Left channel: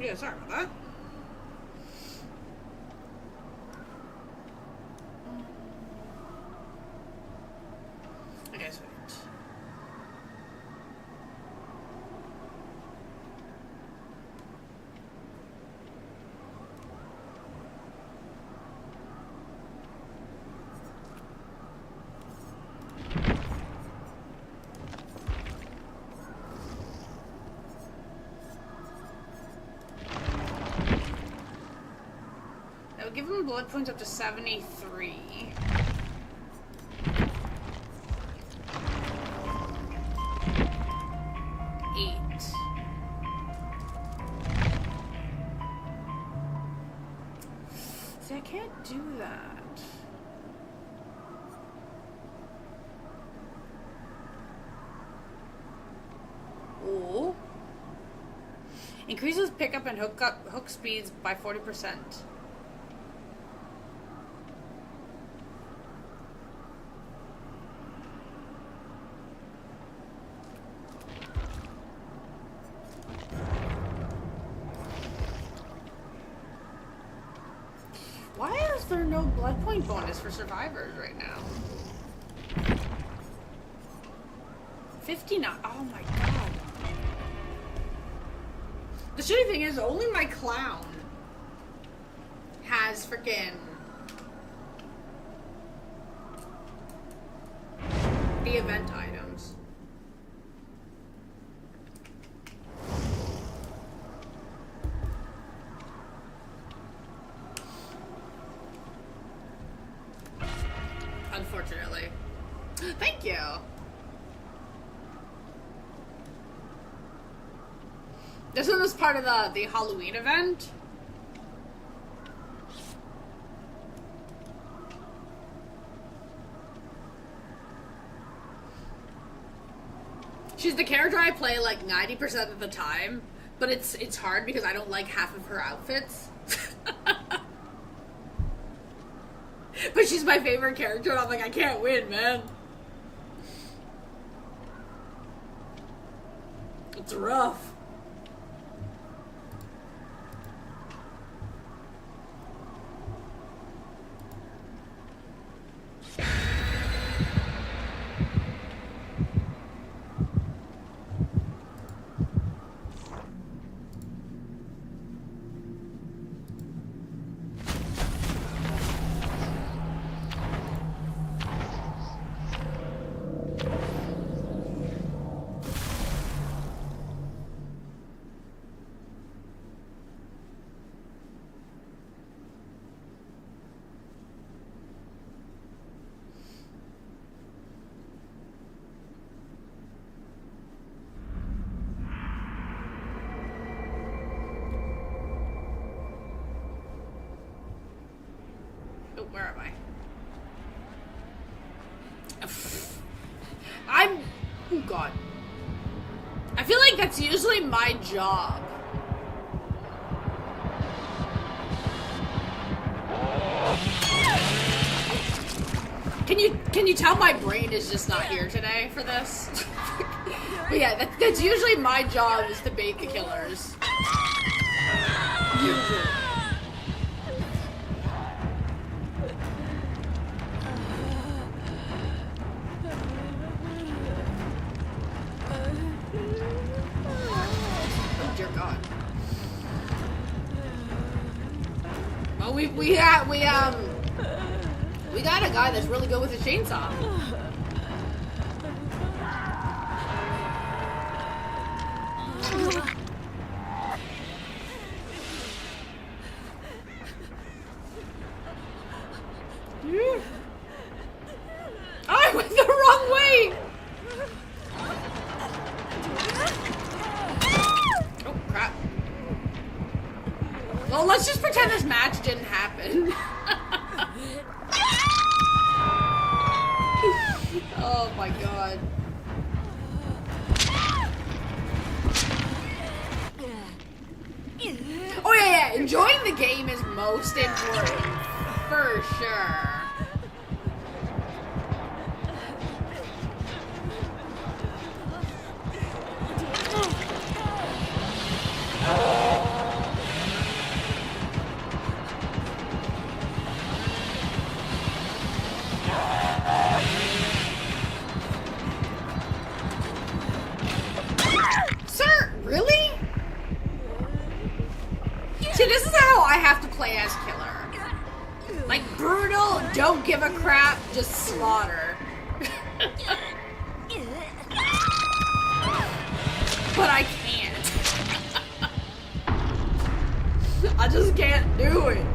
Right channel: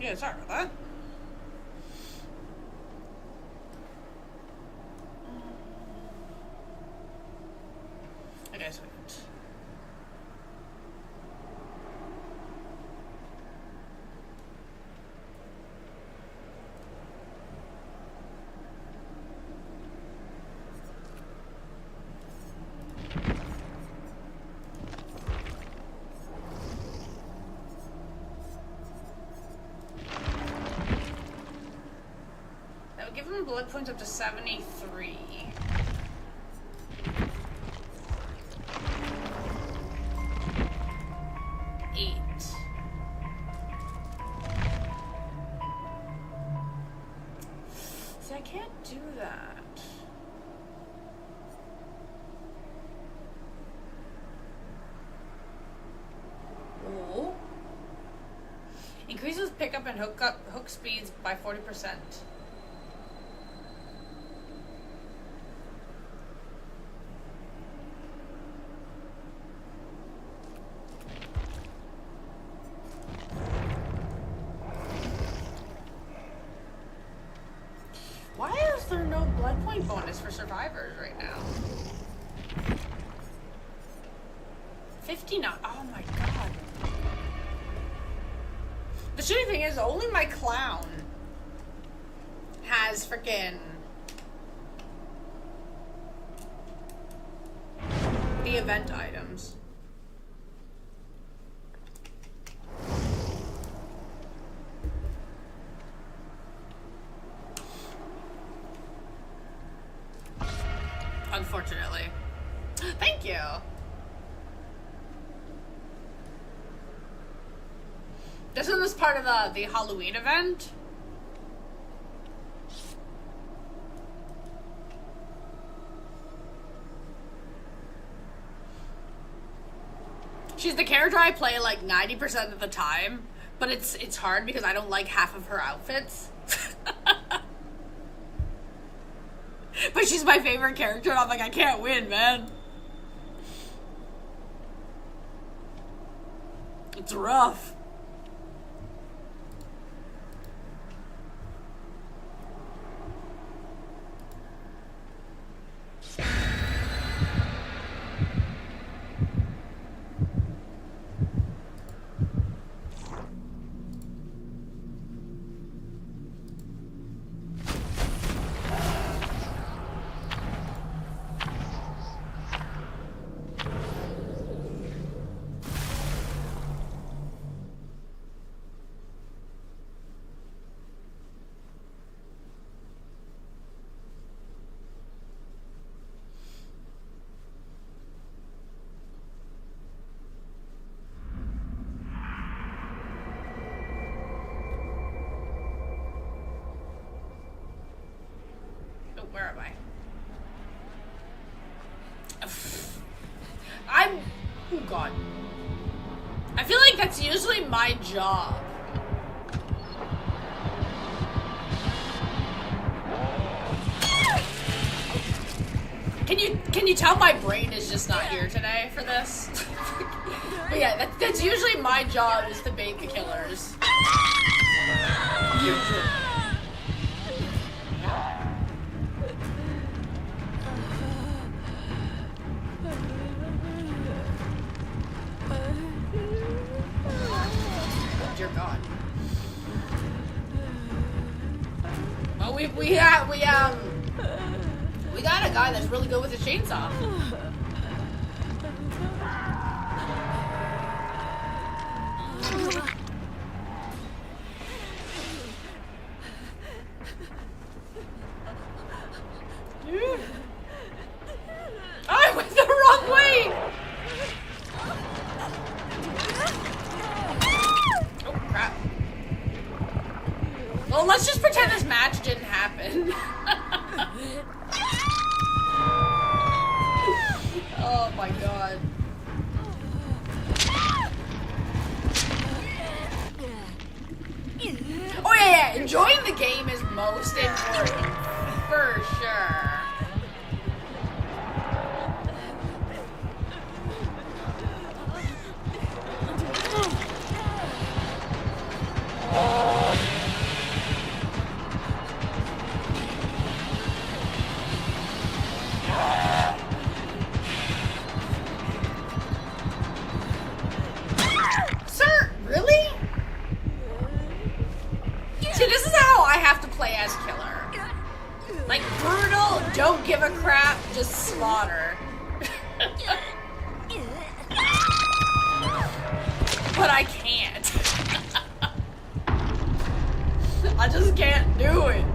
Yeah, sorry about that. Okay, sweet. That would give him blood points up to 73. I can't do that. Oh. Increases pickup and hook speeds by 40%. Why is there no blood point bonus for survivors right now? 59. Oh my god. The shitty thing is, only my clown has freaking the event items. Unfortunately. Thank you. This one was part of the Halloween event. She's the character I play like 90% of the time, but it's hard because I don't like half of her outfits. But she's my favorite character, and I'm like, I can't win, man. It's rough. Where am I? Oh god. I feel like that's usually my job. Can you tell my brain is just not here today for this? But yeah, that's usually my job, is to bait the killers. Dear God. Well, we got a guy that's really good with a chainsaw. I went the wrong way. Oh crap. Well, let's just pretend this match didn't happen. Oh my god. Oh yeah, enjoying the game is most important, for sure. Like, brutal, don't give a crap, just slaughter. But I can't. I just can't do it.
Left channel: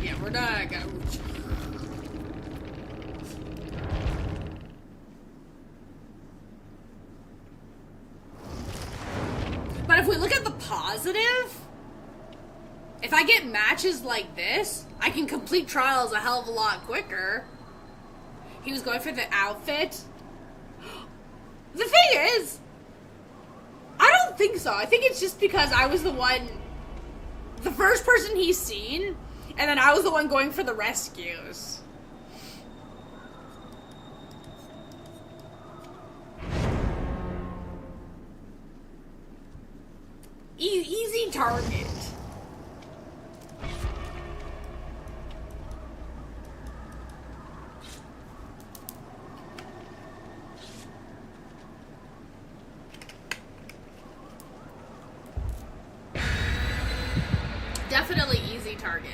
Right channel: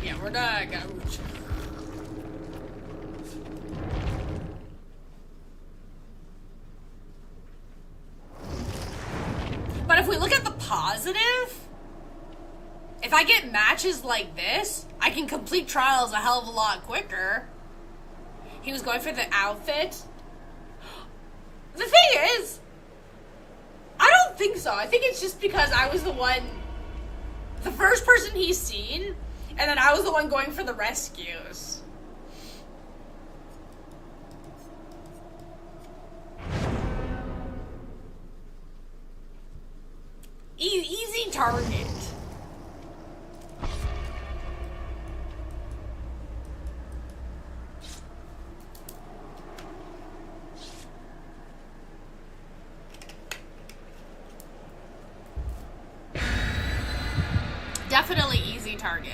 Yeah, we're not gonna... But if we look at the positive, if I get matches like this, I can complete trials a hell of a lot quicker. He was going for the outfit. The thing is, I don't think so. I think it's just because I was the first person he's seen, and then I was the one going for the rescues. Easy target. Definitely easy target.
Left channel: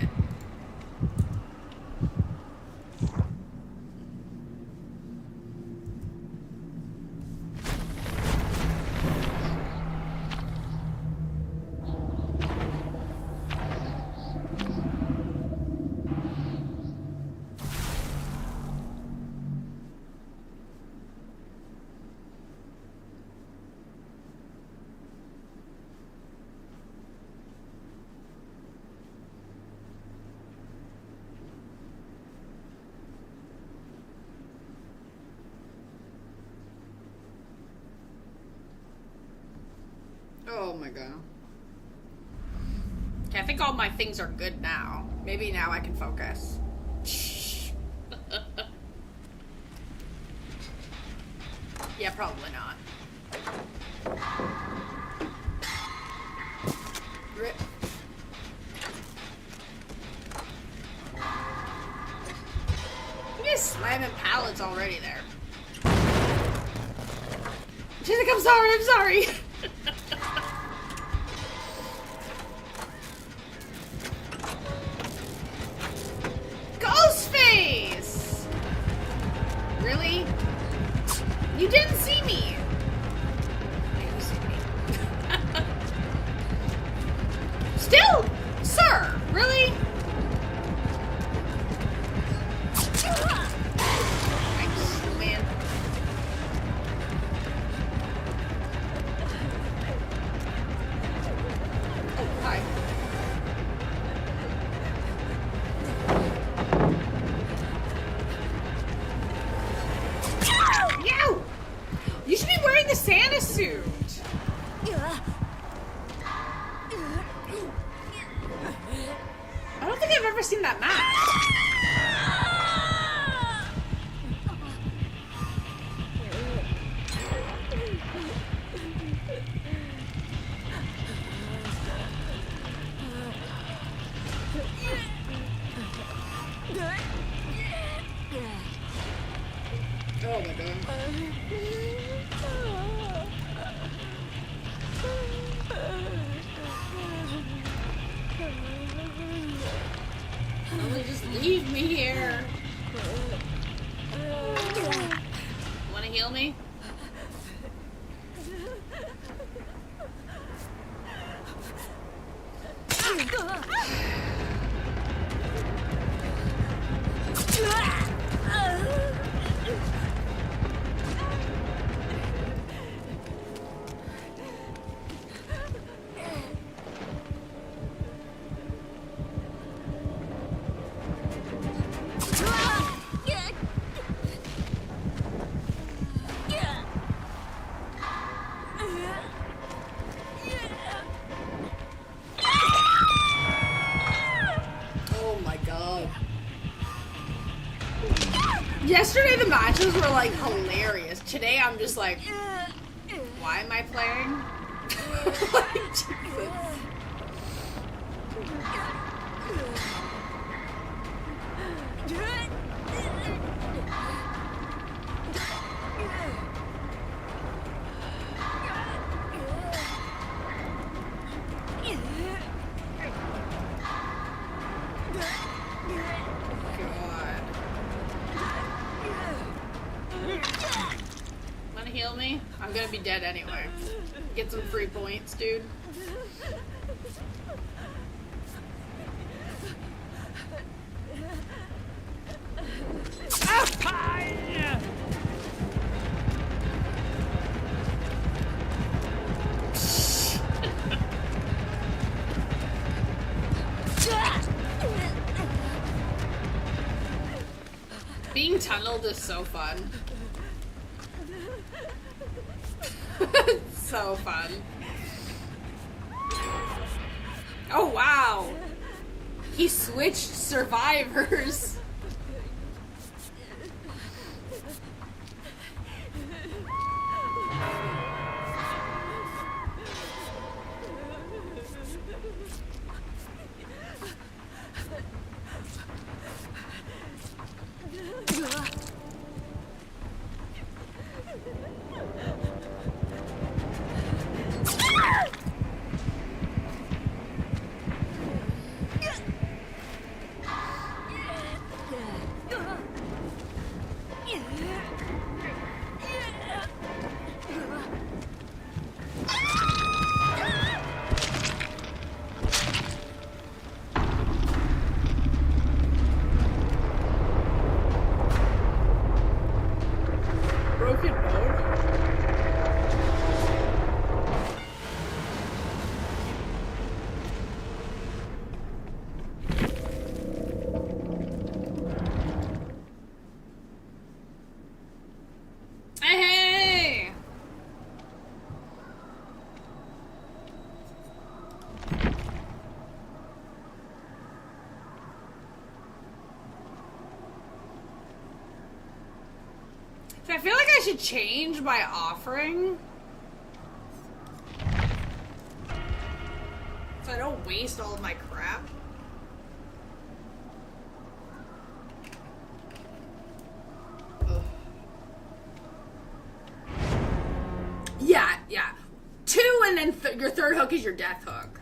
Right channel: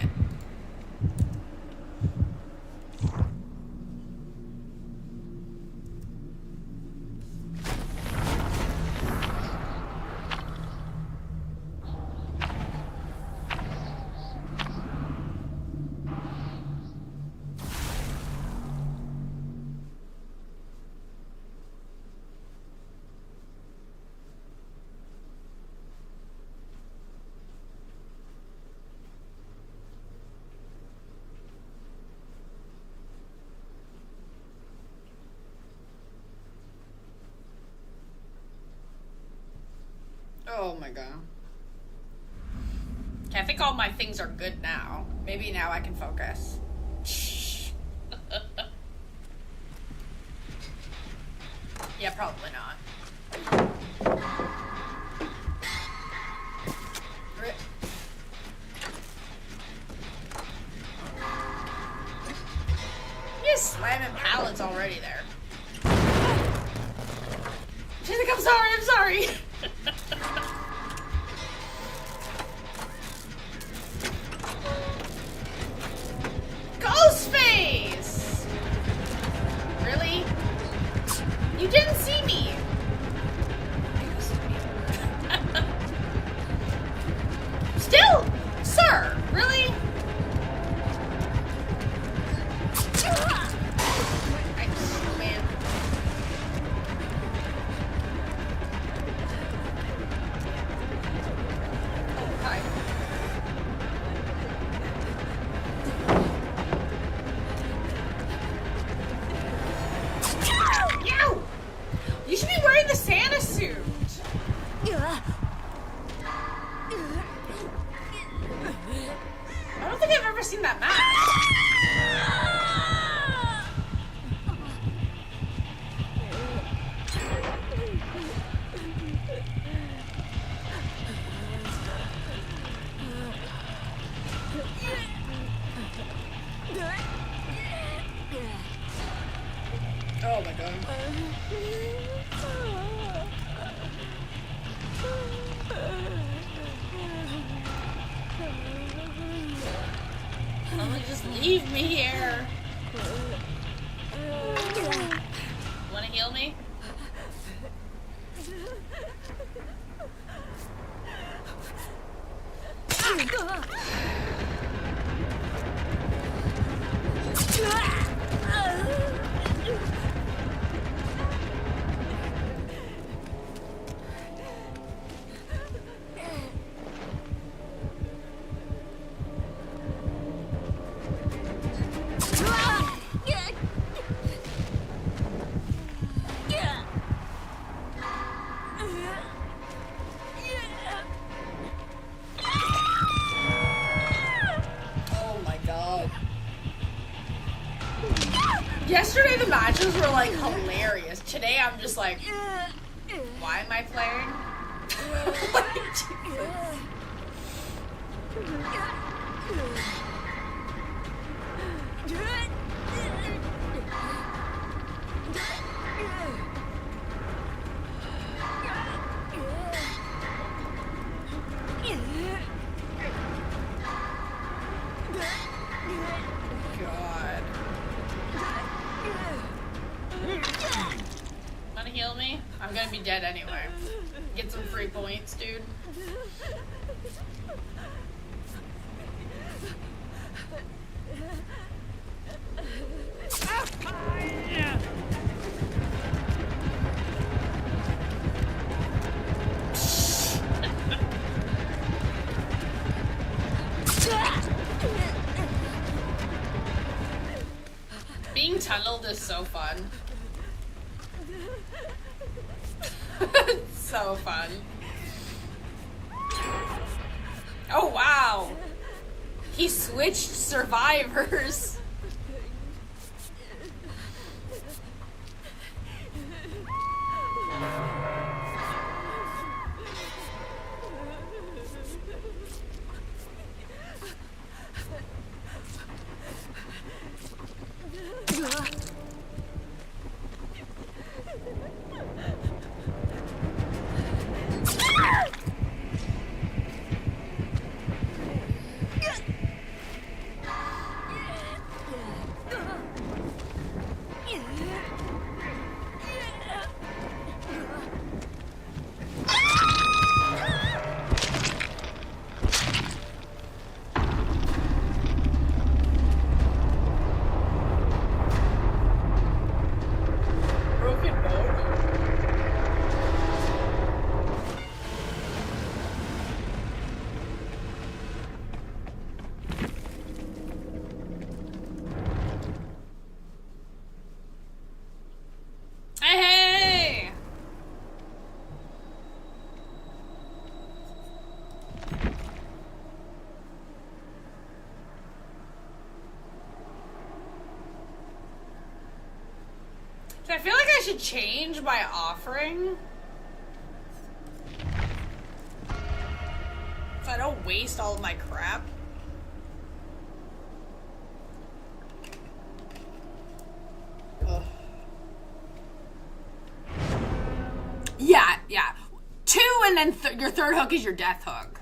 Oh my god. Okay, I think all my things are good now. Maybe now I can focus. Yeah, probably not. Rip. You just slamming pallets already there. She's like, I'm sorry. Ghostface! Really? You didn't see me. You see me. Still? Sir, really? Excellent. Hi. Yow! You should be wearing the Santa suit. I don't think I've ever seen that mask. Oh my god. Oh, just leave me here. Wanna heal me? Yesterday the matches were like hilarious. Today I'm just like, why am I playing? God. Wanna heal me? I'm gonna be dead anyway. Get some free points, dude. Being tunneled is so fun. So fun. Oh wow! He switched survivors. So I feel like I should change my offering so I don't waste all of my crap. Ugh. Yeah. 2 and then your third hook is your death hook.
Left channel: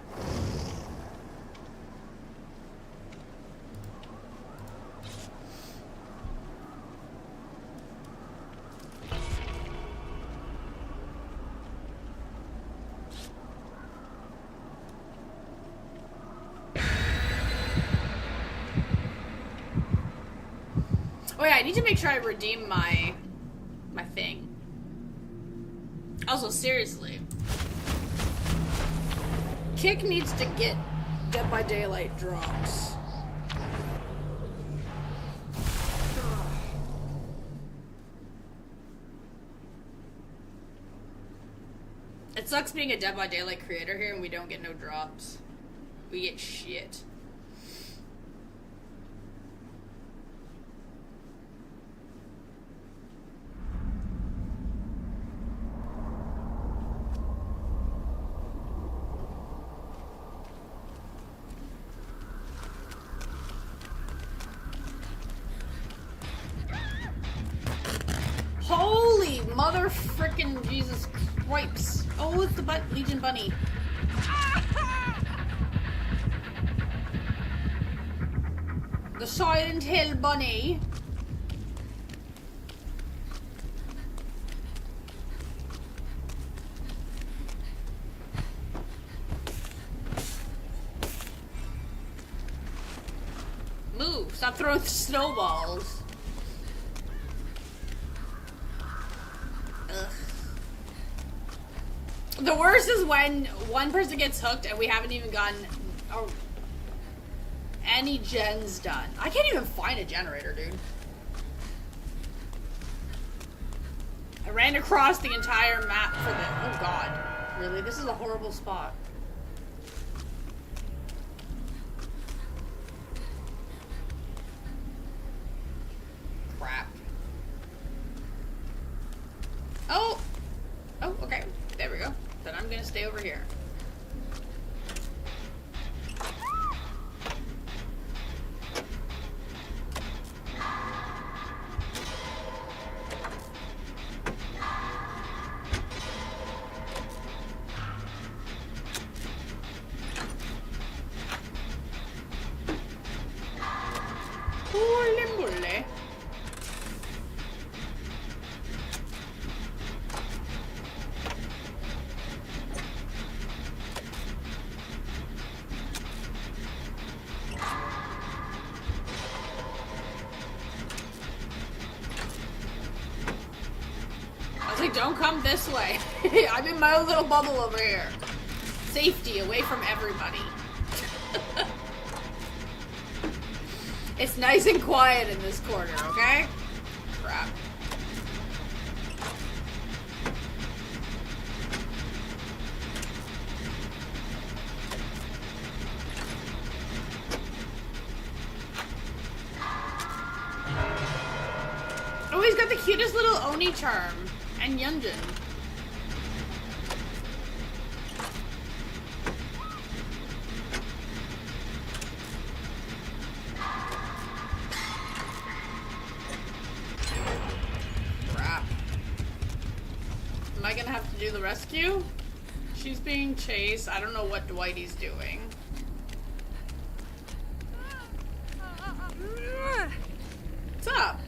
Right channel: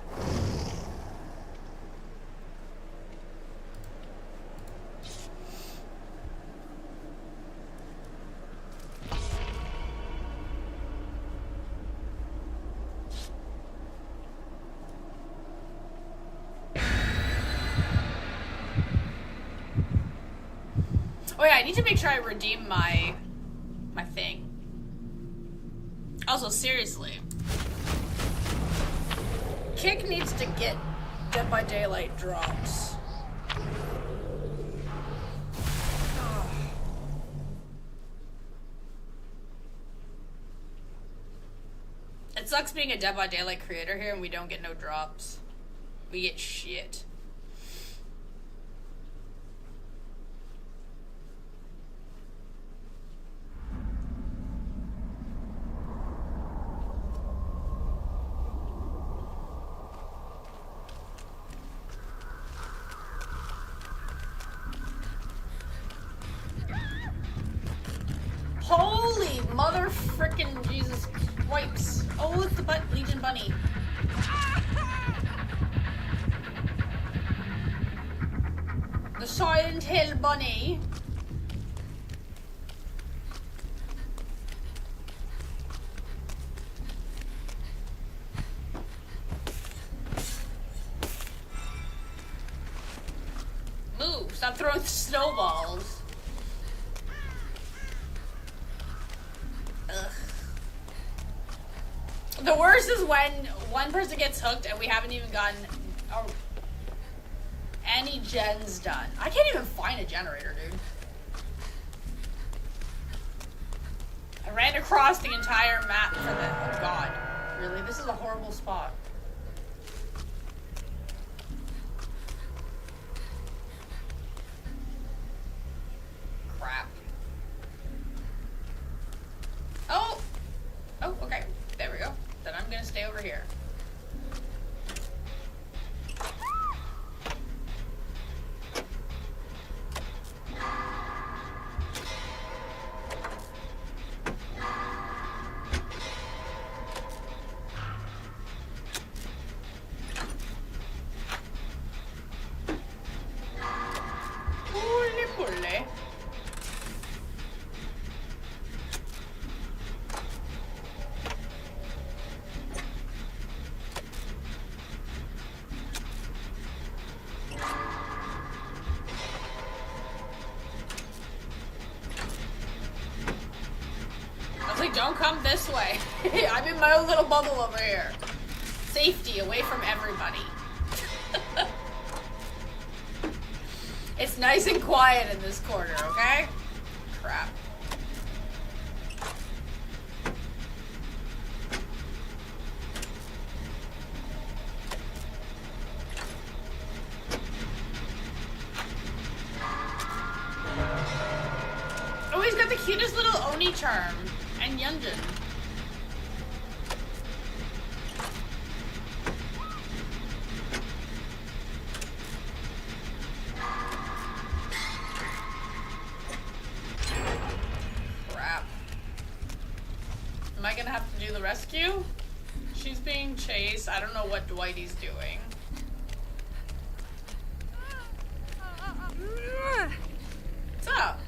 Oh yeah, I need to make sure I redeem my thing. Also, seriously, Kick needs to get Dead by Daylight drops. It sucks being a Dead by Daylight creator here and we don't get no drops. We get shit. Holy mother frickin' Jesus wipes. Oh, it's the Legion Bunny. The Silent Hill Bunny. Move, stop throwing snowballs. The worst is when one person gets hooked and we haven't even gotten any gens done. I can't even find a generator, dude. I ran across the entire map for the... Oh god. Really? This is a horrible spot. Crap. Oh! Oh, okay. There we go. Then I'm gonna stay over here. Bully. I was like, don't come this way. I'm in my own little bubble over here. Safety, away from everybody. It's nice and quiet in this corner, okay? Crap. Oh, he's got the cutest little Oni charm. And Yunjin. Crap. Am I gonna have to do the rescue? She's being chased. I don't know what Dwighty's doing. What's up?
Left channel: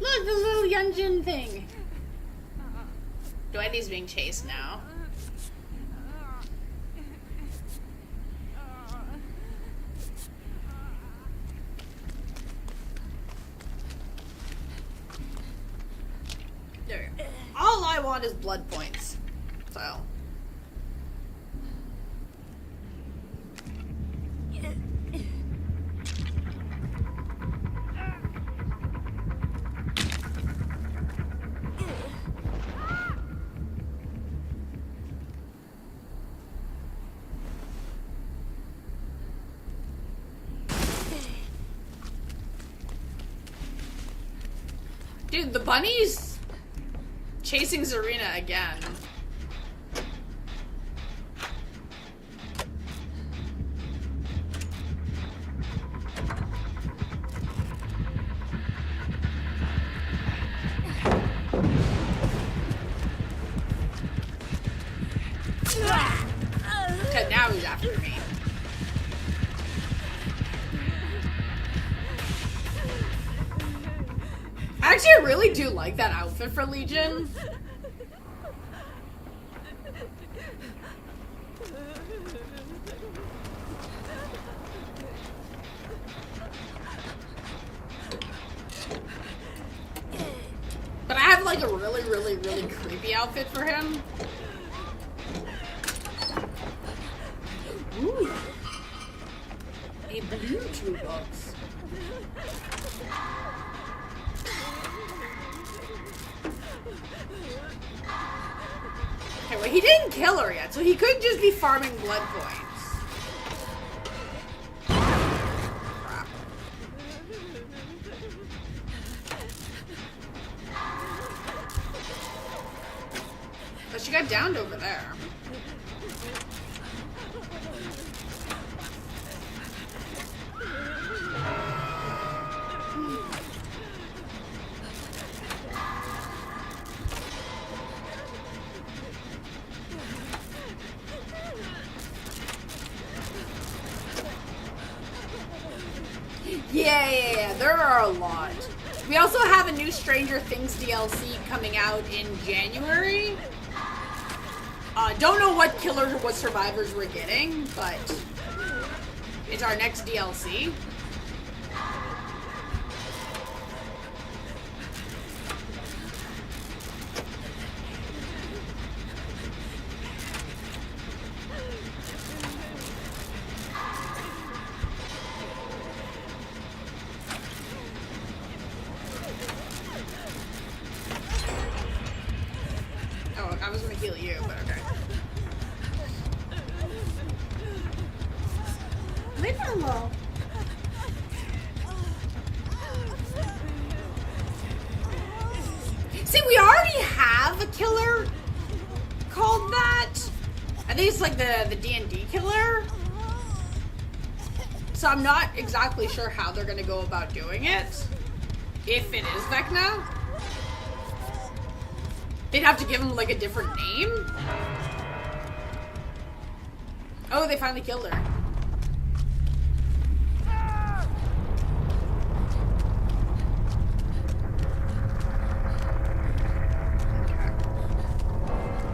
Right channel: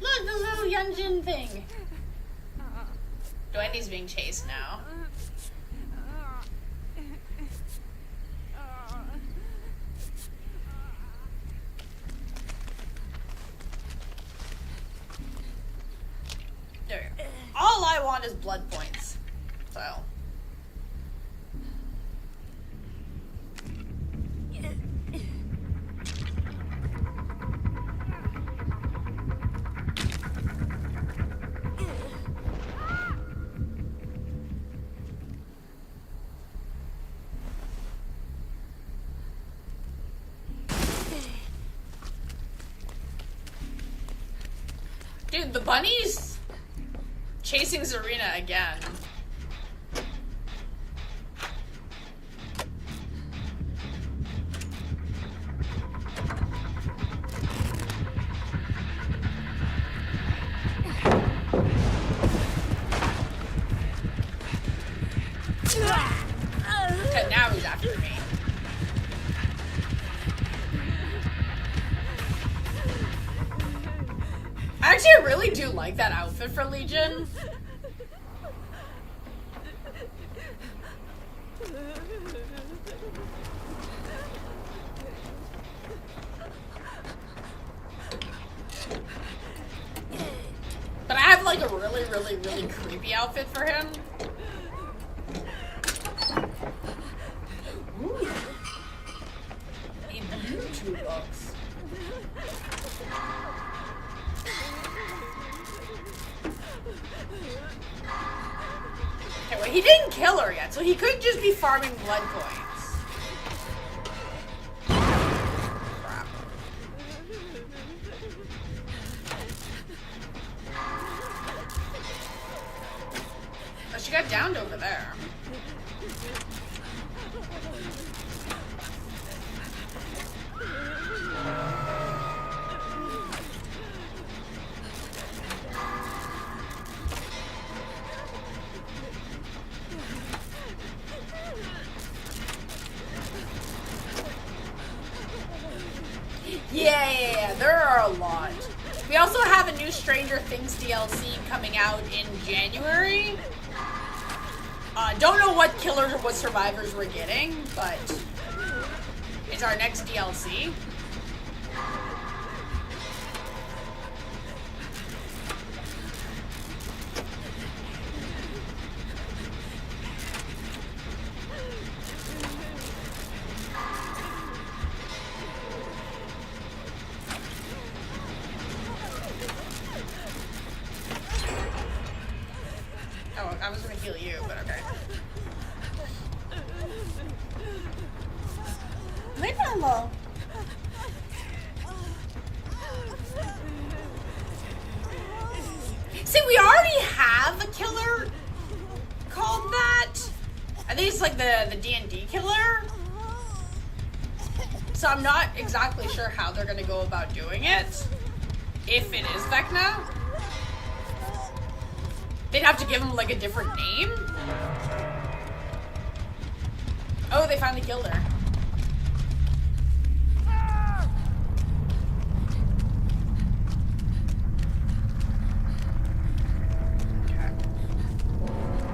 Look, the little Yunjin thing. Dwighty's being chased now. There. All I want is blood points. So. Dude, the bunny's chasing Zarina again. Okay, now he's after me. Actually, I really do like that outfit for Legion. But I have like a really, really, really creepy outfit for him. Ooh. A blue toolbox. Okay, well, he didn't kill her yet, so he could just be farming blood points. Crap. Oh, she got downed over there. Yeah, there are a lot. We also have a new Stranger Things DLC coming out in January. Don't know what killers or what survivors we're getting, but it's our next DLC. Oh, I was gonna heal you, but okay. Leave her alone. See, we already have a killer called that. I think it's like the D&D killer. So I'm not exactly sure how they're gonna go about doing it. If it is Vecna. They'd have to give him like a different name. Oh, they finally killed her.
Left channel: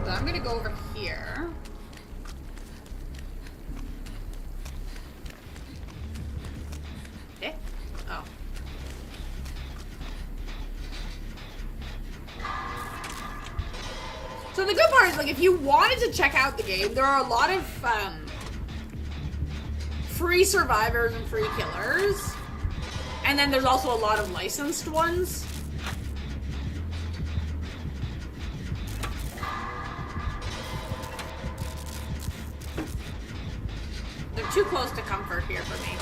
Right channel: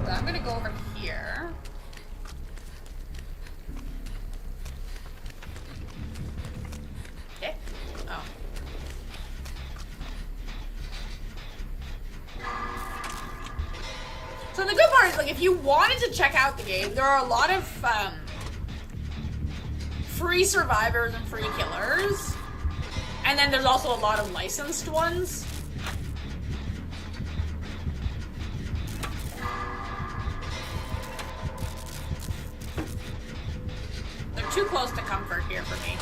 So I'm gonna go over here. Eh? Oh. So the good part is, like, if you wanted to check out the game, there are a lot of free survivors and free killers. And then there's also a lot of licensed ones. They're too close to comfort here for me.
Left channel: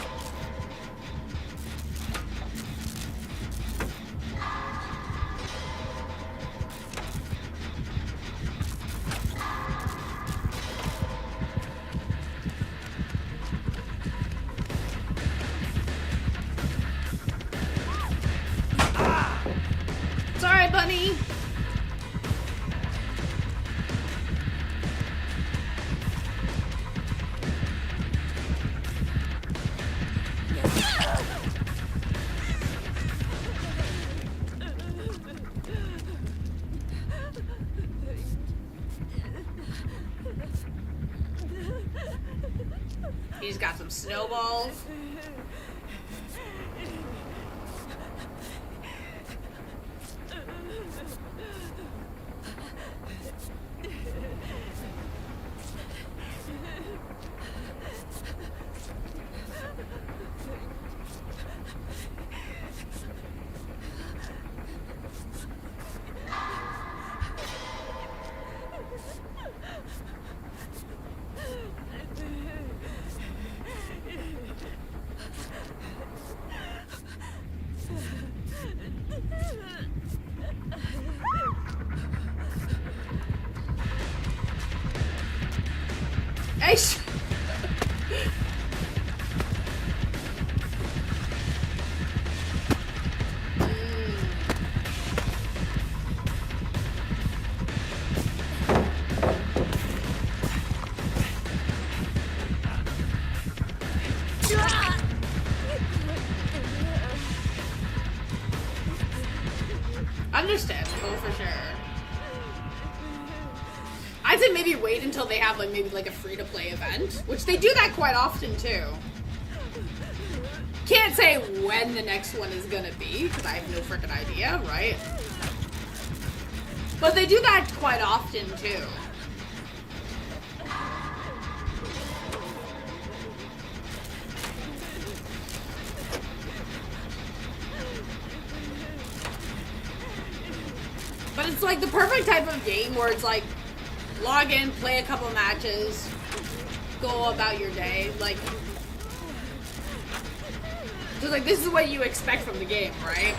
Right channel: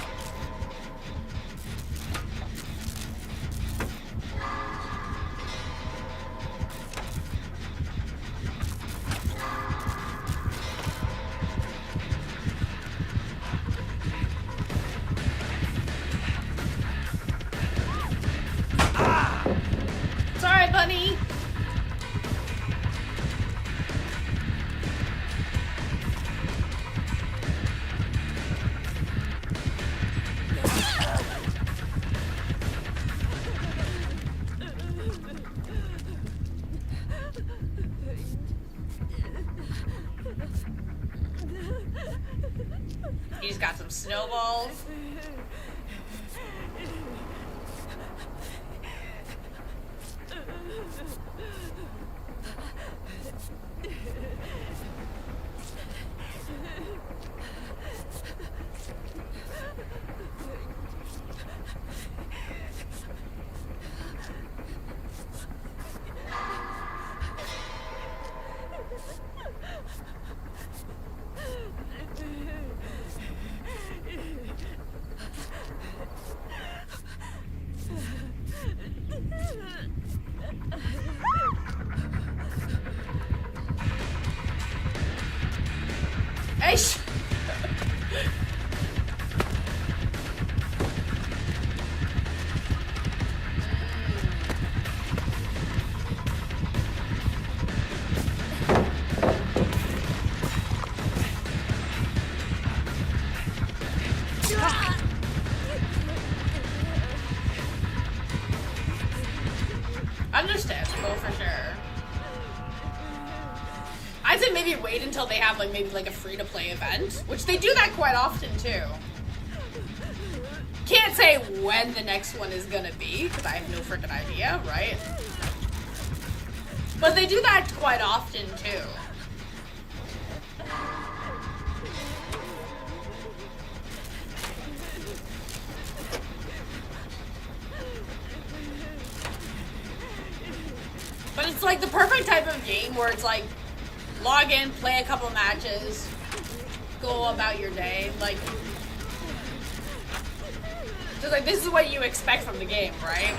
Sorry, bunny. He's got some snowballs. Eish. Understandable for sure. I'd say maybe wait until they have like maybe like a free-to-play event, which they do that quite often too. Can't say when the next one is gonna be, because I have no freaking idea, right? But they do that quite often too. But it's like the perfect type of game where it's like, log in, play a couple matches, go about your day, like, so like this is what you expect from the game, right?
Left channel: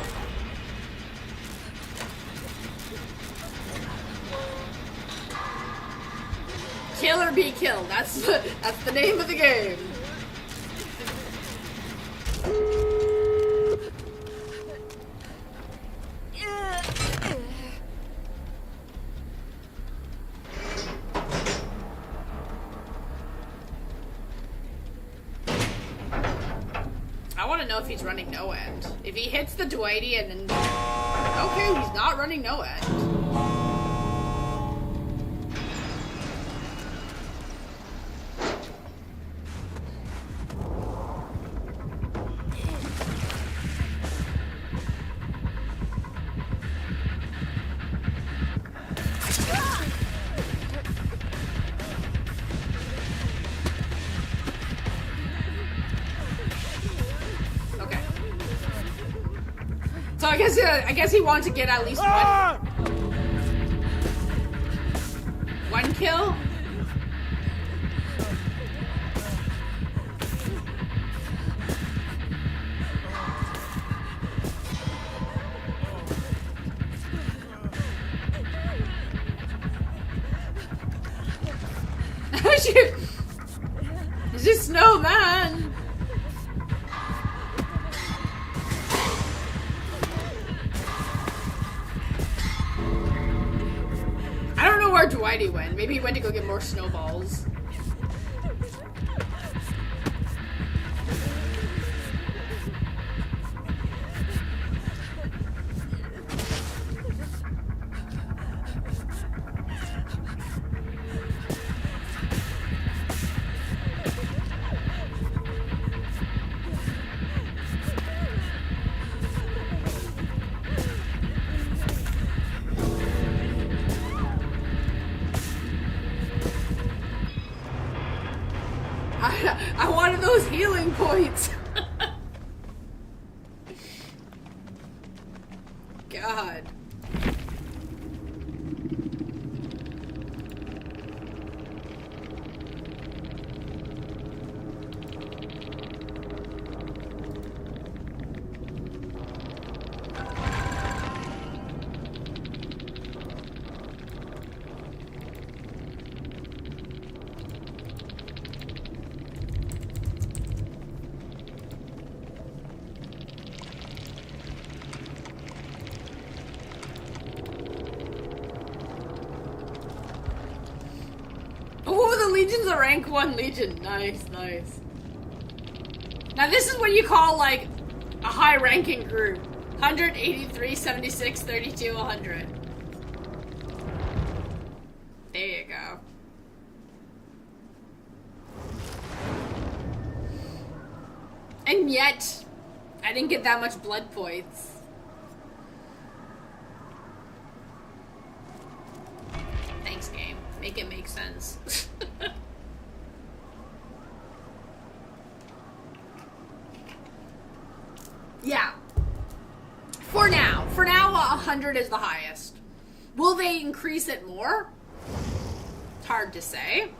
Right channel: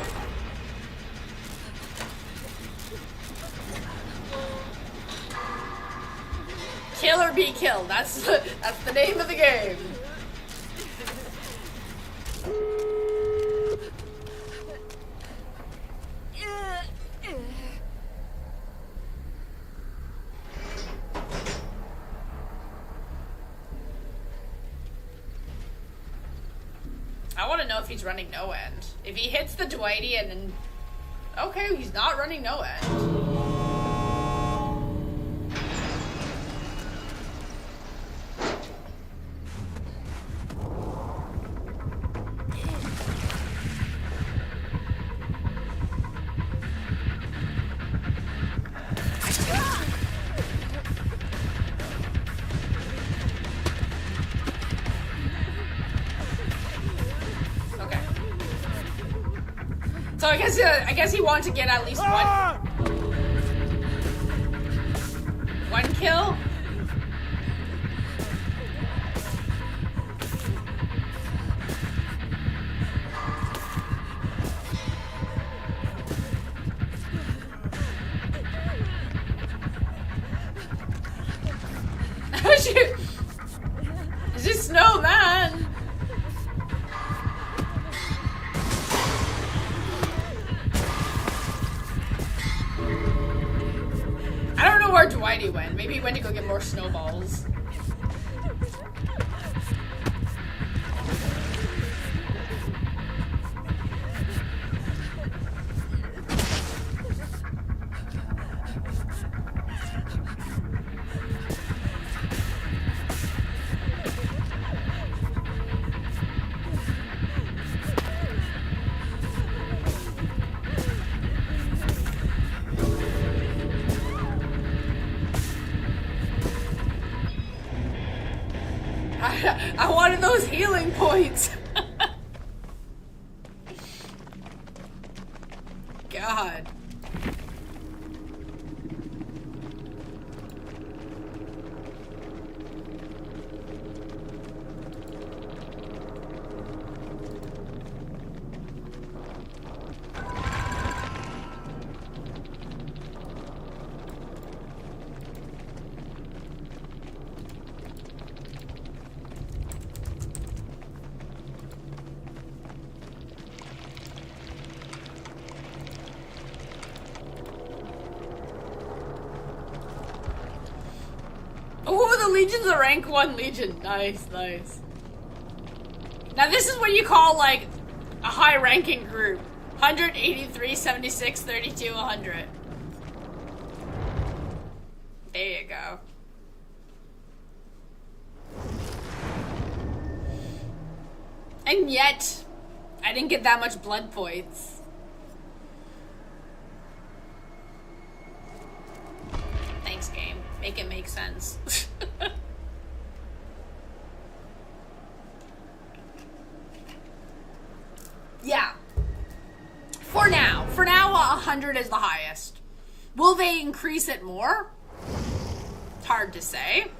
Kill or be killed, that's the name of the game. I want to know if he's running no end. If he hits the Dwighty and then... Okay, he's not running no end. So I guess he wants to get at least one kill. Is this snowman? I don't know where Dwighty went. Maybe he went to go get more snowballs. I wanted those healing points. God. Legion's a rank 1 Legion. Nice, nice. Now this is what you call, like, a high-ranking group. 183, 76, 32, 100. There you go. And yet, I didn't get that much blood points. Thanks, game. Make it make sense. Yeah. For now. For now, 100 is the highest. Will they increase it more? It's hard to say.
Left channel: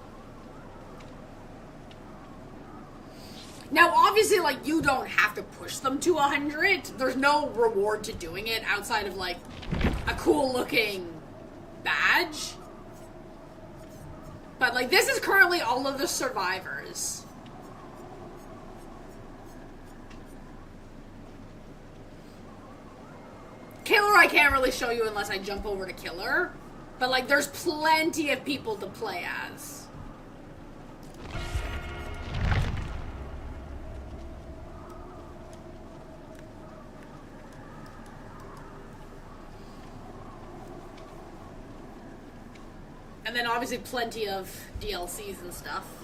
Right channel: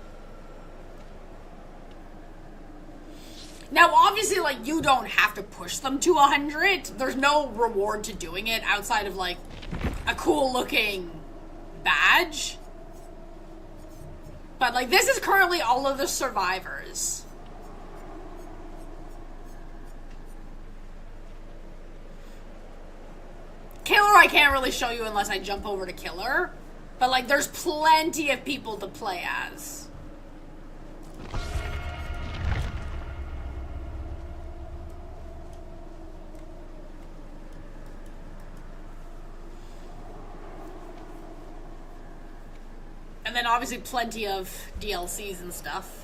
Now, obviously, like, you don't have to push them to 100. There's no reward to doing it outside of, like, a cool-looking badge. But, like, this is currently all of the survivors. Killer I can't really show you unless I jump over to Killer. But, like, there's plenty of people to play as. And then obviously plenty of DLCs and stuff.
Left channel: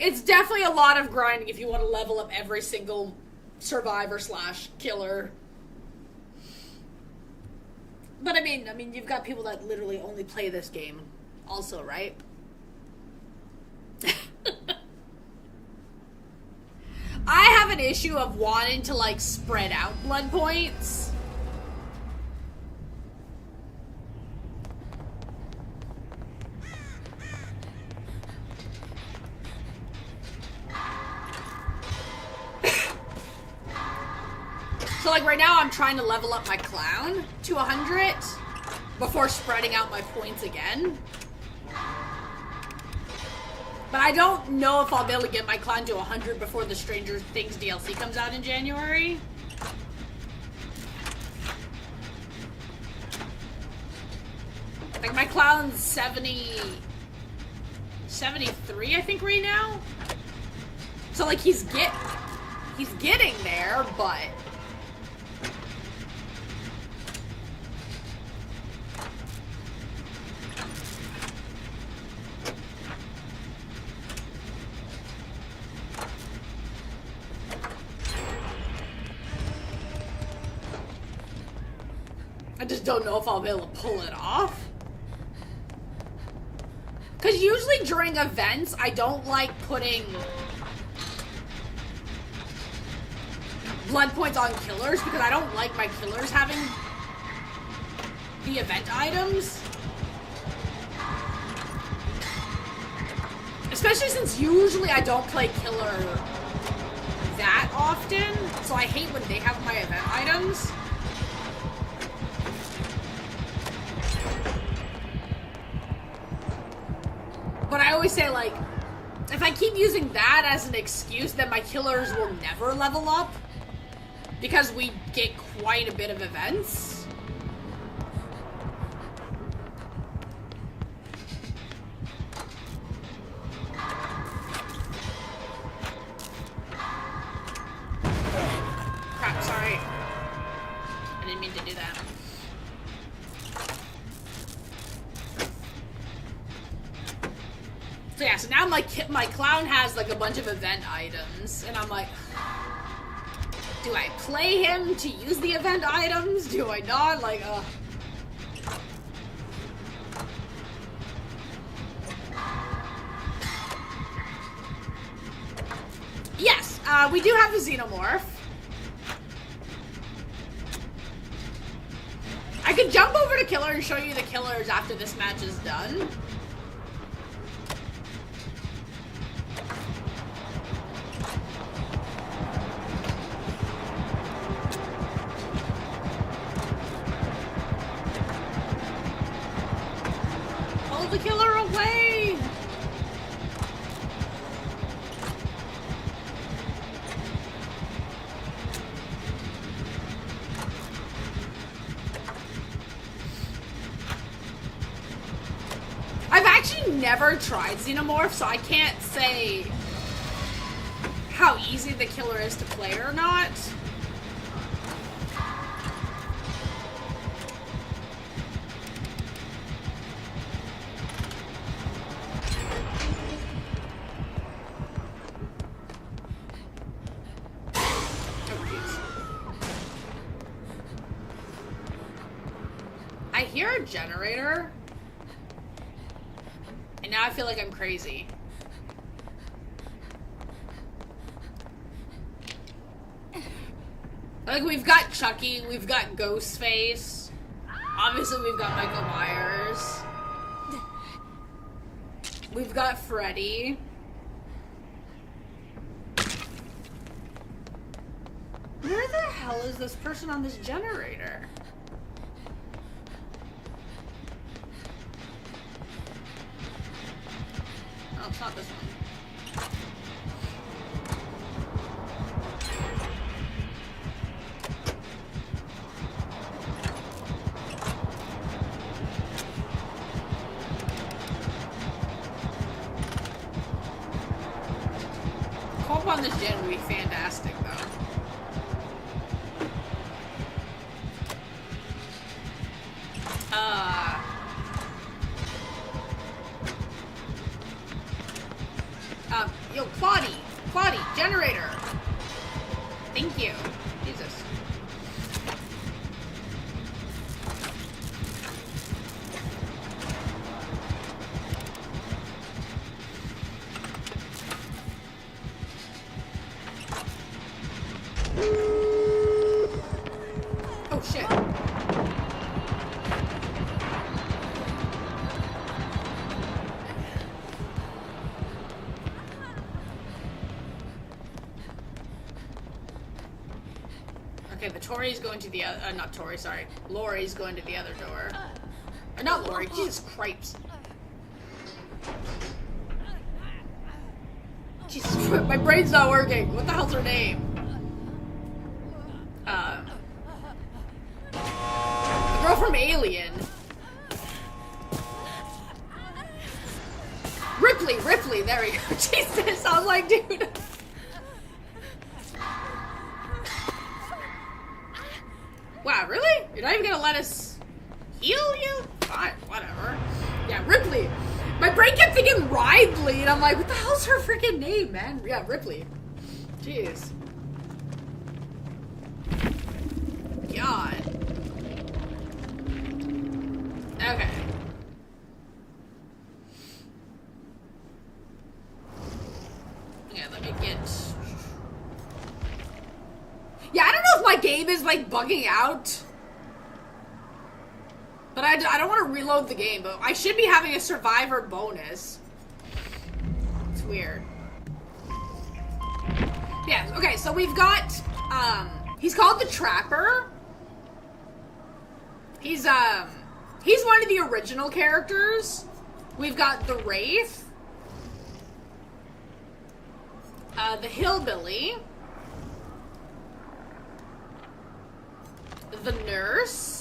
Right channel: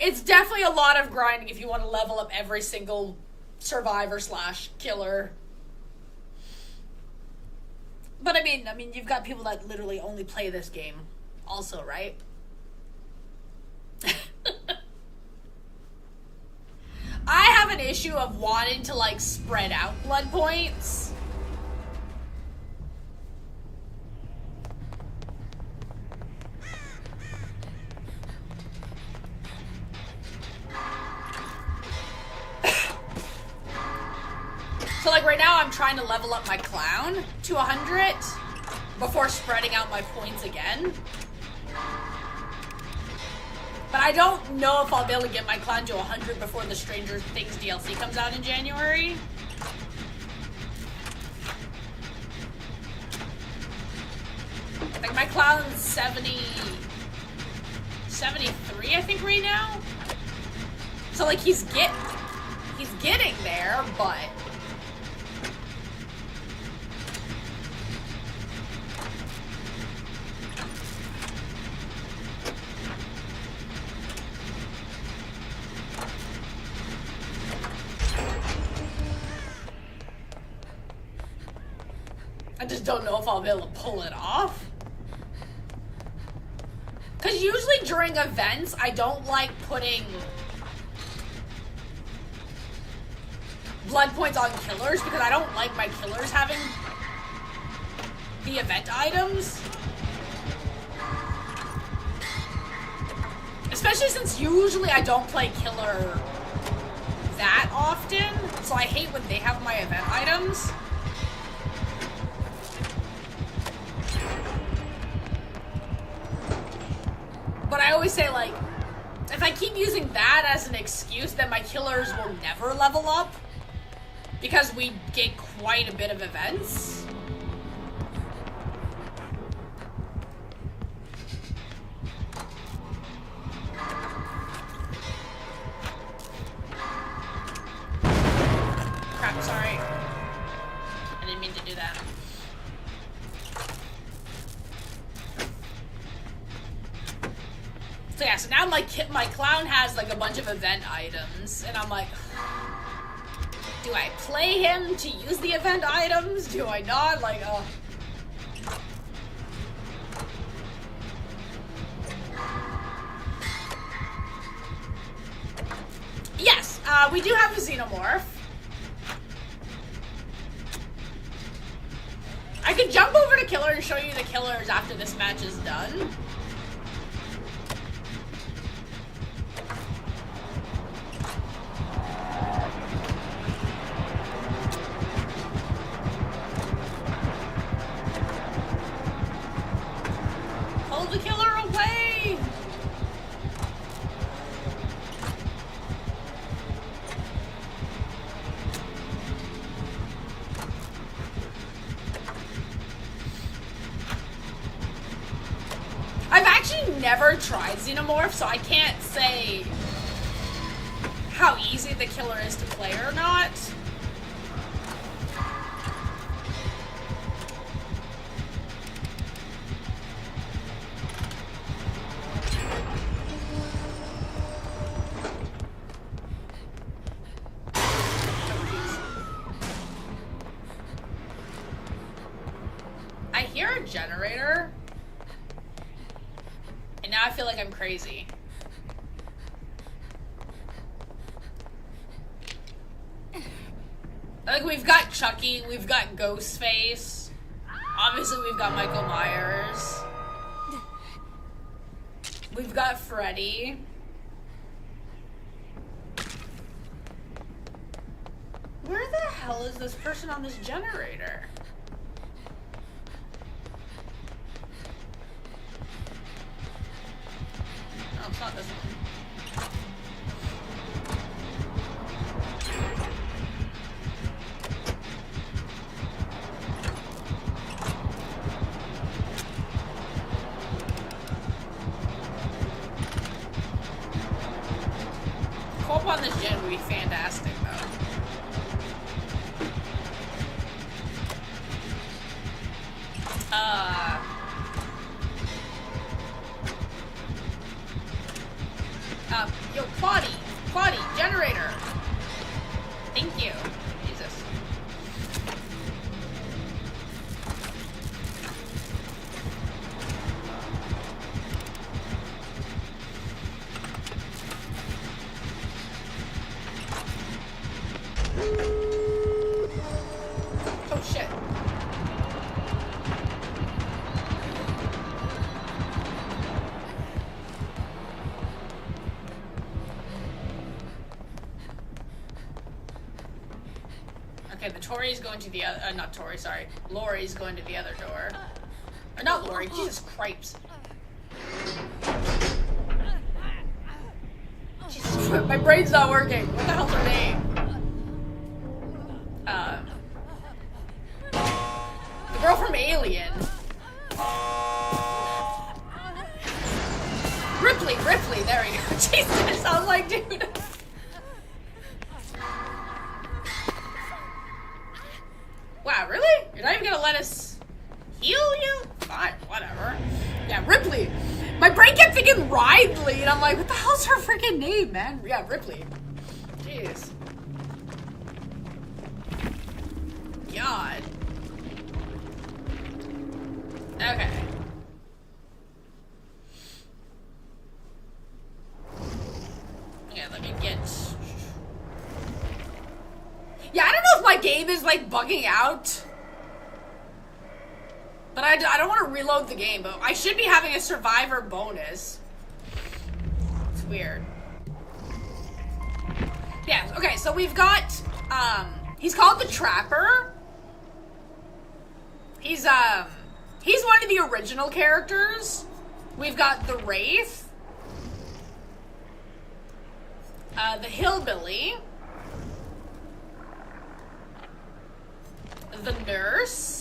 It's definitely a lot of grinding if you want to level up every single survivor / killer. But I mean, you've got people that literally only play this game also, right? I have an issue of wanting to, like, spread out blood points. So, like, right now I'm trying to level up my clown to 100 before spreading out my points again. But I don't know if I'll be able to get my clown to 100 before the Stranger Things DLC comes out in January. Like, my clown's 73, I think, right now. So, like, he's getting there, but... I just don't know if I'll be able to pull it off. Because usually during events, I don't like putting blood points on killers because I don't like my killers having the event items. Especially since usually I don't play killer that often, so I hate when they have my event items. But I always say, like, if I keep using that as an excuse, then my killers will never level up because we get quite a bit of events. Crap, sorry. I didn't mean to do that. So yeah, so now my clown has like a bunch of event items, and I'm like, do I play him to use the event items? Do I not? Like, Yes, we do have the Xenomorph. I could jump over to Killer and show you the killers after this match is done. Pull the killer away! I've actually never tried Xenomorph, so I can't say how easy the killer is to play or not. I hear a generator. And now I feel like I'm crazy. Like, we've got Chucky, we've got Ghostface. Obviously, we've got Michael Myers. We've got Freddy. Where the hell is this person on this generator? Oh, it's not this one. Co-op on this gen would be fantastic, though. Yo, Quaddy, generator. Thank you. Jesus. Oh shit. Okay, the Tori's going to the other, not Tori, sorry. Lori's going to the other door. Not Lori, Jesus Christ. Jesus Christ, my brain's not working. What the hell's her name? The girl from Alien. Ripley, there we go. Jesus, I was like, dude. Wow, really? You're not even gonna let us heal you? Fine, whatever. Yeah, Ripley. My brain kept thinking Ridley, and I'm like, what the hell's her freaking name, man? Yeah, Ripley. Jeez. God. Okay. Yeah, let me get... Yeah, I game is like bugging out. But I don't want to reload the game, but I should be having a survivor bonus. It's weird. Yeah, okay, so we've got, he's called the Trapper. He's one of the original characters. We've got the Wraith. The Hillbilly. The Nurse.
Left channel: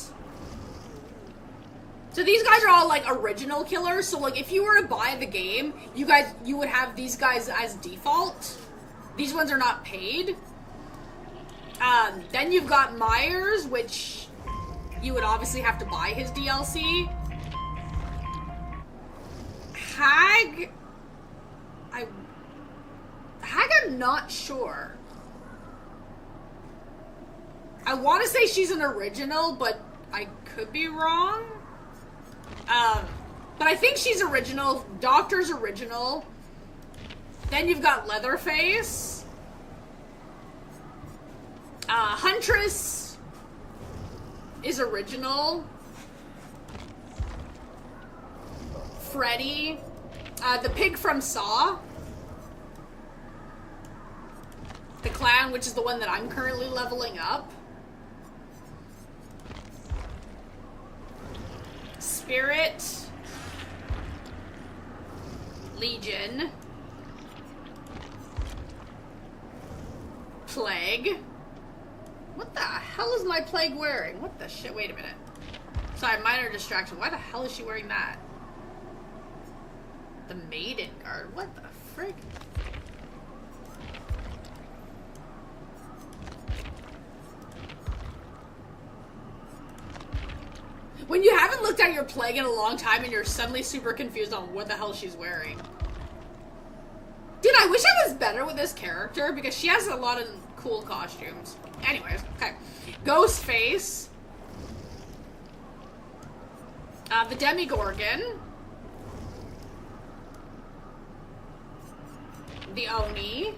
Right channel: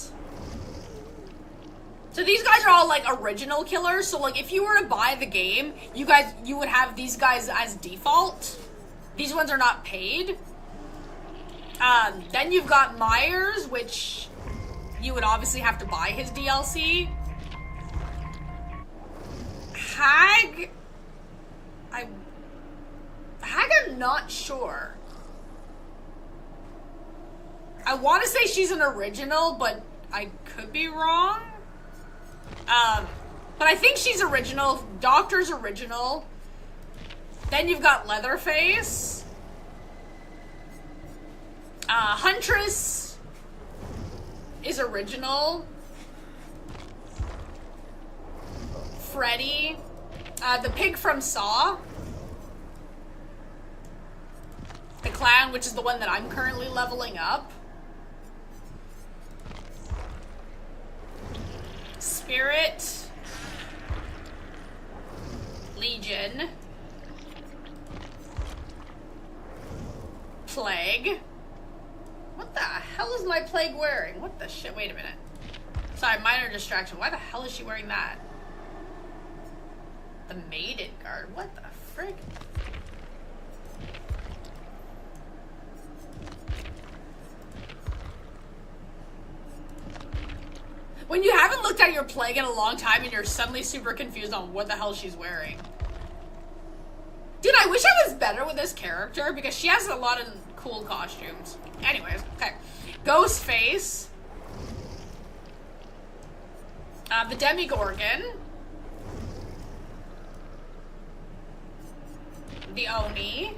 So these guys are all, like, original killers. So, like, if you were to buy the game, you would have these guys as default. These ones are not paid. Then you've got Myers, which you would obviously have to buy his DLC. Hag, I'm not sure. I want to say she's an original, but I could be wrong. But I think she's original. Doctor's original. Then you've got Leatherface. Huntress is original. Freddy. The pig from Saw. The clown, which is the one that I'm currently leveling up. Spirit. Legion. Plague. What the hell is my Plague wearing? What the shit? Wait a minute. Sorry, minor distraction. Why the hell is she wearing that? The Maiden Guard. What the frick? When you haven't looked at your Plague in a long time and you're suddenly super confused on what the hell she's wearing. Dude, I wish I was better with this character because she has a lot of cool costumes. Anyways, okay. Ghostface. The Demigorgon. The Oni.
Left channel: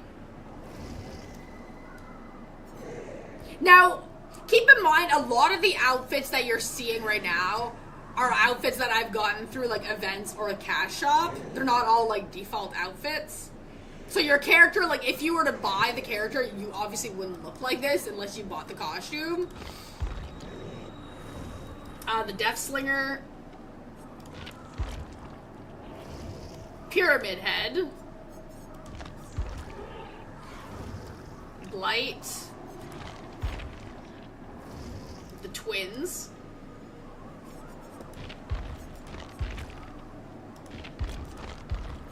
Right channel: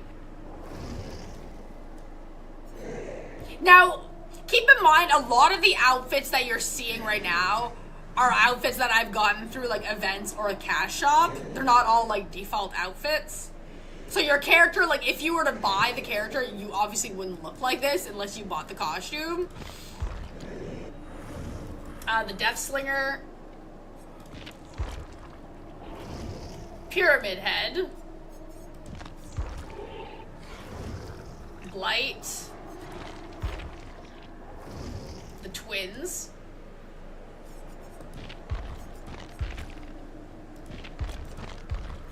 Now, keep in mind, a lot of the outfits that you're seeing right now are outfits that I've gotten through, like, events or a cash shop. They're not all, like, default outfits. So your character, like, if you were to buy the character, you obviously wouldn't look like this unless you bought the costume. The Death Slinger. Pyramid Head. Blight. The Twins.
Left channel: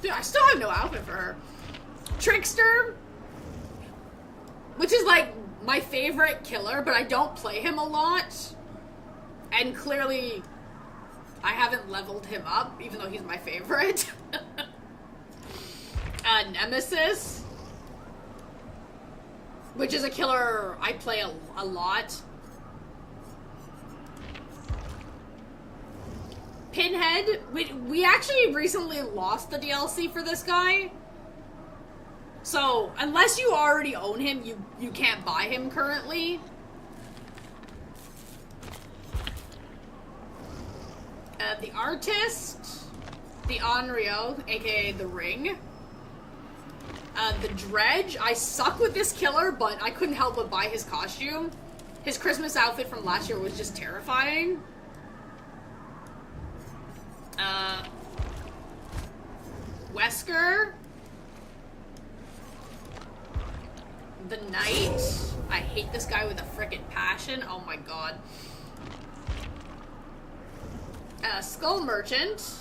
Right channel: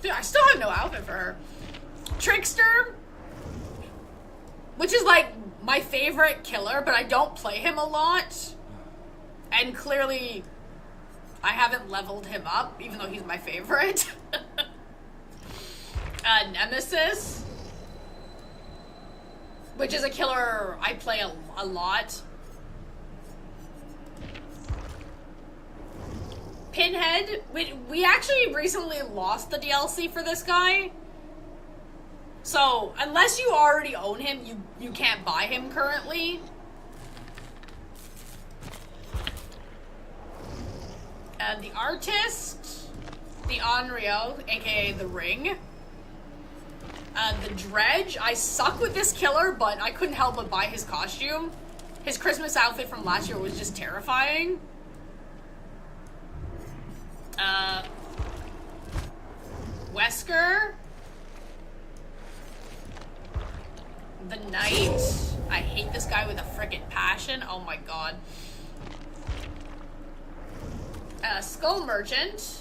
Dude, I still have no outfit for her. Trickster, which is like my favorite killer, but I don't play him a lot. And clearly, I haven't leveled him up, even though he's my favorite. Nemesis, which is a killer I play a lot. Pinhead, we actually recently lost the DLC for this guy. So, unless you already own him, you can't buy him currently. The Artist, the Onryo, aka the Ring. The Dredge, I suck with this killer, but I couldn't help but buy his costume. His Christmas outfit from last year was just terrifying. Wesker. The Knight. I hate this guy with a frickin' passion. Oh my god. Skull Merchant.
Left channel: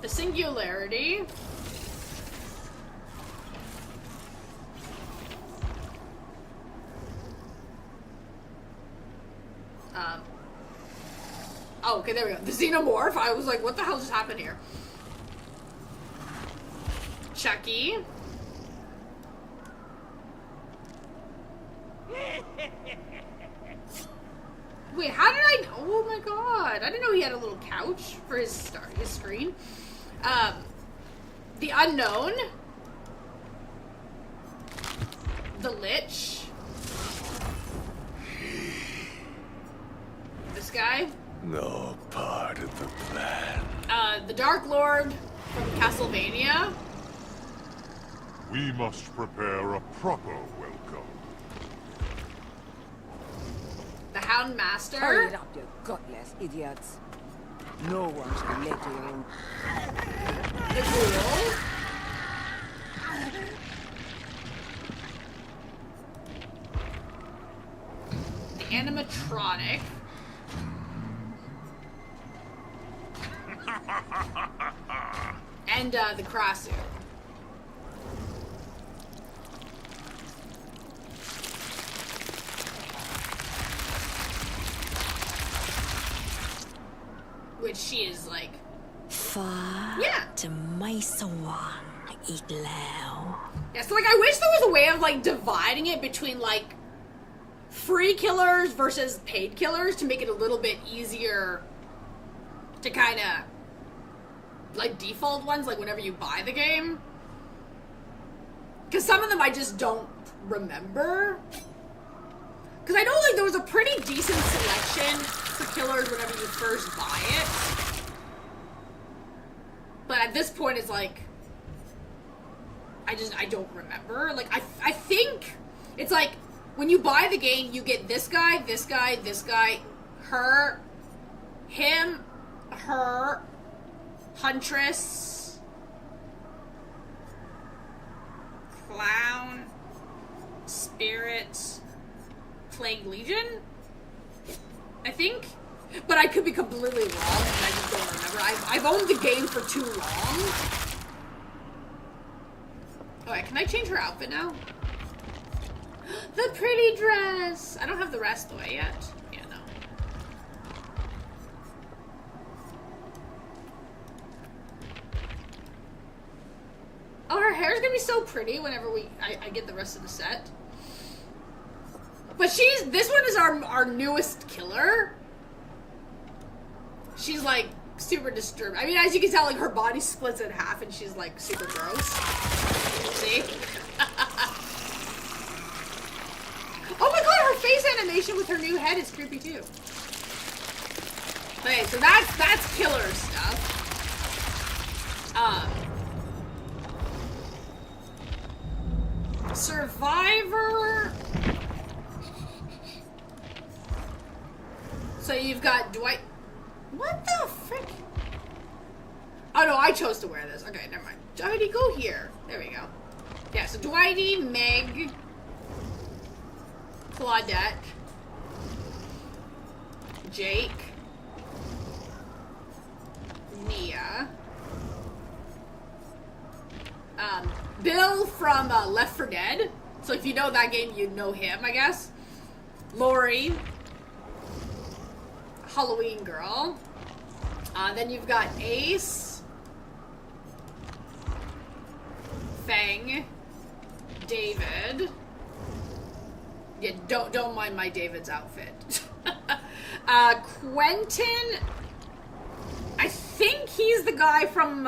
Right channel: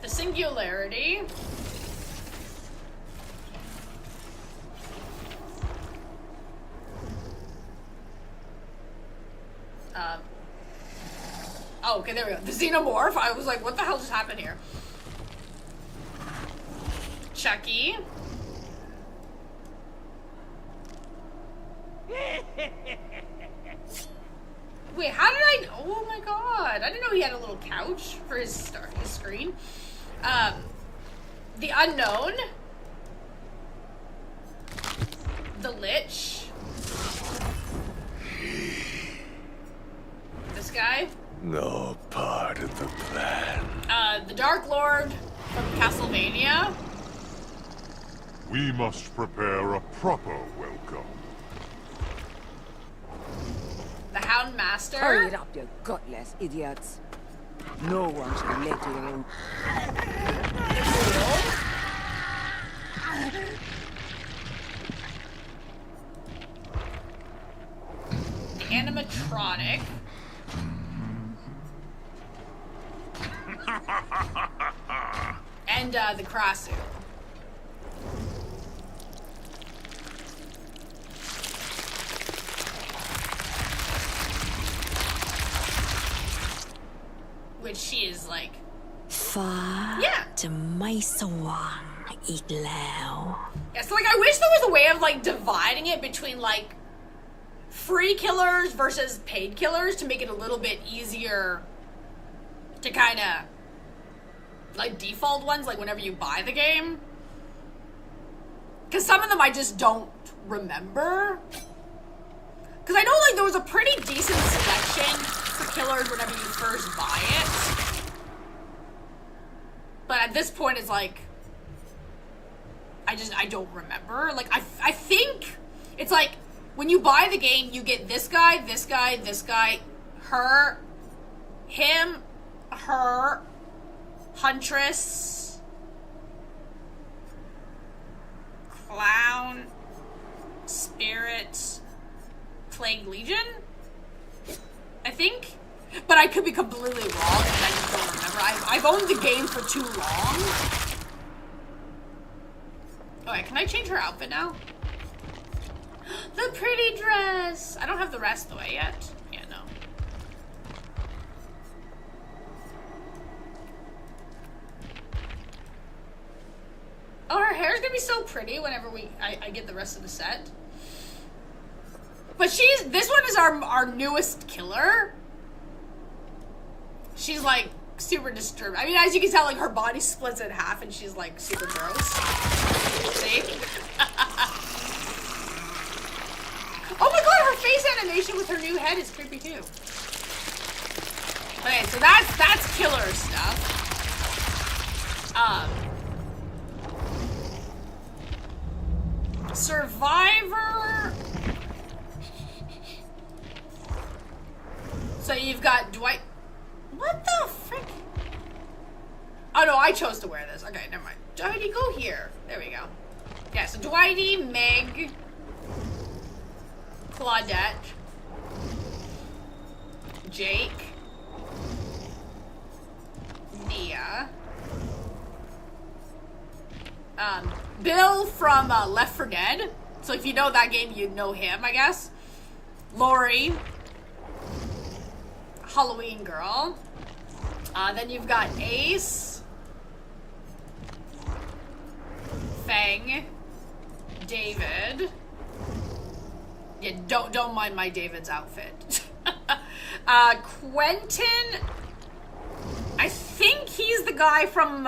The Singularity. Oh, okay, there we go. The Xenomorph. I was like, what the hell just happened here? Chucky. Wait, how did I... Oh my god. I didn't know he had a little couch for his screen. The Unknown. The Lich. No part of the plan. The Dark Lord of Castlevania. We must prepare a proper welcome. The Hound Master. Hurry it up, you gutless idiots. No one should let you in. The animatronic. And the Krasu. Which she is like, ฟ้า yeah. จะไม่สว่างอีกแล้ว Yeah, so like I wish there was a way of like dividing it between like free killers versus paid killers to make it a little bit easier to kind of like default ones, like whenever you buy the game. Because some of them I just don't remember. Because I know like there was a pretty decent selection for killers whenever you first buy it. But at this point it's like, I don't remember. Like I think it's like when you buy the game you get this guy, this guy, this guy, her, him, her, Huntress, Clown, Spirit, Plague Legion, I think. But I could be completely wrong, and I just don't remember. I've owned the game for too long. Okay, can I change her outfit now? The pretty dress! I don't have the rest away yet. Yeah, no. Oh, her hair's gonna be so pretty whenever I get the rest of the set. But this one is our newest killer. She's like super disturbed. I mean, as you can tell, like her body splits in half and she's like super gross. See? Oh my god, her face animation with her new head is creepy too. Okay, so that's killer stuff. Survivor. So you've got Dwight. What the frick? Oh no, I chose to wear this. Okay, never mind. Dwighty, go here. There we go. Yeah, so Dwighty, Meg, Claudette, Jake, Nia, Bill from Left 4 Dead. So if you know that game, you know him, I guess. Lori, Halloween Girl. Then you've got Ace, Fang, David. Yeah, don't mind my David's outfit. Quentin. I think he's the guy from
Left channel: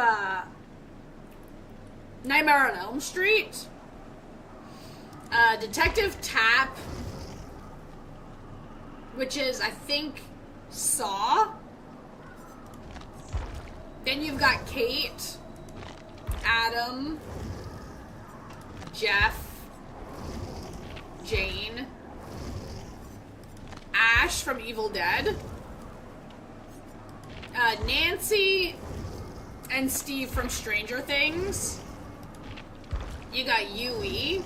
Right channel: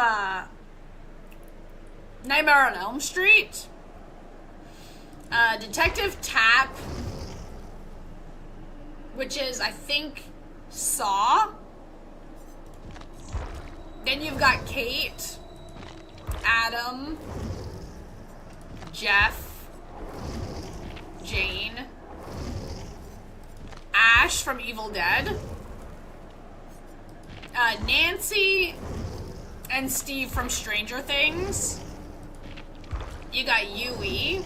Nightmare on Elm Street. Detective Tap, which is, I think, Saw. Then you've got Kate, Adam, Jeff, Jane, Ash from Evil Dead, Nancy, and Steve from Stranger Things. You got Yui,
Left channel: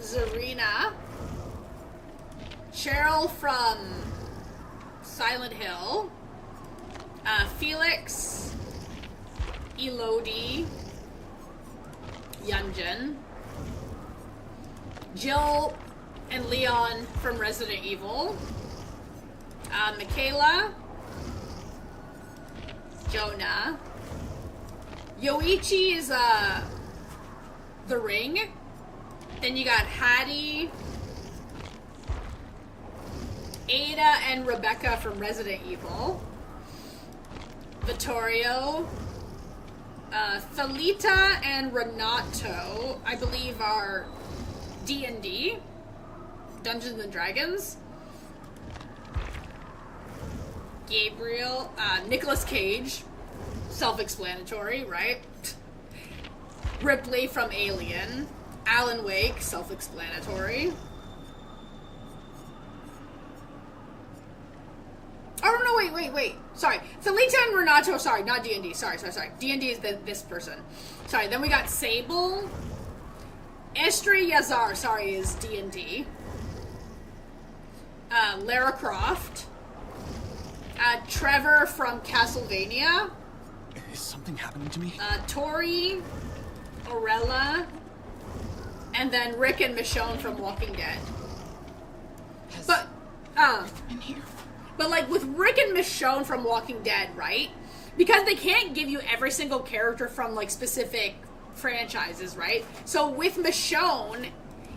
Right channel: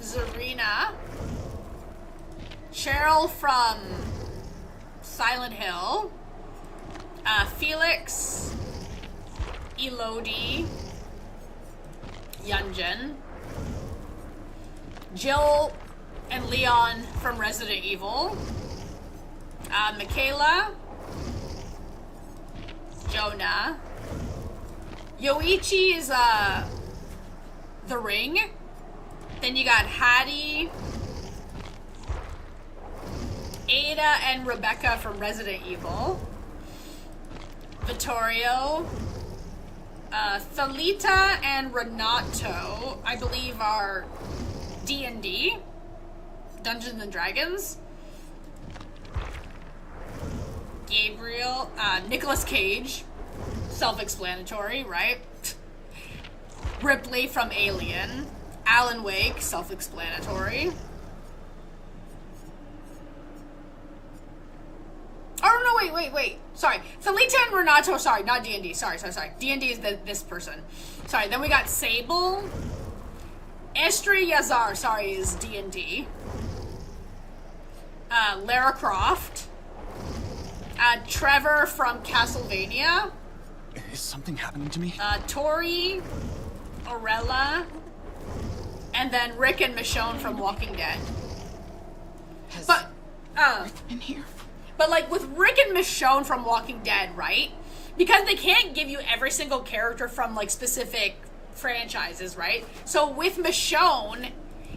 Zarina, Cheryl from Silent Hill, Felix, Elodie, Yunjin, Jill and Leon from Resident Evil, Michaela, Jonah, Yoichi is The Ring. Then you got Hattie, Ada and Rebecca from Resident Evil, Vittorio, Thalita and Renato, I believe are D&D, Dungeons and Dragons. Gabriel, Nicolas Cage, self-explanatory, right? Ripley from Alien, Alan Wake, self-explanatory. Oh, no, wait. Sorry. Felita and Renato, sorry, not D&D. Sorry. D&D is this person. Sorry, then we got Sable. Estri Yazar, sorry, is D&D. Lara Croft. Trevor from Castlevania. Is something happening to me? Tori. Orella. And then Rick and Michonne from Walking Dead. But, in here? But, like, with Rick and Michonne from Walking Dead, right? Because they can't give you every single character from, like, specific franchises, right? So with Michonne,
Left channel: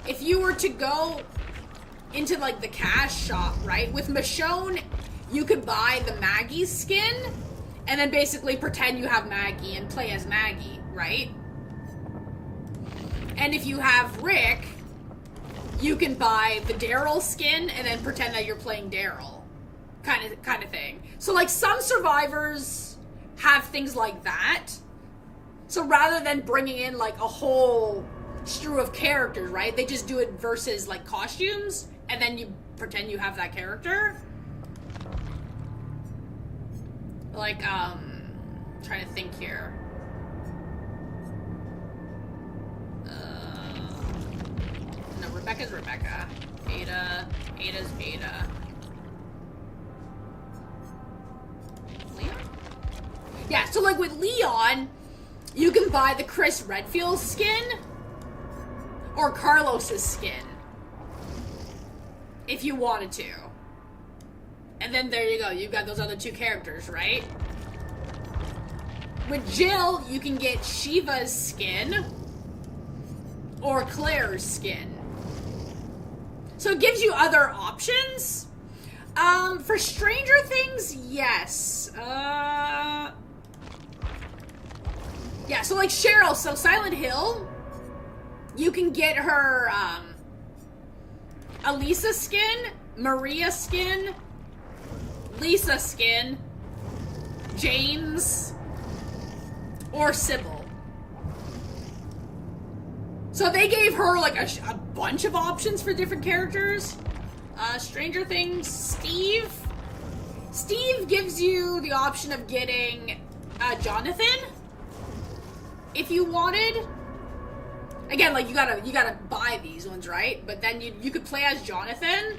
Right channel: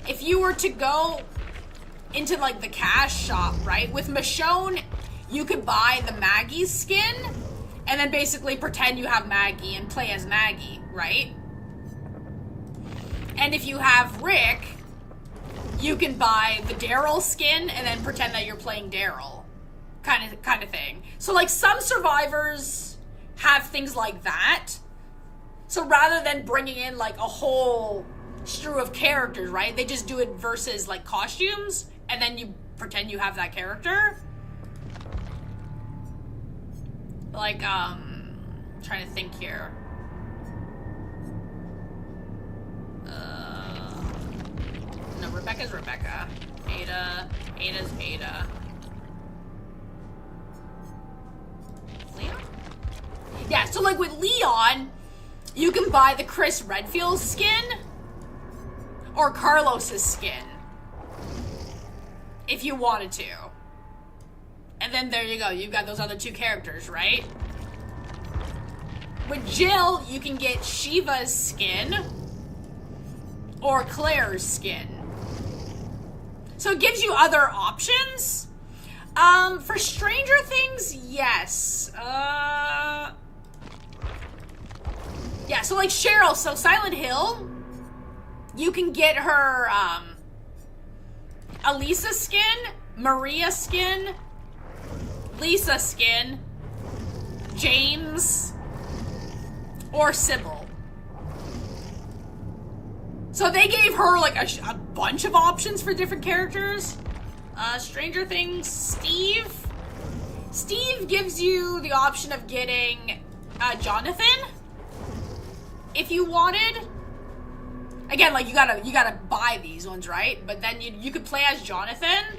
if you were to go into, like, the cash shop, right? With Michonne, you could buy the Maggie skin and then basically pretend you have Maggie and play as Maggie, right? And if you have Rick, you can buy the Daryl skin and then pretend that you're playing Daryl. Kind of thing. So, like, some survivors have things like that. So rather than bringing in, like, a whole strew of characters, right? They just do it versus, like, costumes, and then you pretend you have that character. Like, trying to think here. No, Rebecca's Rebecca. Ada's Ada. Yeah, so like with Leon, you can buy the Chris Redfield skin or Carlos's skin if you wanted to. And then there you go, you've got those other two characters, right? With Jill, you can get Shiva's skin or Claire's skin. So it gives you other options. For Stranger Things, yes. Yeah, so like Cheryl, so Silent Hill, you can get her, Elisa skin, Maria skin, Lisa skin, James, or Sybil. So they gave her like a bunch of options for different characters. Stranger Things, Steve. Steve gives you the option of getting Jonathan, if you wanted. Again, like you gotta buy these ones, right? But then you could play as Jonathan.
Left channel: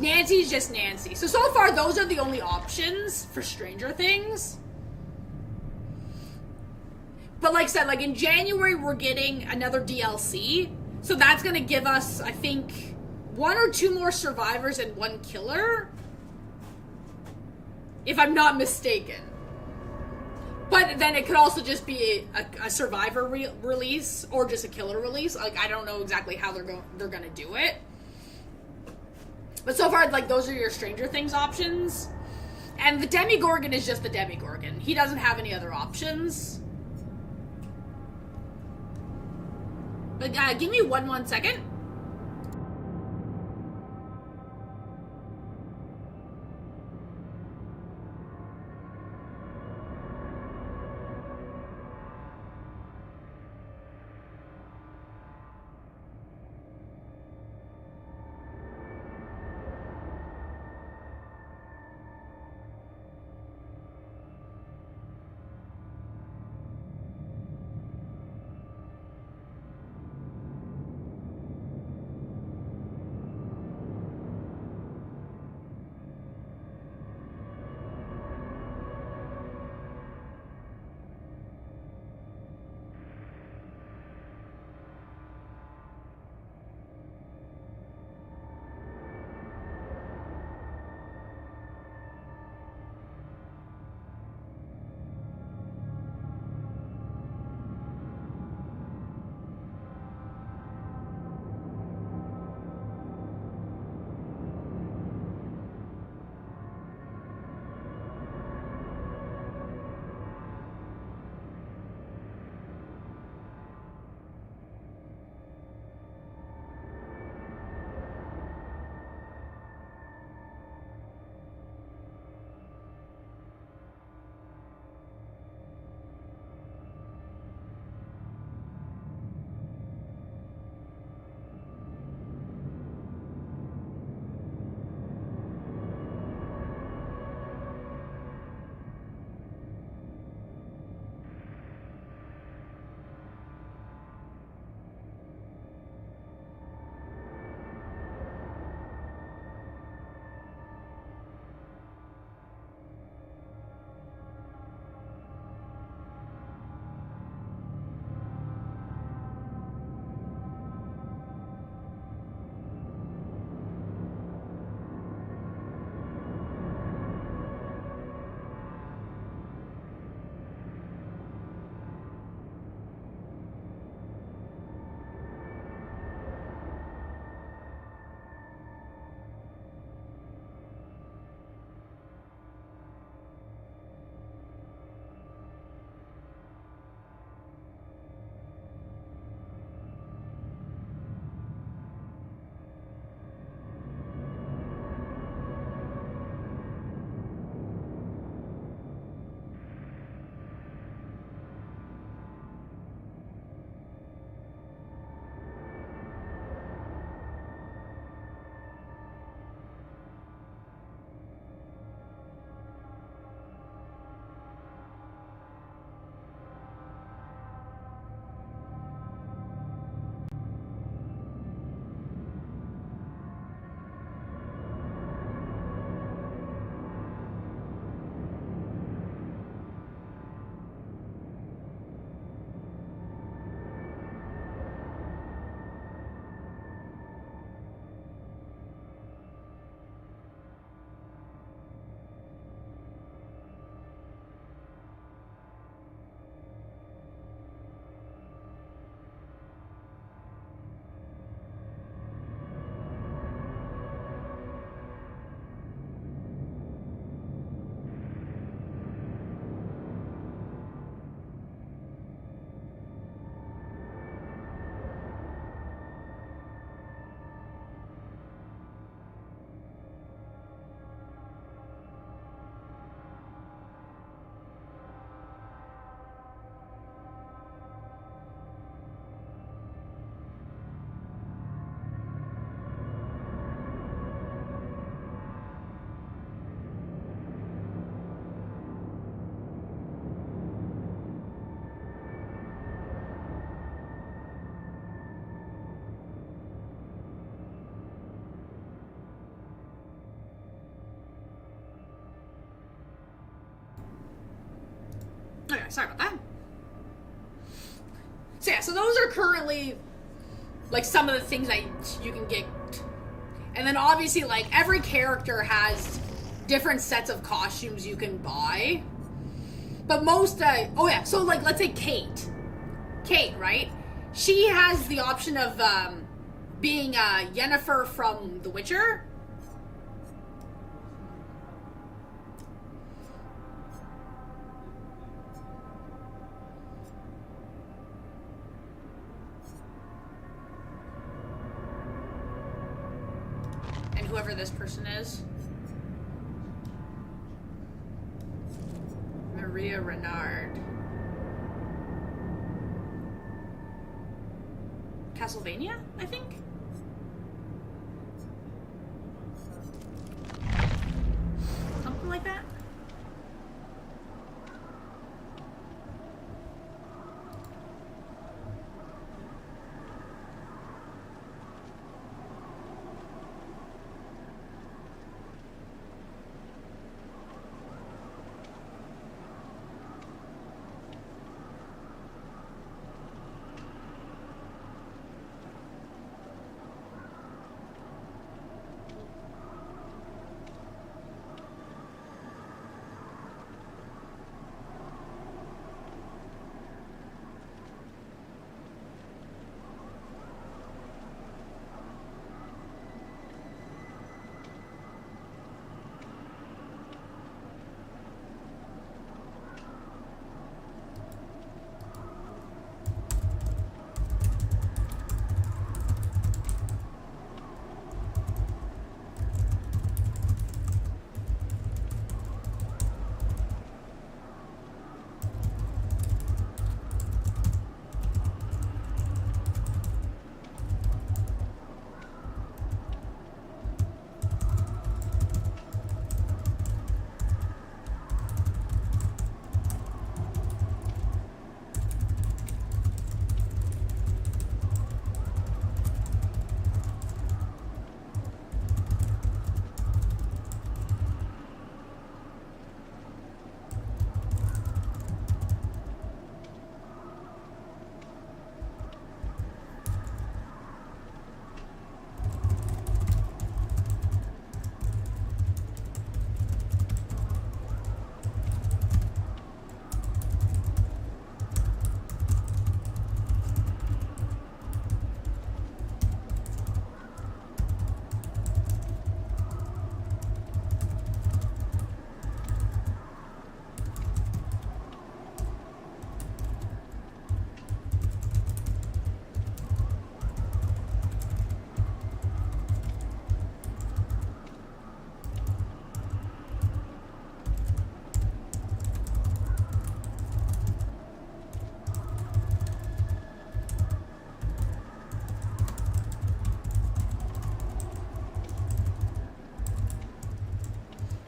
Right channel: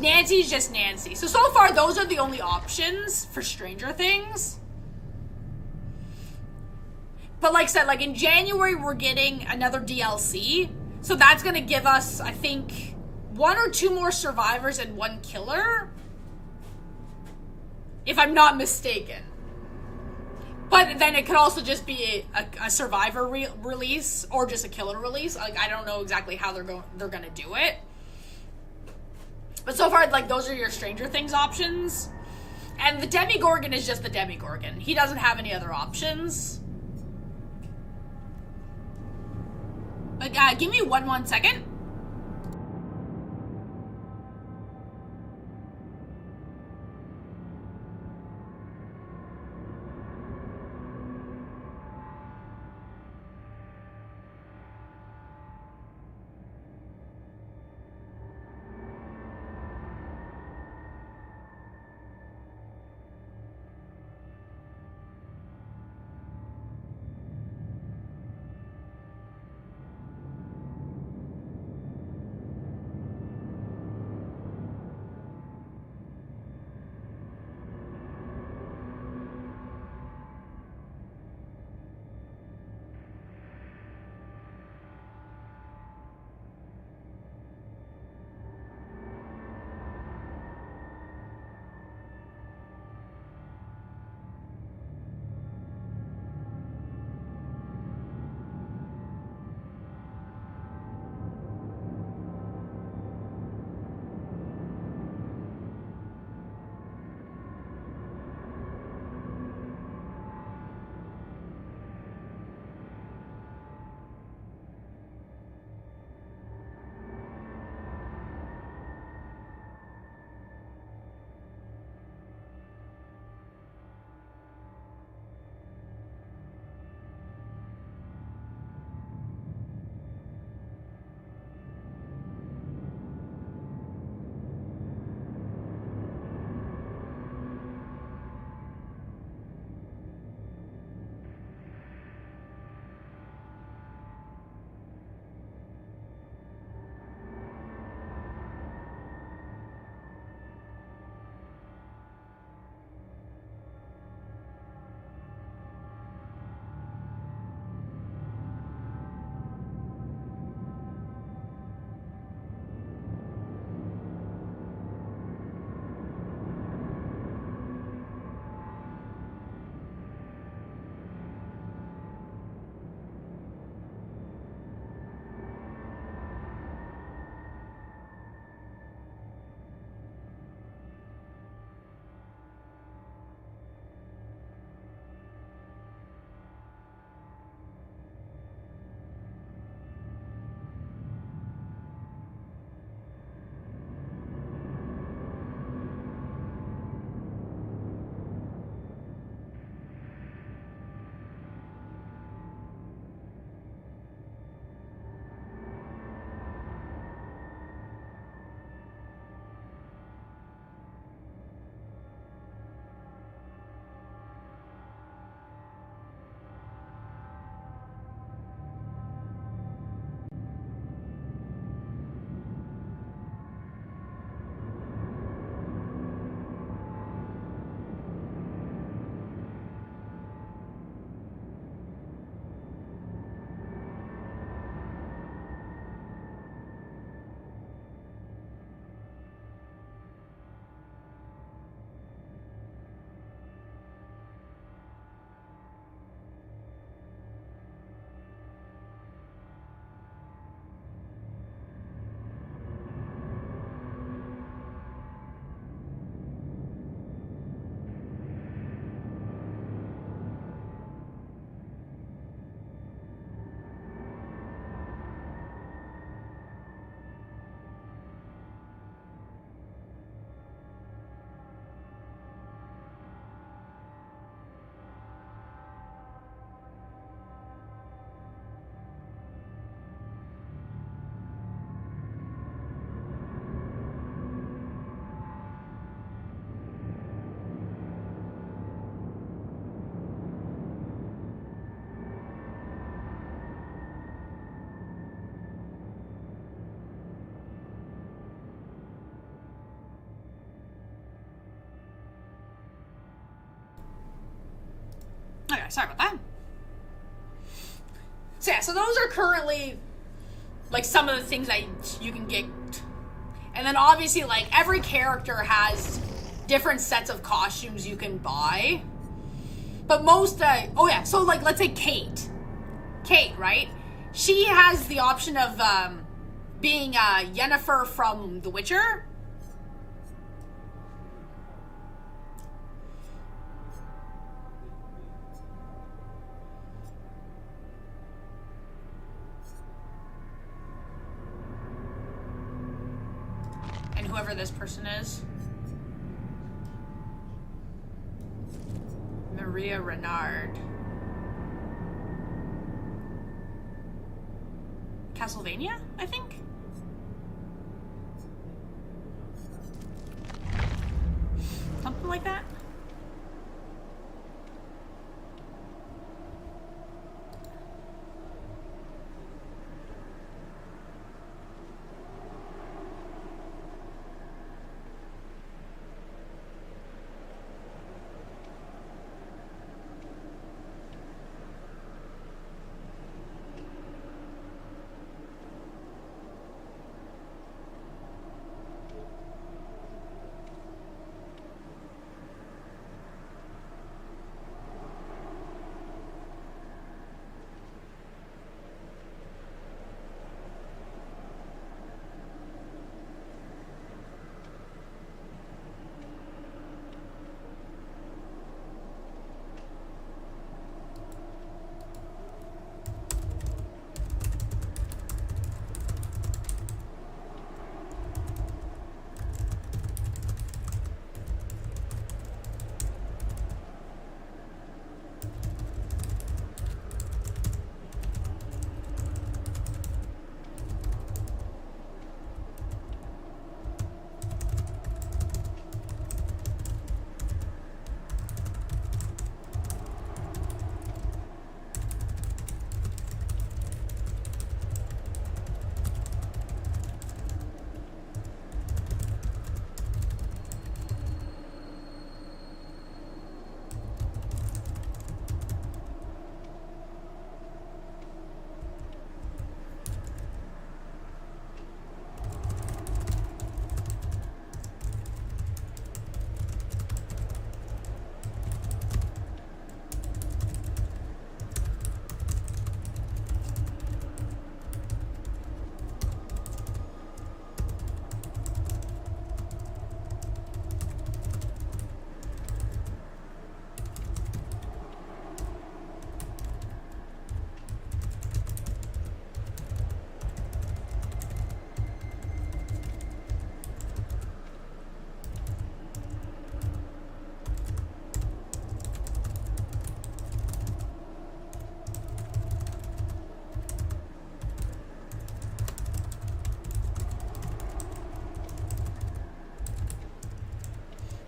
Nancy's just Nancy. So far, those are the only options for Stranger Things. But like I said, like in January, we're getting another DLC. So that's going to give us, I think, 1 or 2 more survivors and 1 killer. If I'm not mistaken. But then it could also just be a survivor release or just a killer release. Like, I don't know exactly how they're going to do it. But so far, like, those are your Stranger Things options. And the Demigorgon is just the Demigorgon. He doesn't have any other options. But give me one second. sorry about that. So yeah, so those are currently, like, some of the things that you can get. And then obviously, like, every character has different sets of costumes you can buy. But most, oh yeah, so, like, let's say Kate. Kate, right? She has the option of being Yennefer from The Witcher. And whoever this person is. Maria Renard. Castlevania, I think? Something like that?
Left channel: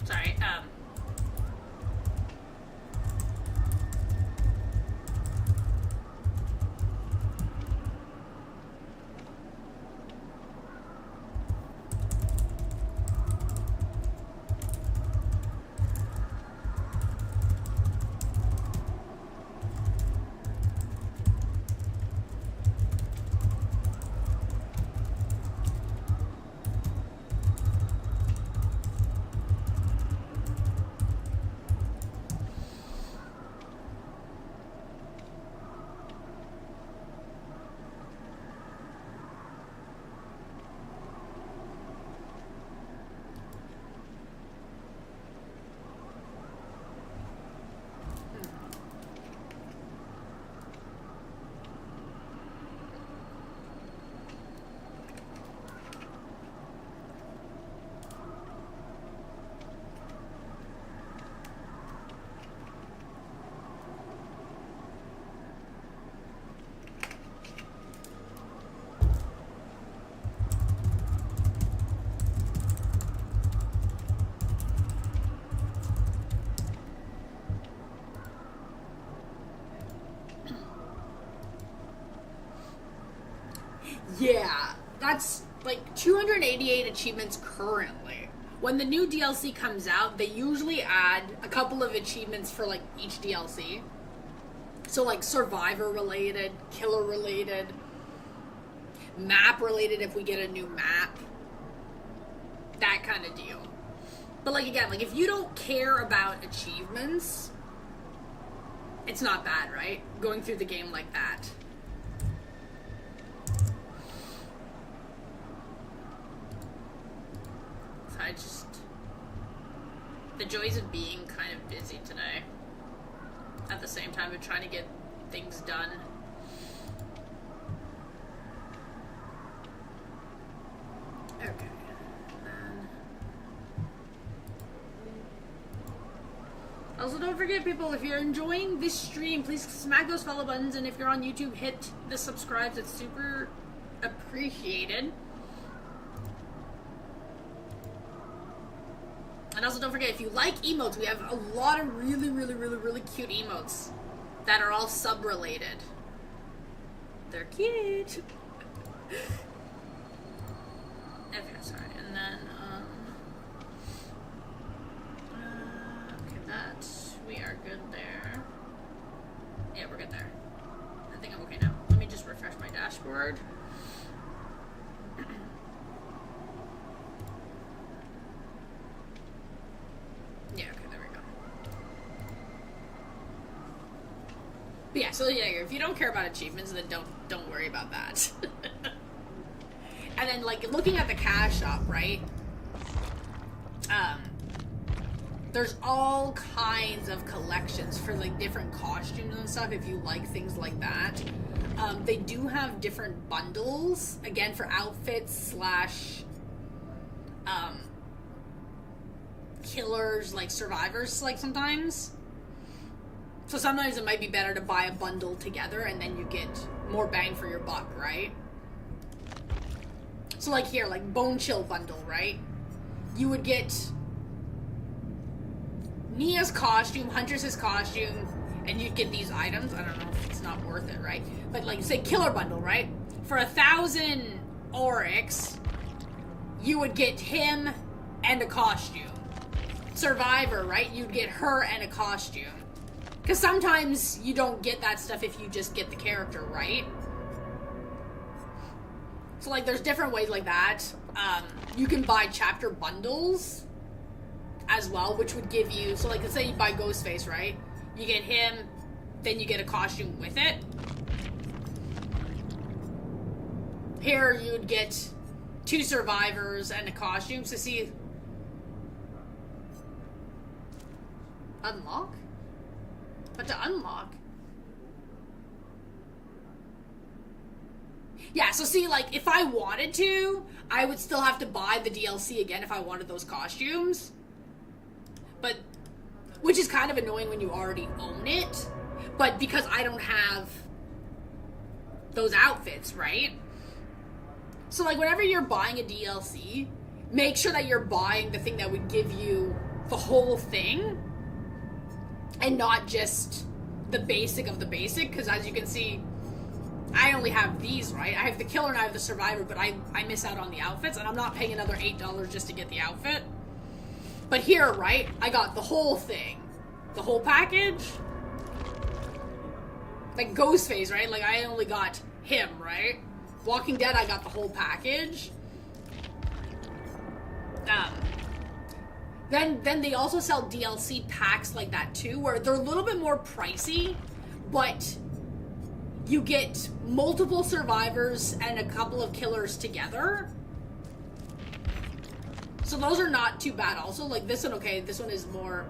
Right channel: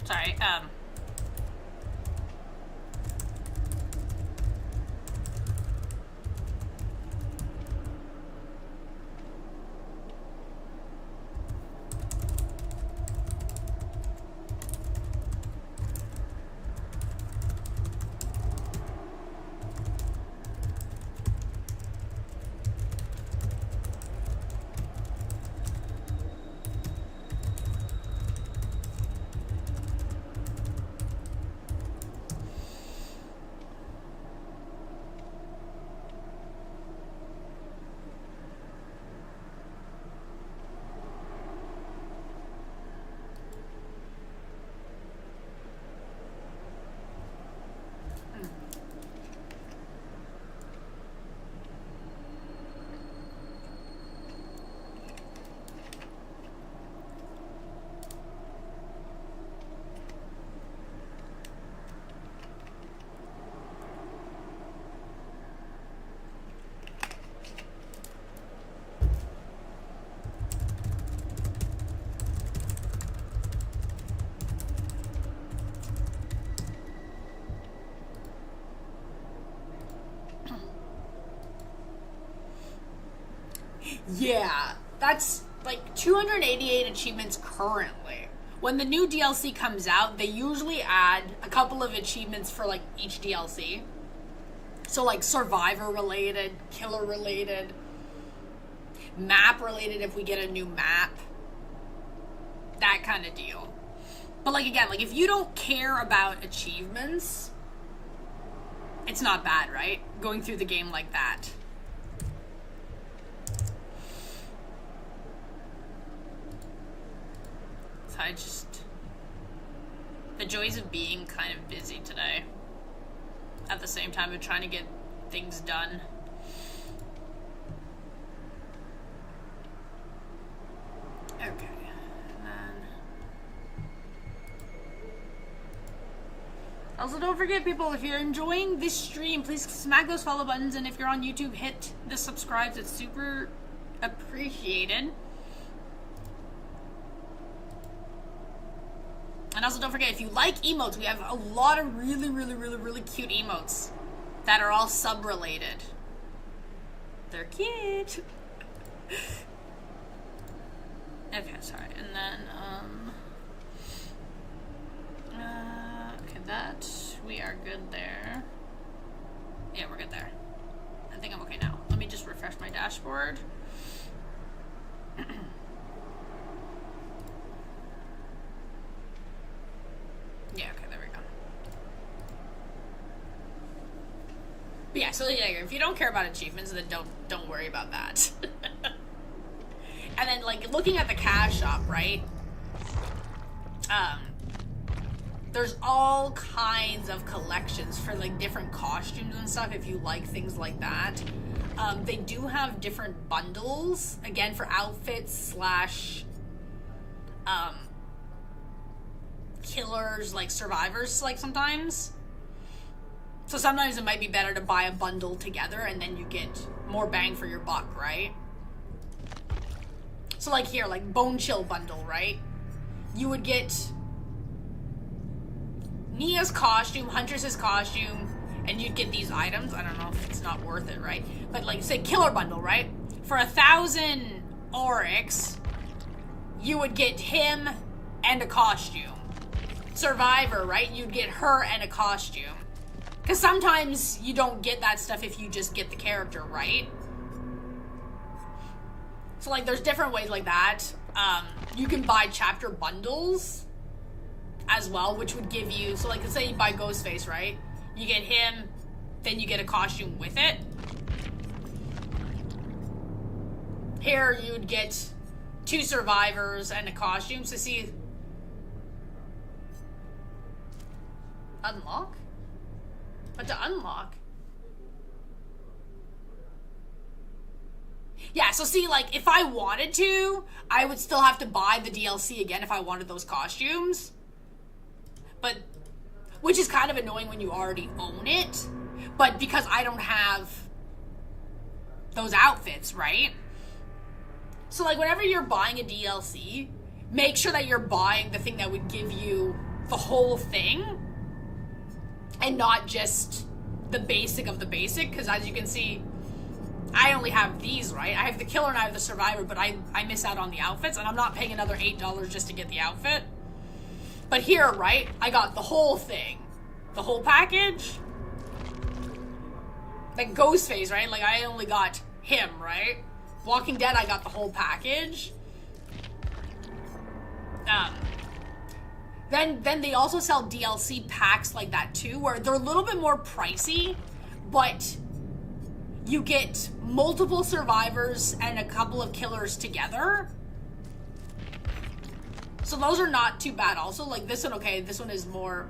Sorry, yeah, that's like 288 achievements currently. When the new DLC comes out, they usually add a couple of achievements for like each DLC. So like survivor related, killer related, map related if we get a new map. That kind of deal. But like again, like if you don't care about achievements, it's not bad, right? Going through the game like that. So I just... the joys of being kind of busy today. At the same time of trying to get things done. Okay. And then... also, don't forget, people, if you're enjoying this stream, please smack those follow buttons, and if you're on YouTube, hit the subscribe. It's super appreciated. And also, don't forget, if you like emotes, we have a lot of really cute emotes that are all sub-related. They're cute. Okay, sorry. And then, okay, that, we are good there. Yeah, we're good there. I think I'm okay now. Let me just refresh my dashboard. Yeah, okay, there we go. But yeah, so yeah, if you don't care about achievements, then don't worry about that. And then like looking at the cash shop, right? There's all kinds of collections for like different costumes and stuff if you like things like that. They do have different bundles, again, for outfits slash killers, like survivors, like sometimes. So sometimes it might be better to buy a bundle together and then you get more bang for your buck, right? So like here, like Bone Chill bundle, right? You would get Nia's costume, Huntress's costume, and you'd get these items. I don't know if it's not worth it, right? But like say Killer bundle, right? For 1,000 Oryx, you would get him and a costume. Survivor, right? You'd get her and a costume. Because sometimes you don't get that stuff if you just get the character, right? So like there's different ways like that. You can buy chapter bundles as well, which would give you, so like let's say you buy Ghostface, right? You get him, then you get a costume with it. Here you would get 2 survivors and a costume. So see, unlock? But to unlock, yeah, so see, like, if I wanted to, I would still have to buy the DLC again if I wanted those costumes. But, which is kind of annoying when you already own it. But because I don't have those outfits, right? So, like, whenever you're buying a DLC, make sure that you're buying the thing that would give you the whole thing. And not just the basic of the basic, because as you can see, I only have these, right? I have the killer and I have the survivor, but I miss out on the outfits, and I'm not paying another $8 just to get the outfit. But here, right, I got the whole thing. The whole package. Like Ghostface, right? Like, I only got him, right? Walking Dead, I got the whole package. Then they also sell DLC packs like that too, where they're a little bit more pricey, but you get multiple survivors and a couple of killers together. So those are not too bad also. Like this one, okay, this one is more...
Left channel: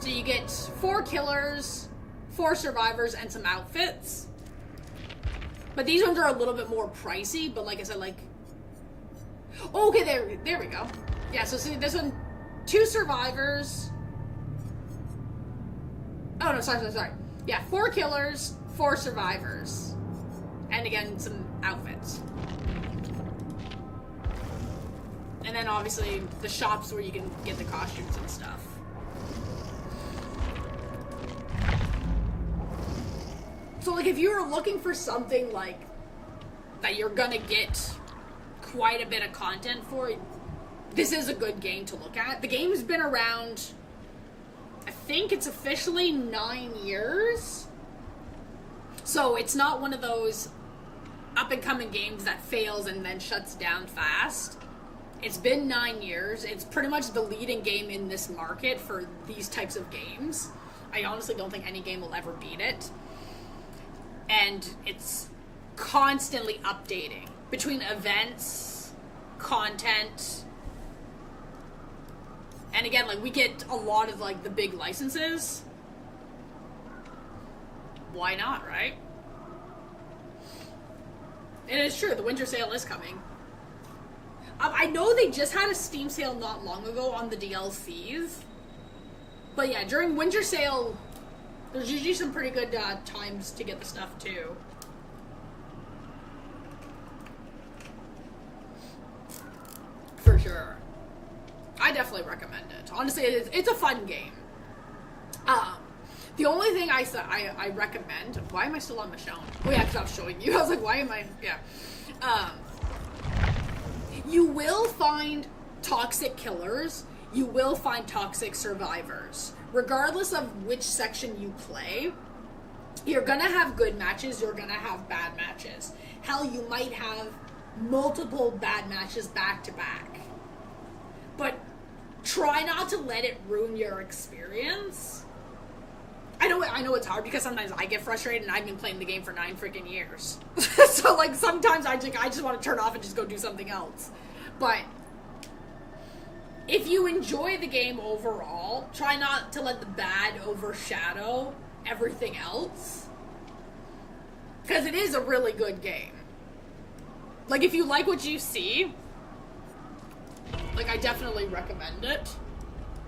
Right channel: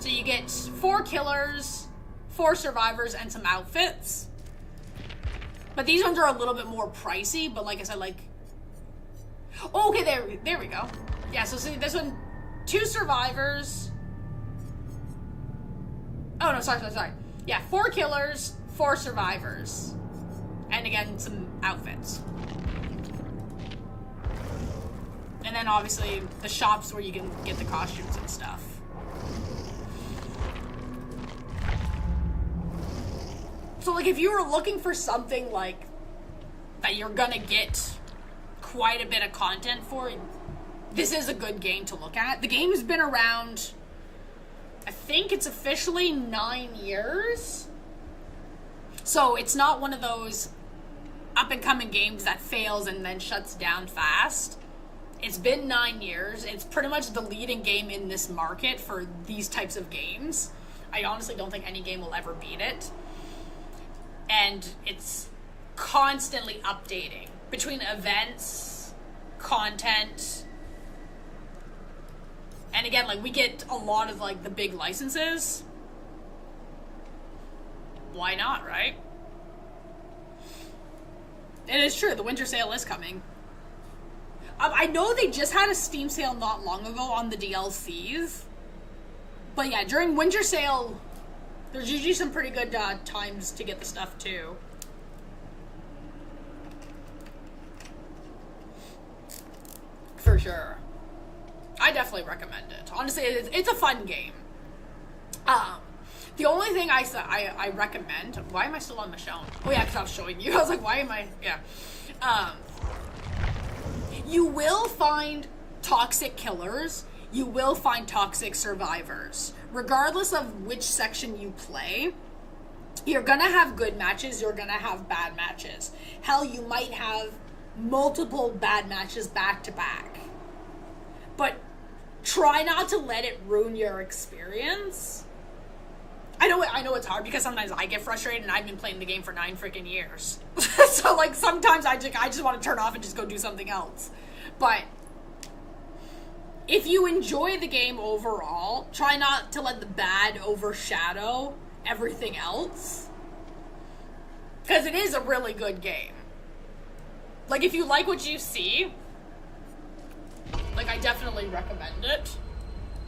So you get 4 killers, 4 survivors, and some outfits. But these ones are a little bit more pricey, but like I said, like... Oh, okay, there we go. Yeah, so see, this one... 2 survivors. Oh, no, sorry. Yeah, 4 killers, 4 survivors. And again, some outfits. And then obviously the shops where you can get the costumes and stuff. So like if you were looking for something like that you're gonna get quite a bit of content for, this is a good game to look at. The game's been around, I think it's officially 9 years. So it's not one of those up-and-coming games that fails and then shuts down fast. It's been 9 years. It's pretty much the leading game in this market for these types of games. I honestly don't think any game will ever beat it. And it's constantly updating between events, content, and again, like, we get a lot of, like, the big licenses. Why not, right? And it's true, the winter sale is coming. I know they just had a Steam sale not long ago on the DLCs. But yeah, during winter sale, there's usually some pretty good times to get the stuff too. For sure. I definitely recommend it. Honestly, it's a fun game. The only thing I recommend... Why am I still on Michonne? Oh yeah, because I was showing you. I was like, why am I... Yeah. You will find toxic killers. You will find toxic survivors. Regardless of which section you play, you're gonna have good matches, you're gonna have bad matches. Hell, you might have multiple bad matches back to back. But try not to let it ruin your experience. I know it's hard because sometimes I get frustrated and I've been playing the game for 9 freaking years. So like sometimes I just want to turn off and just go do something else. But if you enjoy the game overall, try not to let the bad overshadow everything else. Because it is a really good game. Like, if you like what you see, like, I definitely recommend it.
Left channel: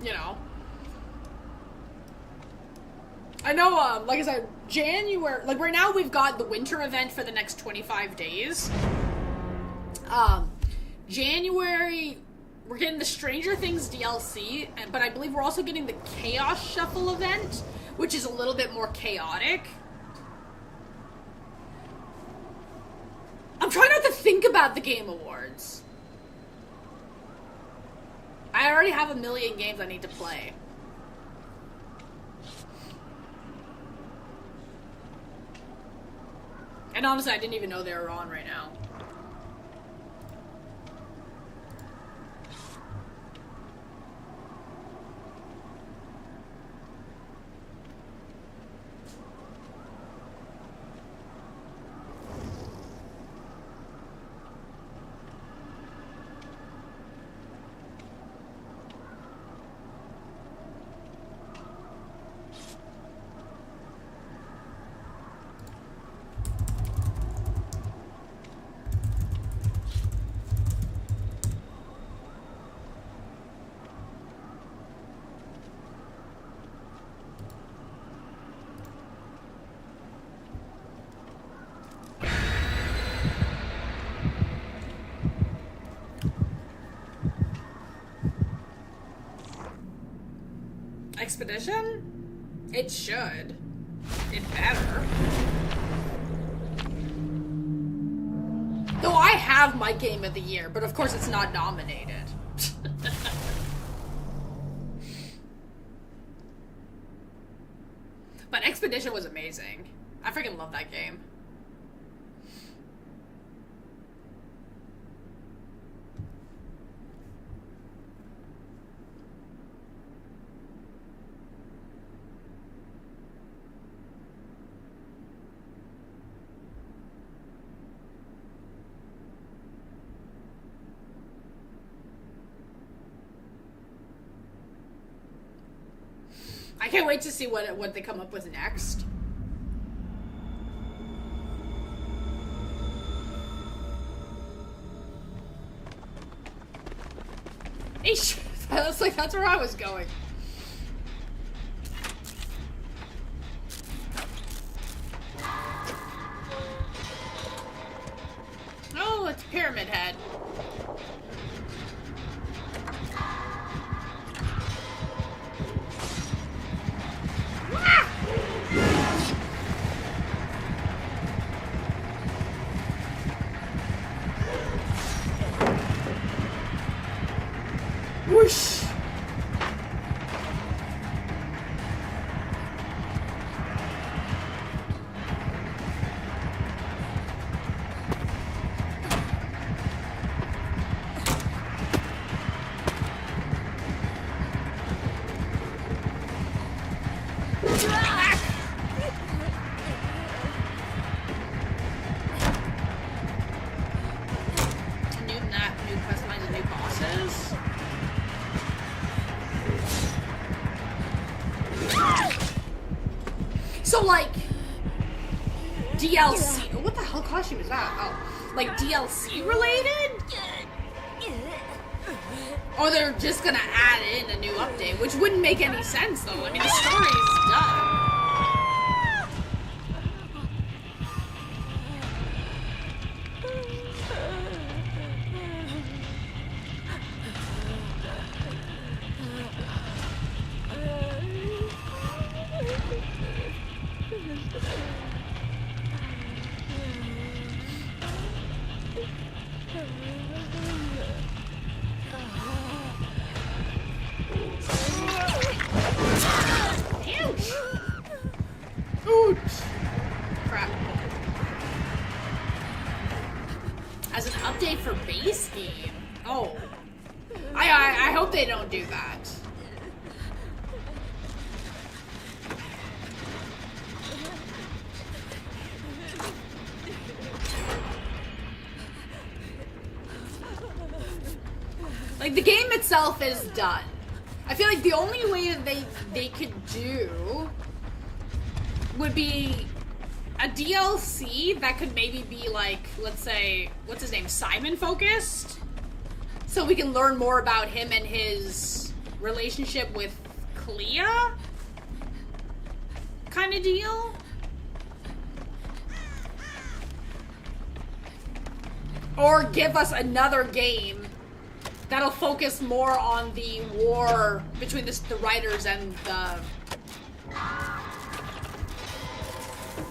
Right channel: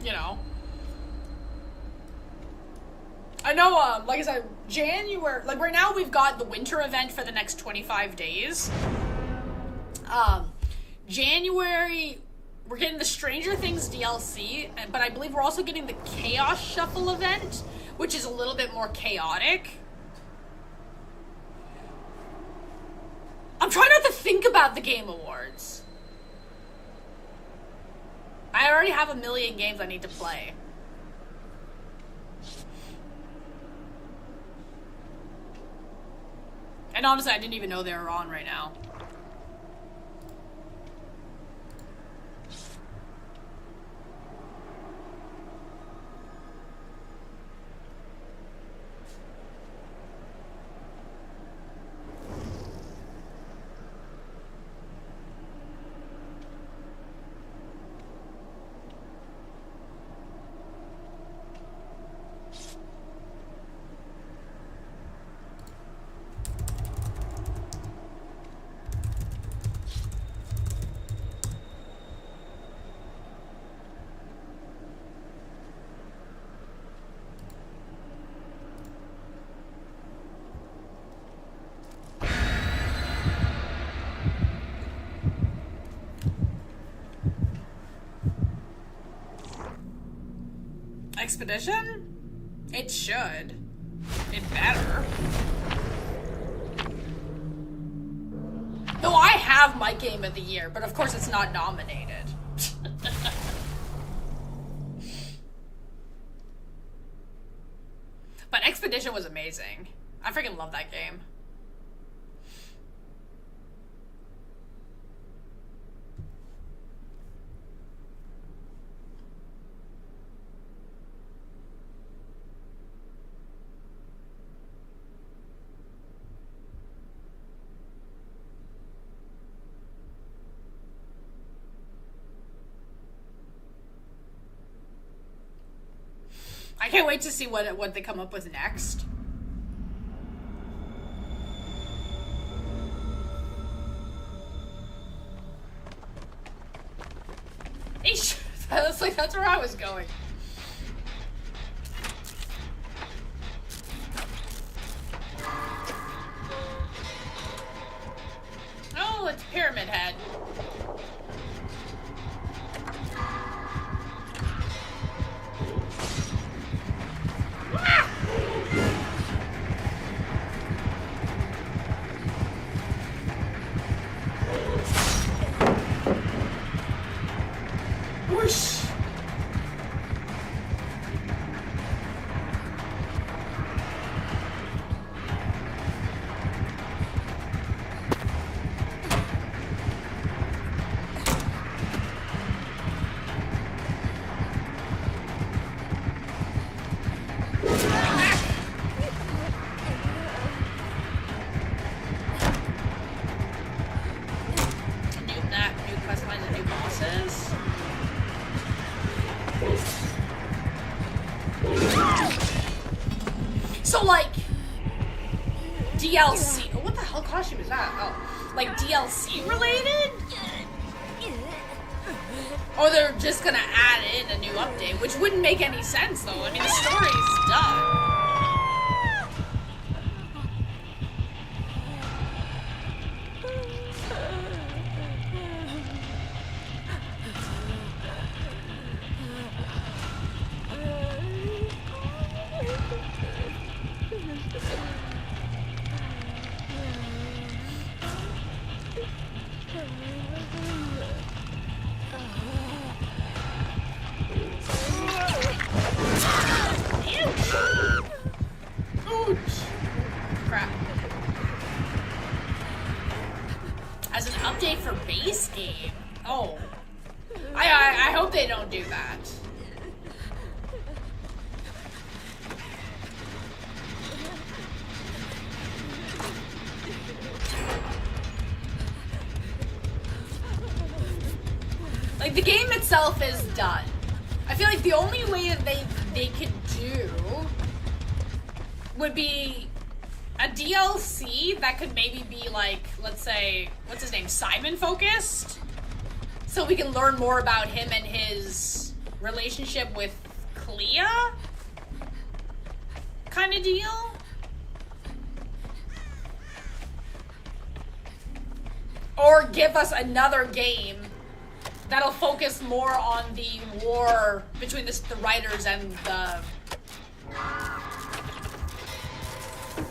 You know. I know, like I said, January, like, right now we've got the winter event for the next 25 days. January, we're getting the Stranger Things DLC, but I believe we're also getting the Chaos Shuffle event, which is a little bit more chaotic. I'm trying not to think about the Game Awards. I already have a million games I need to play. And honestly, I didn't even know they were on right now. Expedition? It should. It better. No, I have my game of the year, but of course it's not nominated. But Expedition was amazing. I freaking love that game. I can't wait to see what they come up with next. Eesh. That's where I was going. Oh, it's Pyramid Head. Whoosh! So, like, DLC. What the hell costume is that? Oh, like DLC related? Or they're just gonna add in a new update, which wouldn't make any sense though. I mean, the story's done. Crap. As an update for base game? Oh. I hope they don't do that. Like, the game itself is done. I feel like the only way that they could do would be a DLC that could maybe be like, let's say, what's his name, Simon focused? So we can learn more about him and his relationship with Clea? Kind of deal? Or give us another game that'll focus more on the war between the writers and the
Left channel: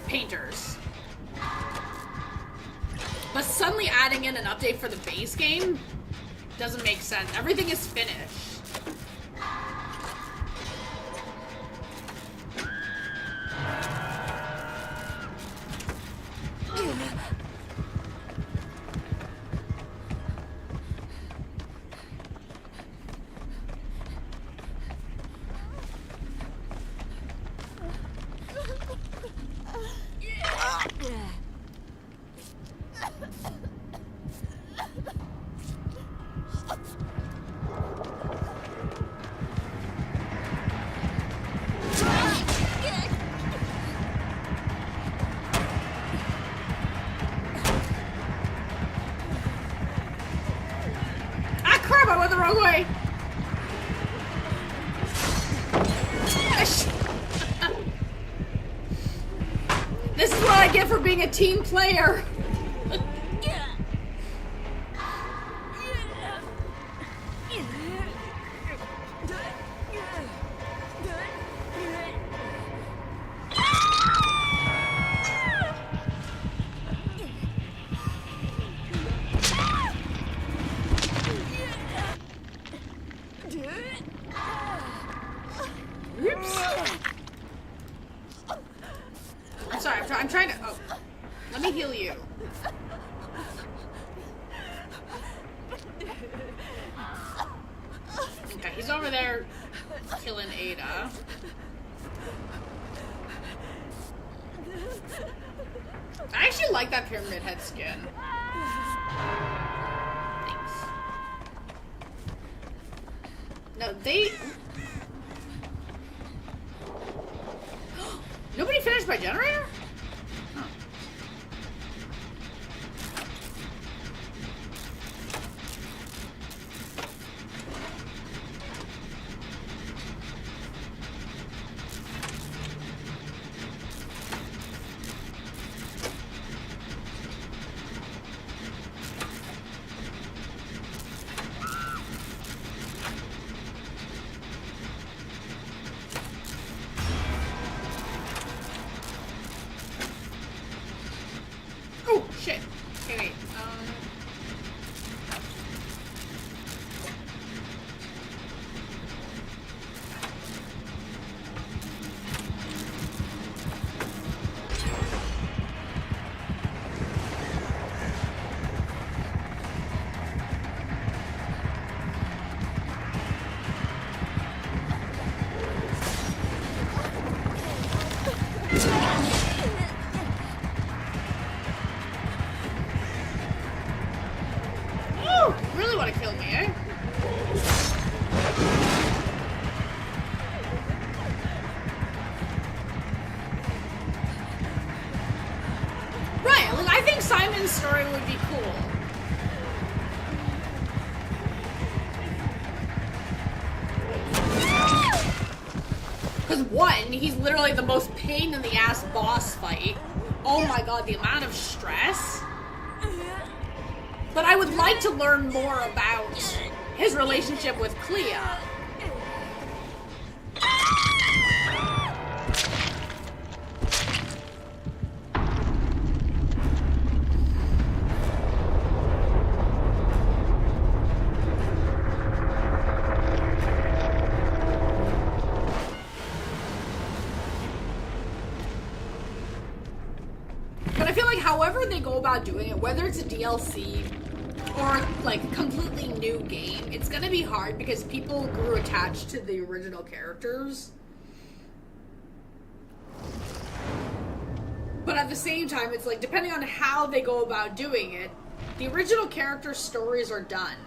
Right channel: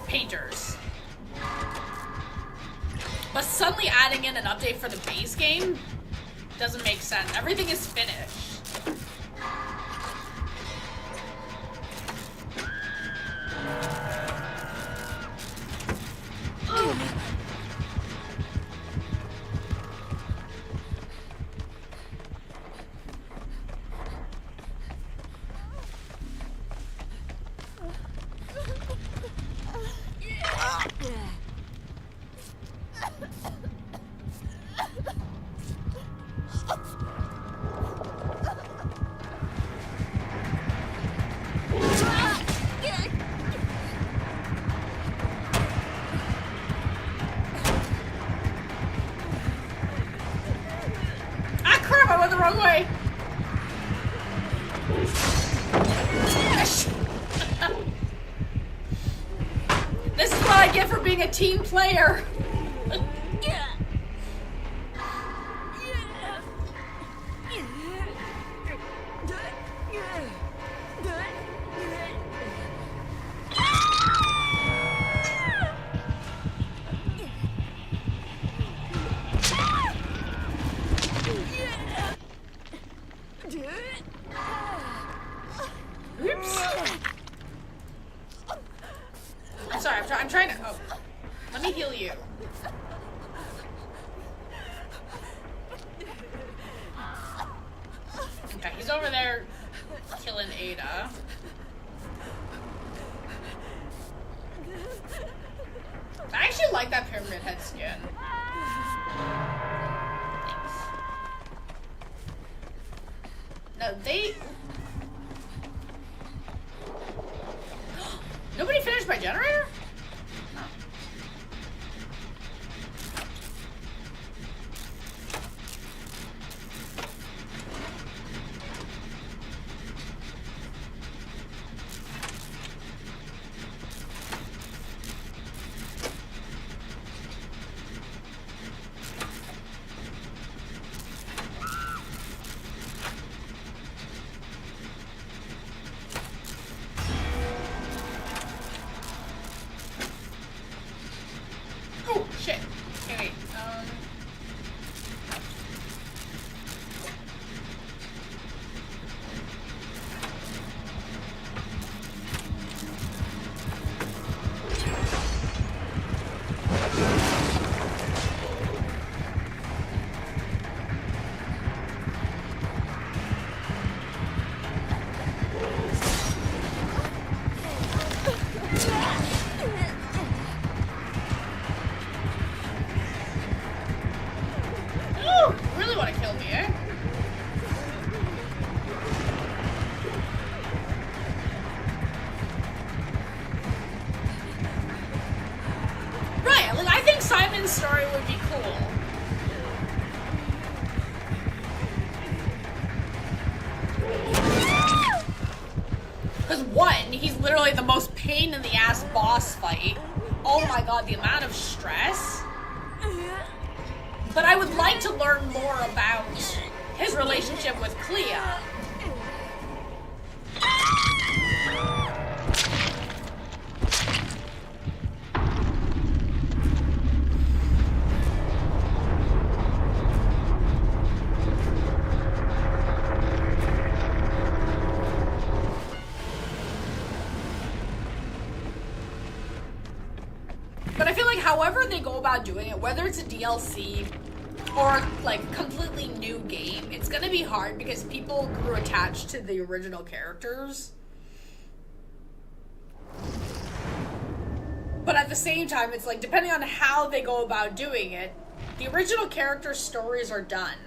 painters. But suddenly adding in an update for the base game doesn't make sense. Everything is finished. I went the wrong way. This is what I get for being a team player. I'm trying to. Oh, let me heal you. Okay, he's over there killing Ada. I actually like that pyramid head skin. Thanks. No, they. Nobody finished my generator? Oh. Oh, shit. Okay, wait. Ooh, really want to kill me, eh? literally the most pain in the ass boss fight. Oh my god, the amount of stress. But I would like to learn more about his relationship with Clea. But I feel like however they go about doing it, whether it's a DLC or like completely new game, it's gonna be hard because people grew attached to the original characters. But at the same time, it's like depending on how they go about doing it, the original character stories are done.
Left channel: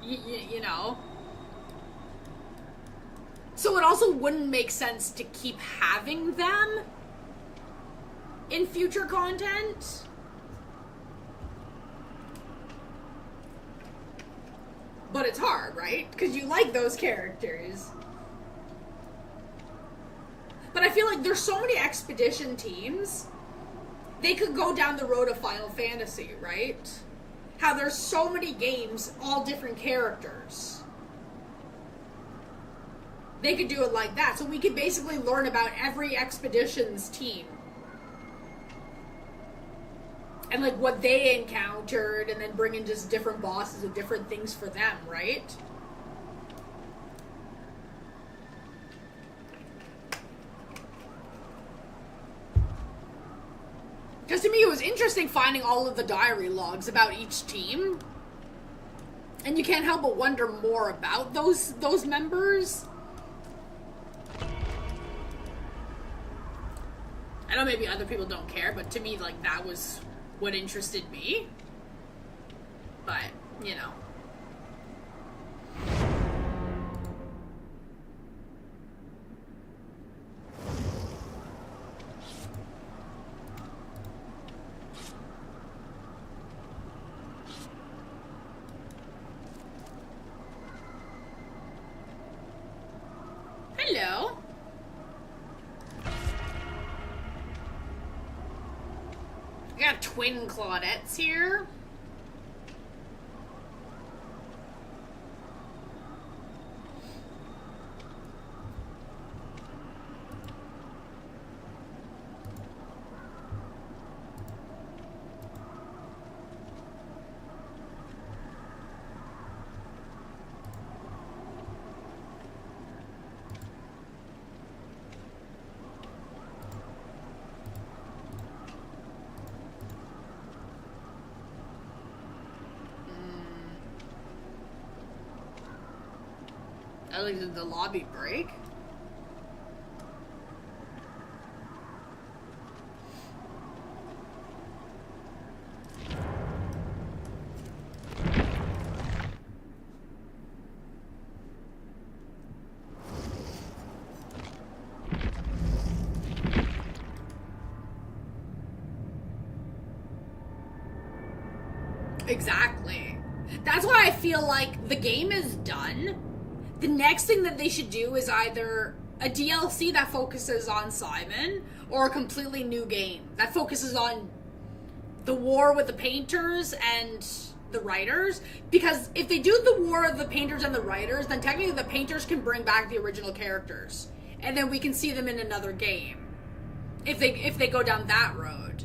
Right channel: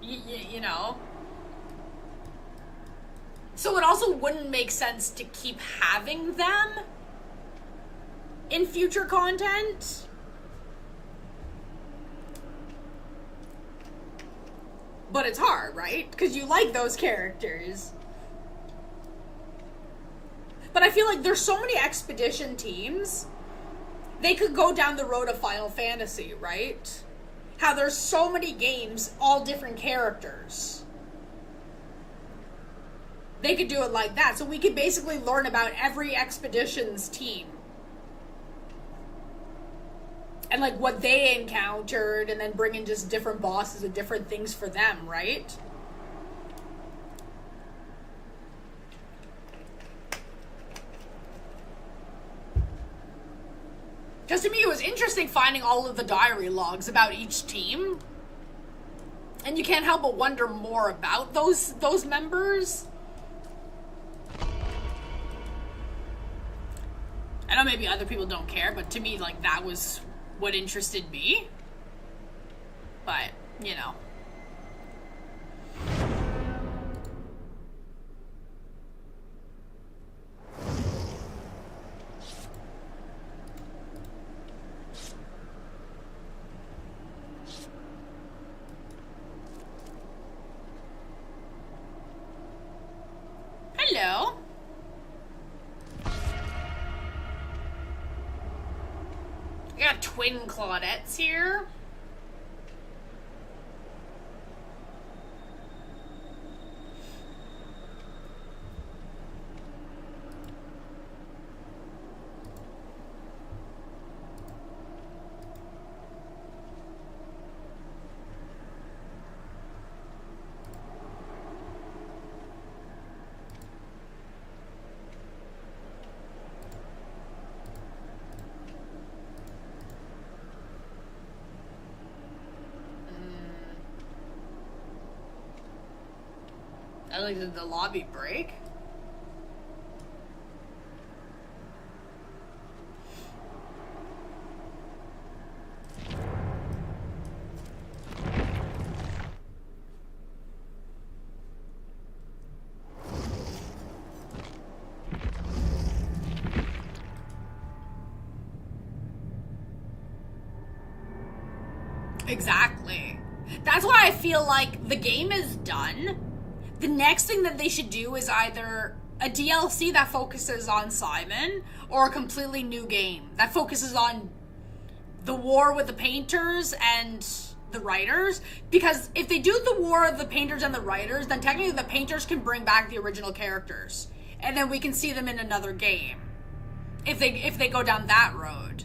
You know? So it also wouldn't make sense to keep having them in future content. But it's hard, right? Because you like those characters. But I feel like there's so many expedition teams, they could go down the road of Final Fantasy, right? How there's so many games, all different characters. They could do it like that. So we could basically learn about every expedition's team. And like what they encountered, and then bring in just different bosses and different things for them, right? Because to me it was interesting finding all of the diary logs about each team. And you can't help but wonder more about those members. I know maybe other people don't care, but to me, like, that was what interested me. But, you know. Hello. I got twin Claudettes here. Did the lobby break? Exactly. That's why I feel like the game is done. The next thing that they should do is either a DLC that focuses on Simon or a completely new game that focuses on the war with the painters and the writers. Because if they do the war of the painters and the writers, then technically the painters can bring back the original characters. And then we can see them in another game. If they go down that road.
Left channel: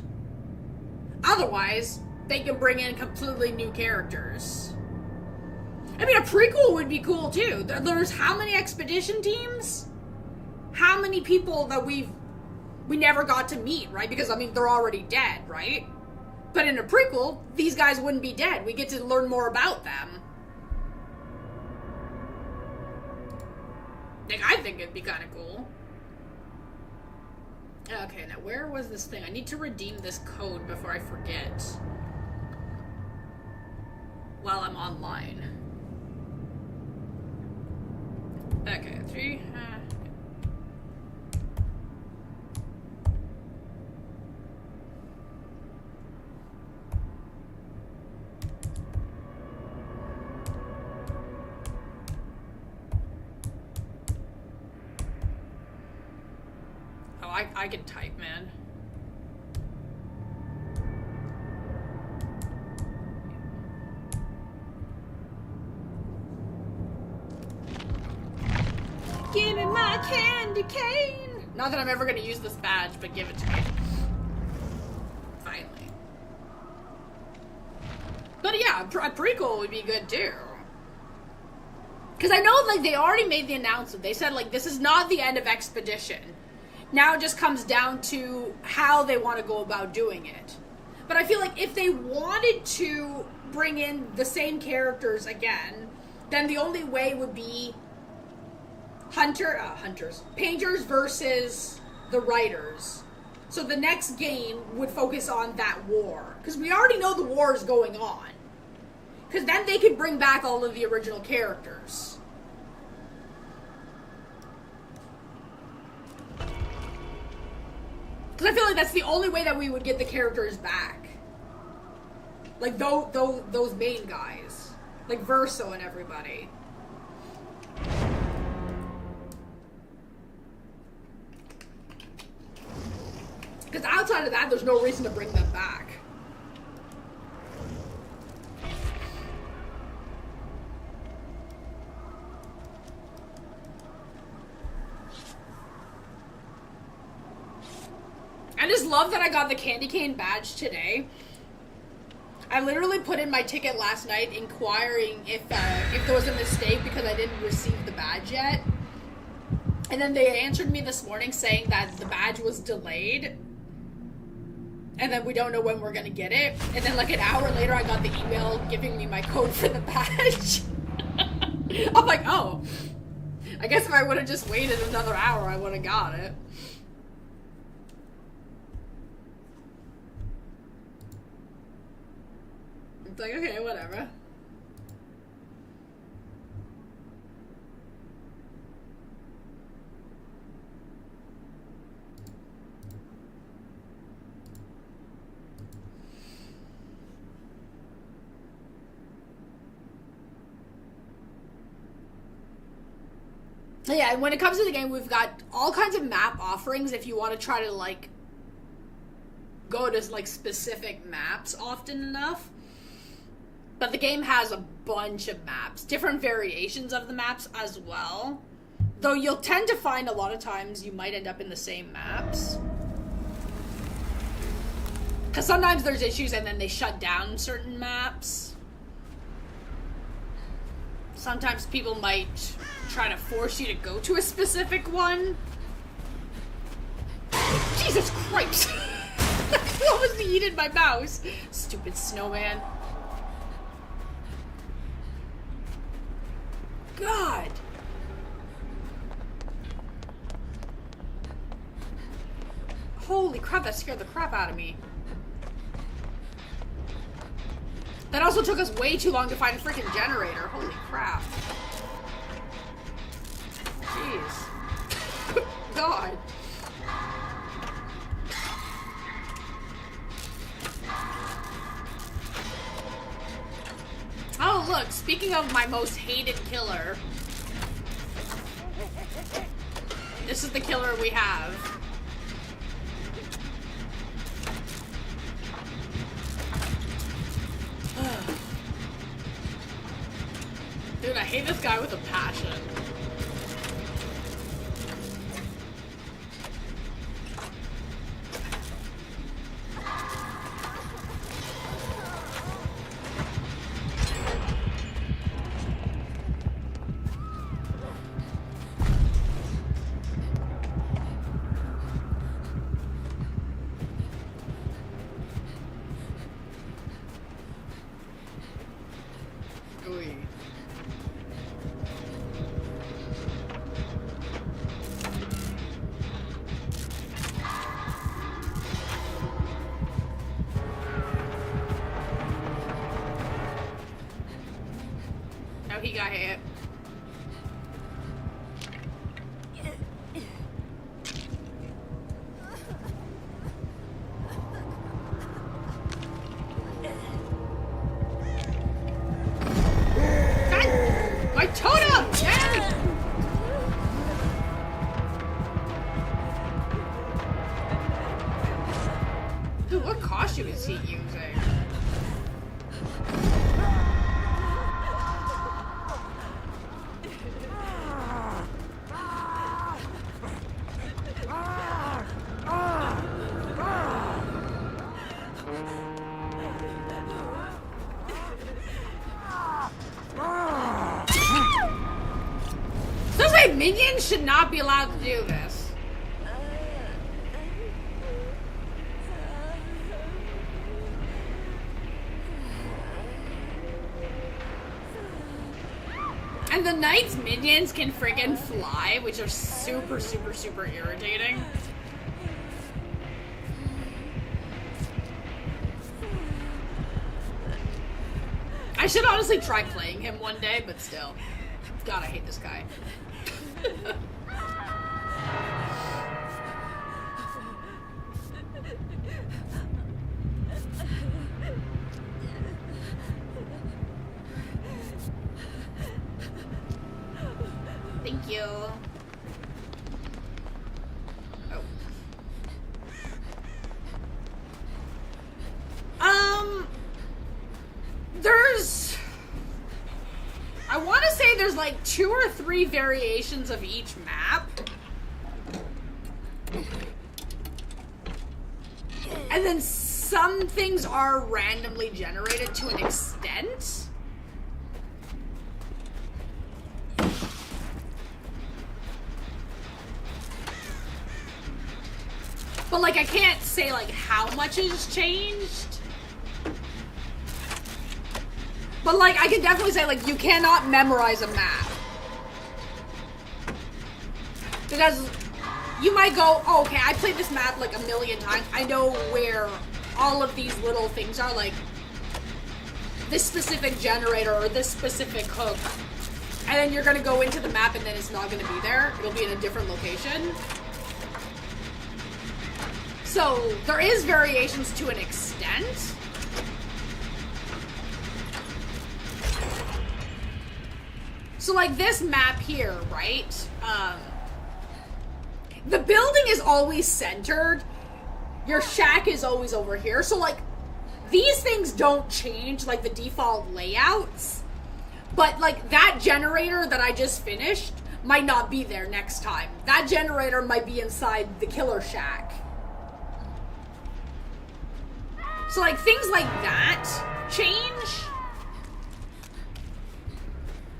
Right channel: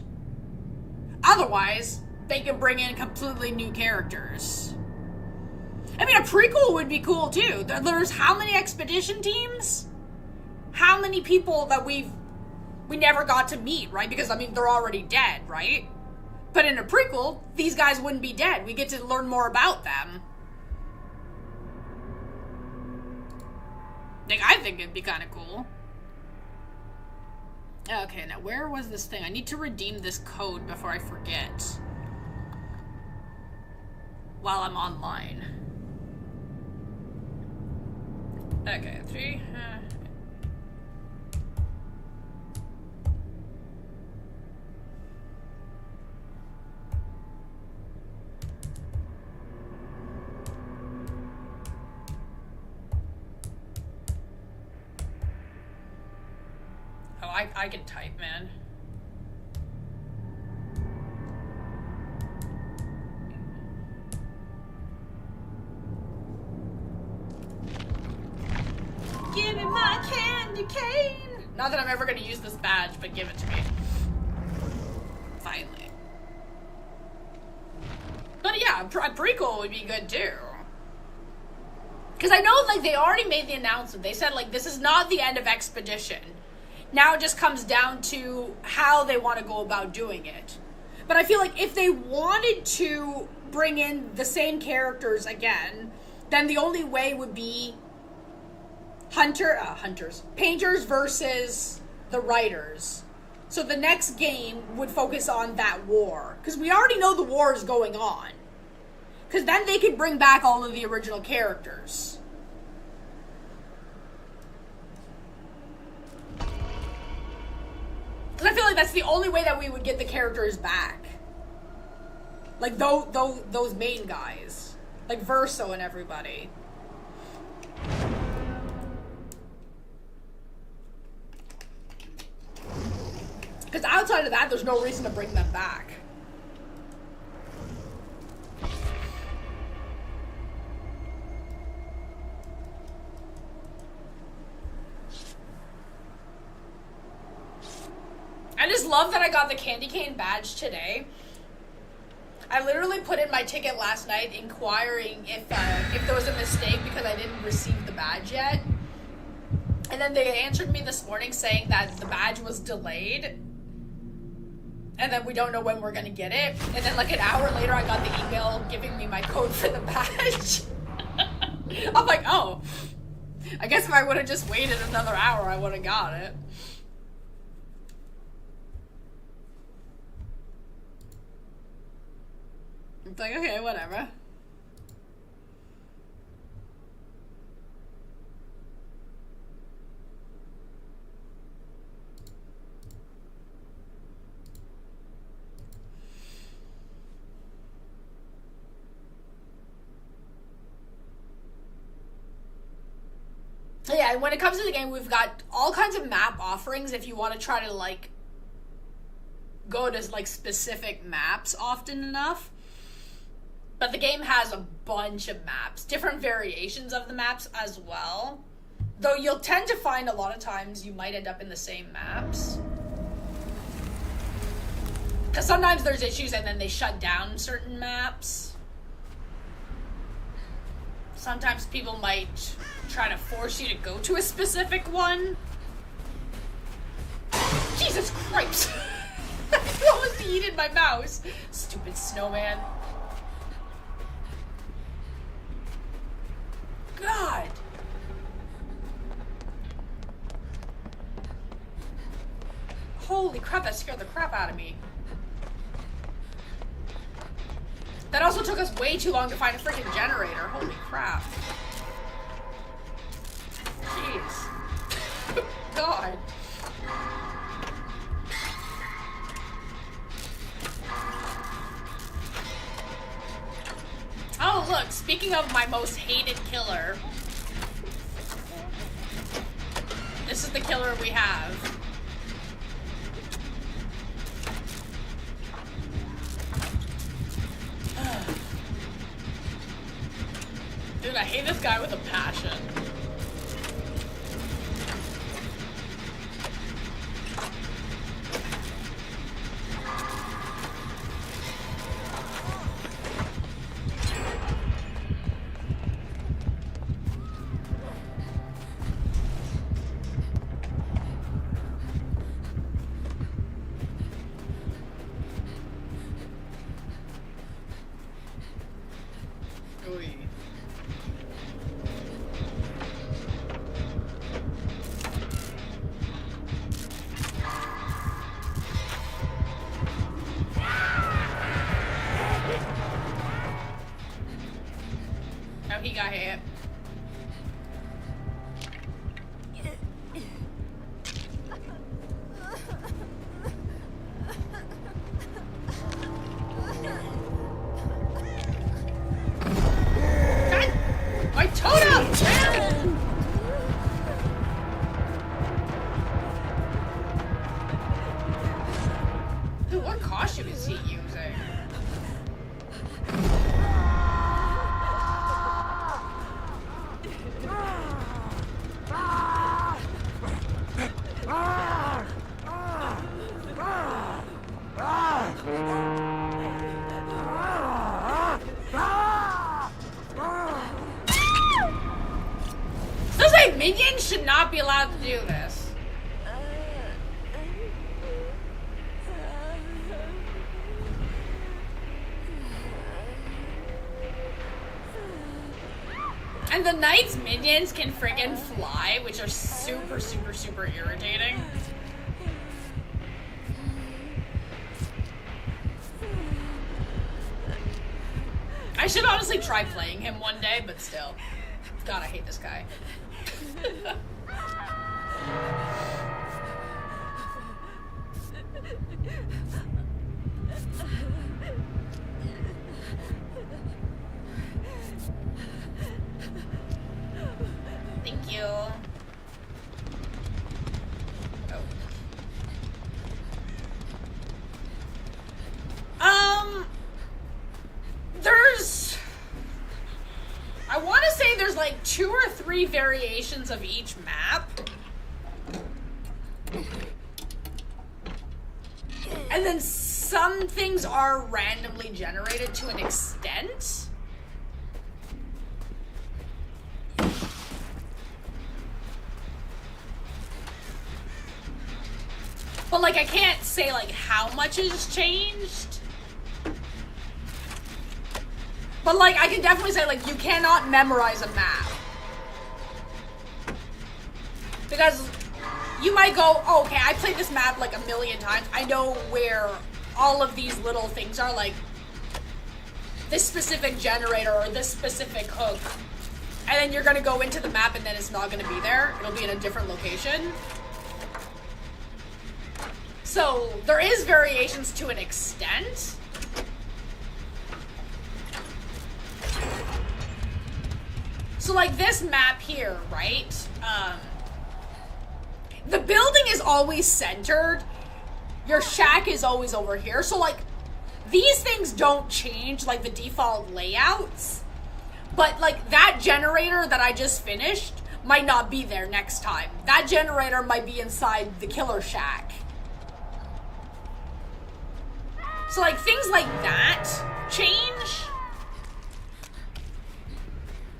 Otherwise, they can bring in completely new characters. I mean, a prequel would be cool, too. There's how many expedition teams? How many people that we never got to meet, right? Because, I mean, they're already dead, right? But in a prequel, these guys wouldn't be dead. We get to learn more about them. Like, I think it'd be kind of cool. Okay, now where was this thing? I need to redeem this code before I forget. While I'm online. Okay, 3. I can type, man. Give me my candy cane! Not that I'm ever gonna use this badge, but give it to me. Finally. But yeah, a prequel would be good too. Because I know, like, they already made the announcement. They said, like, this is not the end of Expedition. Now it just comes down to how they want to go about doing it. But I feel like if they wanted to bring in the same characters again, then the only way would be painters versus the writers. So the next game would focus on that war. Because we already know the war is going on. Because then they could bring back all of the original characters. Because I feel like that's the only way that we would get the characters back. Like, those main guys. Like, Verso and everybody. Because outside of that, there's no reason to bring them back. I just love that I got the candy cane badge today. I literally put in my ticket last night inquiring if there was a mistake because I didn't receive the badge yet. And then they answered me this morning saying that the badge was delayed. And then we don't know when we're gonna get it. And then like an hour later I got the email giving me my code for the badge. I'm like, oh. I guess if I would have just waited another hour I would have got it. It's like, okay, whatever. Yeah, and when it comes to the game, we've got all kinds of map offerings if you want to try to, like, go to, like, specific maps often enough. But the game has a bunch of maps, different variations of the maps as well. Though you'll tend to find a lot of times you might end up in the same maps. Because sometimes there's issues and then they shut down certain maps. Sometimes people might try to force you to go to a specific one. Jesus Christ! I almost yeeted my mouse. Stupid snowman. God! Holy crap, that scared the crap out of me. That also took us way too long to find a freaking generator. Holy crap. Jeez. God. Oh, look, speaking of my most hated killer, this is the killer we have. Dude, I hate this guy with a passion. He got hit. My totem! Minions should not be allowed to do this. And the knight's minions can friggin' fly, which are super, super, super irritating. I should honestly try playing him one day, but still. God, I hate this guy. Thank you. I want to say there's like 2 or 3 variations of each map. And then some things are randomly generated to an extent. But like I can't say like how much has changed. But like I can definitely say like you cannot memorize a map. Because you might go, oh, okay, I played this map like a million times. I know where all of these little things are, like this specific generator or this specific hook. And then you're gonna go into the map and then it's not gonna be there. It'll be in a different location. So there is variations to an extent. So like this map here, right? The building is always centered. Your shack is always over here. So like these things don't change like the default layouts. But like that generator that I just finished might not be there next time. That generator might be inside the killer shack. So like things like that change.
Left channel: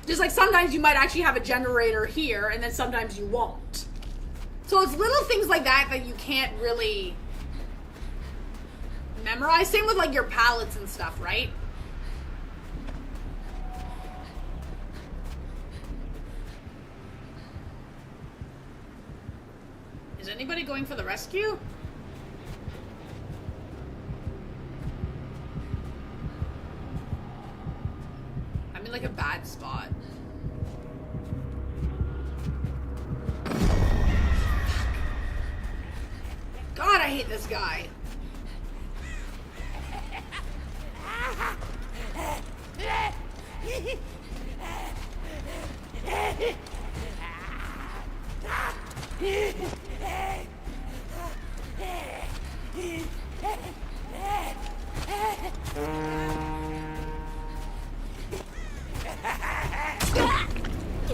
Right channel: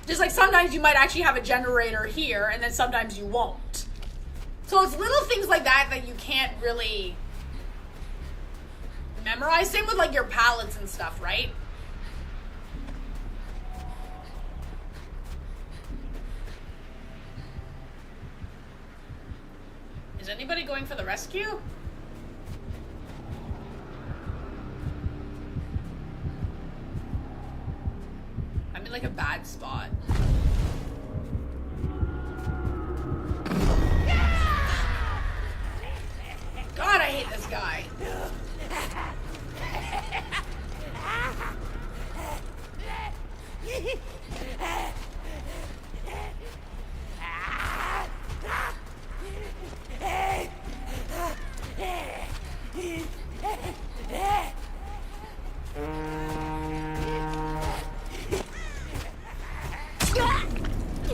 Just like sometimes you might actually have a generator here and then sometimes you won't. So it's little things like that that you can't really memorize. Same with like your palettes and stuff, right? Is anybody going for the rescue? I'm in like a bad spot. God, I hate this guy.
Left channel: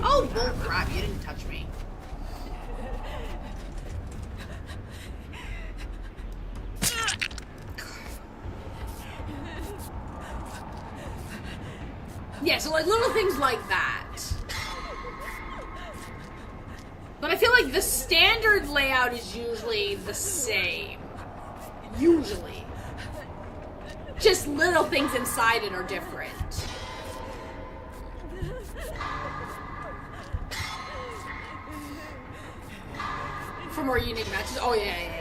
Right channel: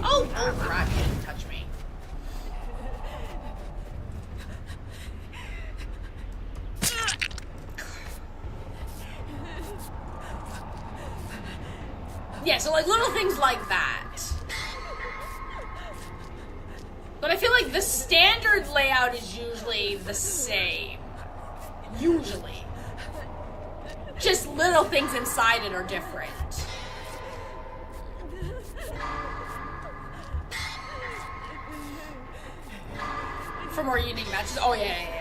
Oh, bullcrap, you didn't touch me. Yeah, so like little things like that. But I feel like the standard layout is usually the same. Usually. Just little things inside it are different. For more unique matches. Oh, yeah.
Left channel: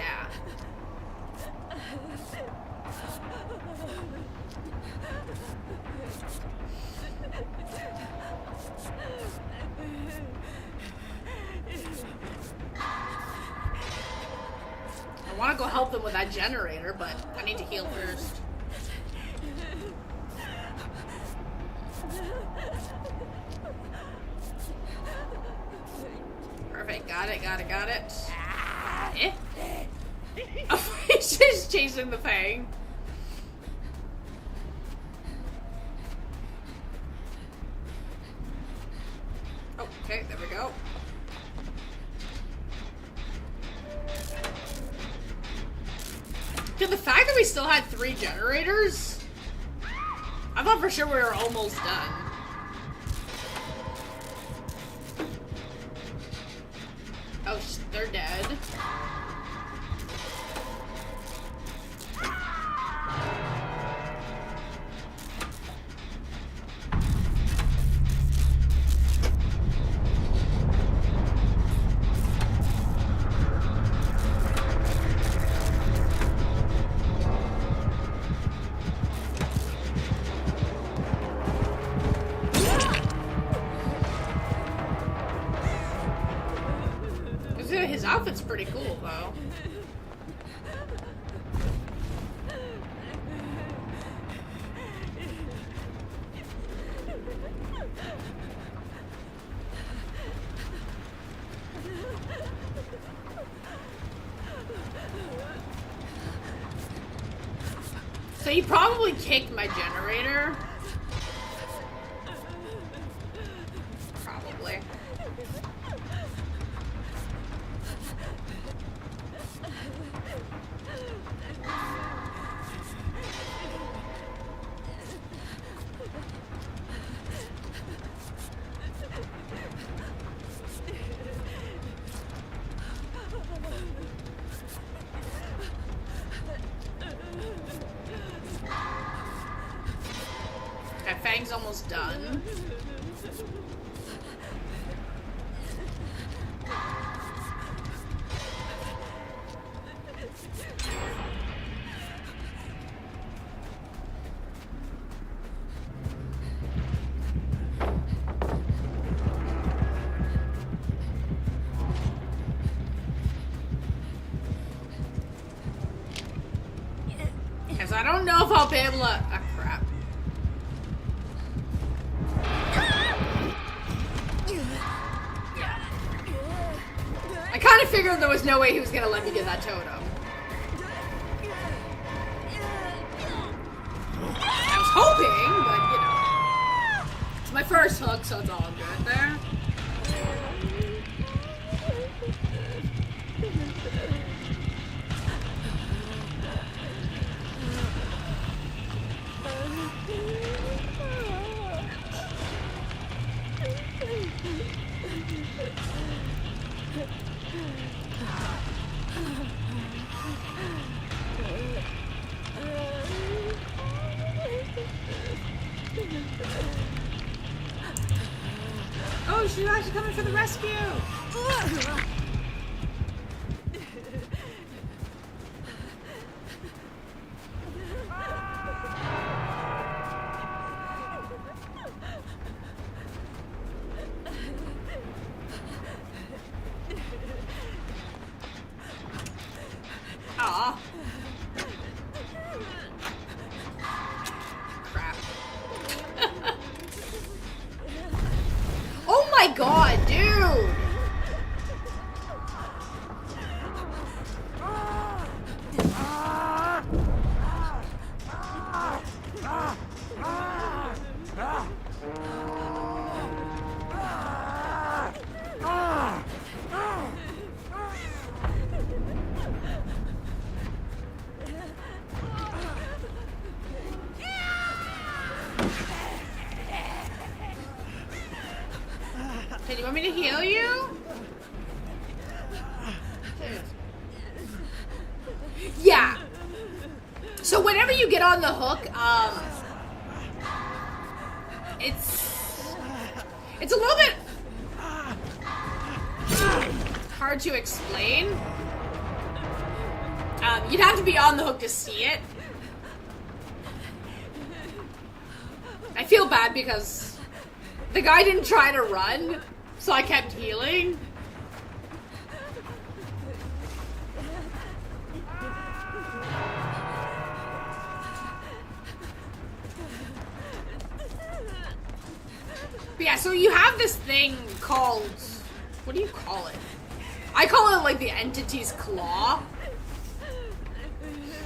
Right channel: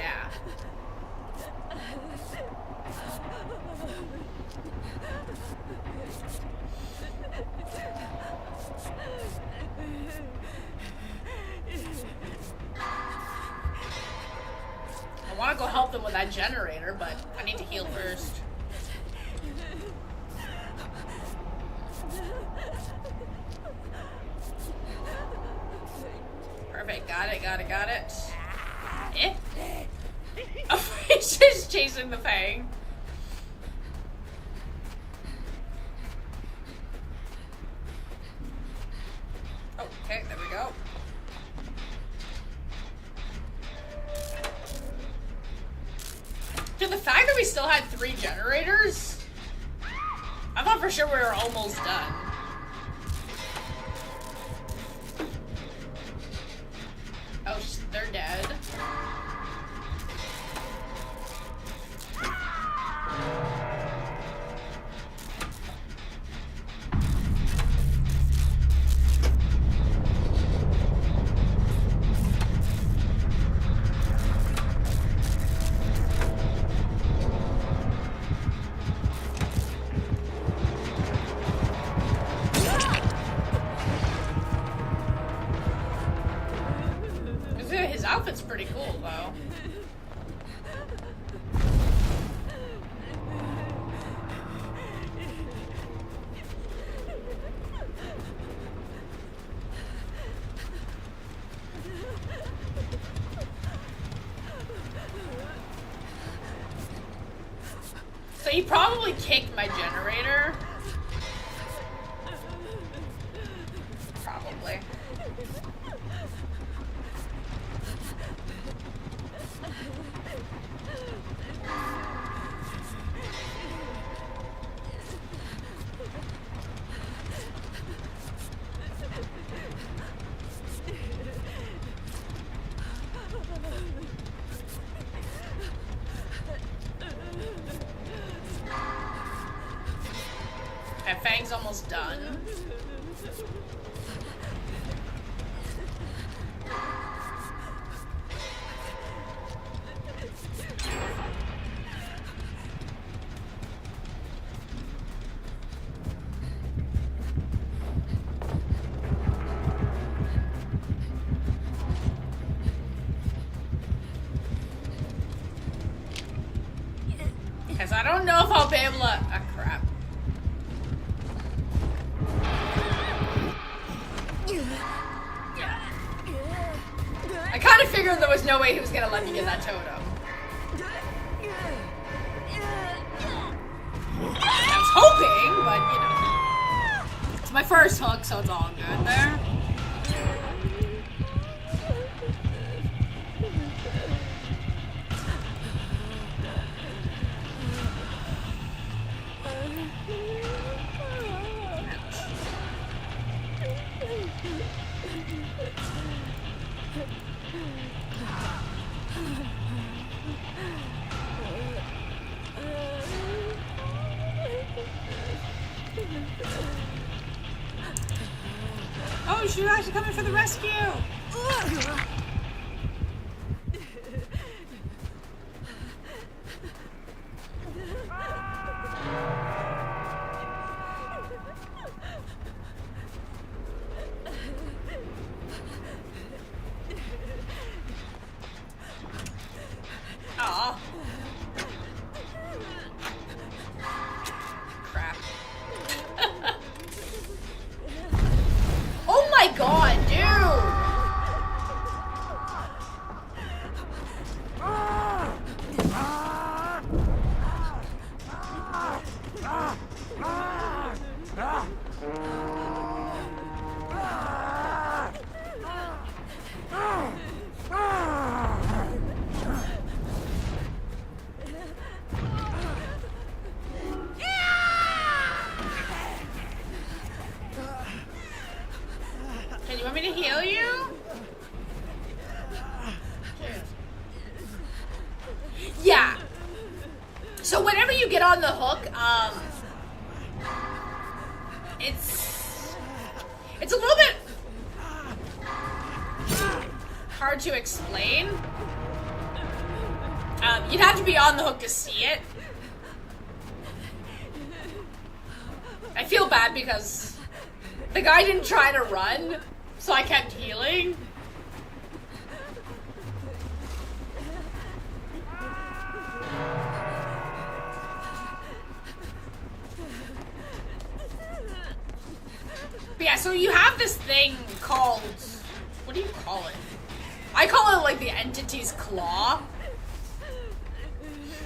I want to go help them with that generator, but I need to heal first. Perfect, got it. Eh? Oh, he's just chasing the Fang. Oh, okay, there we go. Dude, the fact that we still had 3 generators, I thought for sure we were almost done. Oh, they're dead. His outfit's pretty cool, though. So he probably kicked my generator. Probably. Okay, Fang's almost done. Because I don't know if I'll be able to... Ah, crap. I kind of figured there was no way he was going to let me get that totem. I was hoping, but, you know. It's my first hook, so it's all good there. Oh, she's actually coming for the rescue! Aw. Crap. Oh my god, dude! Can you want me to heal you? Yeah. So whenever you get on the hook, it's a little bit hard to explain. You'd have to be on the hook to see it. I feel bad because the guy didn't try to run, so I kept healing. But yeah, so you have this thing called, what do you call it? I call it like the entity's claw,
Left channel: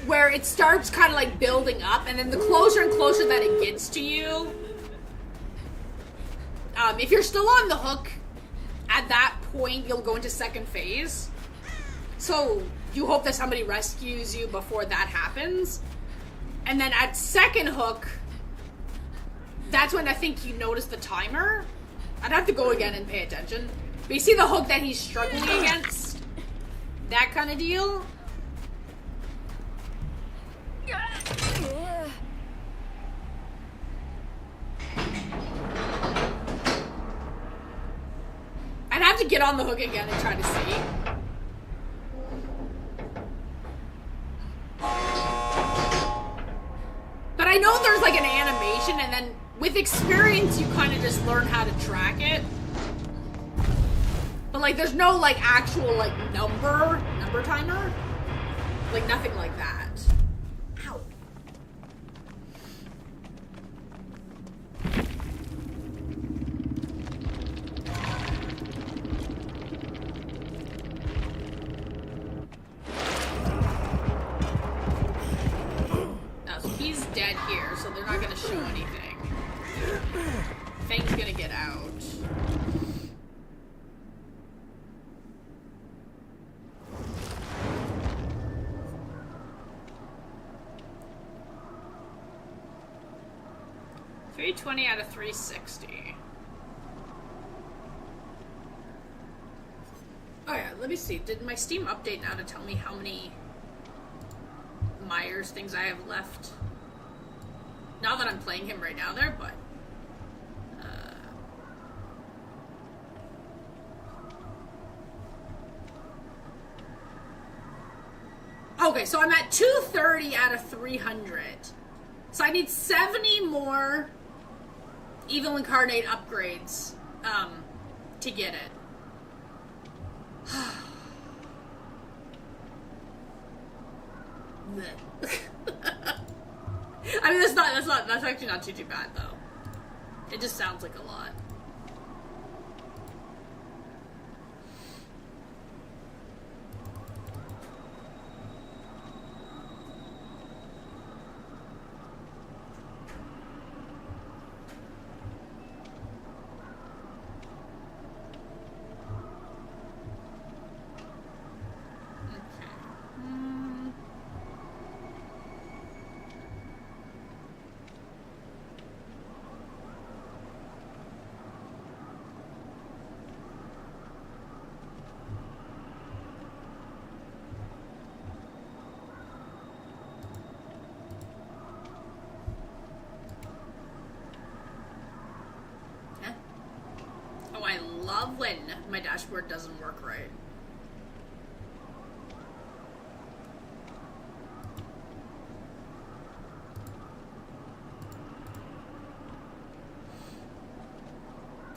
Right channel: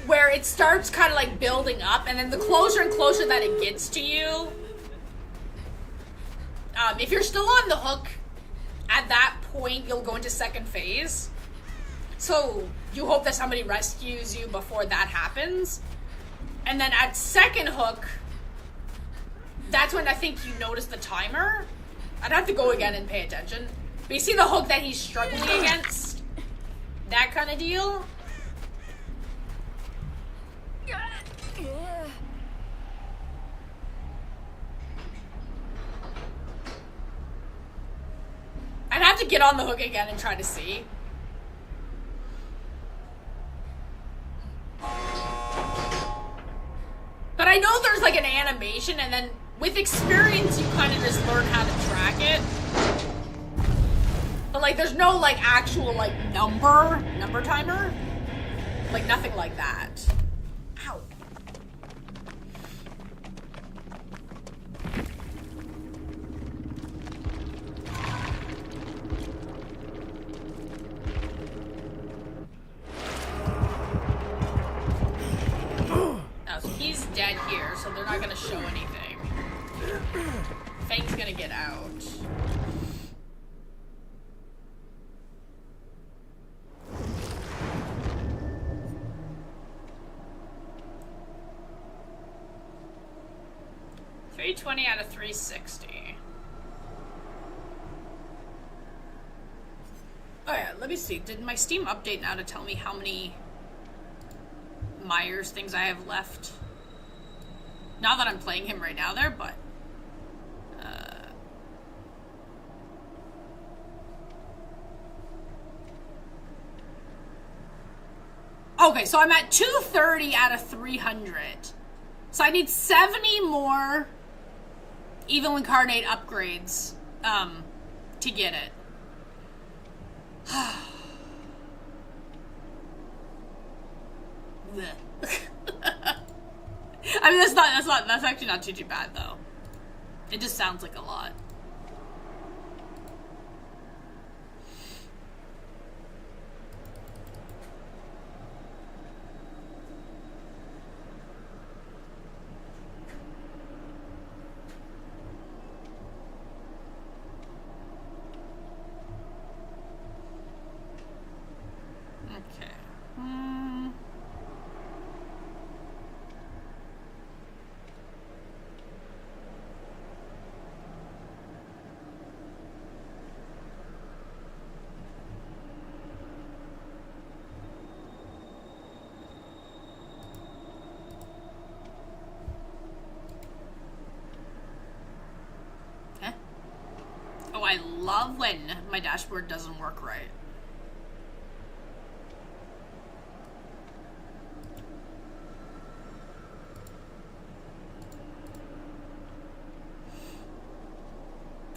where it starts kind of like building up, and then the closer and closer that it gets to you, if you're still on the hook, at that point you'll go into second phase. So you hope that somebody rescues you before that happens. And then at second hook, that's when I think you notice the timer. I'd have to go again and pay attention. But you see the hook that he's struggling against? That kind of deal? I'd have to get on the hook again and try to see. But I know there's like an animation, and then with experience you kind of just learn how to track it. But like there's no like actual like number timer. Like nothing like that. Ow. So he's dead here, so they're not gonna show anything. Fang's gonna get out. $320 out of 360. Oh yeah, let me see. Did my Steam update now to tell me how many Myers things I have left? Not that I'm playing him right now there, but okay, so I'm at 230 out of 300. So I need 70 more Evil Incarnate upgrades to get it. I mean, that's actually not too bad though. It just sounds like a lot. I love when my dashboard doesn't work right.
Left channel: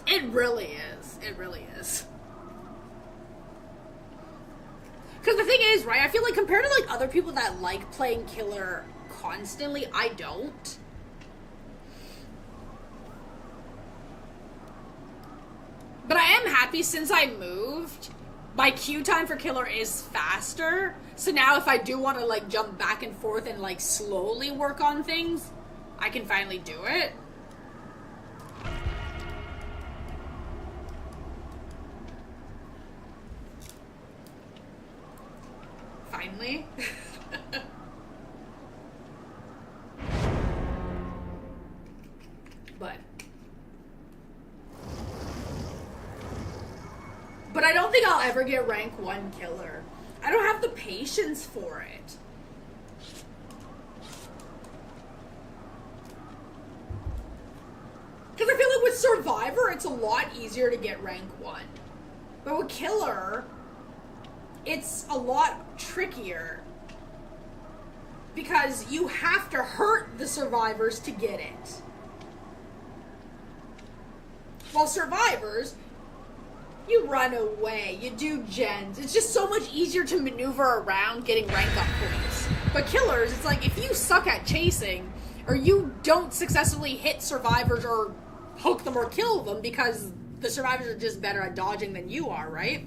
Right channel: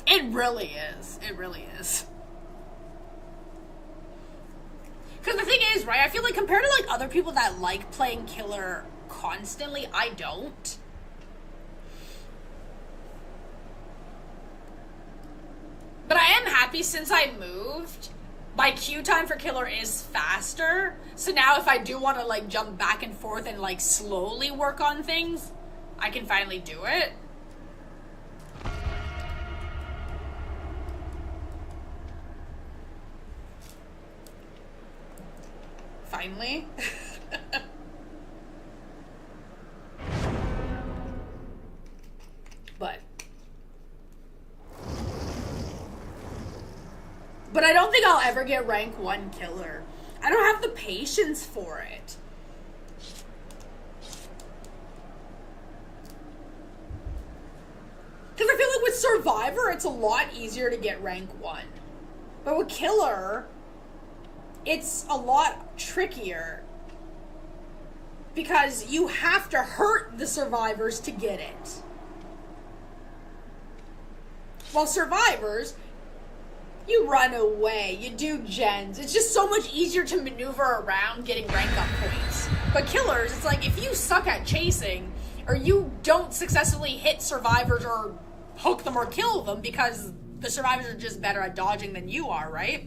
It really is. It really is. Because the thing is, right, I feel like compared to like other people that like playing killer constantly, I don't. But I am happy since I moved, my queue time for killer is faster. So now if I do want to like jump back and forth and like slowly work on things, I can finally do it. Finally. But I don't think I'll ever get rank 1 killer. I don't have the patience for it. Because I feel like with Survivor, it's a lot easier to get rank 1. But with Killer, it's a lot trickier. Because you have to hurt the survivors to get it. While Survivors, you run away, you do gens. It's just so much easier to maneuver around getting rank up points. But Killers, it's like if you suck at chasing, or you don't successfully hit survivors or hook them or kill them because the survivors are just better at dodging than you are, right?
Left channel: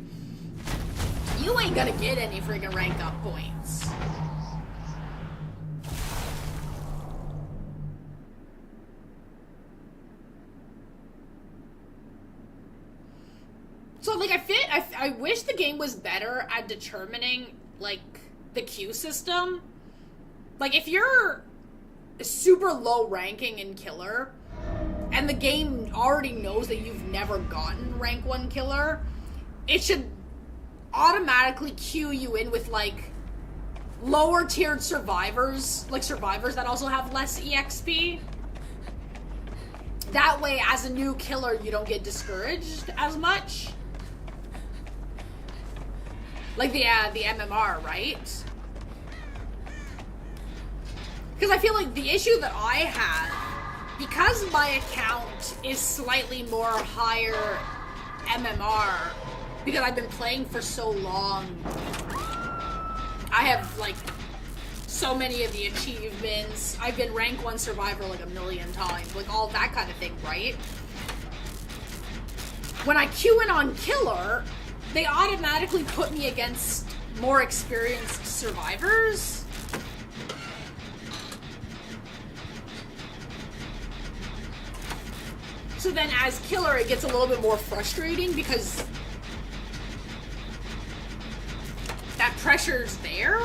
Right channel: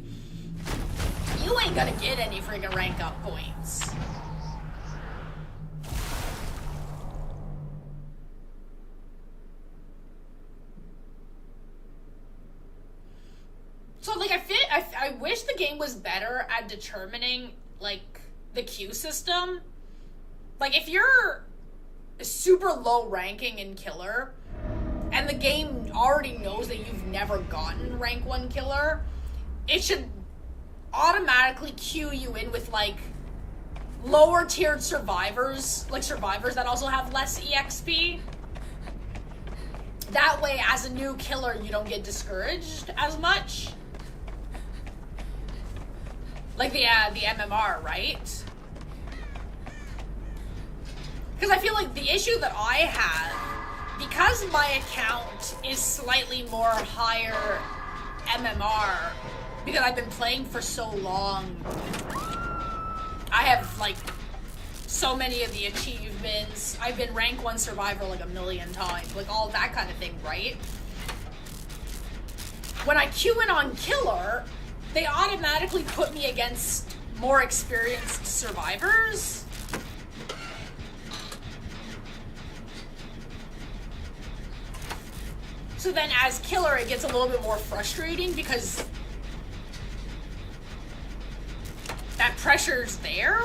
You ain't gonna get any friggin' rank up points. So, like, I wish the game was better at determining, like, the queue system. Like, if you're super low ranking in Killer, and the game already knows that you've never gotten rank 1 Killer, it should automatically queue you in with, like, lower tiered survivors, like survivors that also have less EXP. That way, as a new killer, you don't get discouraged as much. Like the MMR, right? Because I feel like the issue that I have, because my account is slightly more higher MMR, because I've been playing for so long, I have, like, so many of the achievements. I've been rank 1 survivor like a million times, like all that kind of thing, right? When I queue in on killer, they automatically put me against more experienced survivors. So then as killer, it gets a little bit more frustrating because that pressure's there.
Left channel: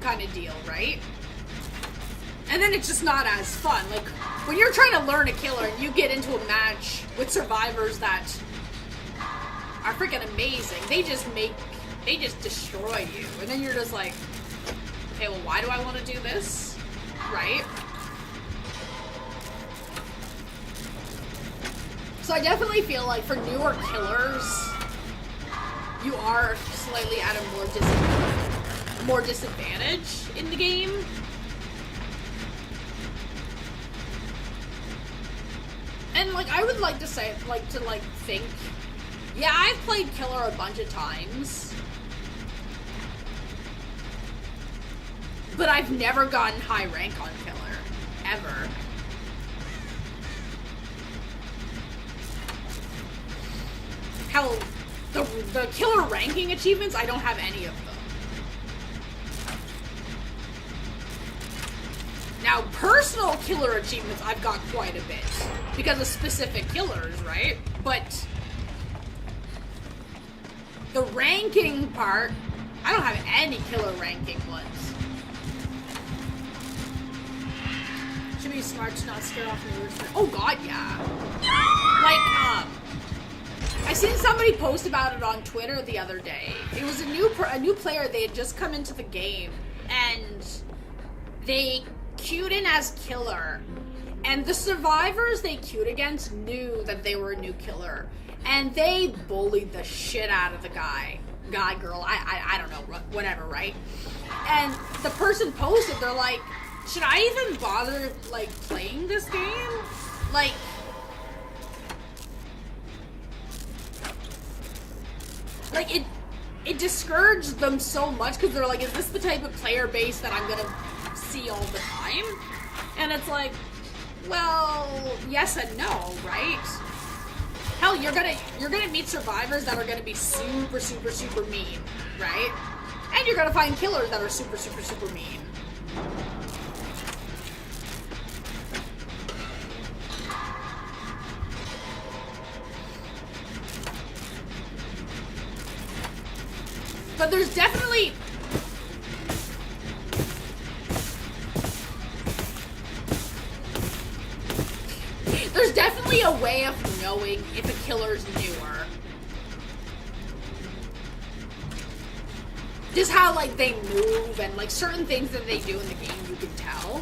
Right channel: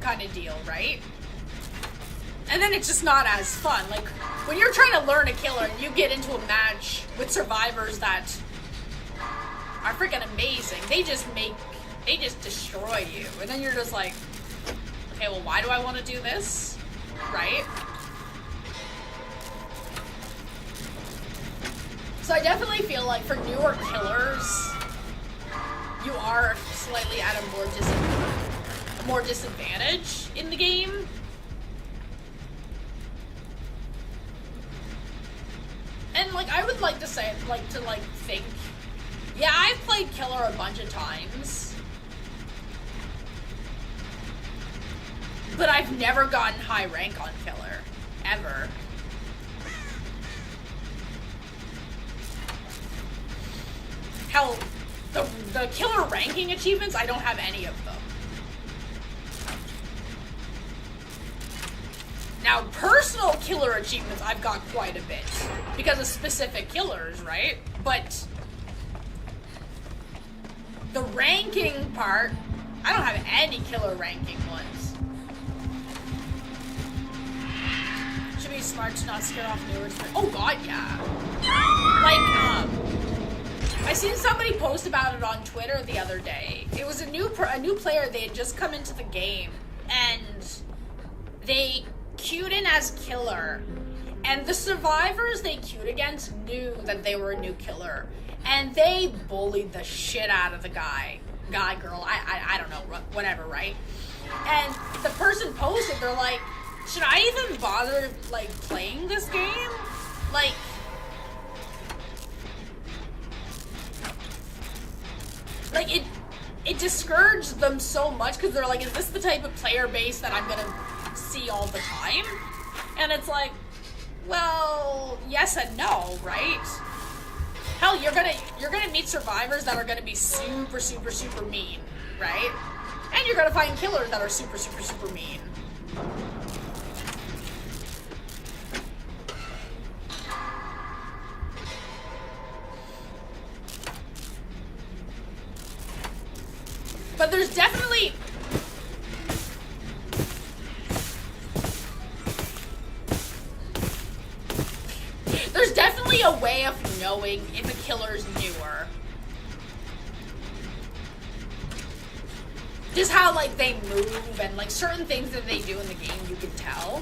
Kind of deal, right? And then it's just not as fun. Like, when you're trying to learn a killer and you get into a match with survivors that are freaking amazing, they just destroy you. And then you're just like, okay, well, why do I want to do this? Right? So I definitely feel like for newer killers, you are slightly at a more disadvantage in the game. And, like, I would like to say, think, yeah, I've played killer a bunch of times, but I've never gotten high rank on killer, ever. Hell, the killer ranking achievements, I don't have any of them. Now, personal killer achievements, I've got quite a bit, because of specific killers, right? But the ranking part, I don't have any killer ranking ones. Should be smart to not scare off the viewers. Oh god, yeah. Like, I seen somebody post about it on Twitter the other day. It was a new player. They had just come into the game, and they queued in as killer, and the survivors they queued against knew that they were a new killer, and they bullied the shit out of the guy, girl, I don't know, whatever, right? And the person posted, they're like, should I even bother, like, playing this game? Like, it discouraged them so much, because they're like, is this the type of player base that I'm gonna see all the time? And it's like, well, yes and no, right? Hell, you're gonna meet survivors that are gonna be super, super, super mean, right? And you're gonna find killers that are super, super, super mean. But there's definitely a way of knowing if a killer's newer. Just how, like, they move and, like, certain things that they do in the game, you can tell.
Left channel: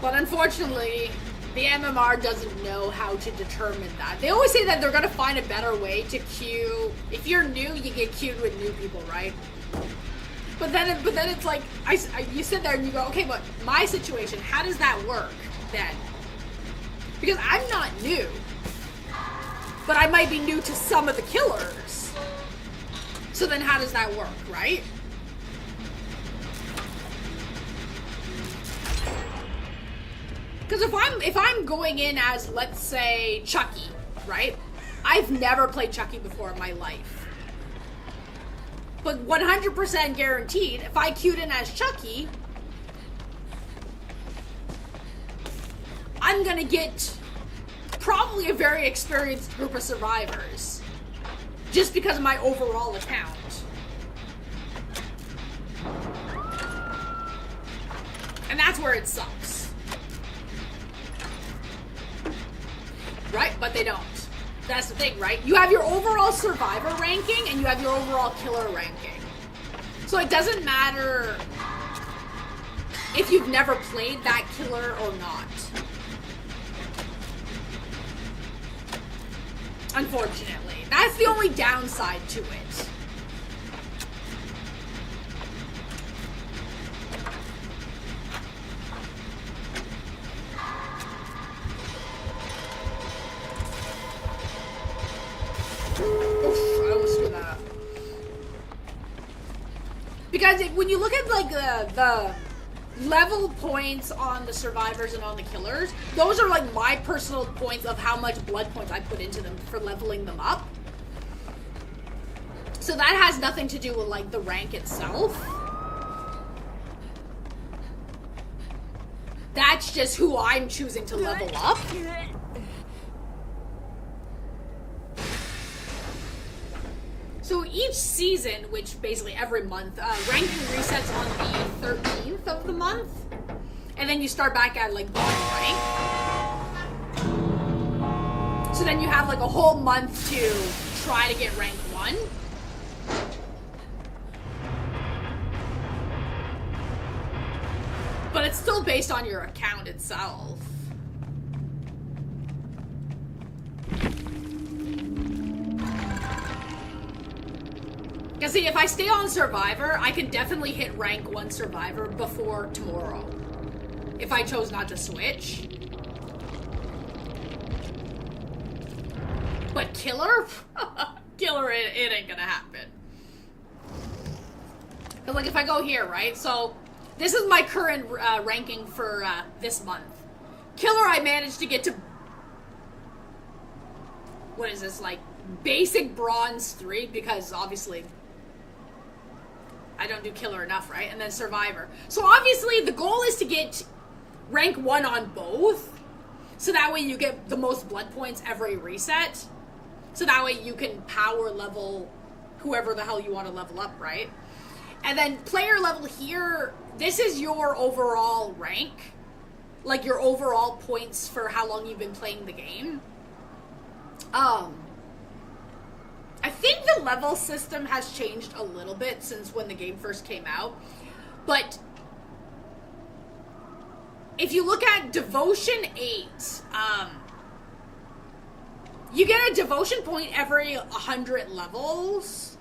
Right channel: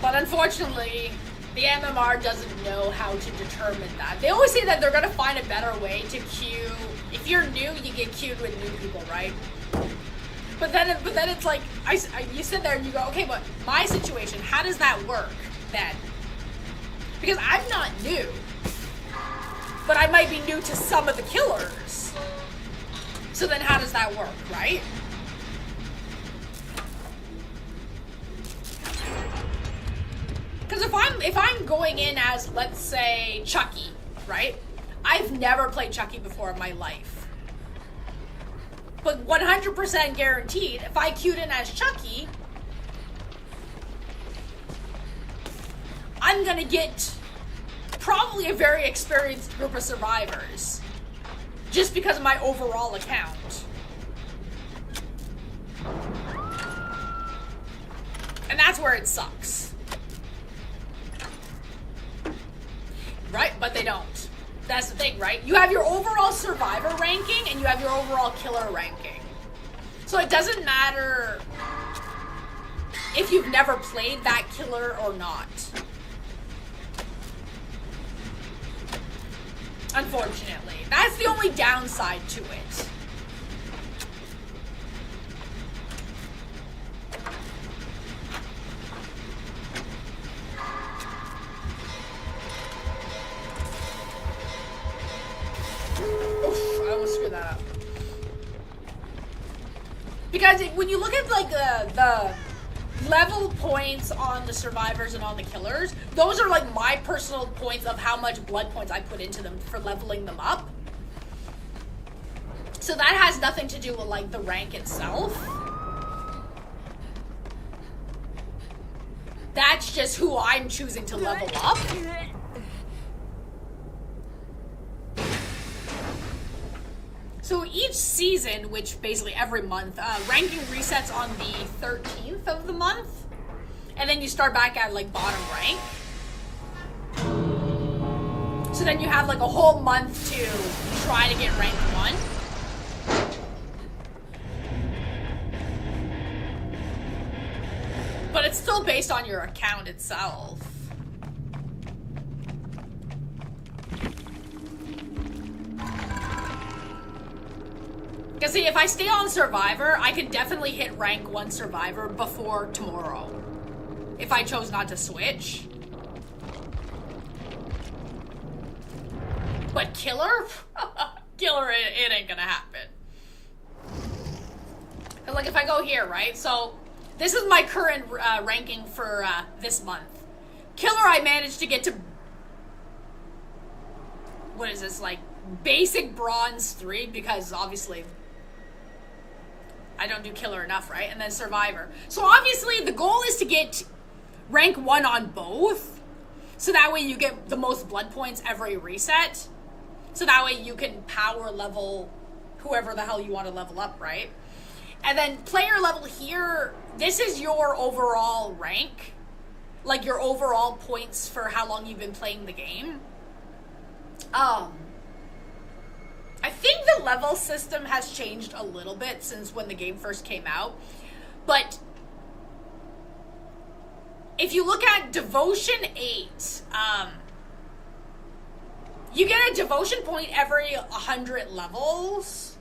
But unfortunately, the MMR doesn't know how to determine that. They always say that they're gonna find a better way to queue. If you're new, you get queued with new people, right? But then it's like, you sit there and you go, okay, but my situation, how does that work then? Because I'm not new, but I might be new to some of the killers. So then how does that work, right? Because if I'm going in as, let's say, Chucky, right? I've never played Chucky before in my life. But 100% guaranteed, if I queued in as Chucky, I'm gonna get probably a very experienced group of survivors. Just because of my overall account. And that's where it sucks. Right? But they don't. That's the thing, right? You have your overall survivor ranking and you have your overall killer ranking. So it doesn't matter if you've never played that killer or not. Unfortunately. That's the only downside to it. I almost screwed that up. Because when you look at like the level points on the survivors and on the killers, those are like my personal points of how much blood points I put into them for leveling them up. So that has nothing to do with like the rank itself. That's just who I'm choosing to level up. So each season, which basically every month, ranking resets on the 13th of the month. And then you start back at like bottom rank. So then you have like a whole month to try to get rank 1. But it's still based on your account itself. Because see, if I stay on Survivor, I can definitely hit rank 1 Survivor before tomorrow. If I chose not to switch. But Killer? Killer, it ain't gonna happen. And like if I go here, right? So this is my current ranking for this month. Killer, I managed to get to... What is this, like, basic bronze 3, because obviously I don't do Killer enough, right? And then Survivor. So obviously the goal is to get rank 1 on both, so that way you get the most blood points every reset. So that way you can power level whoever the hell you want to level up, right? And then player level here, this is your overall rank. Like your overall points for how long you've been playing the game. I think the level system has changed a little bit since when the game first came out. But if you look at Devotion 8, you get a Devotion point every 100 levels.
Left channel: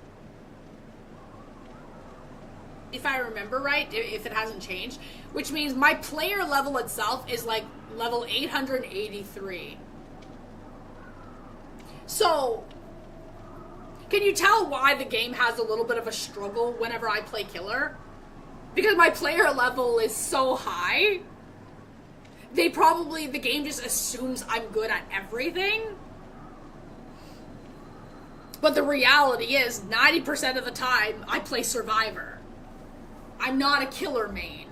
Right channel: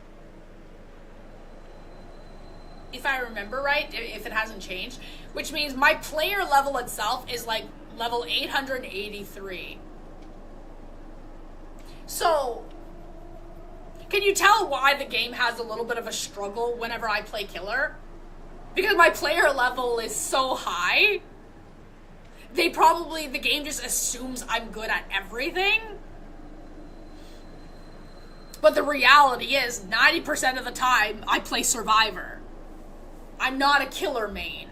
If I remember right, if it hasn't changed. Which means my player level itself is like level 883. So, can you tell why the game has a little bit of a struggle whenever I play Killer? Because my player level is so high. The game just assumes I'm good at everything. But the reality is, 90% of the time, I play Survivor. I'm not a Killer main.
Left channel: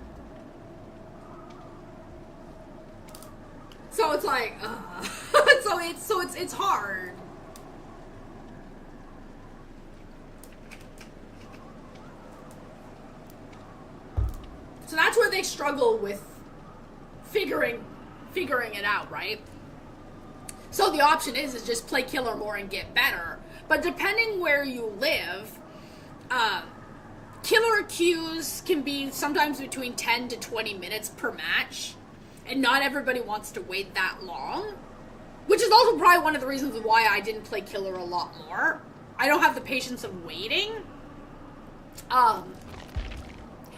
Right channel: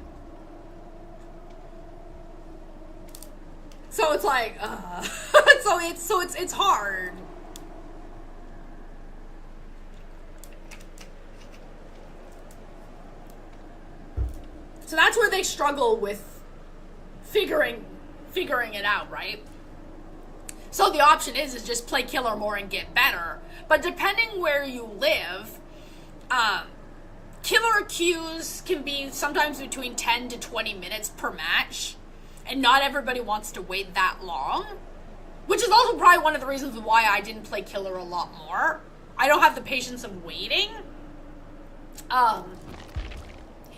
So it's like, so it's hard. So that's where they struggle with figuring it out, right? So the option is just play Killer more and get better. But depending where you live, Killer queues can be sometimes between 10 to 20 minutes per match. And not everybody wants to wait that long. Which is also probably one of the reasons why I didn't play Killer a lot more. I don't have the patience of waiting.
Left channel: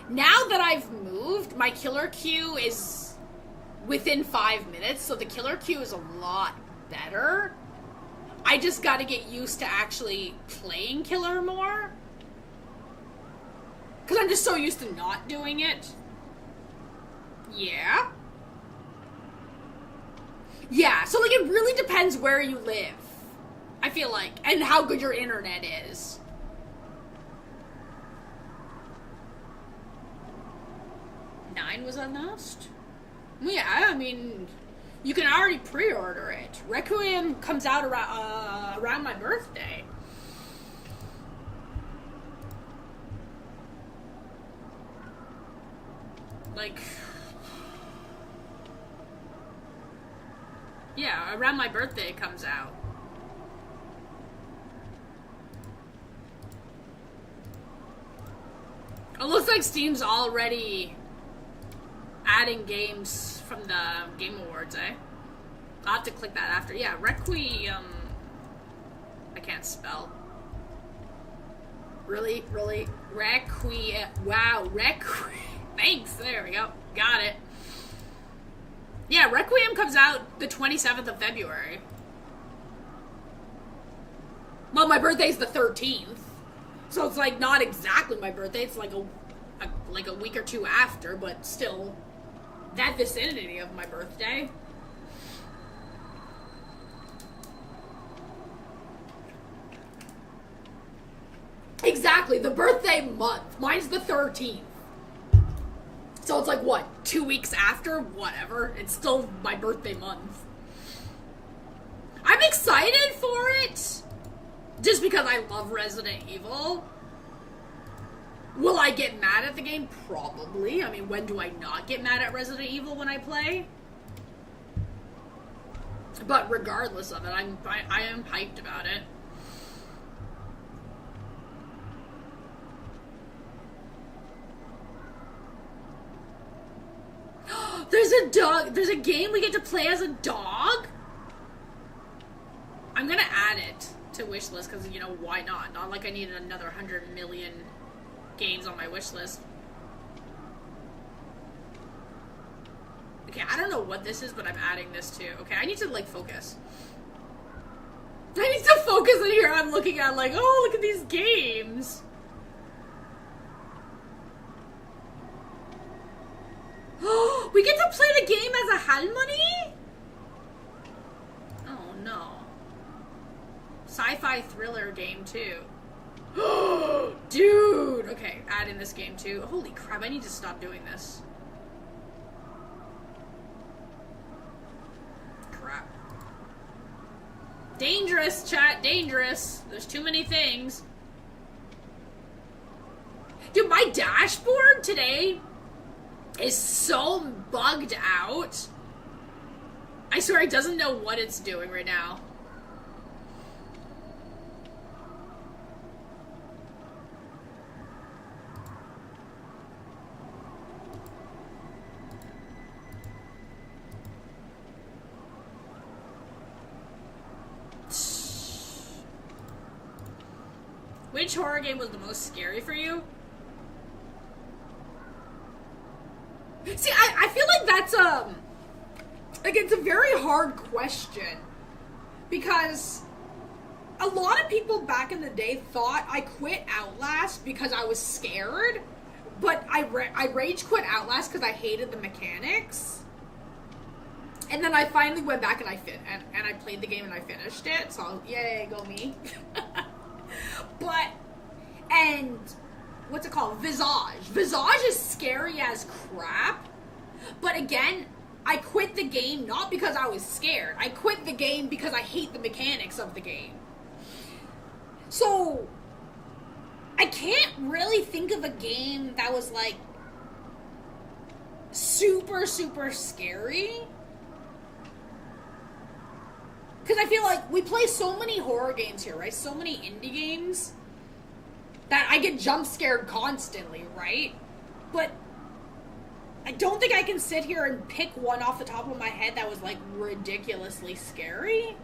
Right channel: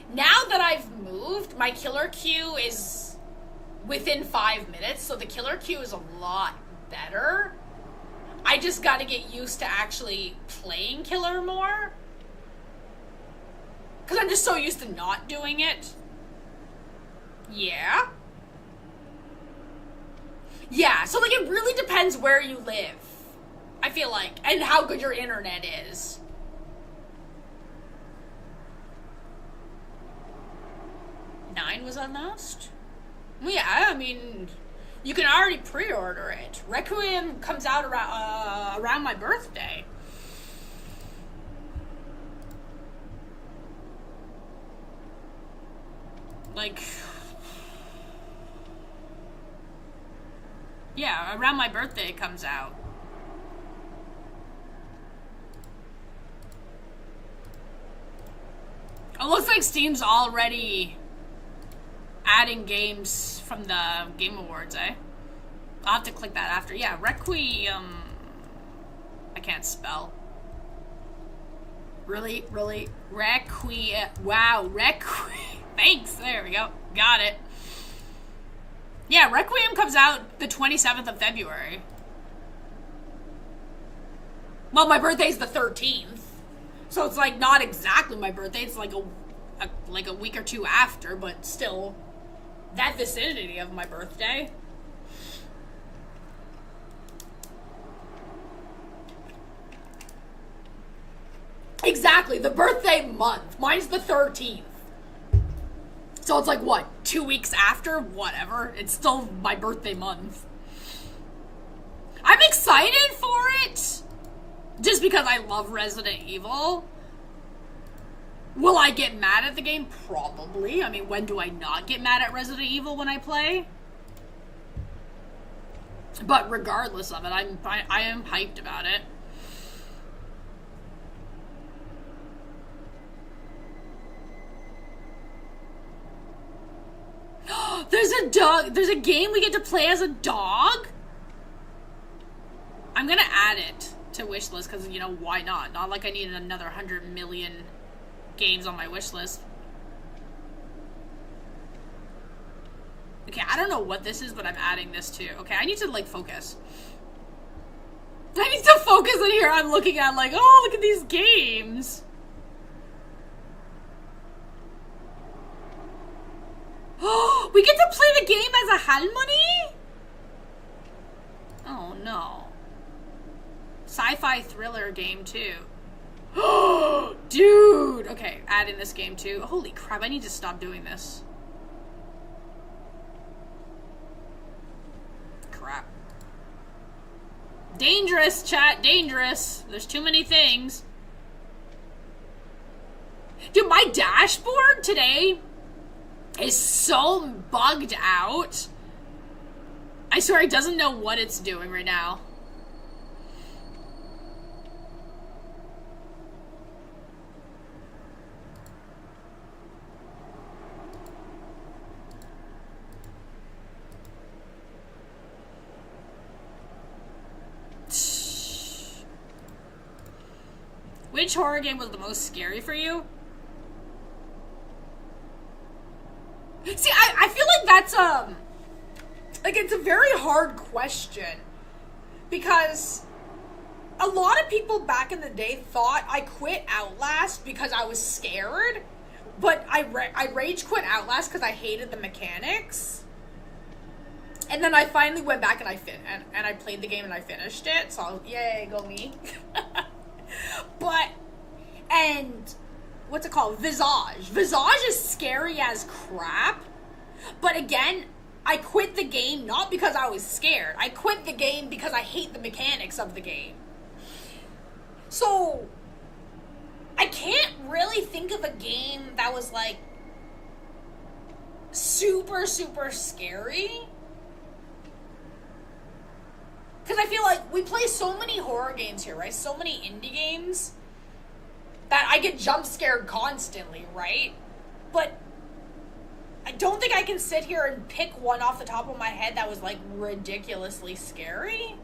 Now that I've moved, my Killer queue is within 5 minutes, so the Killer queue is a lot better. I just gotta get used to actually playing Killer more. Because I'm just so used to not doing it. Yeah. Yeah, so like it really depends where you live. I feel like. And how good your internet is. was unmasked? Well, yeah, I mean, you can already pre-order it. Requiem comes out around my birthday. Like, yeah, around my birthday it comes out. It looks like Steam's already adding games from the Game Awards, eh? I'll have to click that after. Yeah, Requiem. I can't spell. Really? Requiem. Wow, Requiem. Thanks, there we go. Got it. Yeah, Requiem comes out the 27th of February. Well, my birthday's the 13th. So it's like not exactly my birthday. It's like a week or two after, but still that vicinity of my birthday. Exactly, the birthday month. Mine's the 13th. So it's like, what, 2 weeks after? Whatever. It's still my birthday month. I'm excited for it. Just because I love Resident Evil. Will I get mad at the game? Probably. I mean, when do I not get mad at Resident Evil when I play? But regardless of it, I am hyped about it. There's a dog. There's a game we get to play as a dog? I'm gonna add it to wishlist because, you know, why not? Not like I needed another 100 million games on my wishlist. Okay, I don't know what this is, but I'm adding this too. Okay, I need to, like, focus. I need to focus in here. I'm looking at, like, oh, look at these games. Oh, we get to play the game as a Halmoni? Oh, no. Sci-fi thriller game, too. Oh, dude! Okay, add in this game, too. Holy crap, I need to stop doing this. Crap. Dangerous, chat, dangerous. There's too many things. Dude, my dashboard today is so bugged out. I swear it doesn't know what it's doing right now. Which horror game was the most scary for you? See, I feel like that's like, it's a very hard question. Because a lot of people back in the day thought I quit Outlast because I was scared. But I rage quit Outlast because I hated the mechanics. And then I finally went back and I played the game and I finished it. So, yay, go me. But, and what's it called? Visage. Visage is scary as crap. But again, I quit the game not because I was scared. I quit the game because I hate the mechanics of the game. So, I can't really think of a game that was, like, super, super scary. Because I feel like we play so many horror games here, right? So many indie games that I get jump scared constantly, right? But I don't think I can sit here and pick one off the top of my head that was, like, ridiculously scary.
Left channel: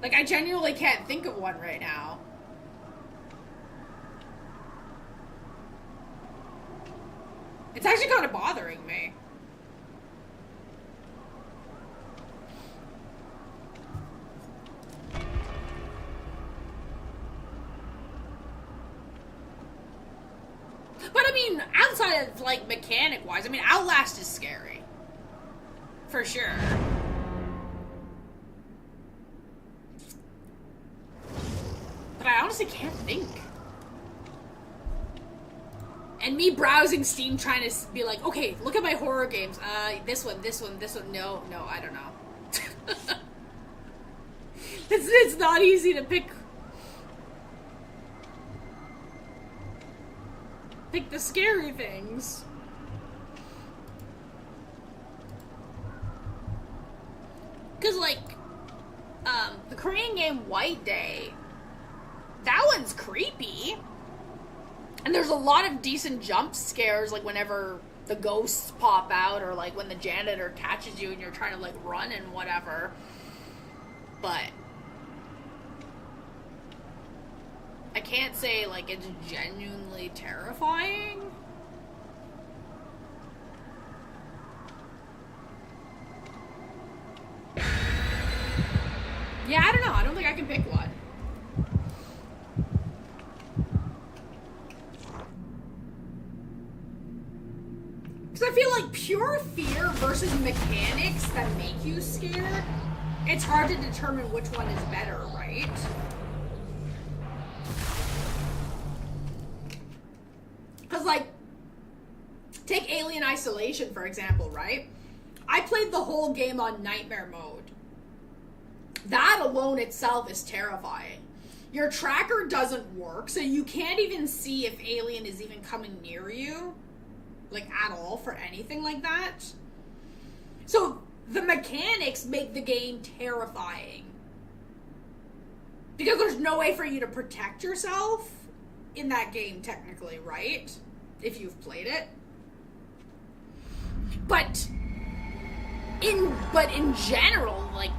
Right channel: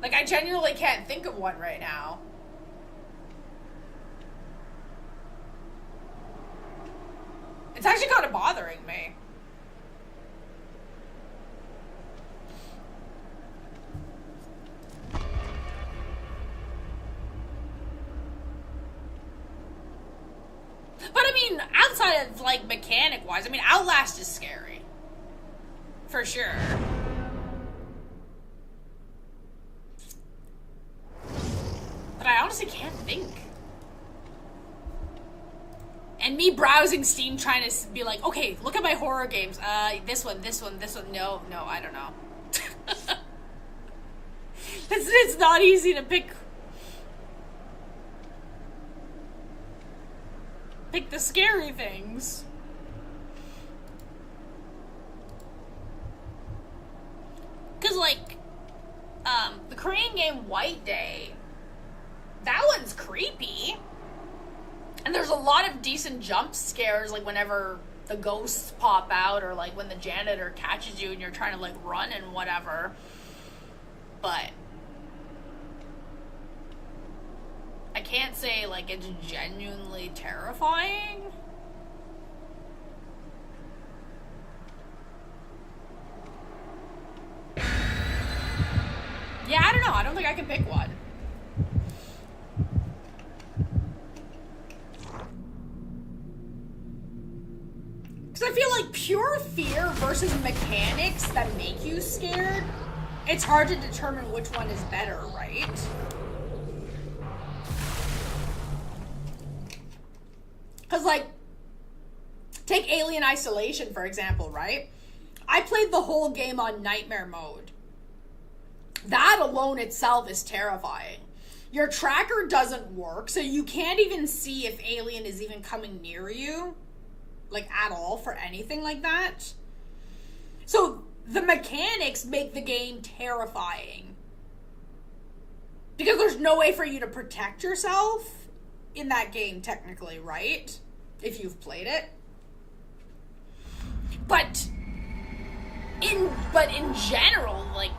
Like, I genuinely can't think of one right now. It's actually kind of bothering me. But I mean, outside of, like, mechanic-wise, I mean, Outlast is scary. For sure. But I honestly can't think. And me browsing Steam trying to be like, okay, look at my horror games. This one. No, I don't know. It's not easy to pick the scary things. Cause like, the Korean game White Day, that one's creepy. And there's a lot of decent jump scares, like whenever the ghosts pop out, or like when the janitor catches you and you're trying to like run and whatever. But I can't say like it's genuinely terrifying. Yeah, I don't know. I don't think I can pick one. Because I feel like pure fear versus mechanics that make you scared, it's hard to determine which one is better, right? Because, like, take Alien Isolation, for example, right? I played the whole game on nightmare mode. That alone itself is terrifying. Your tracker doesn't work, so you can't even see if Alien is even coming near you. Like, at all, for anything like that. So, the mechanics make the game terrifying. Because there's no way for you to protect yourself in that game, technically, right? If you've played it. But in general, like,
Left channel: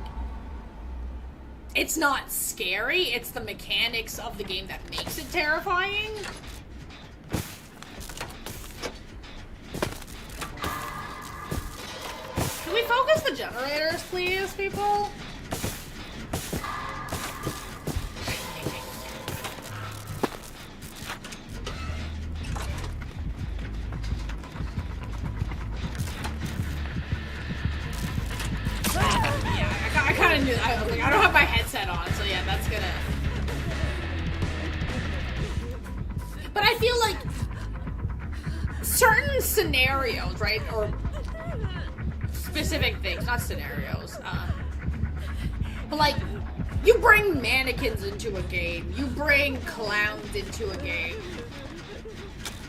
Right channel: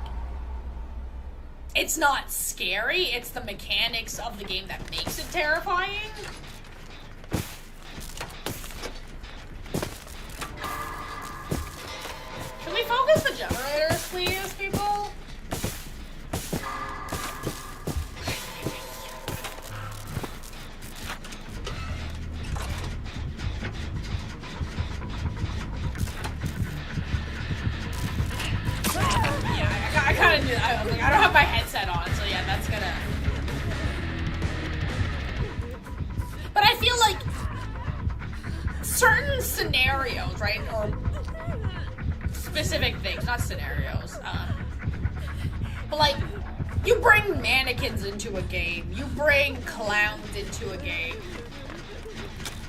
it's not scary, it's the mechanics of the game that makes it terrifying. Can we focus the generators, please, people? I kind of knew. I don't have my headset on, so yeah, that's gonna. But I feel like certain scenarios, right, or specific things, not scenarios. But like, you bring mannequins into a game, you bring clowns into a game,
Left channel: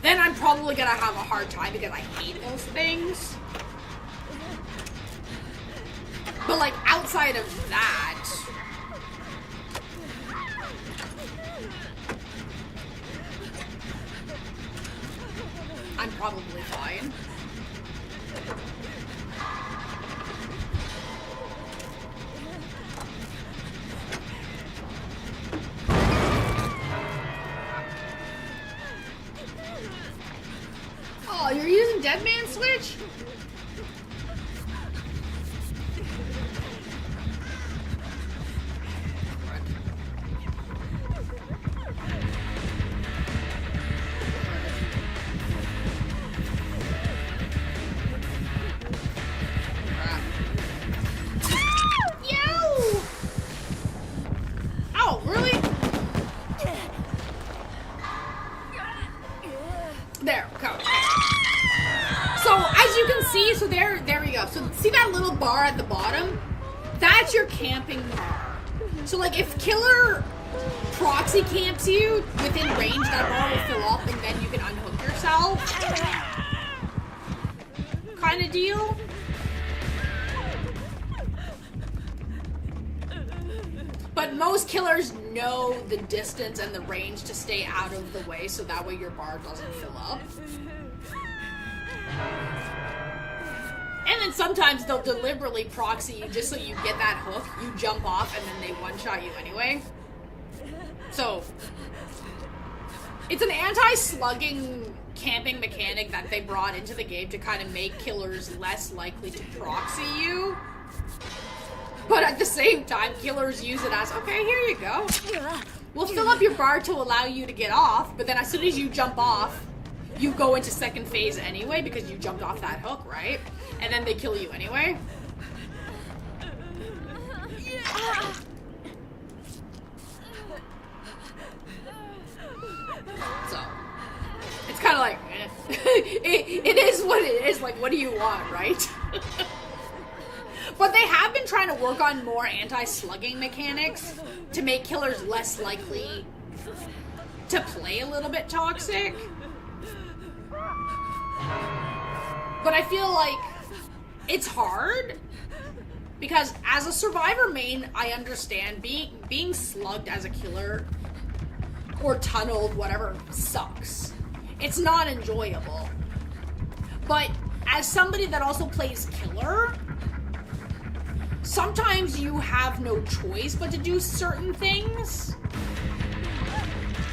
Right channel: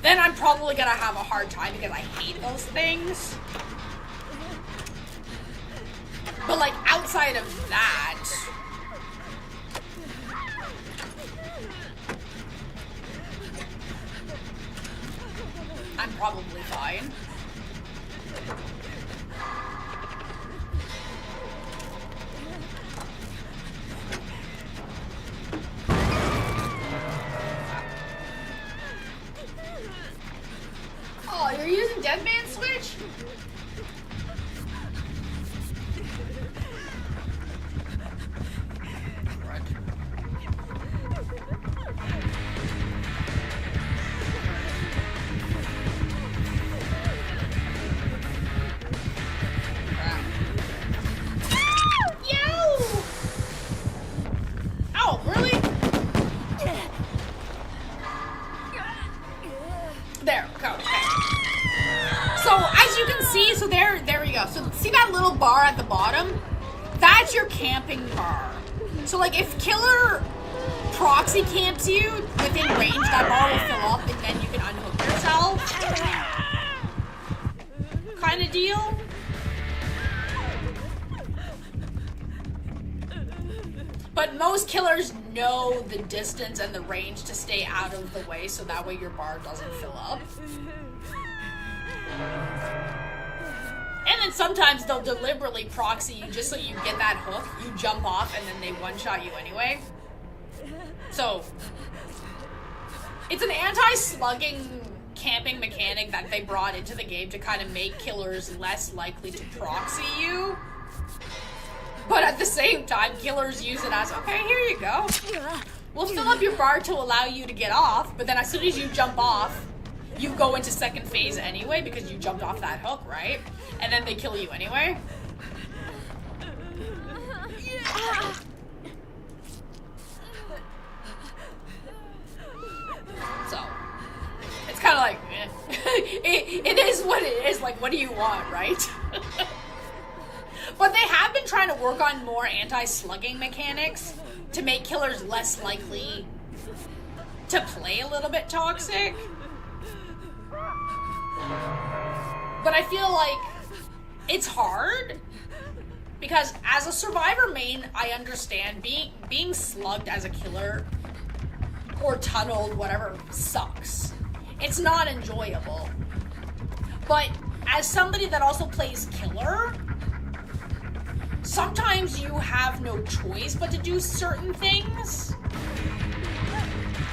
then I'm probably gonna have a hard time because I hate those things. But like, outside of that, I'm probably fine. Oh, you're using Dead Man Switch? So see that little bar at the bottom? That's your camping bar. So like if killer proxy camps you within range, that bar will fill up and then you can unhook yourself. Kind of deal. But most killers know the distance and the range to stay out of the way so that way your bar doesn't fill up. And then sometimes they'll deliberately proxy you just so you get that hook, you jump off, and then they one-shot you anyway. So, it's an anti-slugging camping mechanic that they brought into the game to kind of make killers less likely to proxy you. But at the same time, killers use it as, okay, here you go. We'll fill up your bar to allow you to get off, but then as soon as you jump off, you go into second phase anyway because you jumped off that hook, right? And then they kill you anyway. So, it's kind of like, eh. it is what it is. Like, what do you want, right? But they have been trying to work on more anti-slugging mechanics to make killers less likely to play a little bit toxic. But I feel like it's hard because as a survivor main, I understand being slugged as a killer or tunneled, whatever, sucks. It's not enjoyable. But as somebody that also plays killer, sometimes you have no choice but to do certain things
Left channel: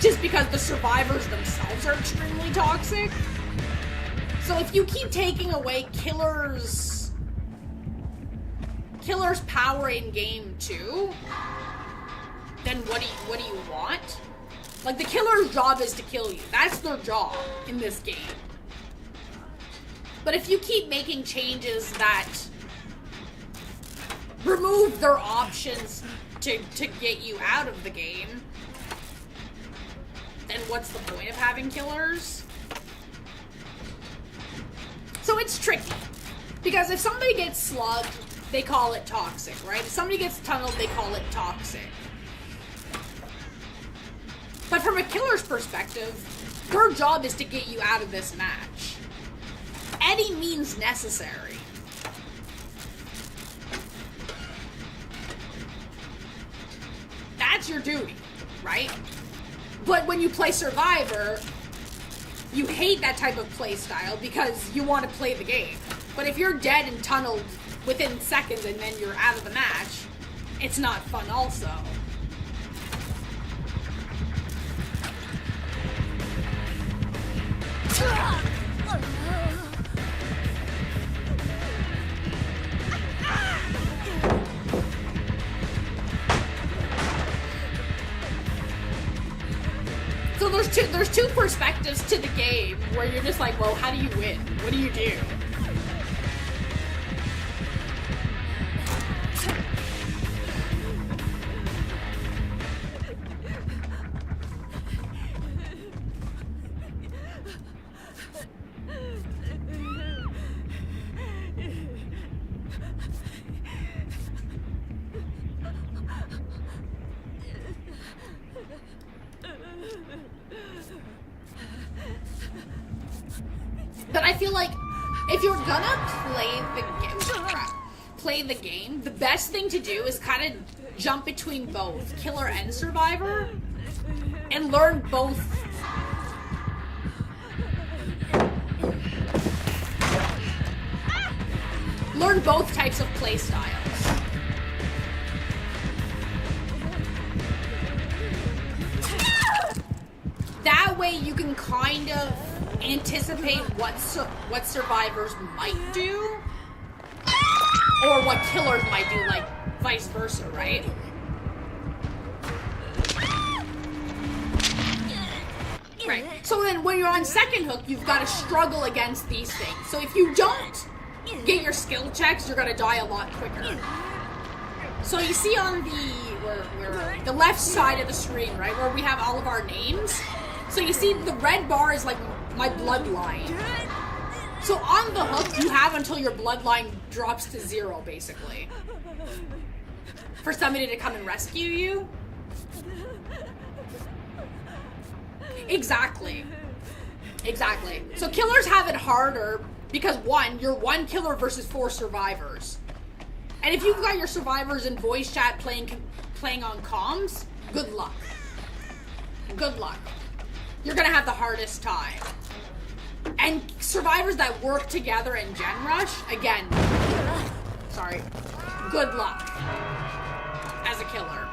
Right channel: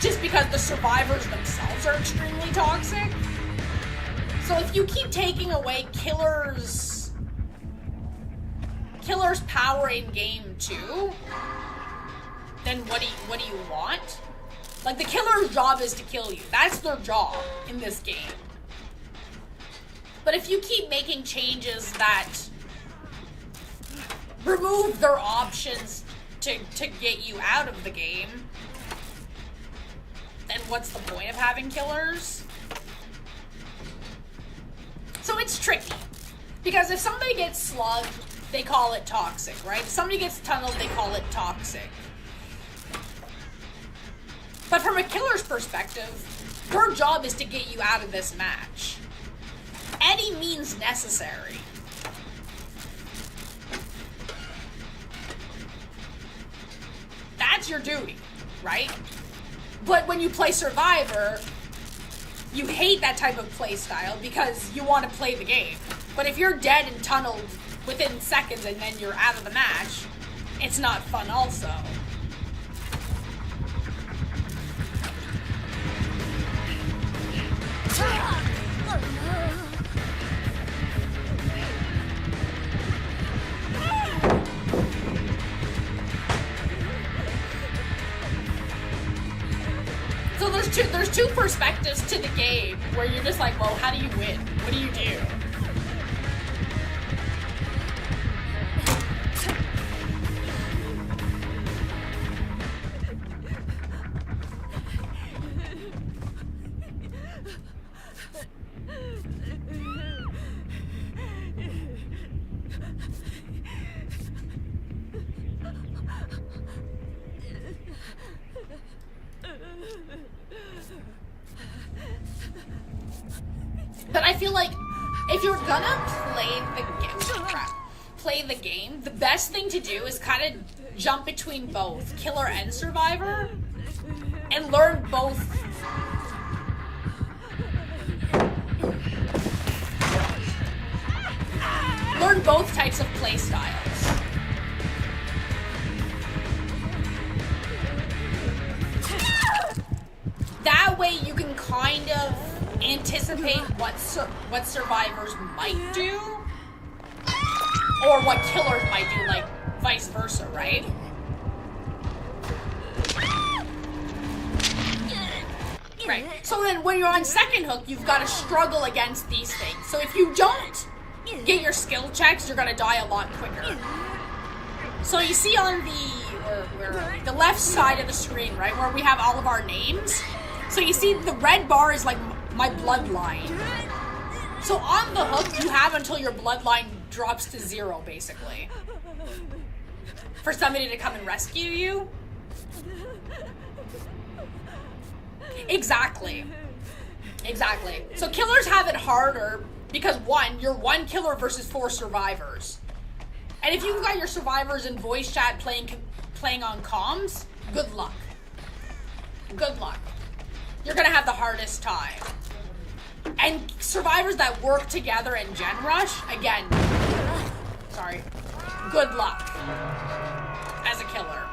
just because the survivors themselves are extremely toxic. So if you keep taking away killers' power in game 2, then what do you want? Like, the killer's job is to kill you. That's their job in this game. But if you keep making changes that remove their options to get you out of the game, then what's the point of having killers? So it's tricky. Because if somebody gets slugged, they call it toxic, right? If somebody gets tunneled, they call it toxic. But from a killer's perspective, her job is to get you out of this match. Any means necessary. That's your duty, right? But when you play Survivor, you hate that type of play style because you want to play the game. But if you're dead and tunneled within seconds and then you're out of the match, it's not fun also. So there's two perspectives to the game where you're just like, well, how do you win? What do you do? But I feel like if you're gonna play the game, the best thing to do is kind of jump between both killer and survivor and learn both. Learn both types of play styles. That way you can kind of anticipate what survivors might do or what killers might do, like vice versa, right? Right. So then when you're on second hook, you've got to struggle against these things. So if you don't get your skill checks, you're going to die a lot quicker. So you see on the left side of the screen, right, where we have all of our names. So you see the red bar is like my bloodline. So on the hook, you have until your bloodline drops to 0, basically, for somebody to come and rescue you. Exactly. So killers have it harder because, one, you're one killer versus 4 survivors. And if you've got your survivors in voice chat playing on comms, good luck. You're gonna have the hardest time. And survivors that work together in Gen Rush, again, good luck as a killer.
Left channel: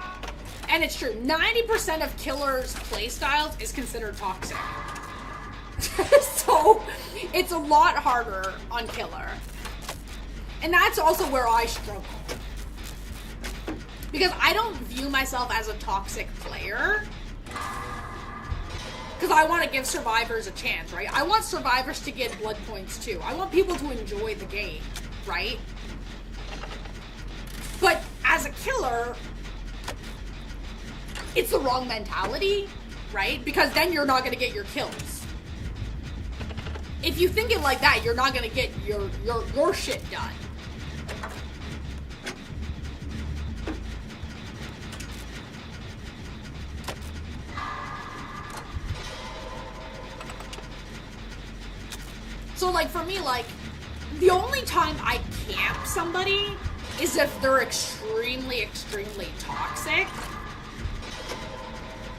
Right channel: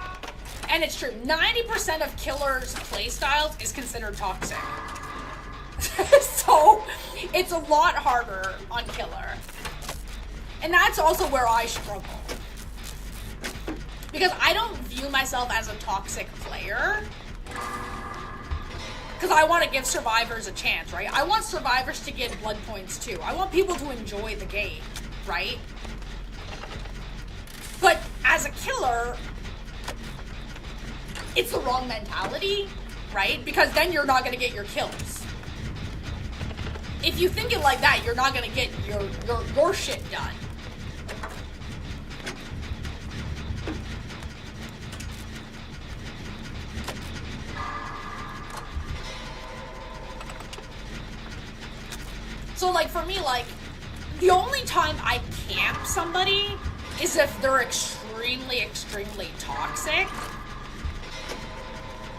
And it's true, 90% of killers' playstyles is considered toxic. So it's a lot harder on killer. And that's also where I struggle. Because I don't view myself as a toxic player. Because I want to give survivors a chance, right? I want survivors to get blood points too. I want people to enjoy the game, right? But as a killer, it's the wrong mentality, right? Because then you're not going to get your kills. if you think it like that, you're not gonna get your shit done. So, like, for me, like, the only time I camp somebody is if they're extremely, extremely toxic.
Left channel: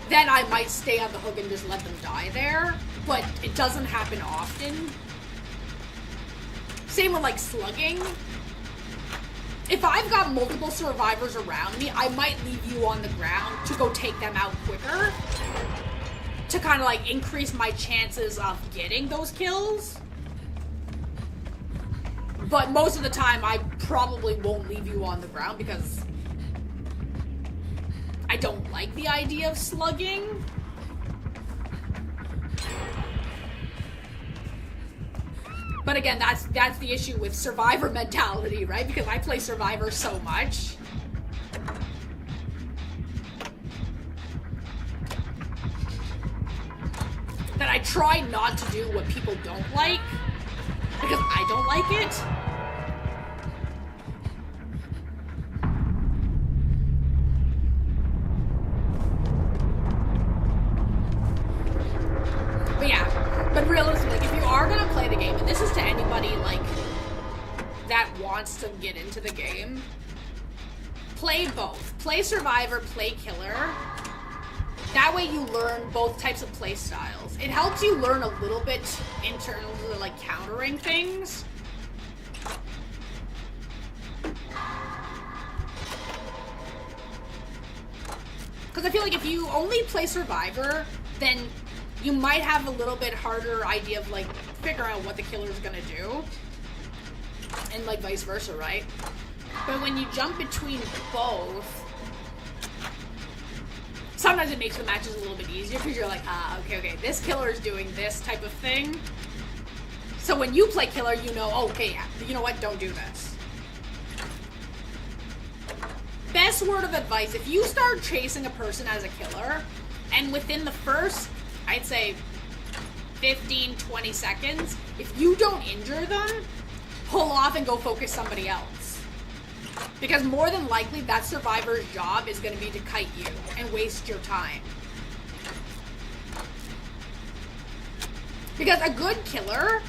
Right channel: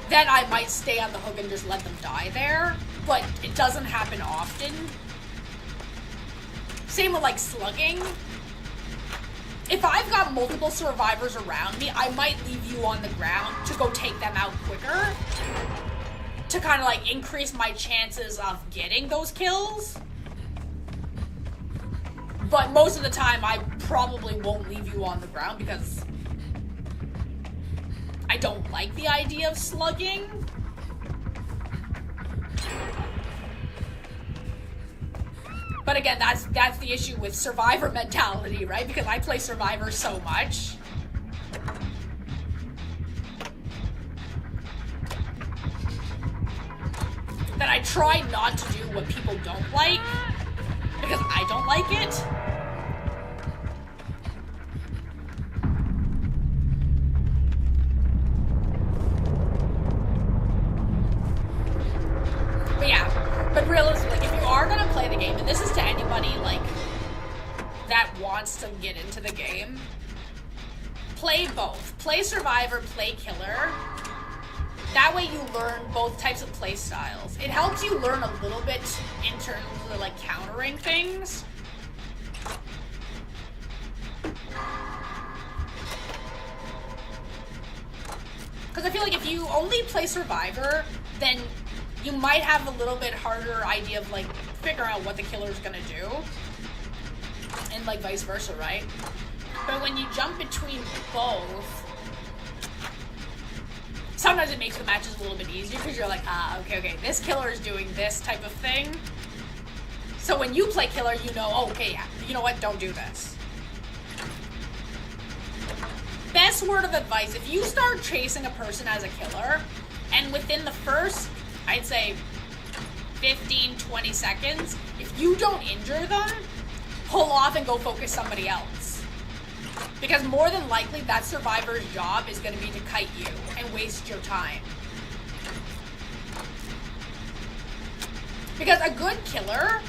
Then I might stay on the hook and just let them die there. But it doesn't happen often. Same with, like, slugging. If I've got multiple survivors around me, I might leave you on the ground to go take them out quicker. To kind of, like, increase my chances of getting those kills. But most of the time, I probably won't leave you on the ground because I don't like the idea of slugging. But again, that's the issue with Survivor mentality, right? Because I play Survivor so much. That I try not to do what people don't like. Because I don't like it. But yeah, but realistically, if you are gonna play the game, and this is to anybody, like, that wants to get into the game, play both. Play Survivor, play Killer. That way you learn both types of play styles. It helps you learn a little bit in terms of, like, countering things. Because I feel like if you only play Survivor, then you might have a little bit harder idea of, like, figuring out what the killer's gonna do. And, like, vice versa, right? But when you jump between both, sometimes it makes the matches a little bit easier because you're like, okay, this killer is doing this type of thing. So when you play killer, you know, oh, okay, you know what, don't do this. Best word of advice, if you start chasing a person as a killer, and within the first, I'd say, 15, 20 seconds, if you don't injure them, pull off and go focus somebody else. Because more than likely, that survivor's job is going to be to kite you and waste your time. Because a good killer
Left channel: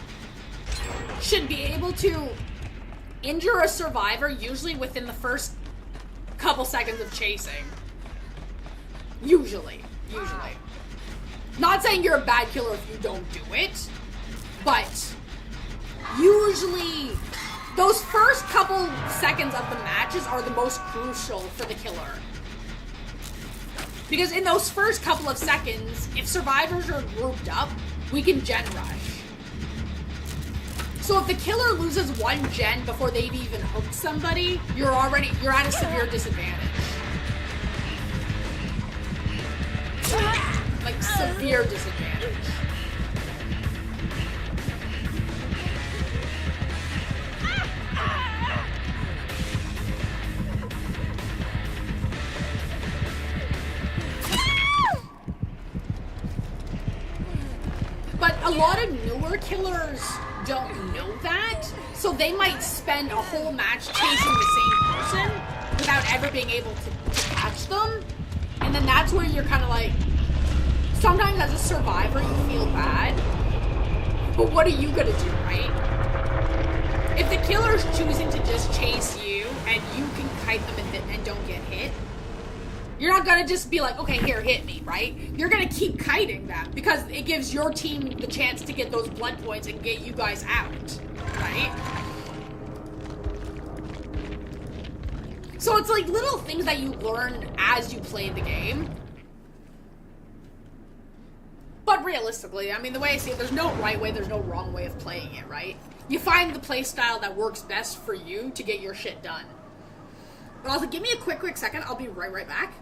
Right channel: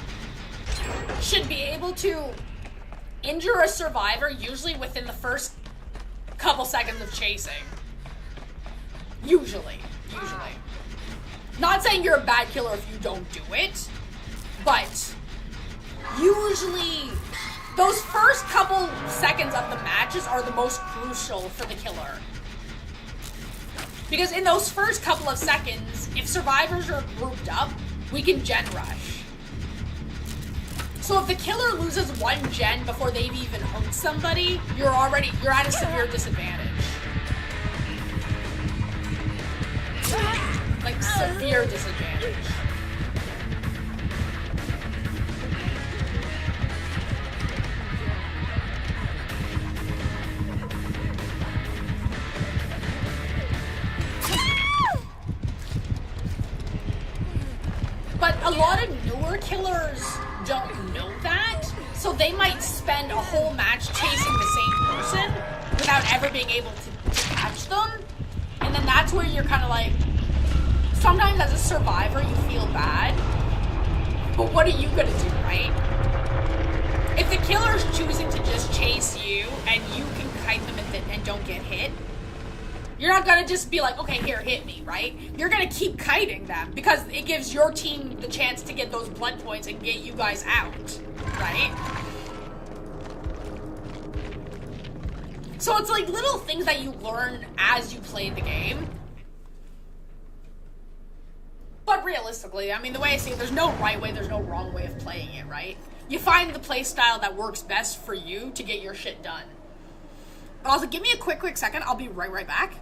should be able to injure a survivor usually within the first couple seconds of chasing. Usually. Not saying you're a bad killer if you don't do it, but usually those first couple seconds of the matches are the most crucial for the killer. Because in those first couple of seconds, if survivors are grouped up, we can gen rush. So if the killer loses one gen before they've even hooked somebody, you're at a severe disadvantage. Like, severe disadvantage. But a lot of newer killers don't know that, so they might spend a whole match chasing the same person without ever being able to catch them. And then that's where you're kind of like, sometimes as a survivor you feel bad, but what are you gonna do, right? If the killer's choosing to just chase you and you can kite them and don't get hit, you're not gonna just be like, okay, here, hit me, right? You're gonna keep kiting them because it gives your team the chance to get those blood points and get you guys out, right? So it's like little things that you learn as you play the game. But realistically, I mean, the way I see it, there's no right way, there's no wrong way of playing it, right? You find the play style that works best for you to get your shit done. But also, give me a quick second, I'll be right back.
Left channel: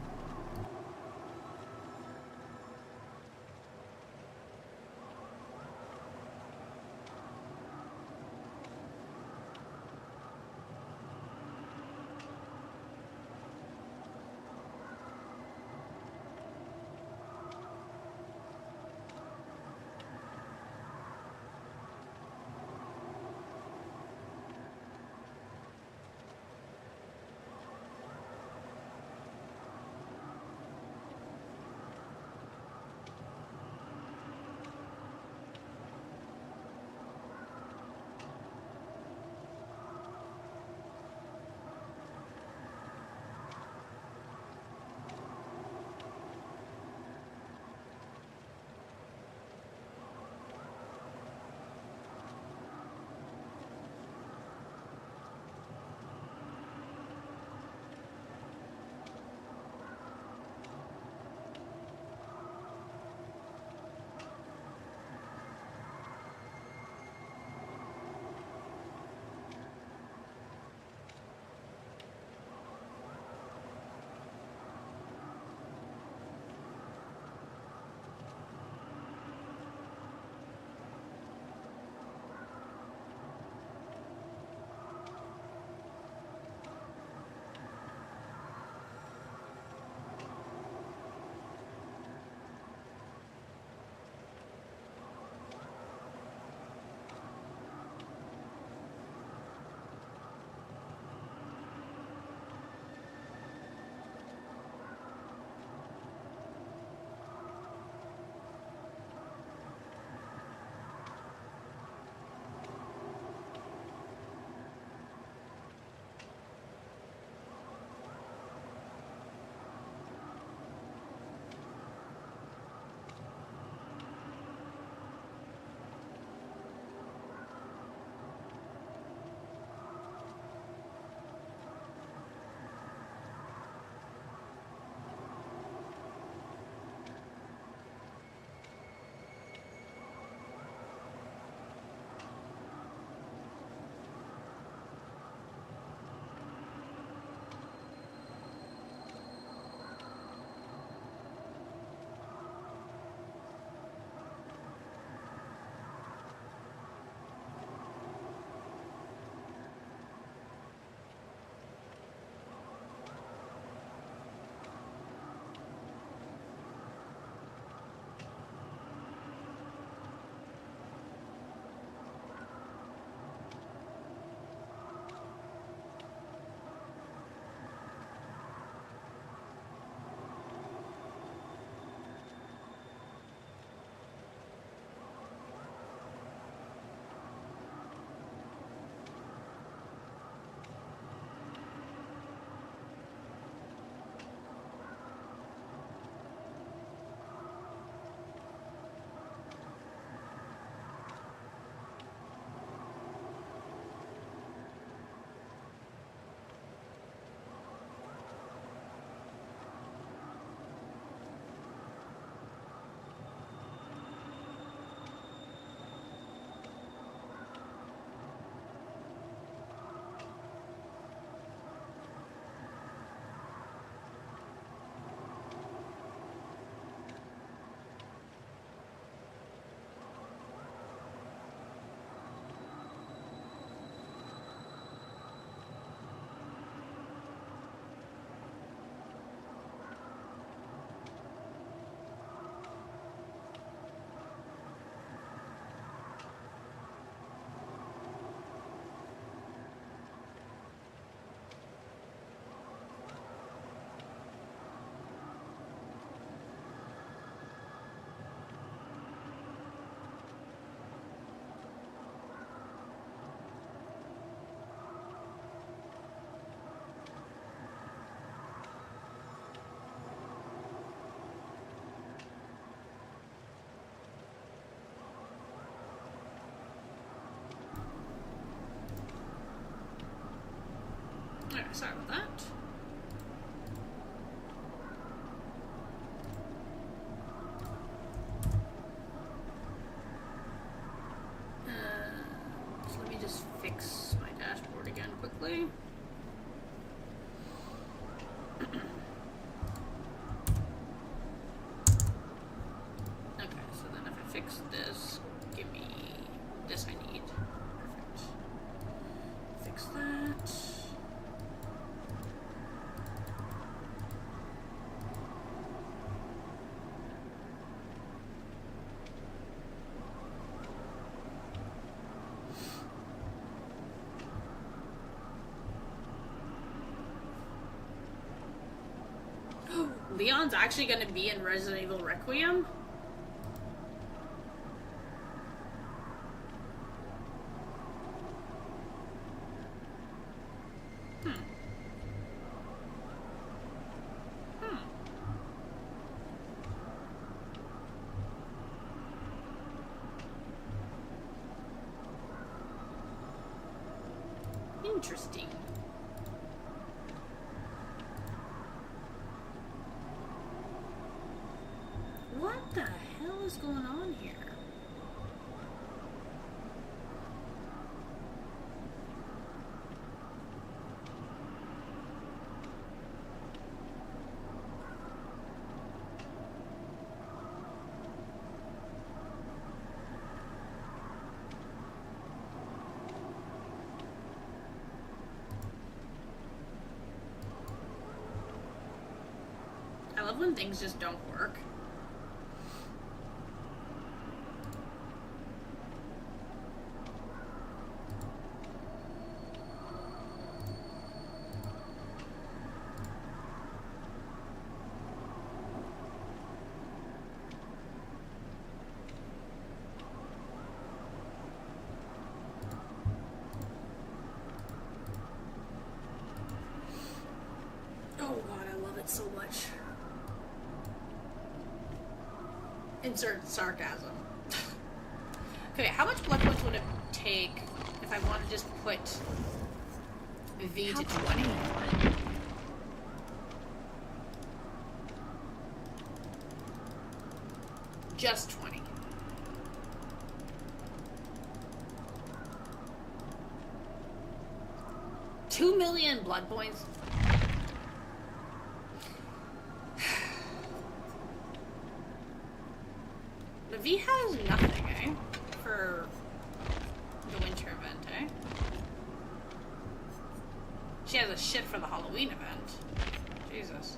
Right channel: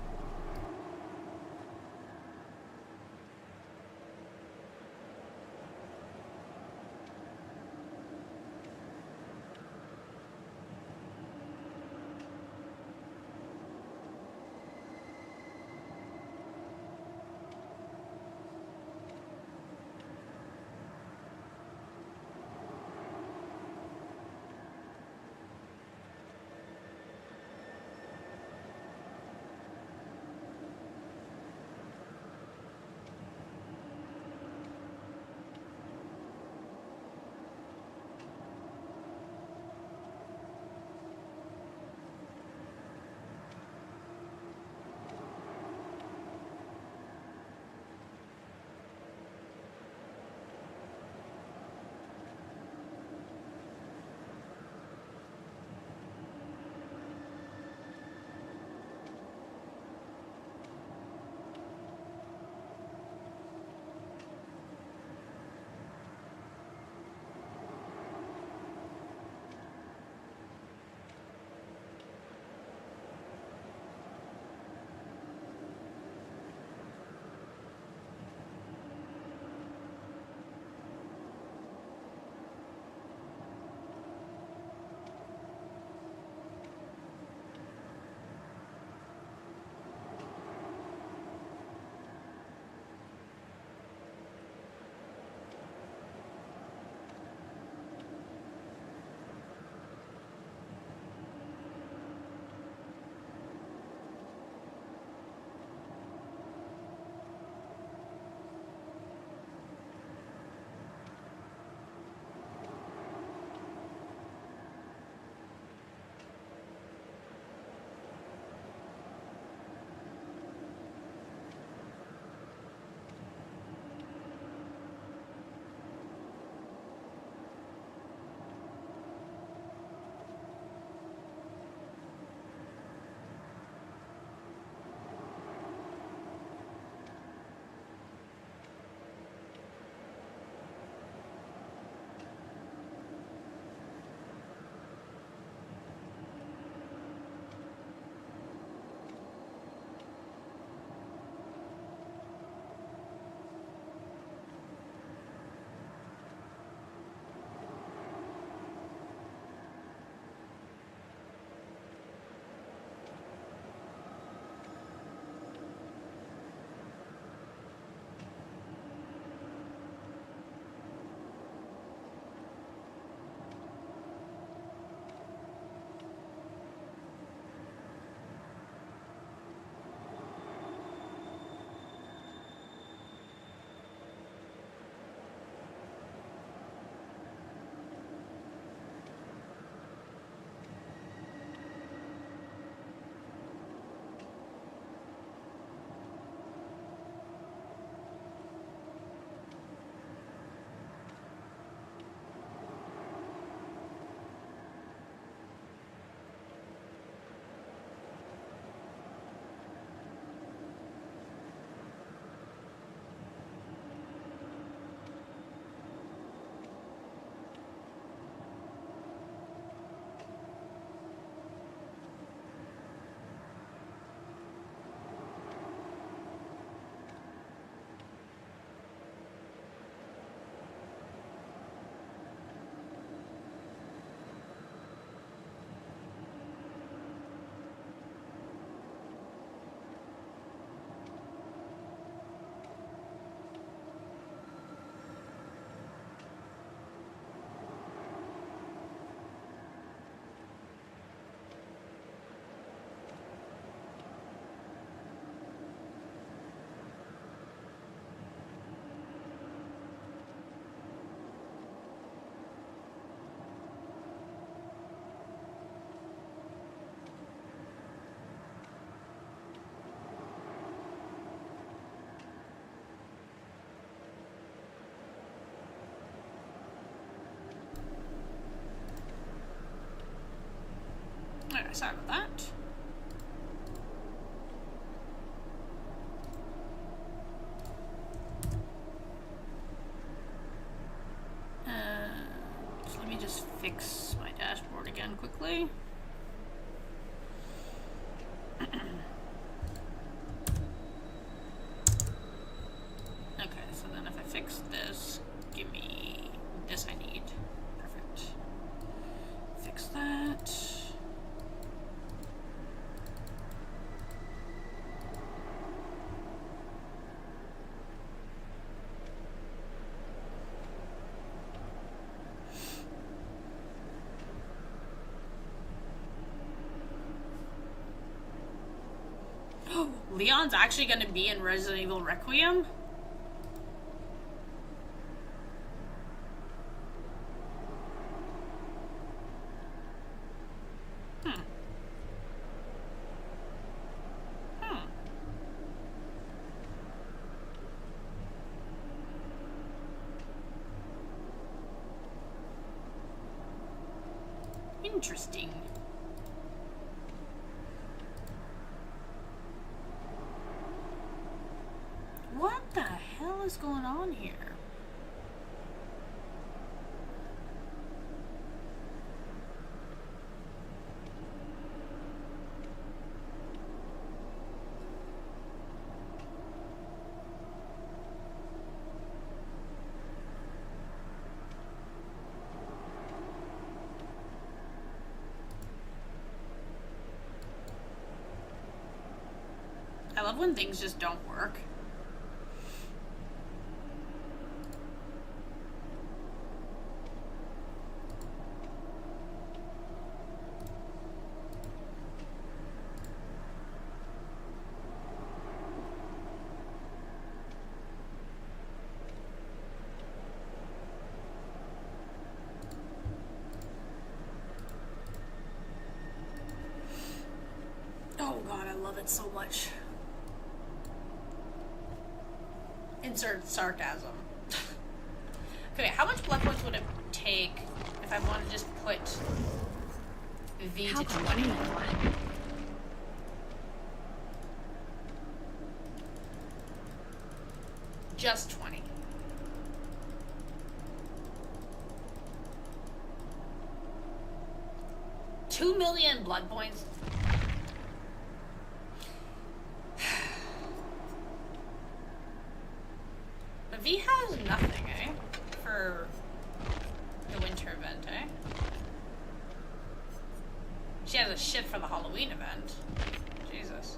sorry about that. So let me just fix my dashboard again quickly. Okay, so then if I fix this, give me this I need. Perfect. Fix that. Leon's actually going to be in Resident Evil Requiem? Interesting. What the hell is going on here? I love when things just don't work. Oh god, I love it so much. Insert sarcasm. Okay, how much blood points would it take if I want to just put V to 20? Just 20. $2 million blood points. But V has nothing, eh? For the winter event, eh? She has a shit for the Halloween event. Jesus.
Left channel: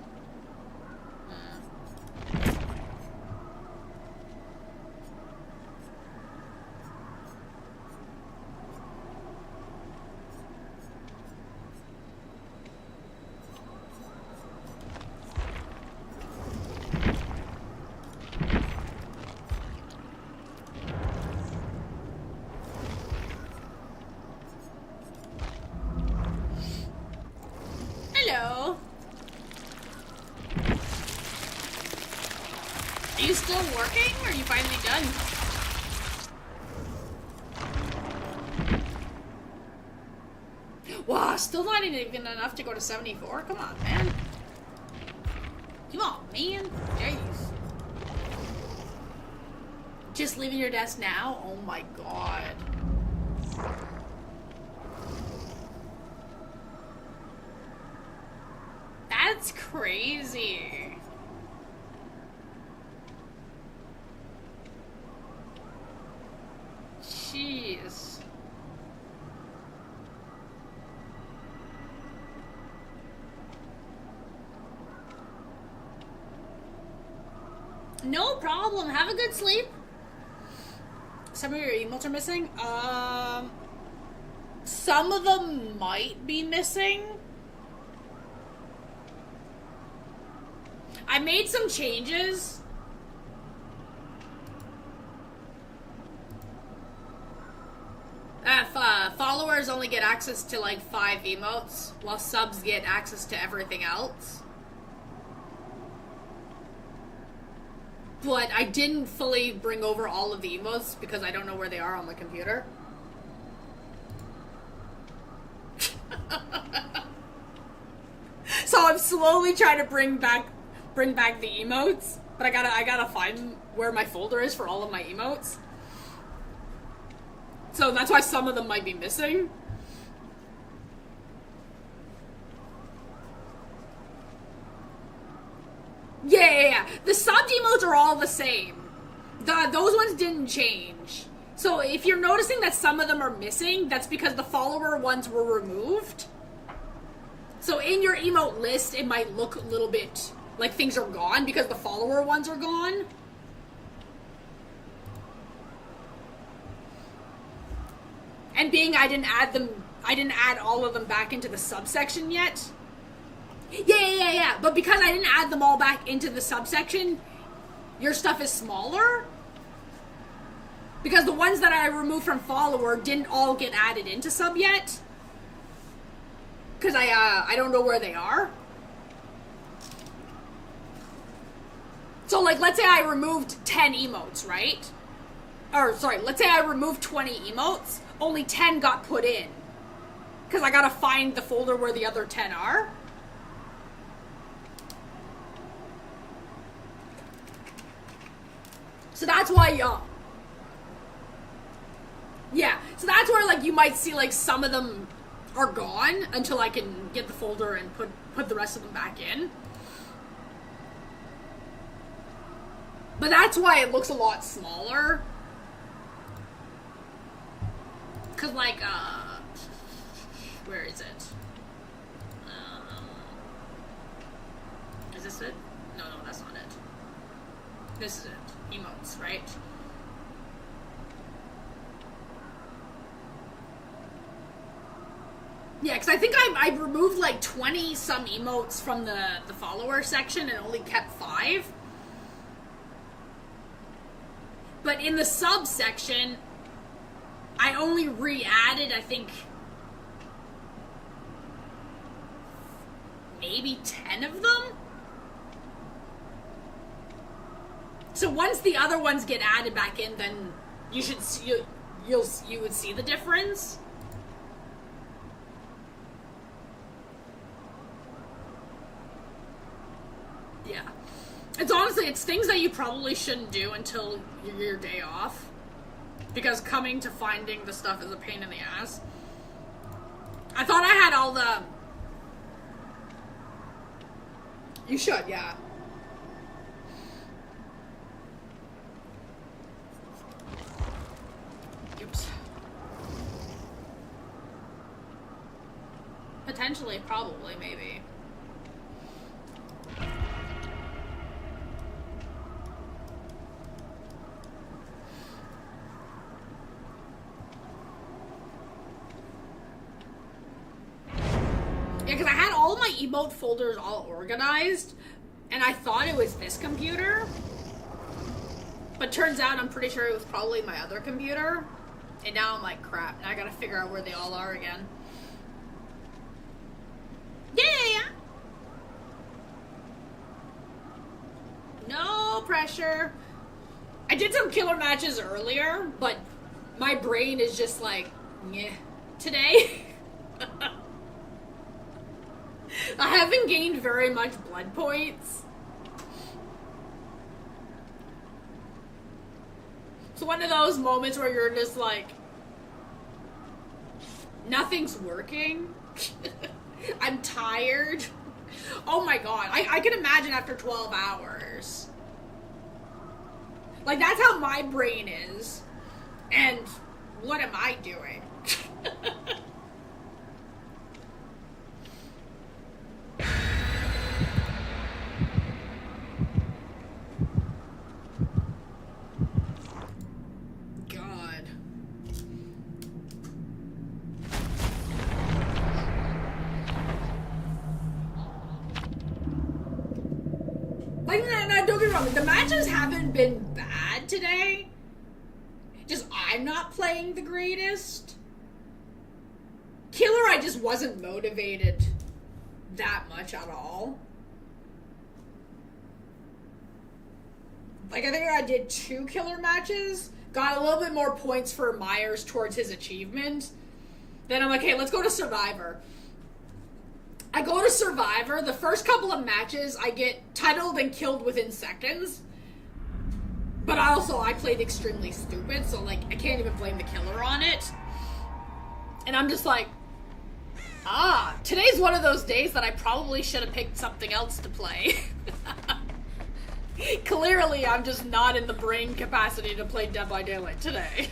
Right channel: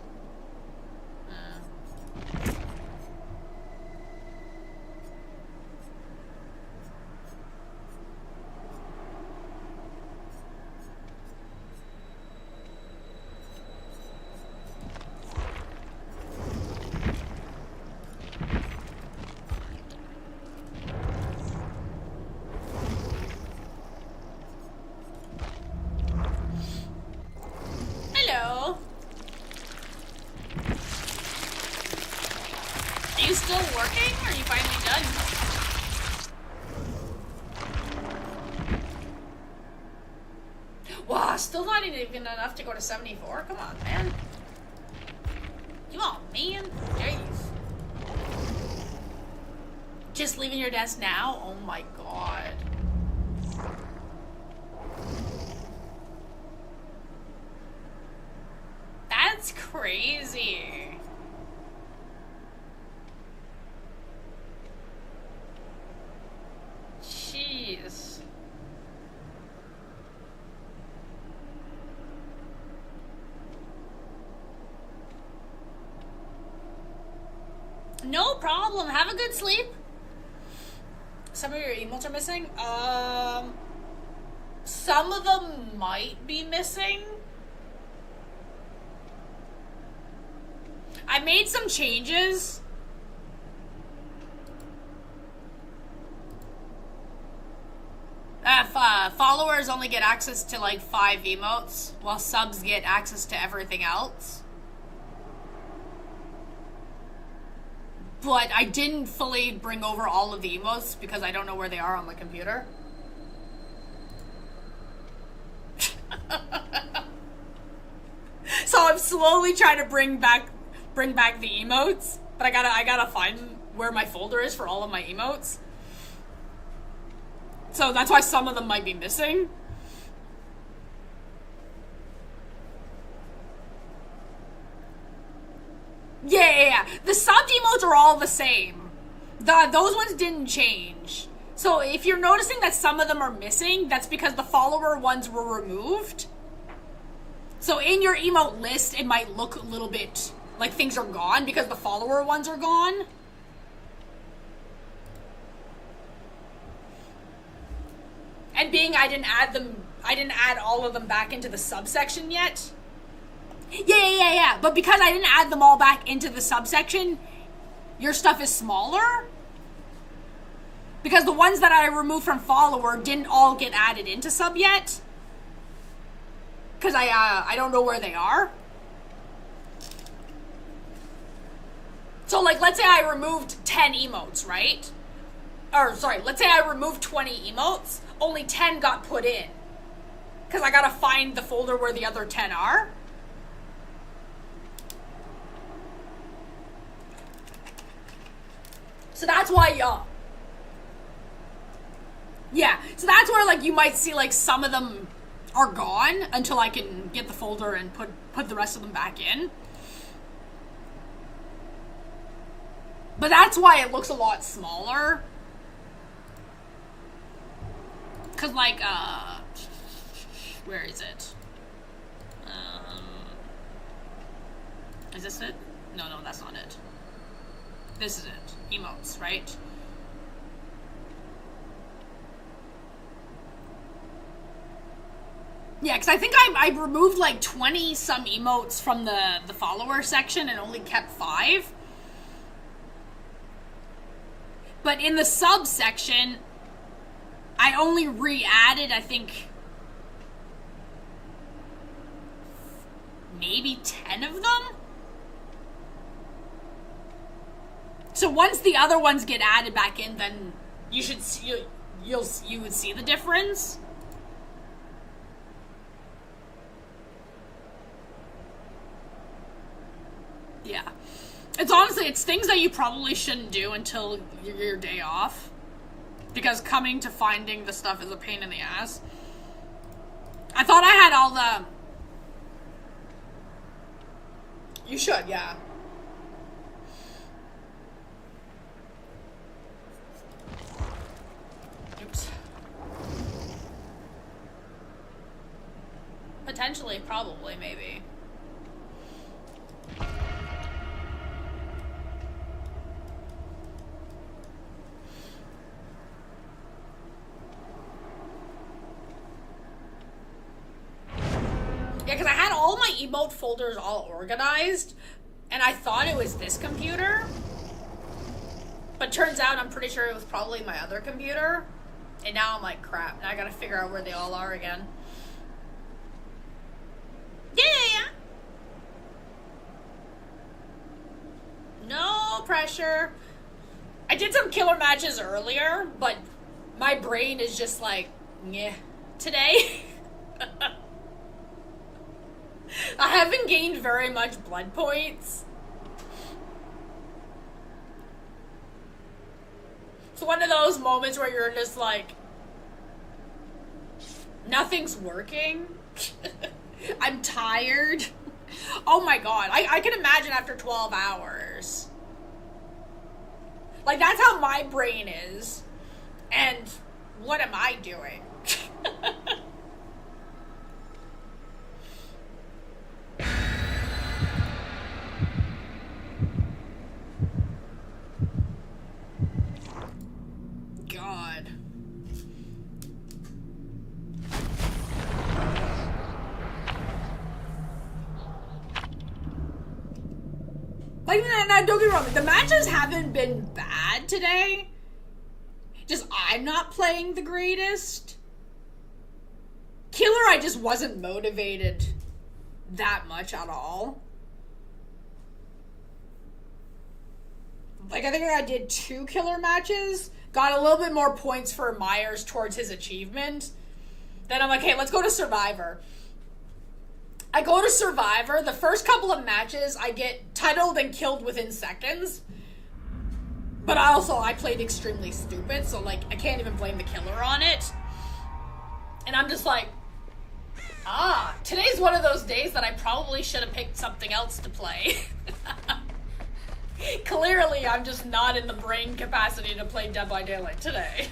Hello. Are you still working, or are you finally done? Wow, still not even enough to go to 74? Come on, man. Come on, man. Jeez. Just leaving your desk now? Oh my god. That's crazy. Jeez. No problem. Have a good sleep. Some of your emotes are missing. Some of them might be missing. I made some changes. Followers only get access to like 5 emotes, while subs get access to everything else. But I didn't fully bring over all of the emotes because I don't know where they are on the computer. So I'm slowly trying to bring back the emotes, but I gotta find where my folder is for all of my emotes. So that's why some of them might be missing. Yeah. The subbed emotes are all the same. Those ones didn't change. So if you're noticing that some of them are missing, that's because the follower ones were removed. So in your emote list, it might look a little bit like things are gone because the follower ones are gone. And being I didn't add all of them back into the subsection yet. Yeah. But because I didn't add them all back into the subsection, your stuff is smaller. Because the ones that I removed from follower didn't all get added into sub yet. Because I don't know where they are. So like, let's say I removed 10 emotes, right? Or sorry, let's say I removed 20 emotes. Only 10 got put in. Because I gotta find the folder where the other 10 are. So that's why, yeah. So that's where, like, you might see, like, some of them are gone until I can get the folder and put the rest of them back in. But that's why it looks a lot smaller. Cause, like, where is it? Is this it? No, that's not it. This is it. Emotes, right? Yeah, because I think I removed like 20 some emotes from the follower section and only kept 5. But in the sub section, I only re-added, I think, maybe 10 of them? So once the other ones get added back in, then you should see, you would see the difference. Yeah. It's honestly, it's things that you probably shouldn't do until your day off. Because coming to finding the stuff is a pain in the ass. I thought I had all the... You should, yeah. Oops. Potentially, probably, maybe. Yeah, because I had all my emote folders all organized, and I thought it was this computer. But turns out I'm pretty sure it was probably my other computer. And now I'm like, crap, now I gotta figure out where they all are again. Yeah. No pressure. I did some killer matches earlier, but my brain is just like, yeah, today. I haven't gained very much blood points. It's one of those moments where you're just like, nothing's working. I'm tired. Oh my god. I can imagine after 12 hours. Like, that's how my brain is. And what am I doing? God. Like, no, don't get me wrong. The matches haven't been bad today. Just, I'm not playing the greatest. Killer, I just wasn't motivated that much at all. Like, I think I did 2 killer matches. Got a little bit more points for Myers towards his achievement. Then I'm like, hey, let's go to Survivor. I go to Survivor, the first couple of matches, I get titled and killed within seconds. But I played extremely stupid, so, like, I can't even blame the killer on it. And I'm just like, today's one of those days that I probably should have picked something else to play. Clearly, I'm just not in the brain capacity to play Dead by Daylight today.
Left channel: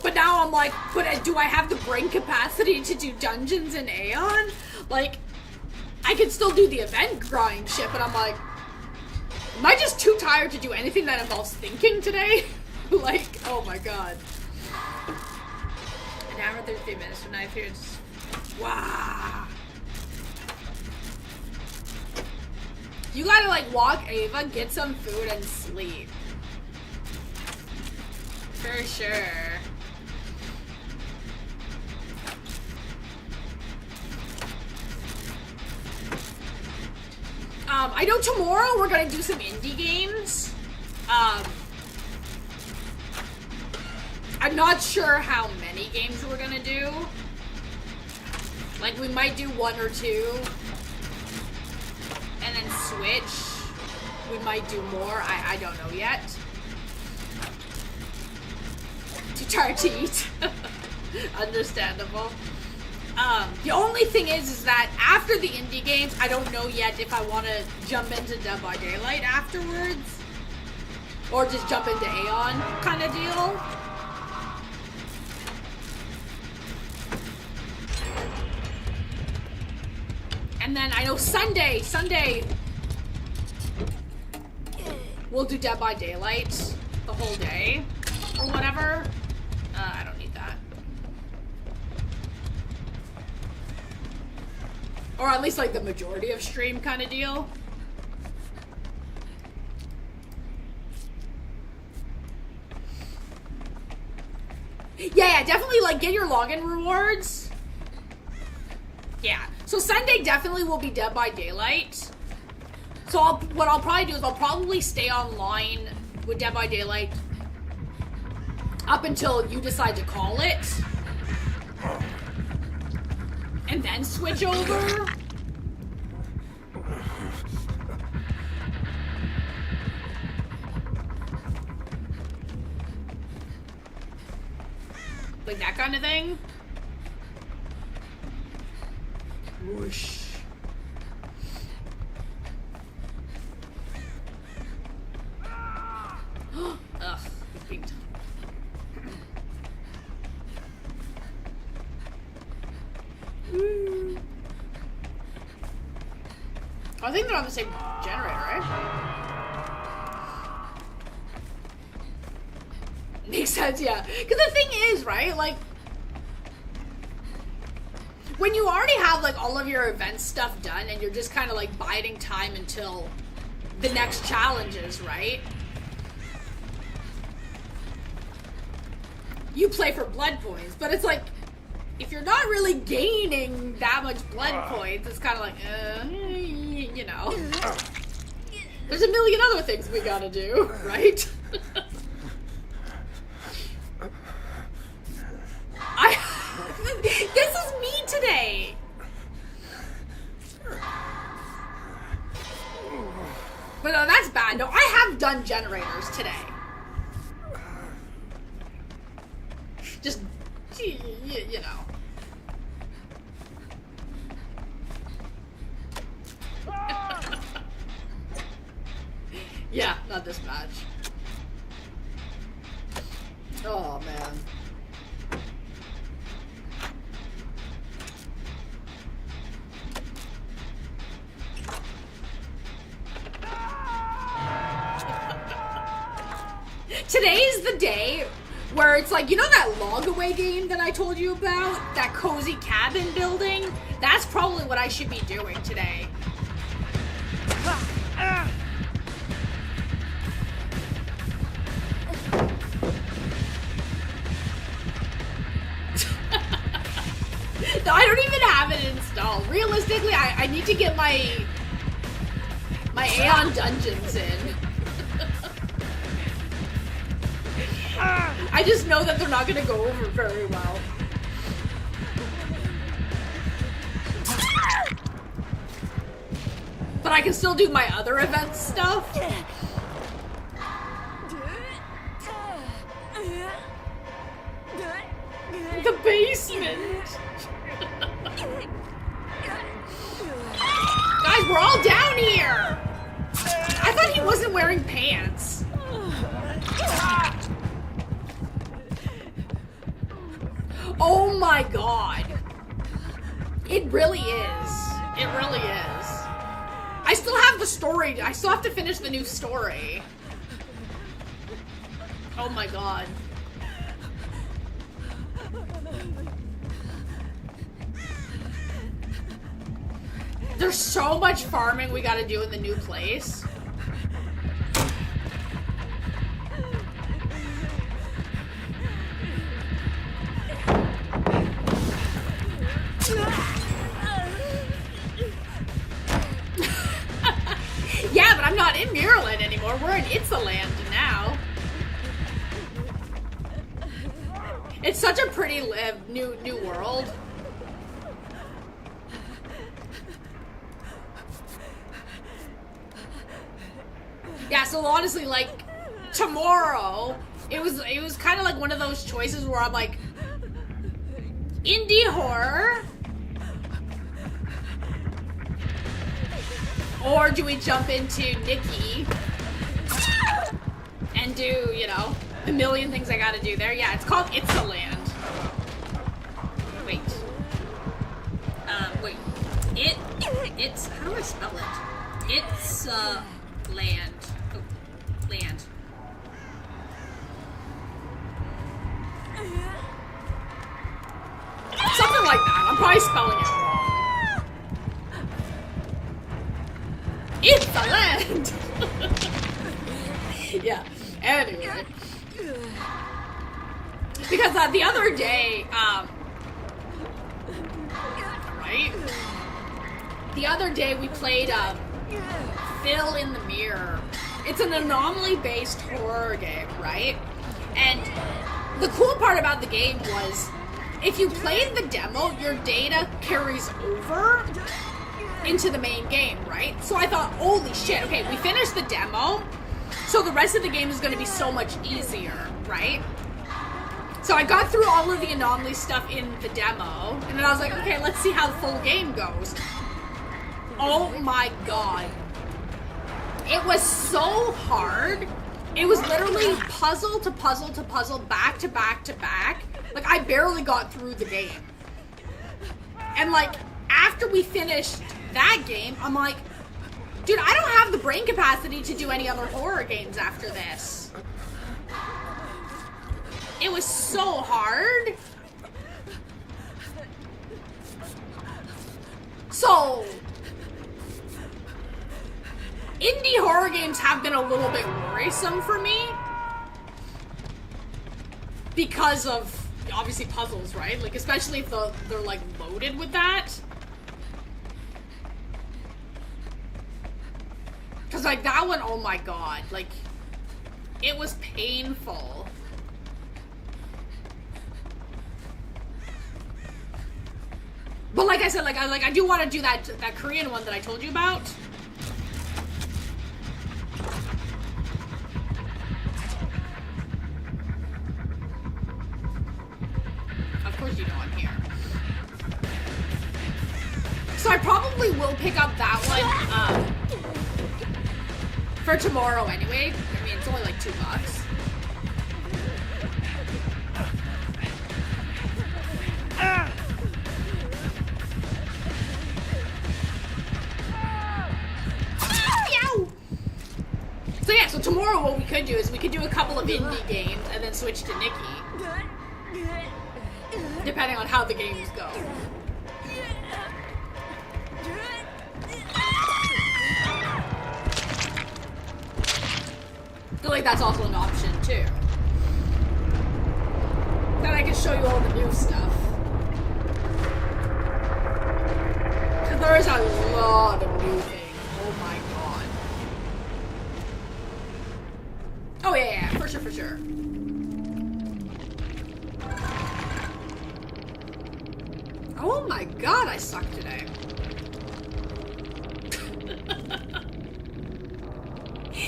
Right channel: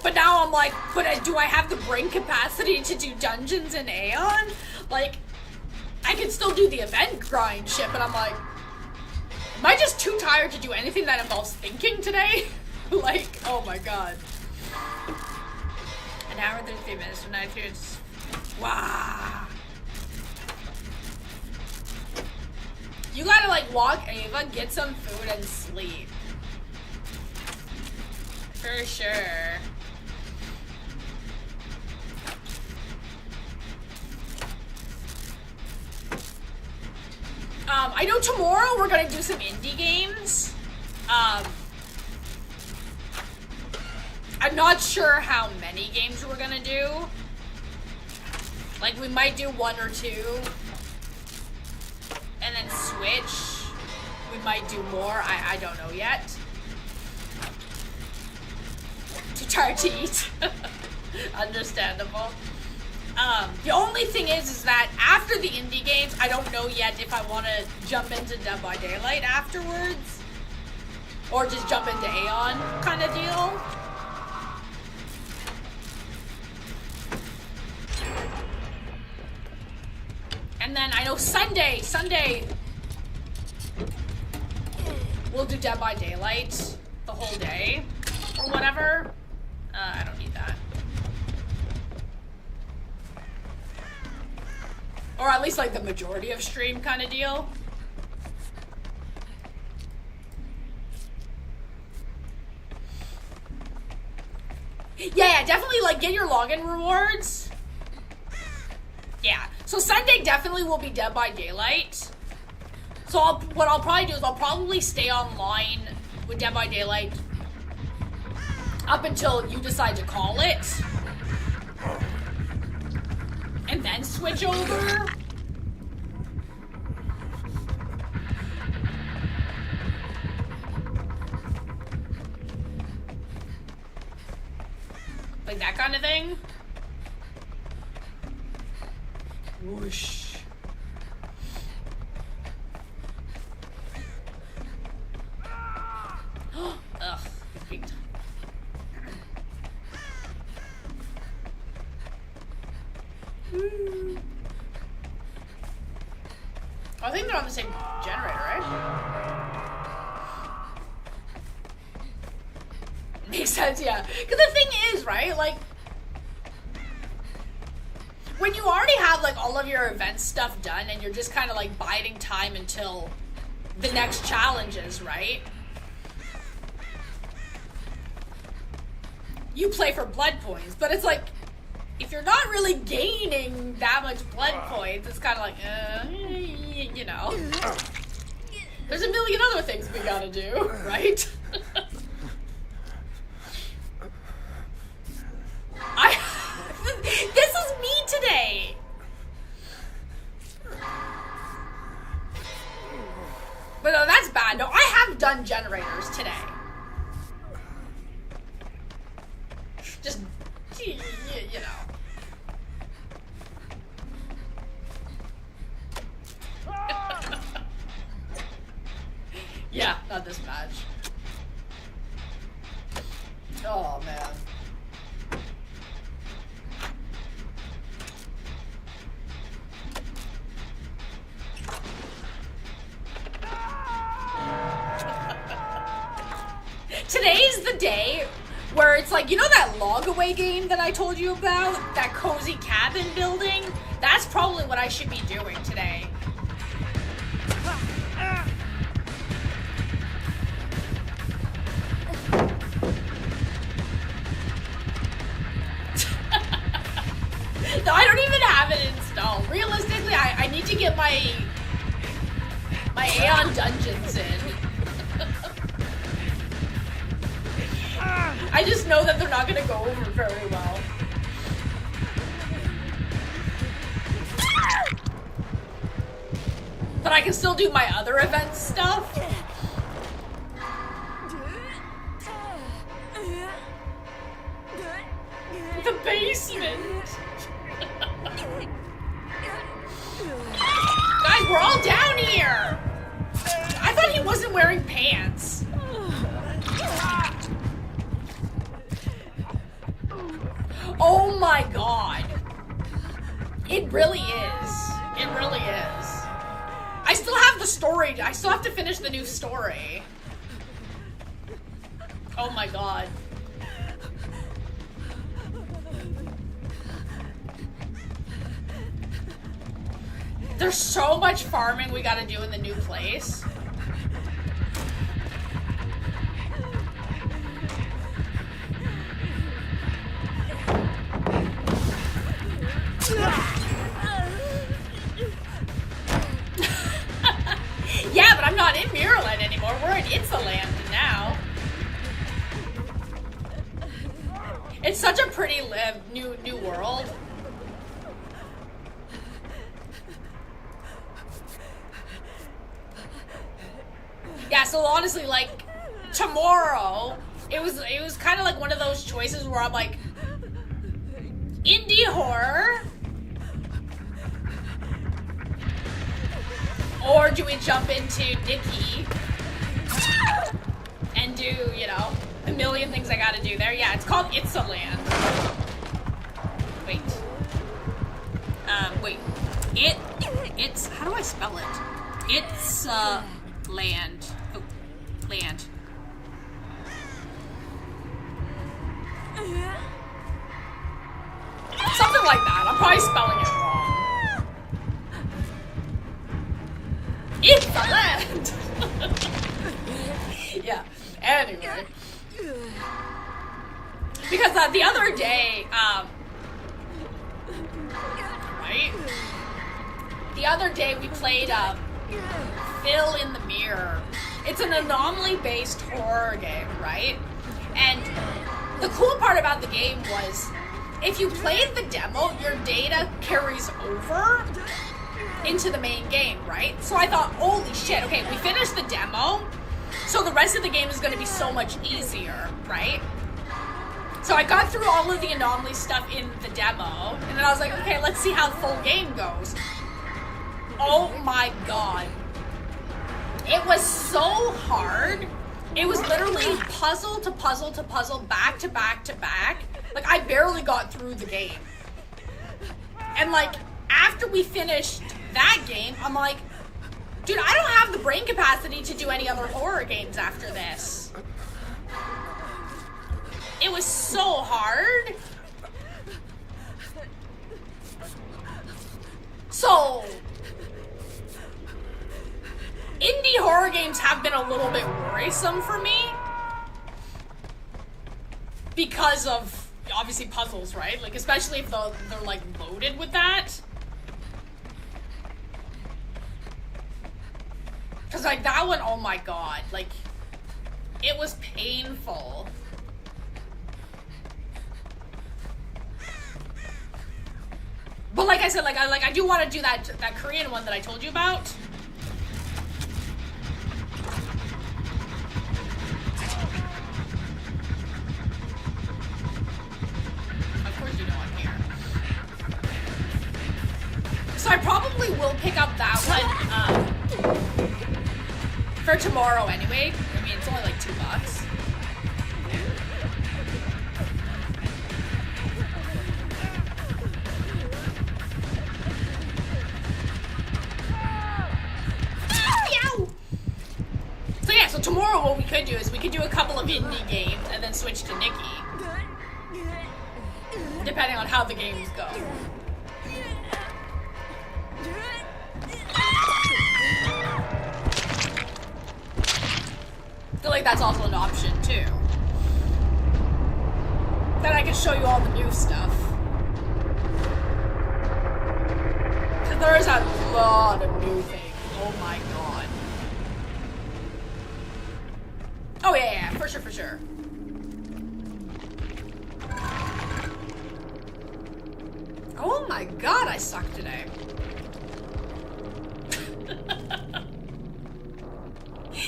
But now I'm like, do I have the brain capacity to do dungeons in Aeon? Like, I can still do the event grind shit, but I'm like, am I just too tired to do anything that involves thinking today? Like, oh my god. An hour and 33 minutes from 9 years. Wow. You gotta, like, walk Ava, get some food, and sleep. For sure. I know tomorrow we're gonna do some indie games. I'm not sure how many games we're gonna do. Like, we might do 1 or 2. And then switch. We might do more. I don't know yet. Too tired to eat. Understandable. The only thing is that after the indie games, I don't know yet if I want to jump into Dead by Daylight afterwards. Or just jump into Aeon kind of deal. And then I know Sunday, we'll do Dead by Daylight the whole day. Or whatever. I don't need that. Or at least like the majority of stream kind of deal. Yeah, definitely like get your login rewards. Yeah, so Sunday definitely will be Dead by Daylight. So what I'll probably do is I'll probably stay online with Dead by Daylight up until you decide to call it. And then switch over. Like that kind of thing. Whoosh. Ugh, it's big time. I think they're on the same generator, right? Makes sense, yeah. Because the thing is, right, like, when you already have, like, all of your event stuff done and you're just kind of, like, biding time until the next challenges, right? You play for blood points, but it's like, if you're not really gaining that much blood points, it's kind of like, you know. There's a million other things we gotta do, right? This is me today! But no, that's bad. No, I have done generators today. Just, you know. Yeah, not this match. Oh, man. Today's the day where it's like, you know that log away game that I told you about? That cozy cabin building? That's probably what I should be doing today. No, I don't even have it installed. Realistically, I need to get my Aeon Dungeons in. I just know that they're not gonna go over very well. But I can still do my other event stuff. The basement. Guys, we're all down here. I thought he wasn't wearing pants. Oh my god. It really is. It really is. I still have the story. I still have to finish the new story. Oh my god. There's so much farming we gotta do in the new place. Yeah, but I'm not in Miraland anymore. We're in Itzaland now. It's such a pretty new world. Yeah, so honestly, like, tomorrow, it was kind of like one of those choices where I'm like, indie horror, or do we jump into Nikki and do, you know, a million things I gotta do there? Yeah, it's called Itzaland. Wait. Wait. It's, how do I spell it? It's, land. Oh, land. Something like that. I'm probably spelling it wrong. It's the land! Yeah. Anyway. Because the other day, right? The other day we played, Fill in the Mirror. It's an anomaly-based horror game, right? And the cool part about the game was, if you played the demo, your data carries over into the main game, right? So I thought, holy shit, okay, we finished the demo, so the rest of the game is going to be so much easier, right? So I got through all of the anomaly stuff in the demo, and then I was like, okay, let's see how the full game goes. Oh my god. It was so hard. It was literally puzzle to puzzle to puzzle, back to back to back. Like, I barely got through the game. And, like, after we finished that game, I'm like, dude, I don't have the brain capacity to do any other horror games after this. It was so hard. So, indie horror games have been a little bit worrisome for me because of, obviously, puzzles, right? Like, especially if they're like loaded with that. Because, like, that one, oh my god, like, it was painful. But like I said, I do want to do that Korean one that I told you about. Of course you know I'm here. So I probably will pick up that one for tomorrow anyway. I mean, it's only like $2. So yeah, so tomorrow what we could do is we could do a couple of indie games and then switch to Nikki. Depending on how the games go. I feel like that's also an option too. Then I can show you all the new stuff. There is a lot of new things. Oh my god. Oh yeah, for sure, for sure. Oh my god, I suck today.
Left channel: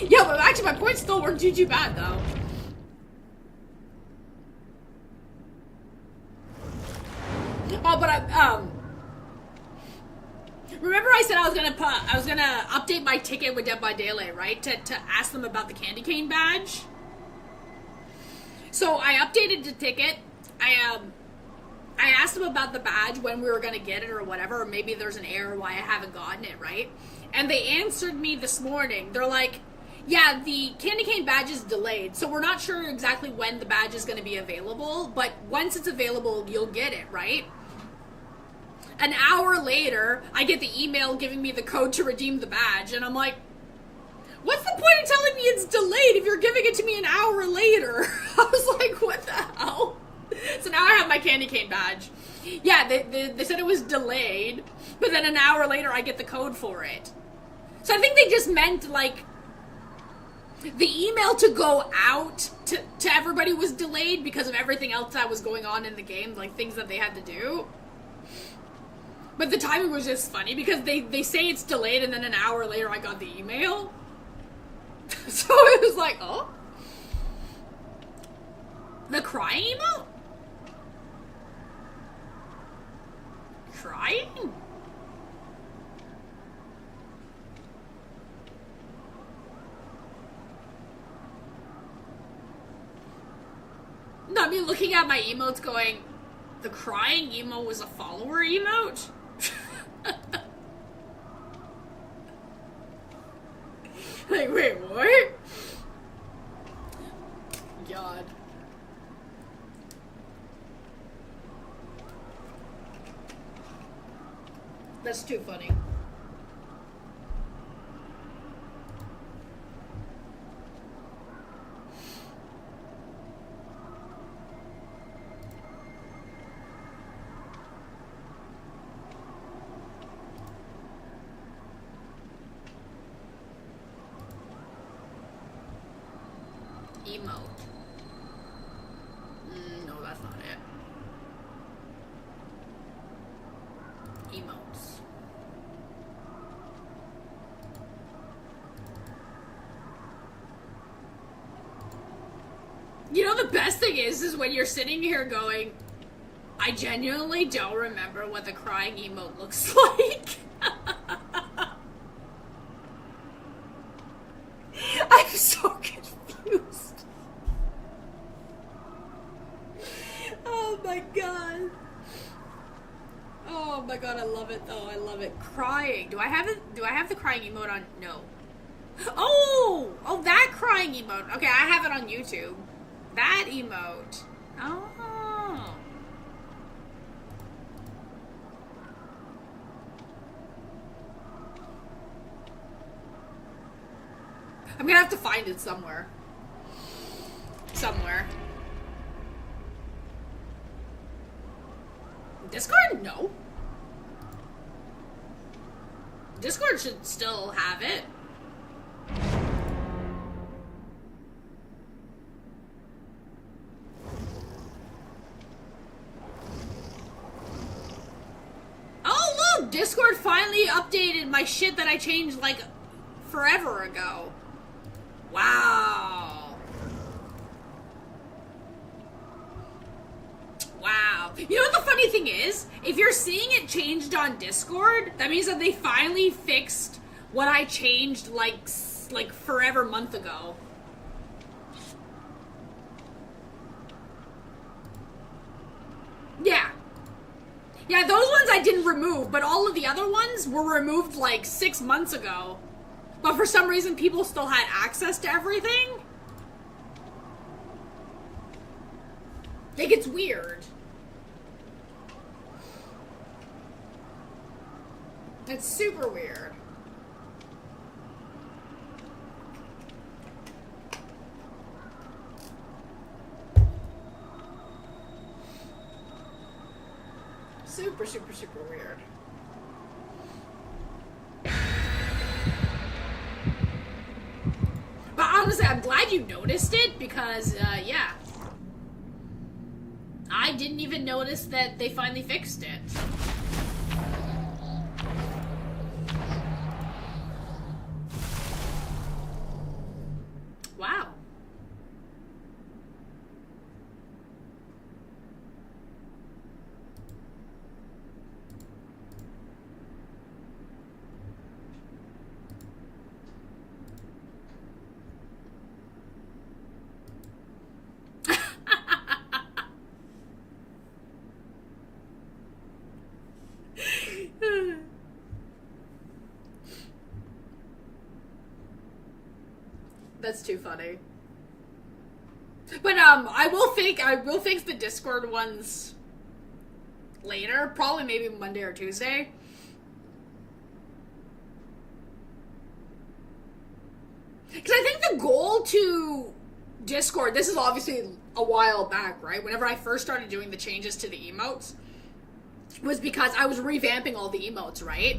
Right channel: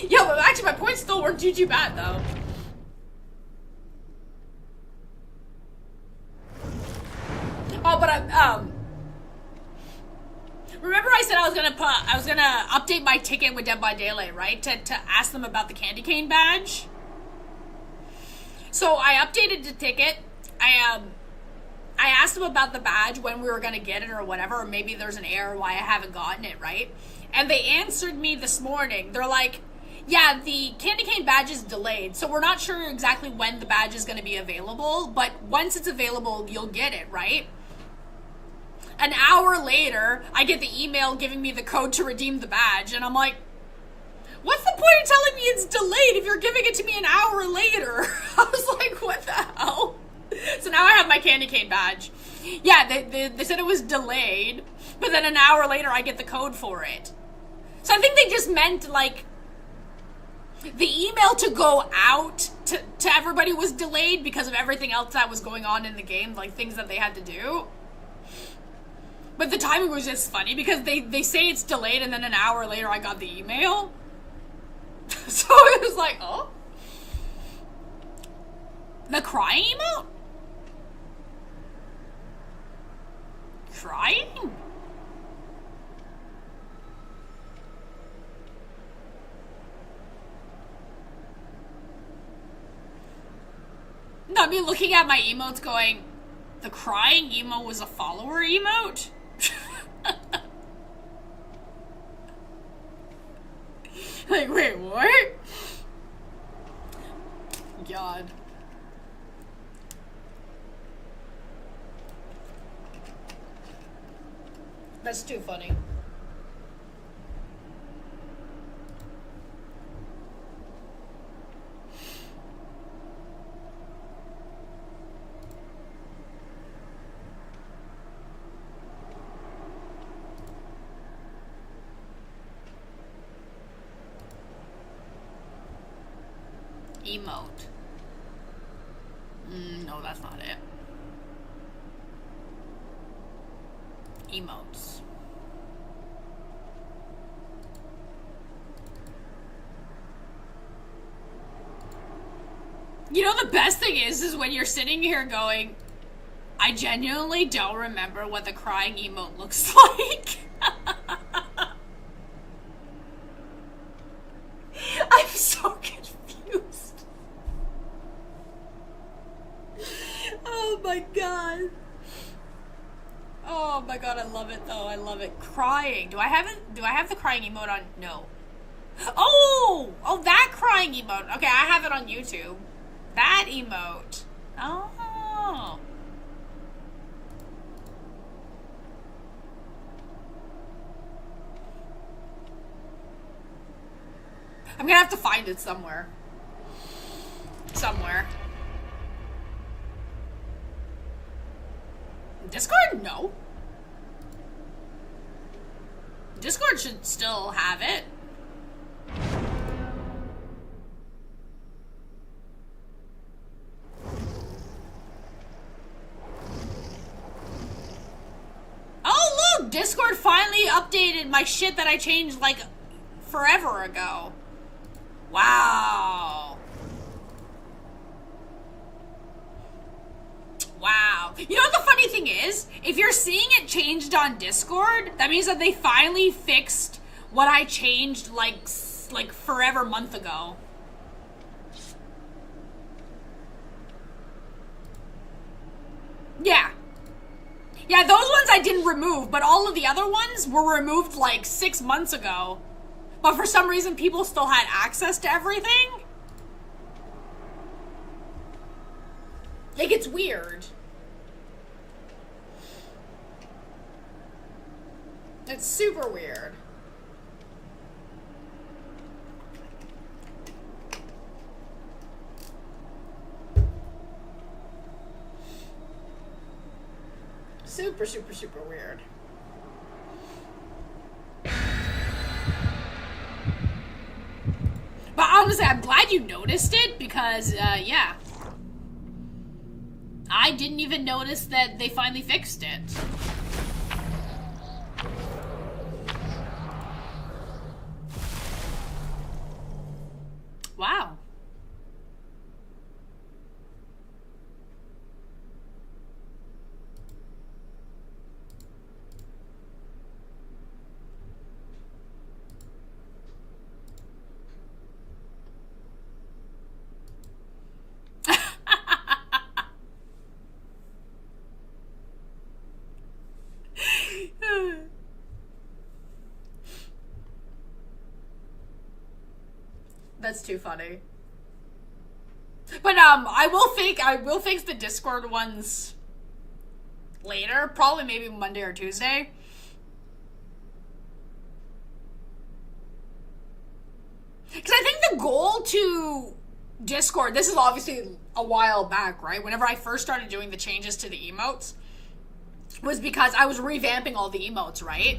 Yeah, but actually my points still weren't too bad though. Oh, but remember I said I was gonna update my ticket with Dead by Daylight, right? To ask them about the candy cane badge. So I updated the ticket. I asked them about the badge, when we were gonna get it or whatever, or maybe there's an error why I haven't gotten it, right? And they answered me this morning. They're like, yeah, the candy cane badge is delayed, so we're not sure exactly when the badge is gonna be available, but once it's available, you'll get it, right? An hour later, I get the email giving me the code to redeem the badge, and I'm like, what's the point of telling me it's delayed if you're giving it to me an hour later? I was like, what the hell? So now I have my candy cane badge. Yeah, they said it was delayed, but then an hour later I get the code for it. So I think they just meant, like, the email to go out to everybody was delayed because of everything else that was going on in the game, like things that they had to do. But the timing was just funny because they say it's delayed and then an hour later I got the email. So it was like, oh? The crying emote? Crying? No, I mean looking at my emotes going, the crying emote was a follower emote? Like, wait, what? God. That's too funny. Emote. No, that's not it. Emotes. You know, the best thing is when you're sitting here going, I genuinely don't remember what the crying emote looks like. I'm so confused. Oh my god. Oh my god, I love it though. I love it. Crying. Do I have the crying emote on? No. Oh, that crying emote. Okay, I have it on YouTube. That emote. Oh. I'm gonna have to find it somewhere. Somewhere. Discord? No. Discord should still have it. Oh, look! Discord finally updated my shit that I changed, like, forever ago. Wow. Wow. You know what the funny thing is? If you're seeing it changed on Discord, that means that they finally fixed what I changed like forever month ago. Yeah. Yeah, those ones I didn't remove, but all of the other ones were removed like 6 months ago. But for some reason, people still had access to everything. Like, it's weird. It's super weird. Super, super, super weird. But honestly, I'm glad you noticed it because, yeah. I didn't even notice that they finally fixed it. That's too funny. But I will fix the Discord ones later, probably maybe Monday or Tuesday. Because I think the goal to Discord, this is obviously a while back, right? Whenever I first started doing the changes to the emotes, was because I was revamping all the emotes, right?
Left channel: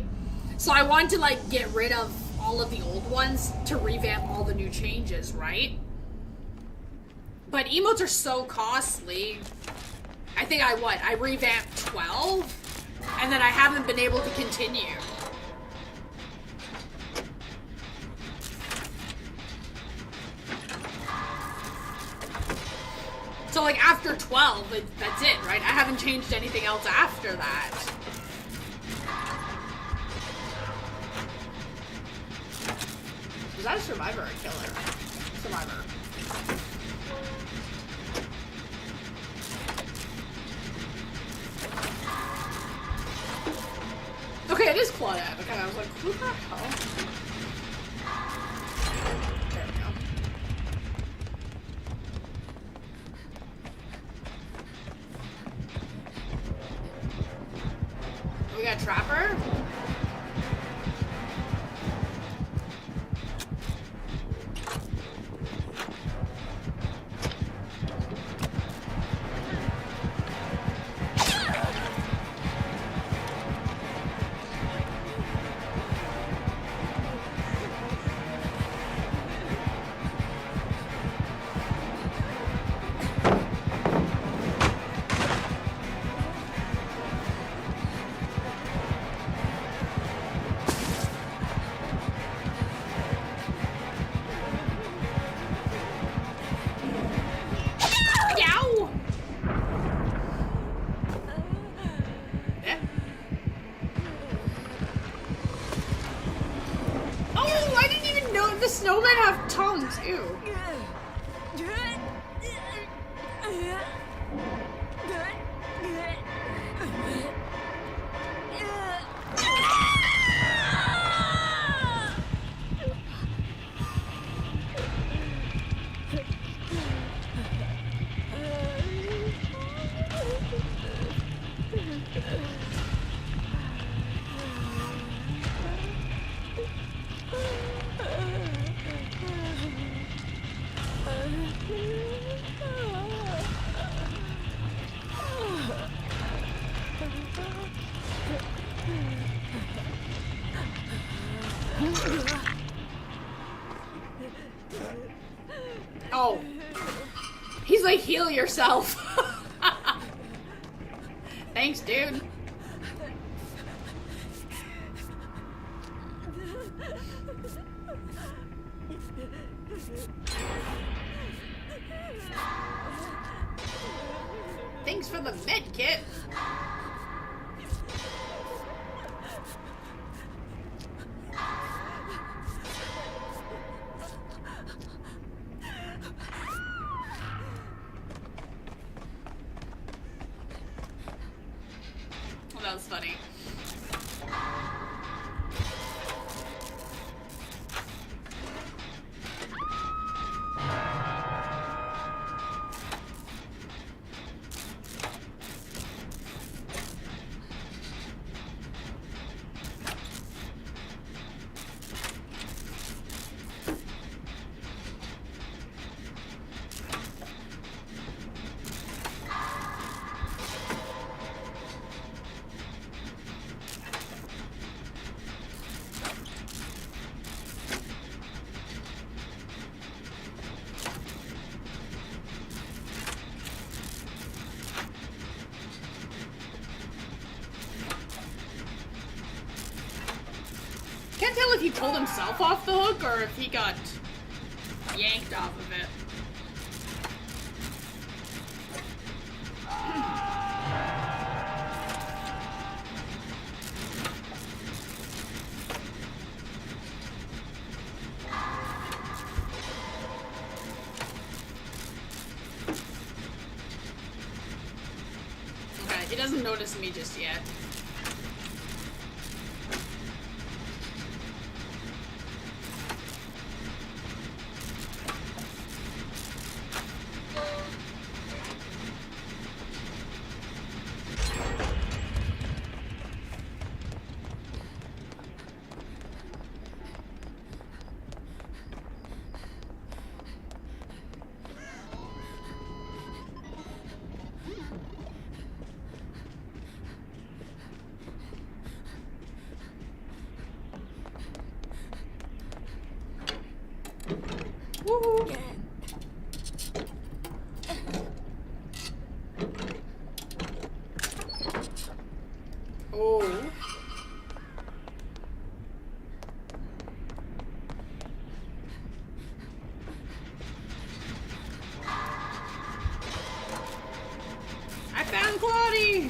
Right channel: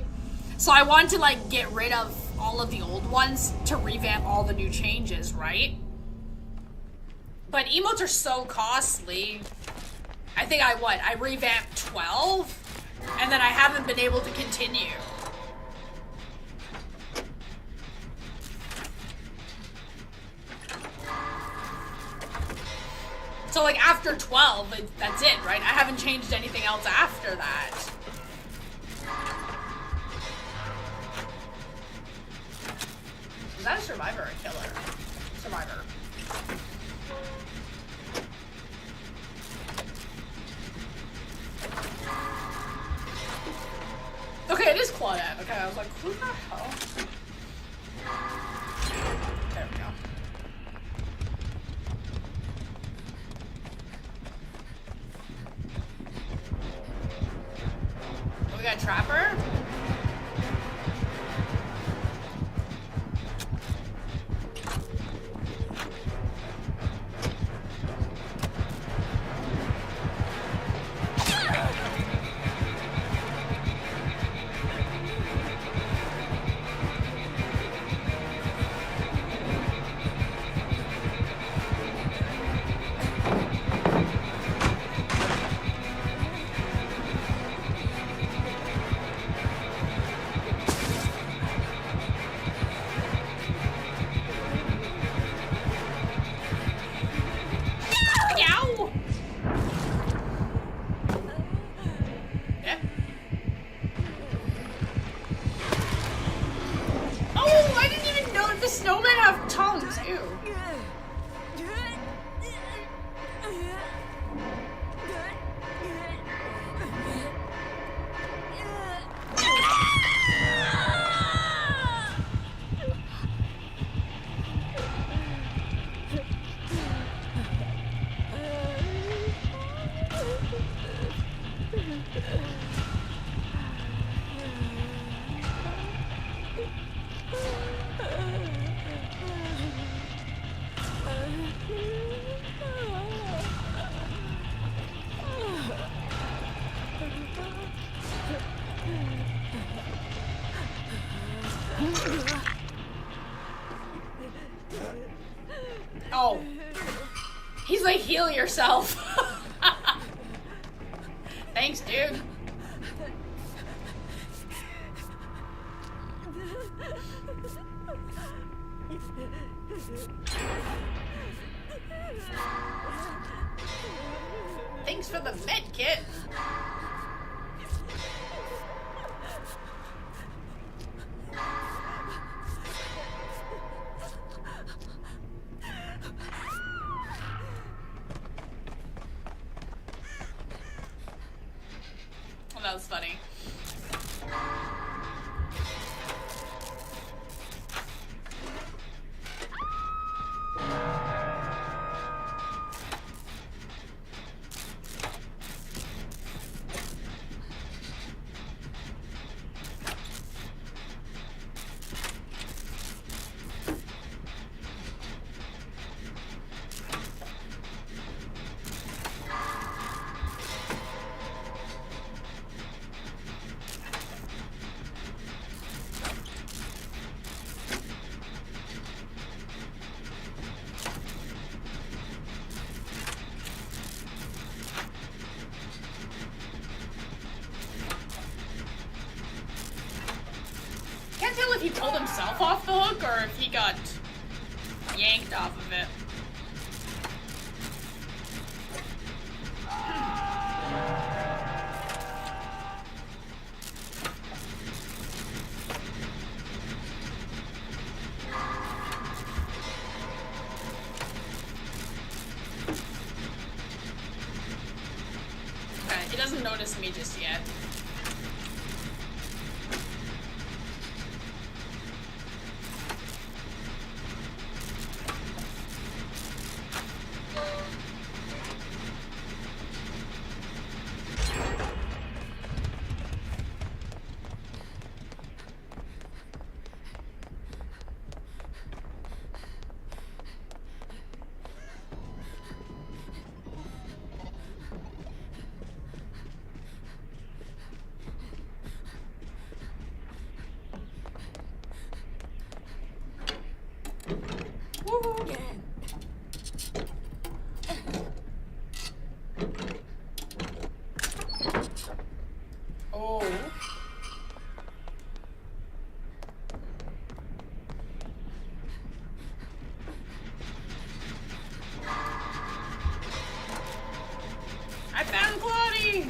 So I wanted to, like, get rid of all of the old ones to revamp all the new changes, right? But emotes are so costly. I think I revamped 12, and then I haven't been able to continue. So, like, after 12, that's it, right? I haven't changed anything else after that. Is that a survivor or a killer? Survivor. Okay, it is Claudette. Okay, I was like, who the hell? There we go. We got Trapper. Oh. He's like, heal yourself. Thanks, dude. Thanks for the med kit. Well, that was funny. Can't tell if he pulled himself off the hook or if he got yanked off of it. Okay, he doesn't notice me just yet. I found Claudie!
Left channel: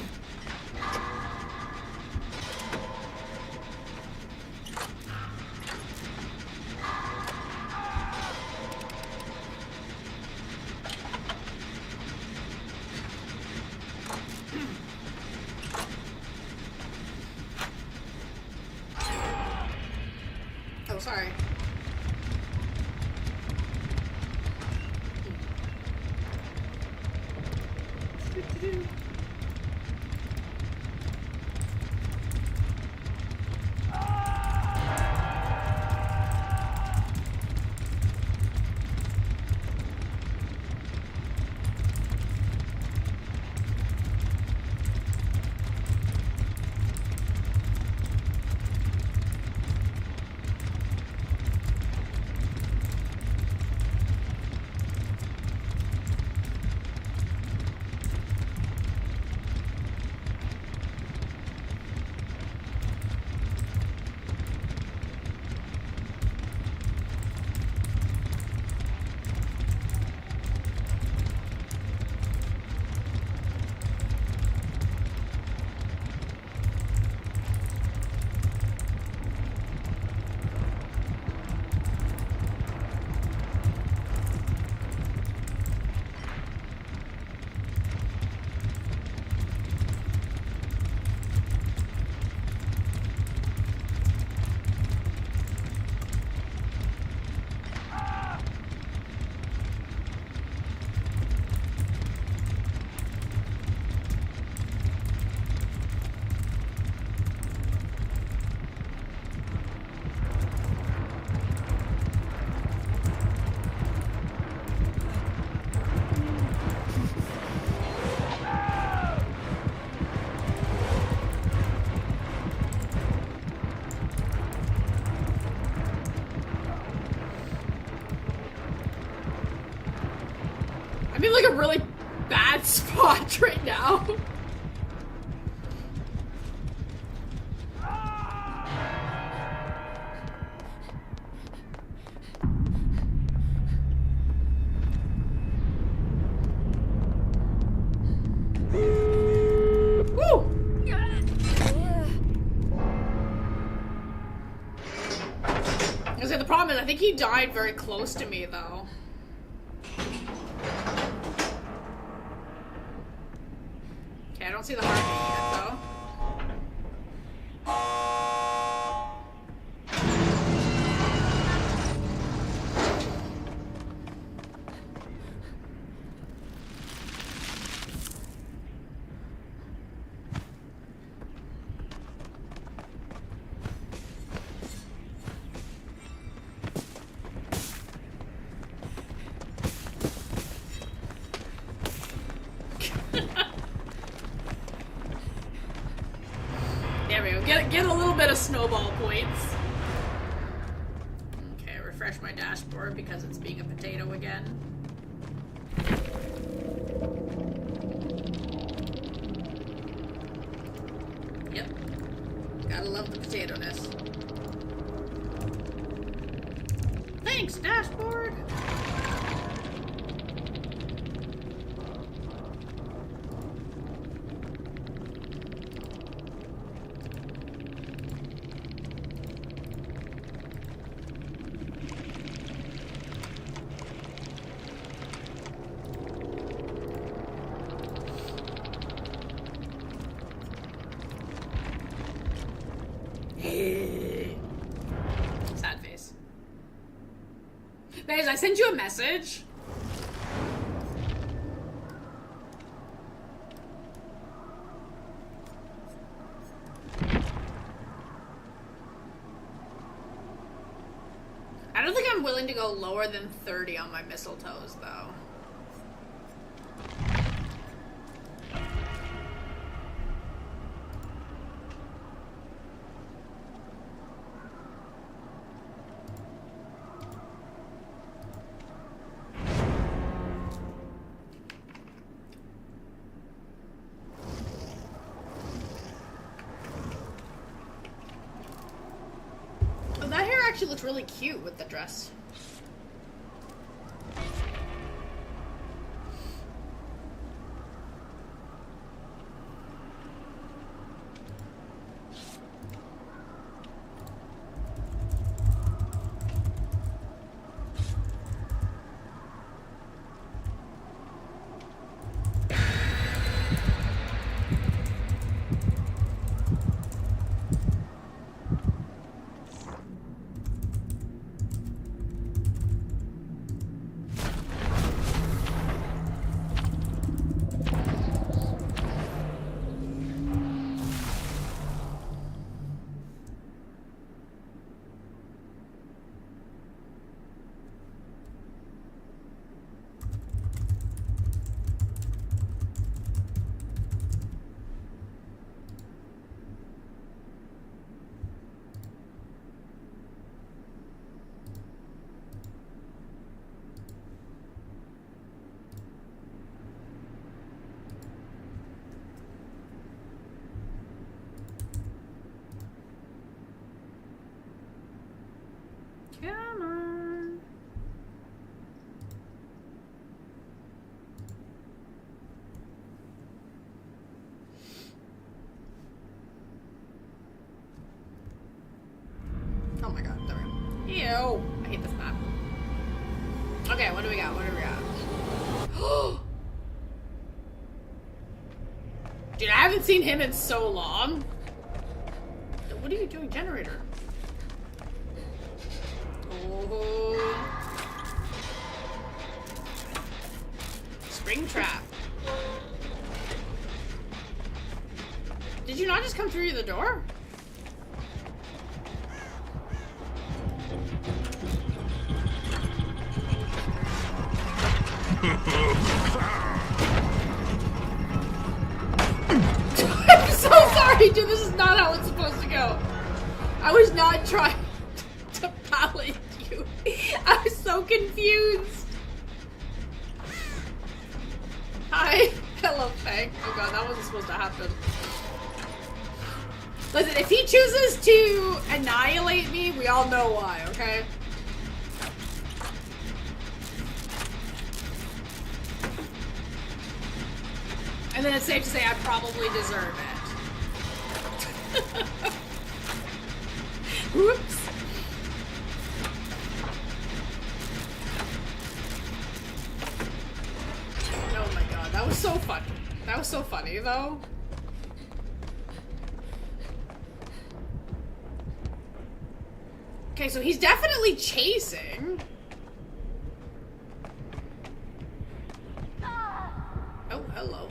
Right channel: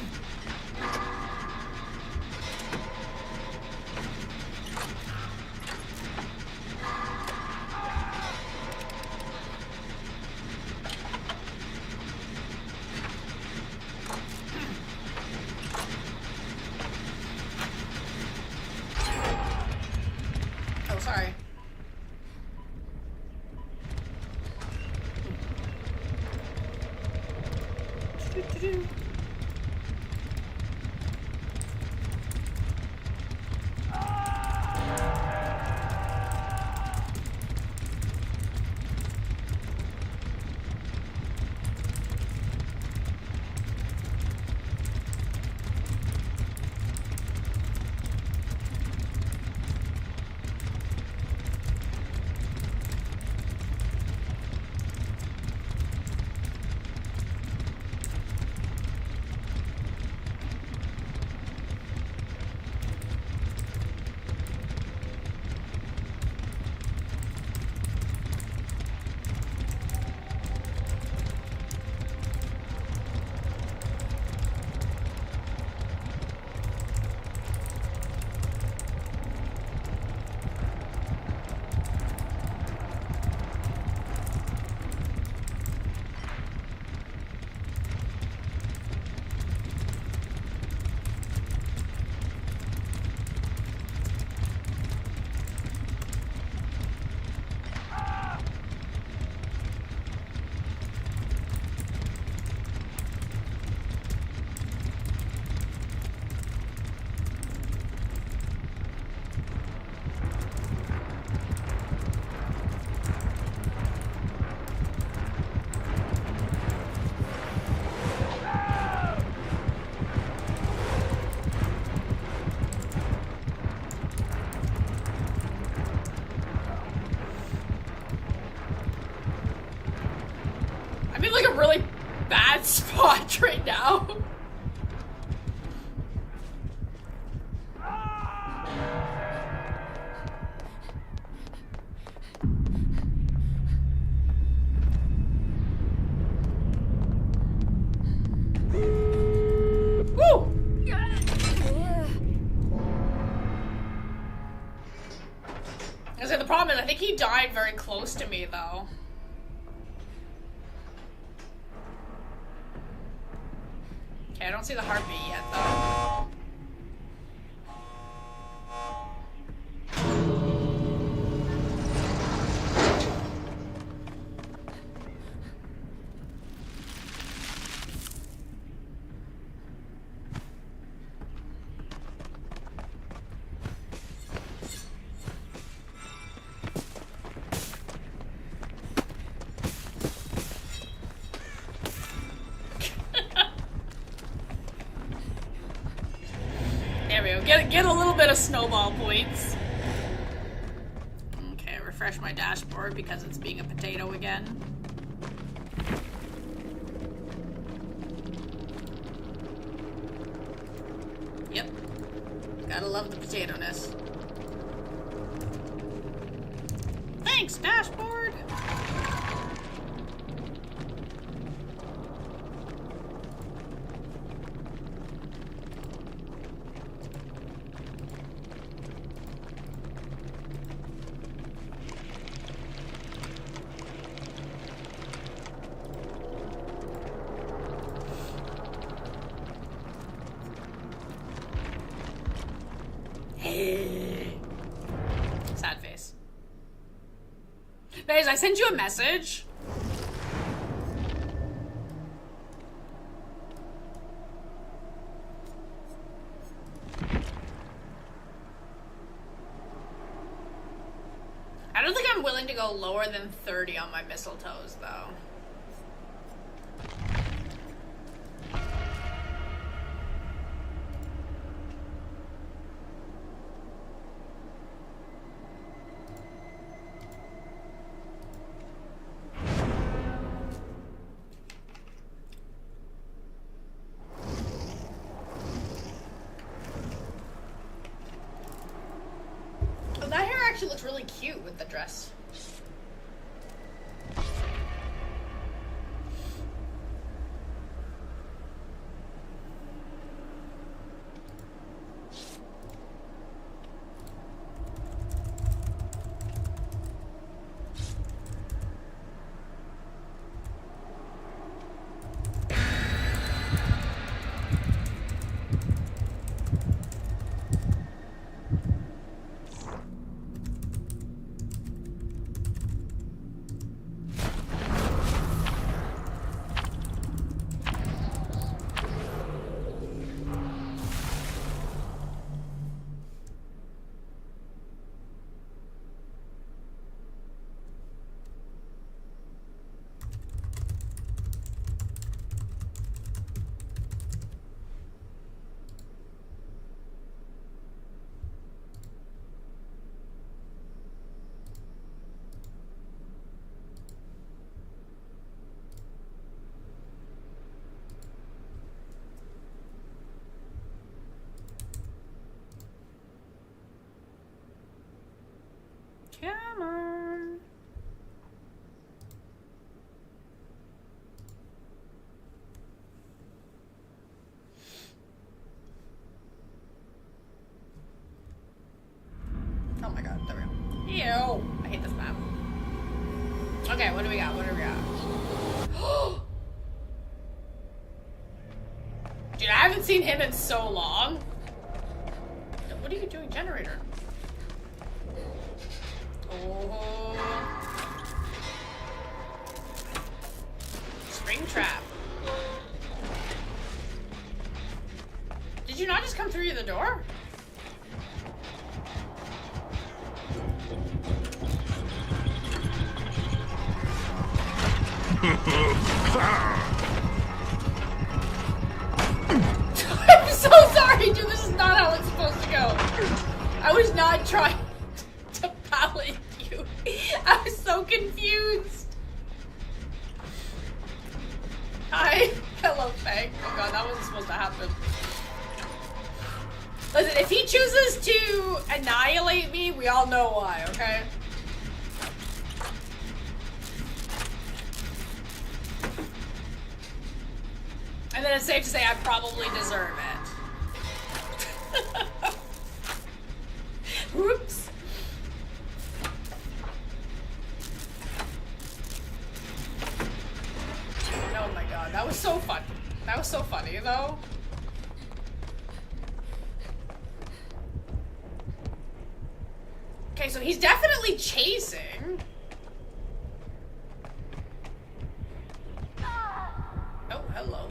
Oh, sorry. I'm in like a really bad spot right now. Woo! I said the problem is I think he died very close to me though. Okay, I don't see the heartbeat yet though. There we go. Get a little bit of snowball points. Okay, refresh my dashboard because it's being a potato again. Yep. Gotta love the potato-ness. Thanks, dashboard! Sad face. Guys, I sent you a message. I don't think I'm willing to go lower than 30 on my mistletoes, though. really cute with the dress. Come on. Oh my god, there we go. Ew. I hate this map. Okay, what do we got? What do we got? Dude, I haven't seen him in so long. What are you doing, generator? Oh. Spring trap. Did you not just come through the door? I'm so sorry, dude. This is not how it's supposed to go. I was not trying to pallet you. I was so confused. Hi. Hello, Faye. Oh god, that wasn't supposed to happen. Listen, if he chooses to annihilate me, we all know why, okay? And then it's safe to say I probably deserve it. Whoops. Oh my god, that was so funny. That was so funny, though. Okay, so he's definitely chasing. Oh, hello.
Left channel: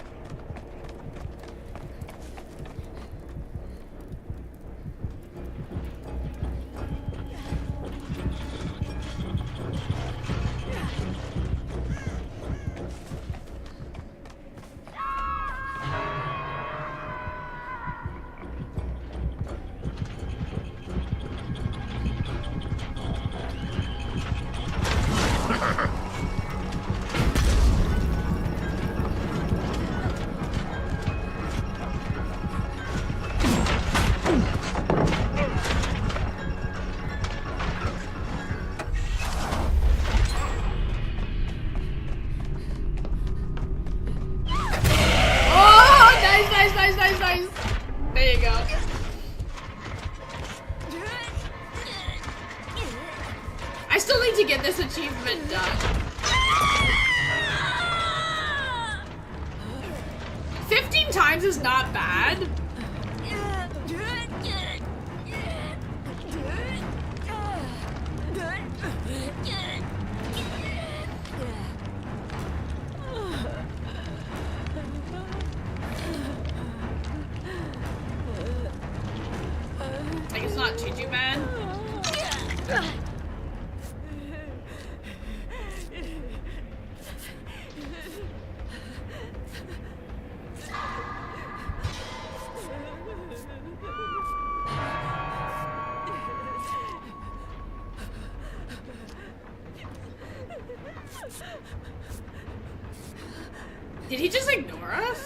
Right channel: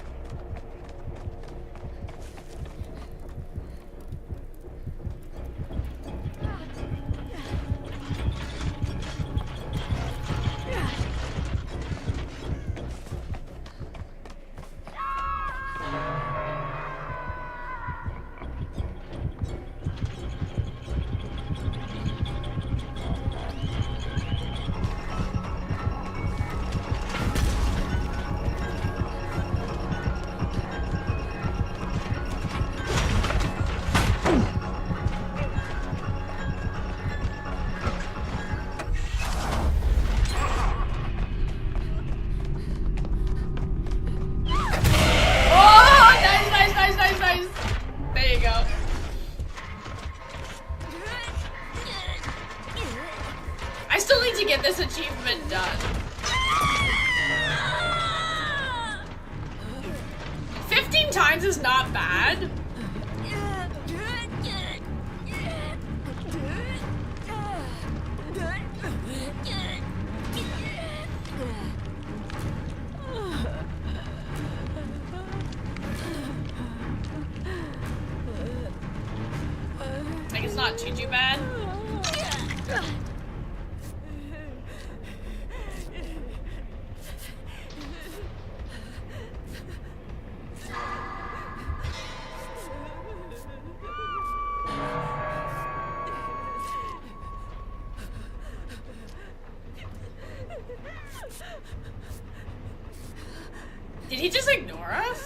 Did he just ignore us?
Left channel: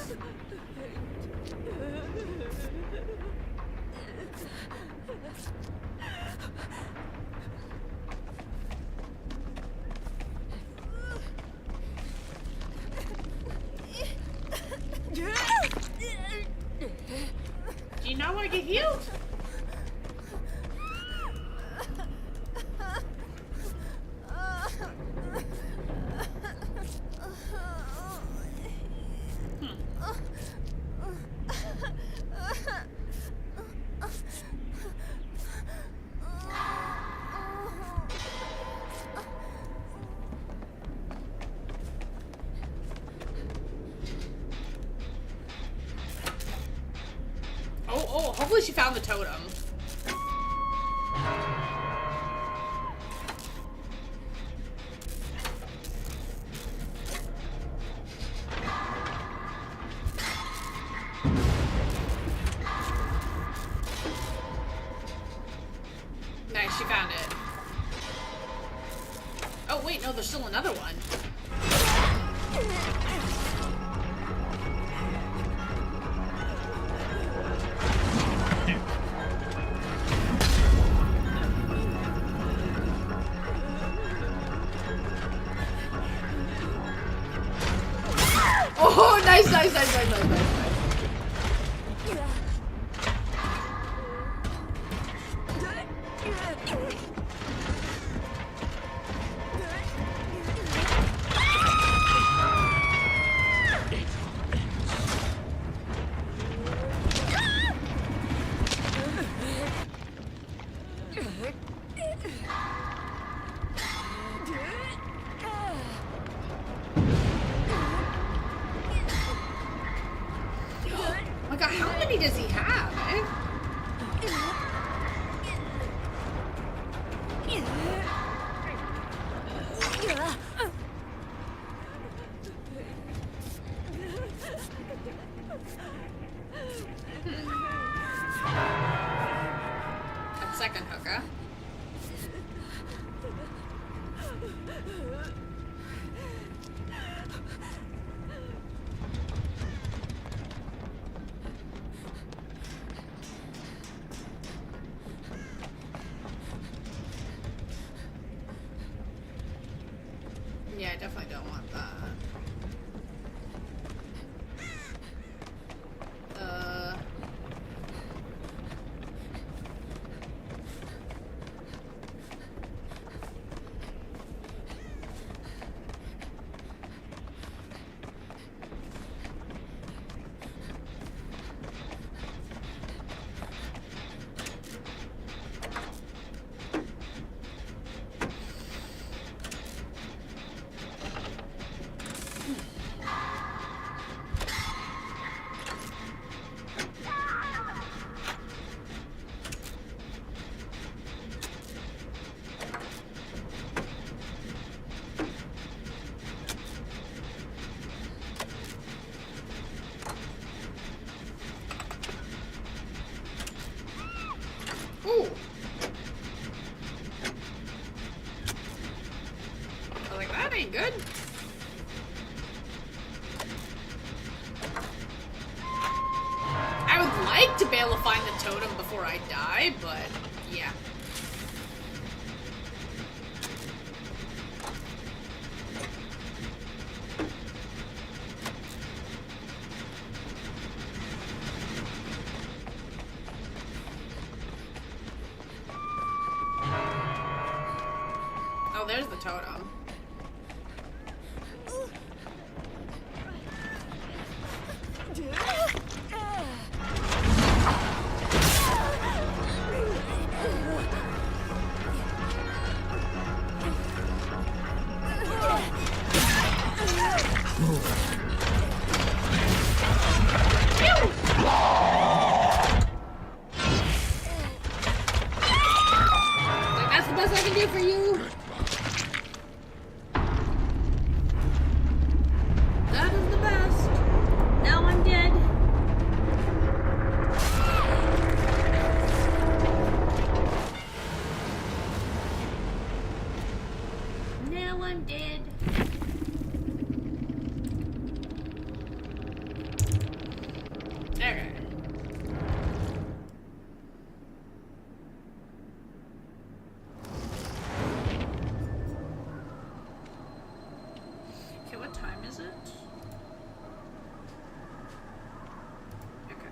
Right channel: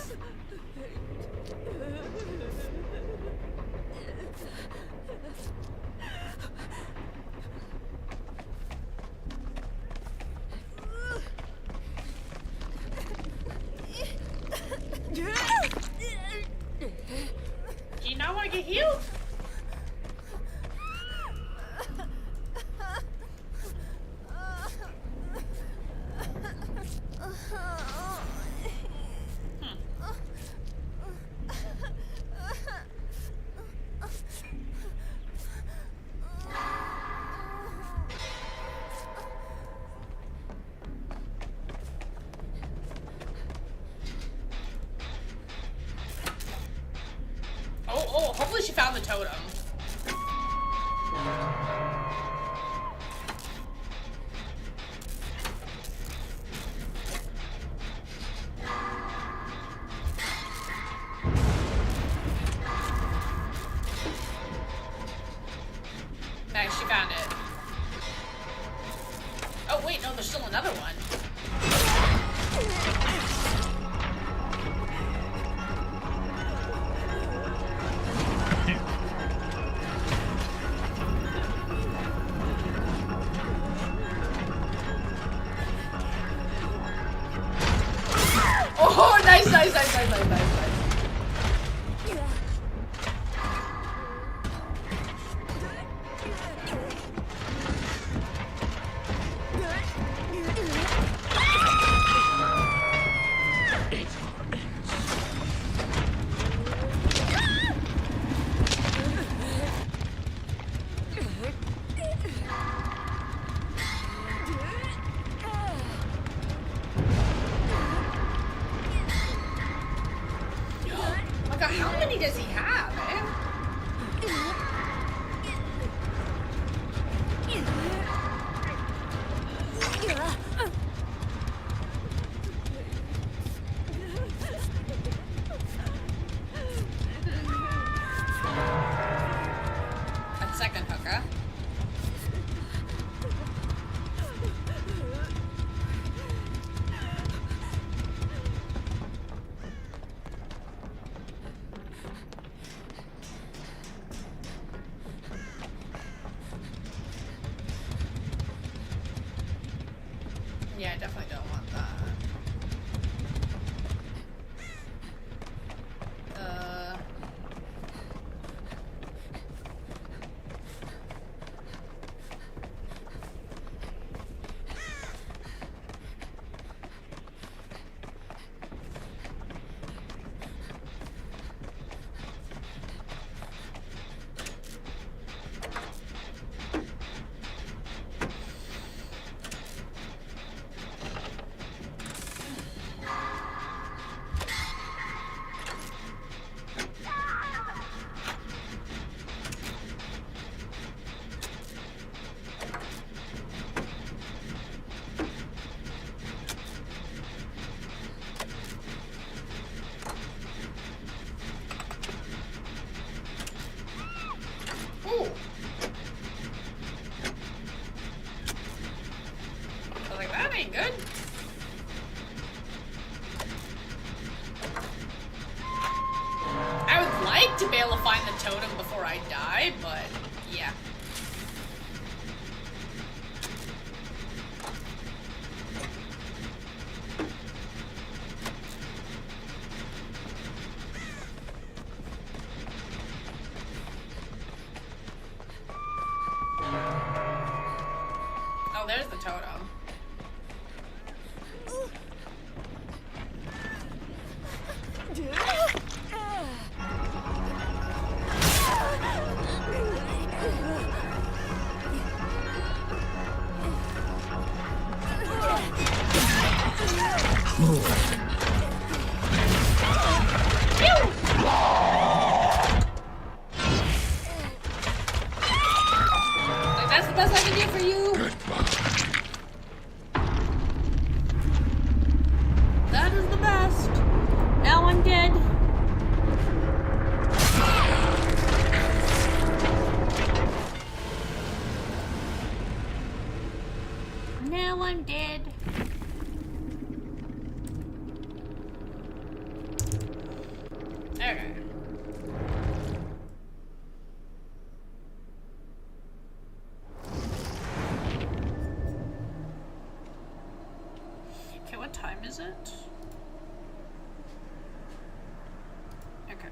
at you? Oh, hopefully she found the totem. Nice, she found it. Oh, wait, no, there's still another one. Oh, nice. Oh my god, how many does he have, eh? A second hooker. Yeah, I definitely don't want that. Ooh. I'm like, that ain't good. I would like to be able to find the totem before I die, but yeah. Oh, there's the totem. That's the best I can do for you. That is the best. No one did. No one did. Okay. Okay, what time is it? Okay.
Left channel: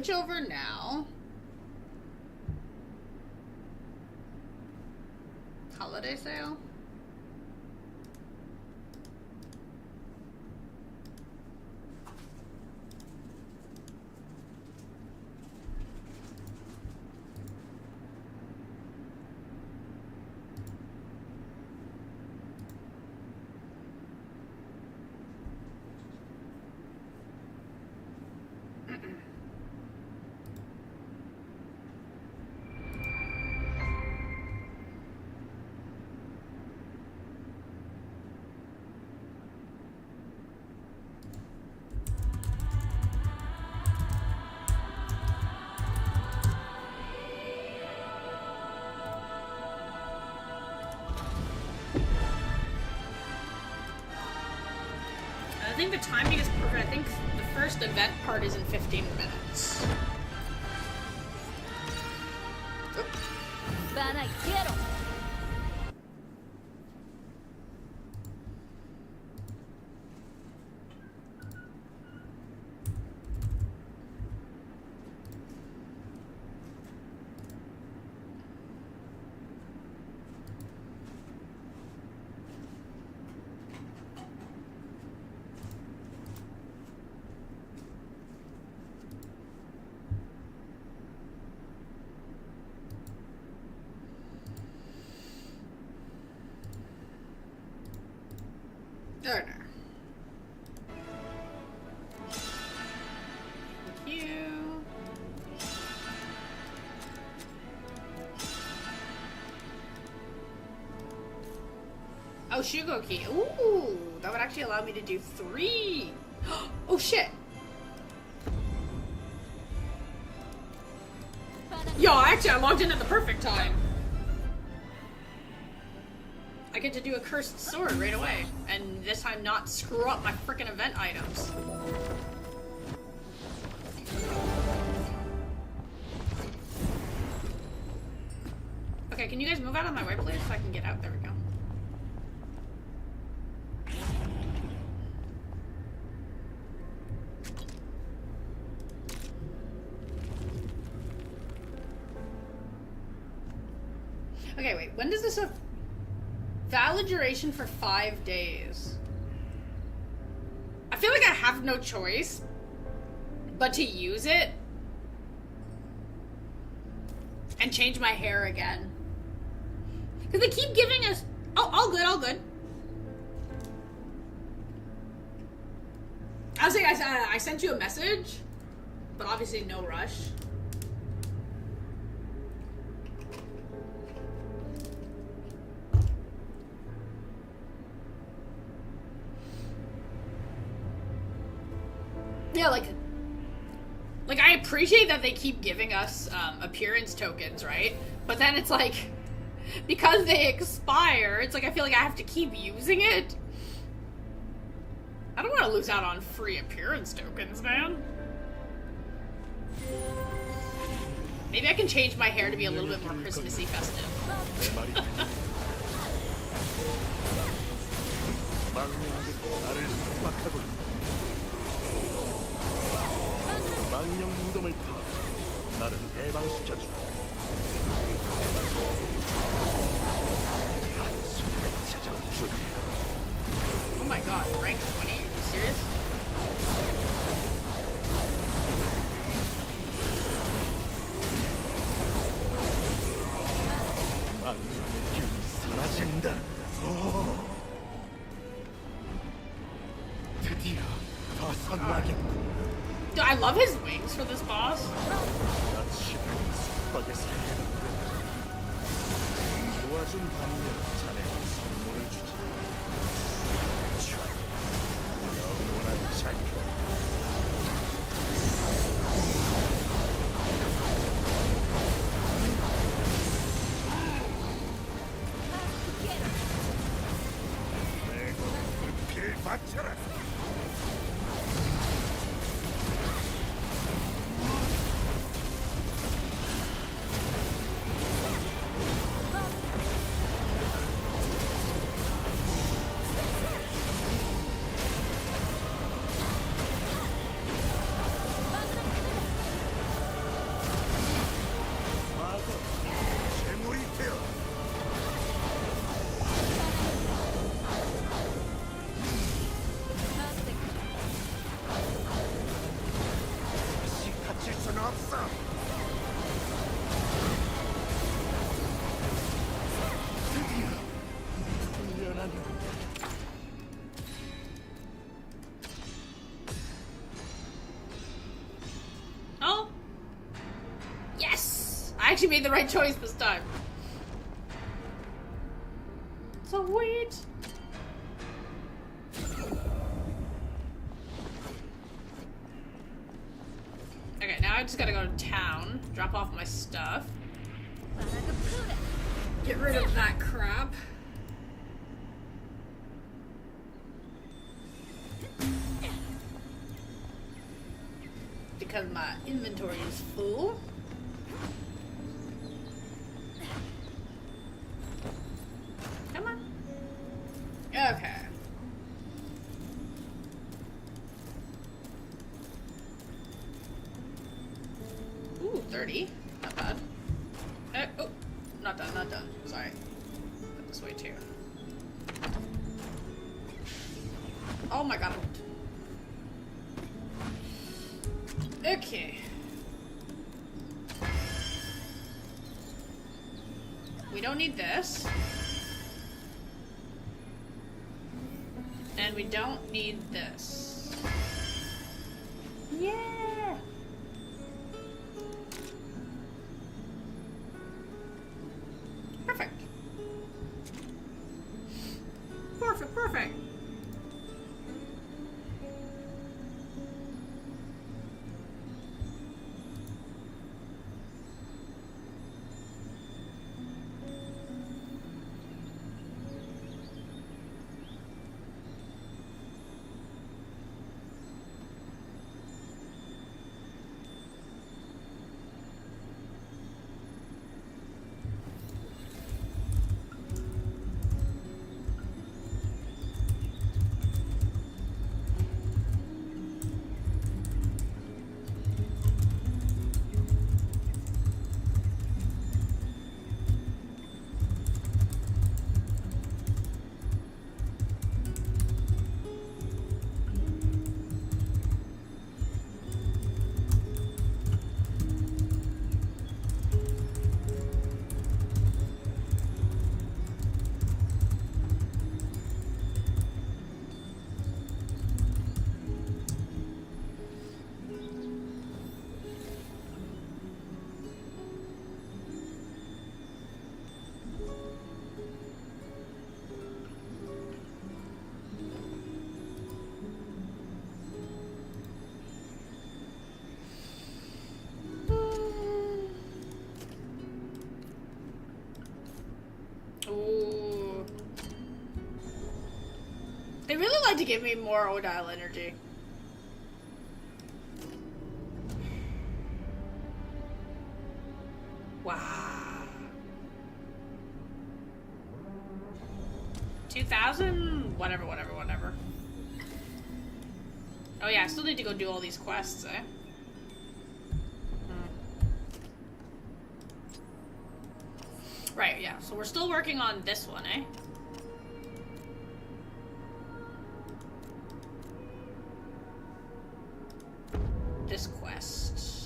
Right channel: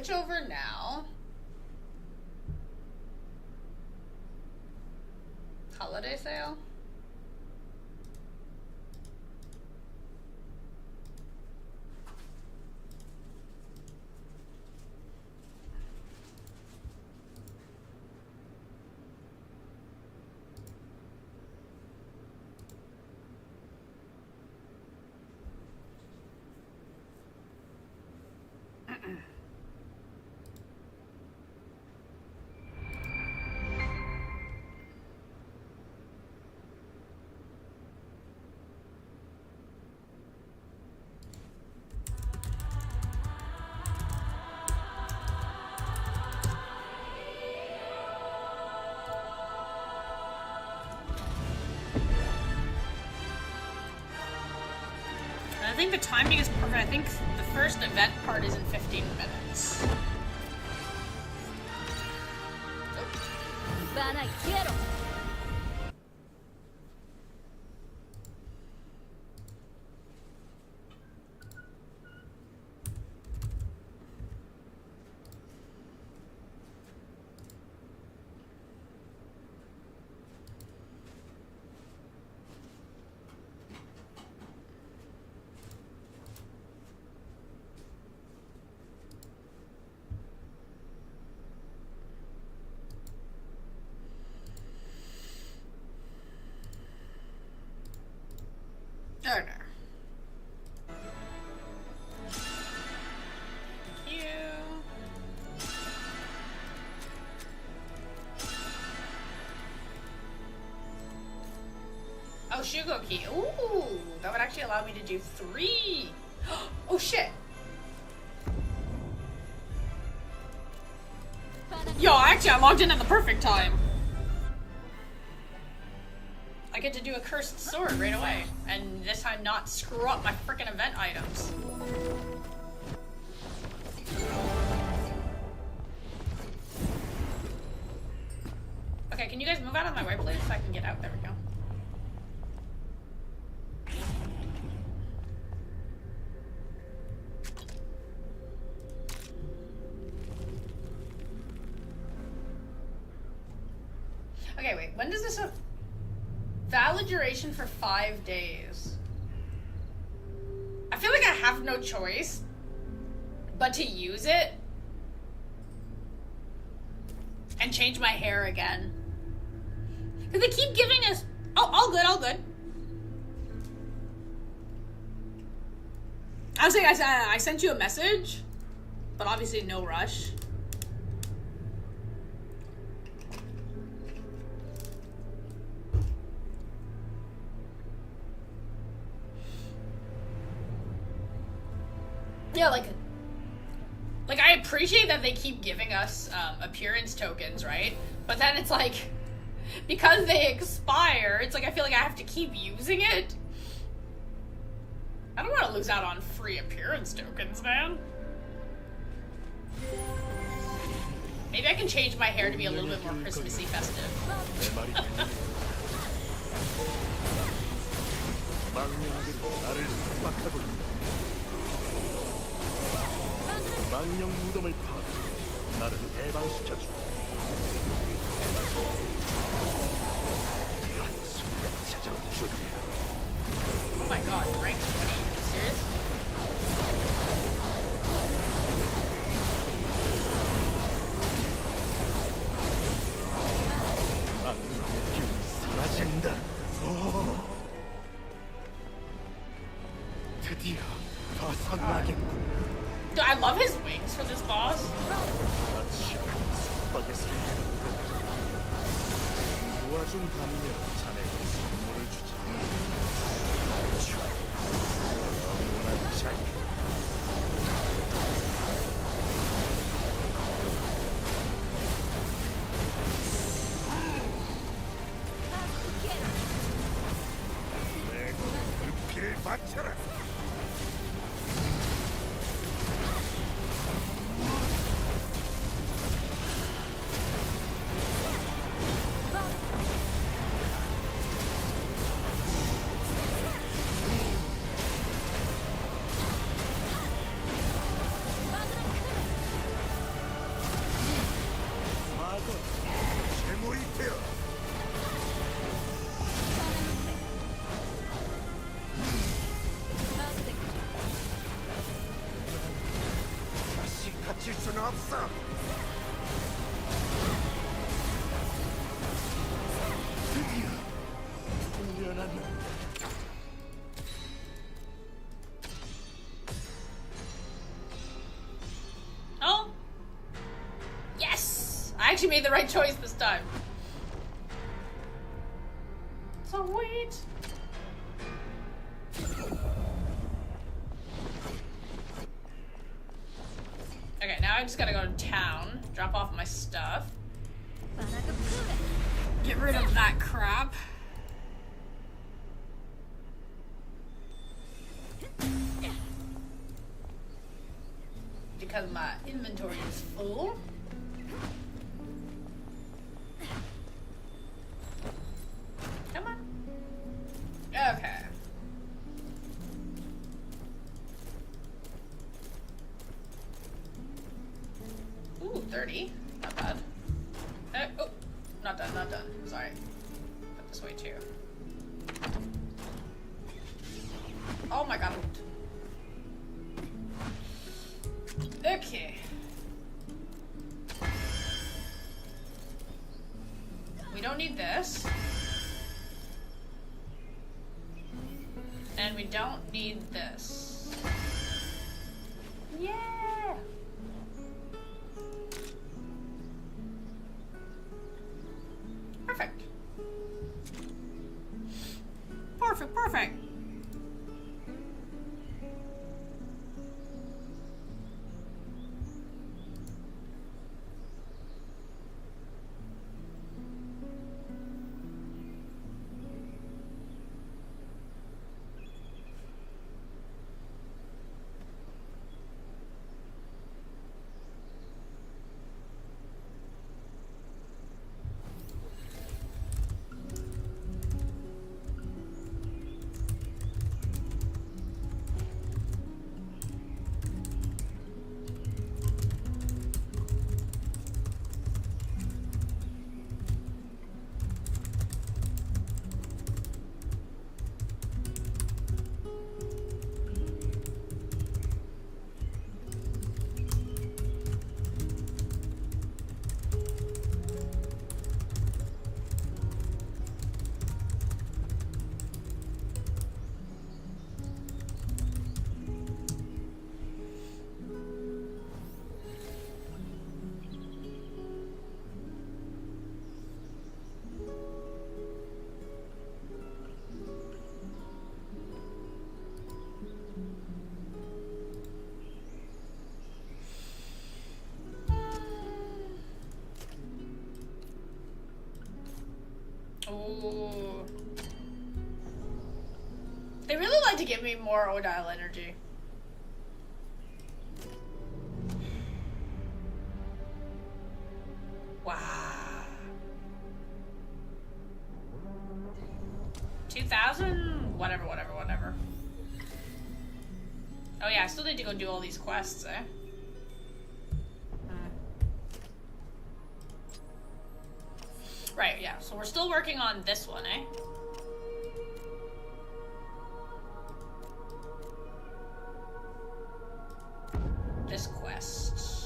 switch over now. Holiday sale. I think the timing is perfect. I think the first event part is in 15 minutes. Van a quiero. Oh no. Thank you. Oh, Shugo key. Ooh, that would actually allow me to do 3. Oh shit. Yo, actually, I logged in at the perfect time. I get to do a cursed sword right away, and this time not screw up my freaking event items. Okay, can you guys move out of my way, please, so I can get out? There we go. Okay, wait, when does this have valid duration for 5 days? I feel like I have no choice but to use it and change my hair again. Because they keep giving us... Oh, all good, all good. I was saying I sent you a message, but obviously no rush. Yeah, like I appreciate that they keep giving us appearance tokens, right? But then it's like, because they expire, it's like I feel like I have to keep using it. I don't want to lose out on free appearance tokens, man. Maybe I can change my hair to be a little bit more Christmassy festive. 망령 무덤을 파 나를 해방시켜줘. 한순간 찾아온 줄이야. Oh my god, right? 20? Are you serious? 망령의 기운이 사라진다. 드디어 벗어나겠군. Dude, I love his wings for this boss. 도와준 반면 자네가 선물을 주지. 영원한 자유. 내가 불필 바쳐라. 없어. 미안하네. Oh? Yes! I actually made the right choice this time. Sweet! Okay, now I just gotta go to town, drop off my stuff. Get rid of that crap. Because my inventory is full. Come on. Okay. Ooh, 30. Not bad. Oh, not done, not done. Sorry. Put this way too. Oh my god. Okay. We don't need this. And we don't need this. Yeah! Perfect. Perfect, perfect. Ooh. They really like to give me more Odile energy. Wow. 2,000? Whatever. Oh yeah, I still need to go do all these quests, eh? Right, yeah, so we're still working on this one, eh? This quest.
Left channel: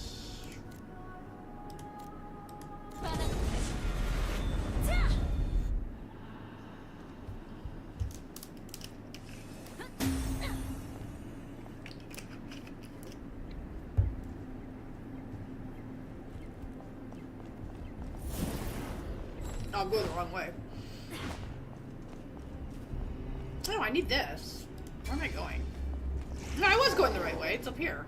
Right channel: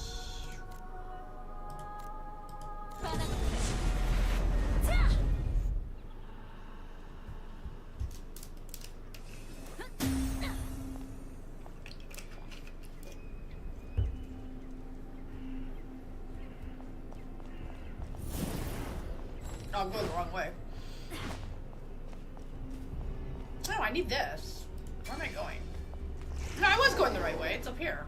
Oh, I'm going the wrong way. Oh, I need this. Where am I going? No, I was going the right way. It's up here.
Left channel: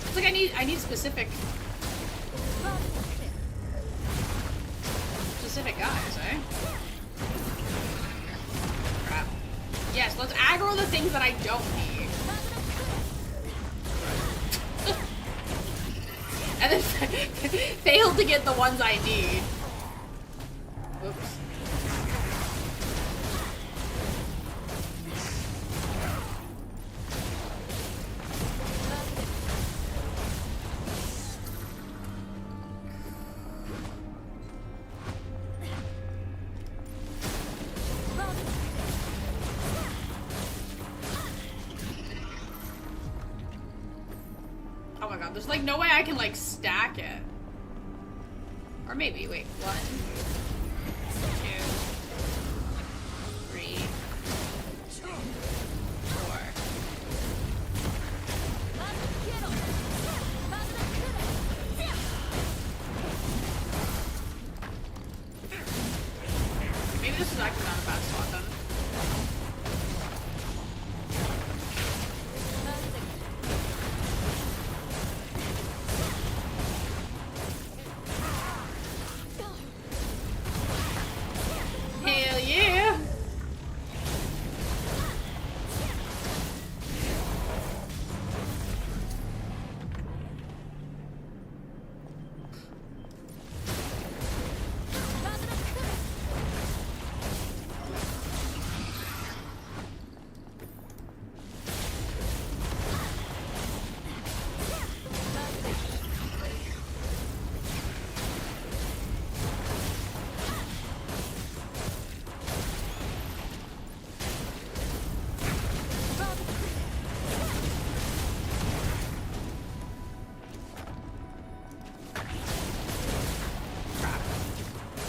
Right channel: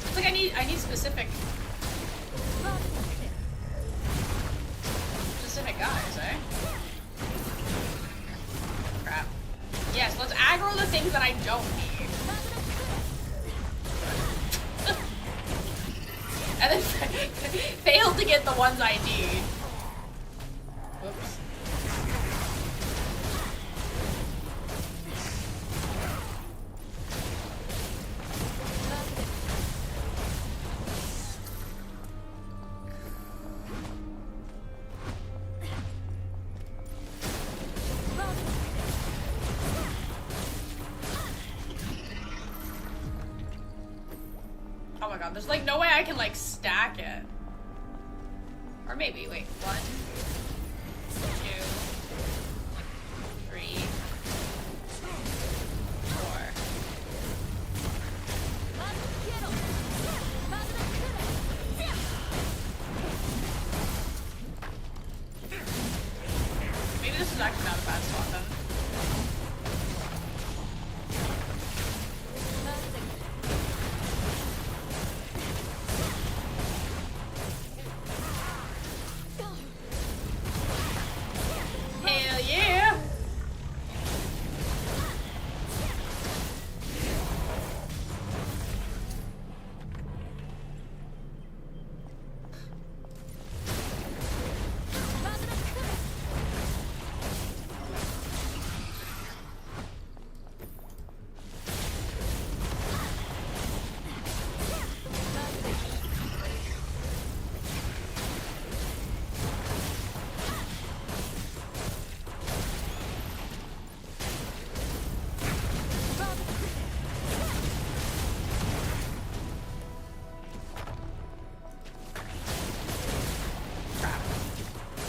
It's like I need specific guys, eh? Crap. Yes, let's aggro the things that I don't need. And then fail to get the ones I need. Whoops. Oh my god, there's like no way I can like stack it. Or maybe, wait, 1, 2, 3, 4. Maybe this is actually not a bad spot then. Hell yeah!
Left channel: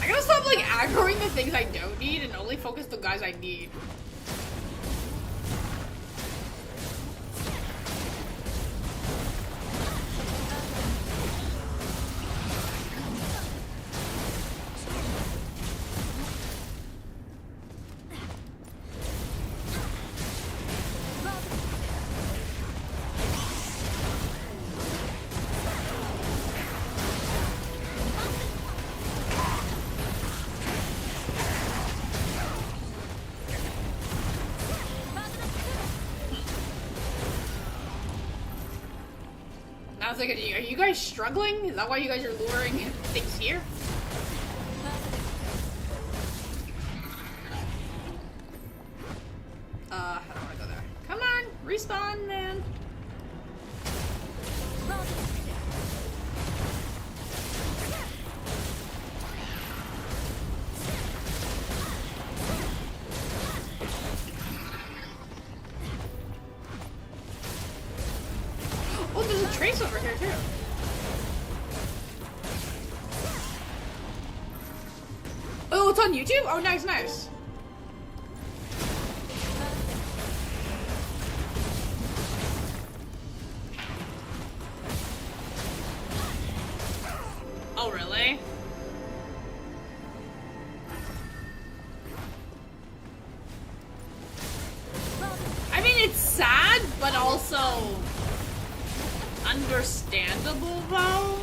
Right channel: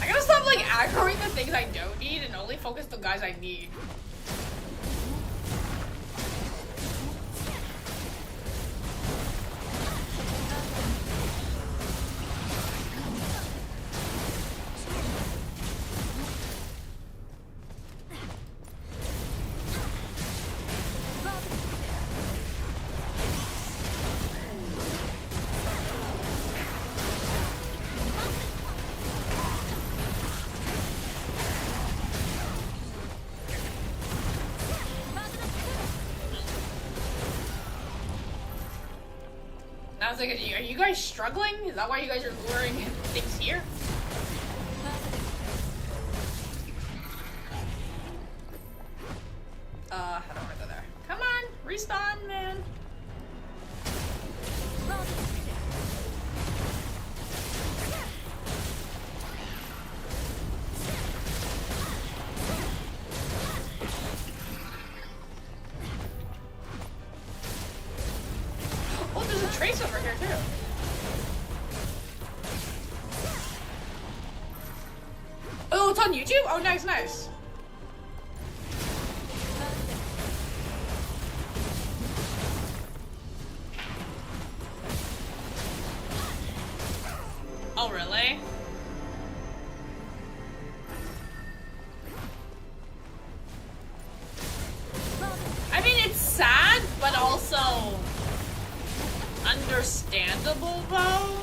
I gotta stop like aggroing the things I don't need and only focus the guys I need. I was like, are you guys struggling? Is that why you guys are luring things here? I don't wanna go there. Come on, respawn, man. Oh, there's a trace over here too. Oh, it's on YouTube? Oh, nice, nice. Oh, really? I mean, it's sad, but also understandable, though.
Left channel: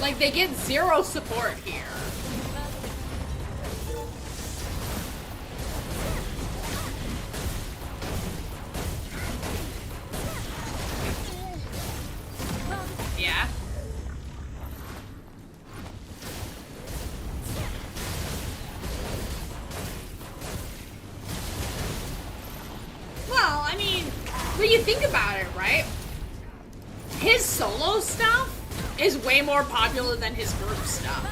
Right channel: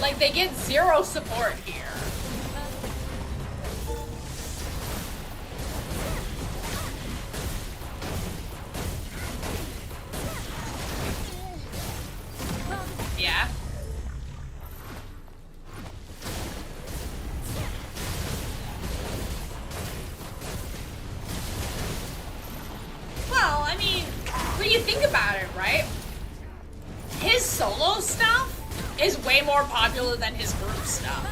Like, they get zero support here. Yeah. Well, I mean, when you think about it, right? His solo stuff is way more popular than his group stuff.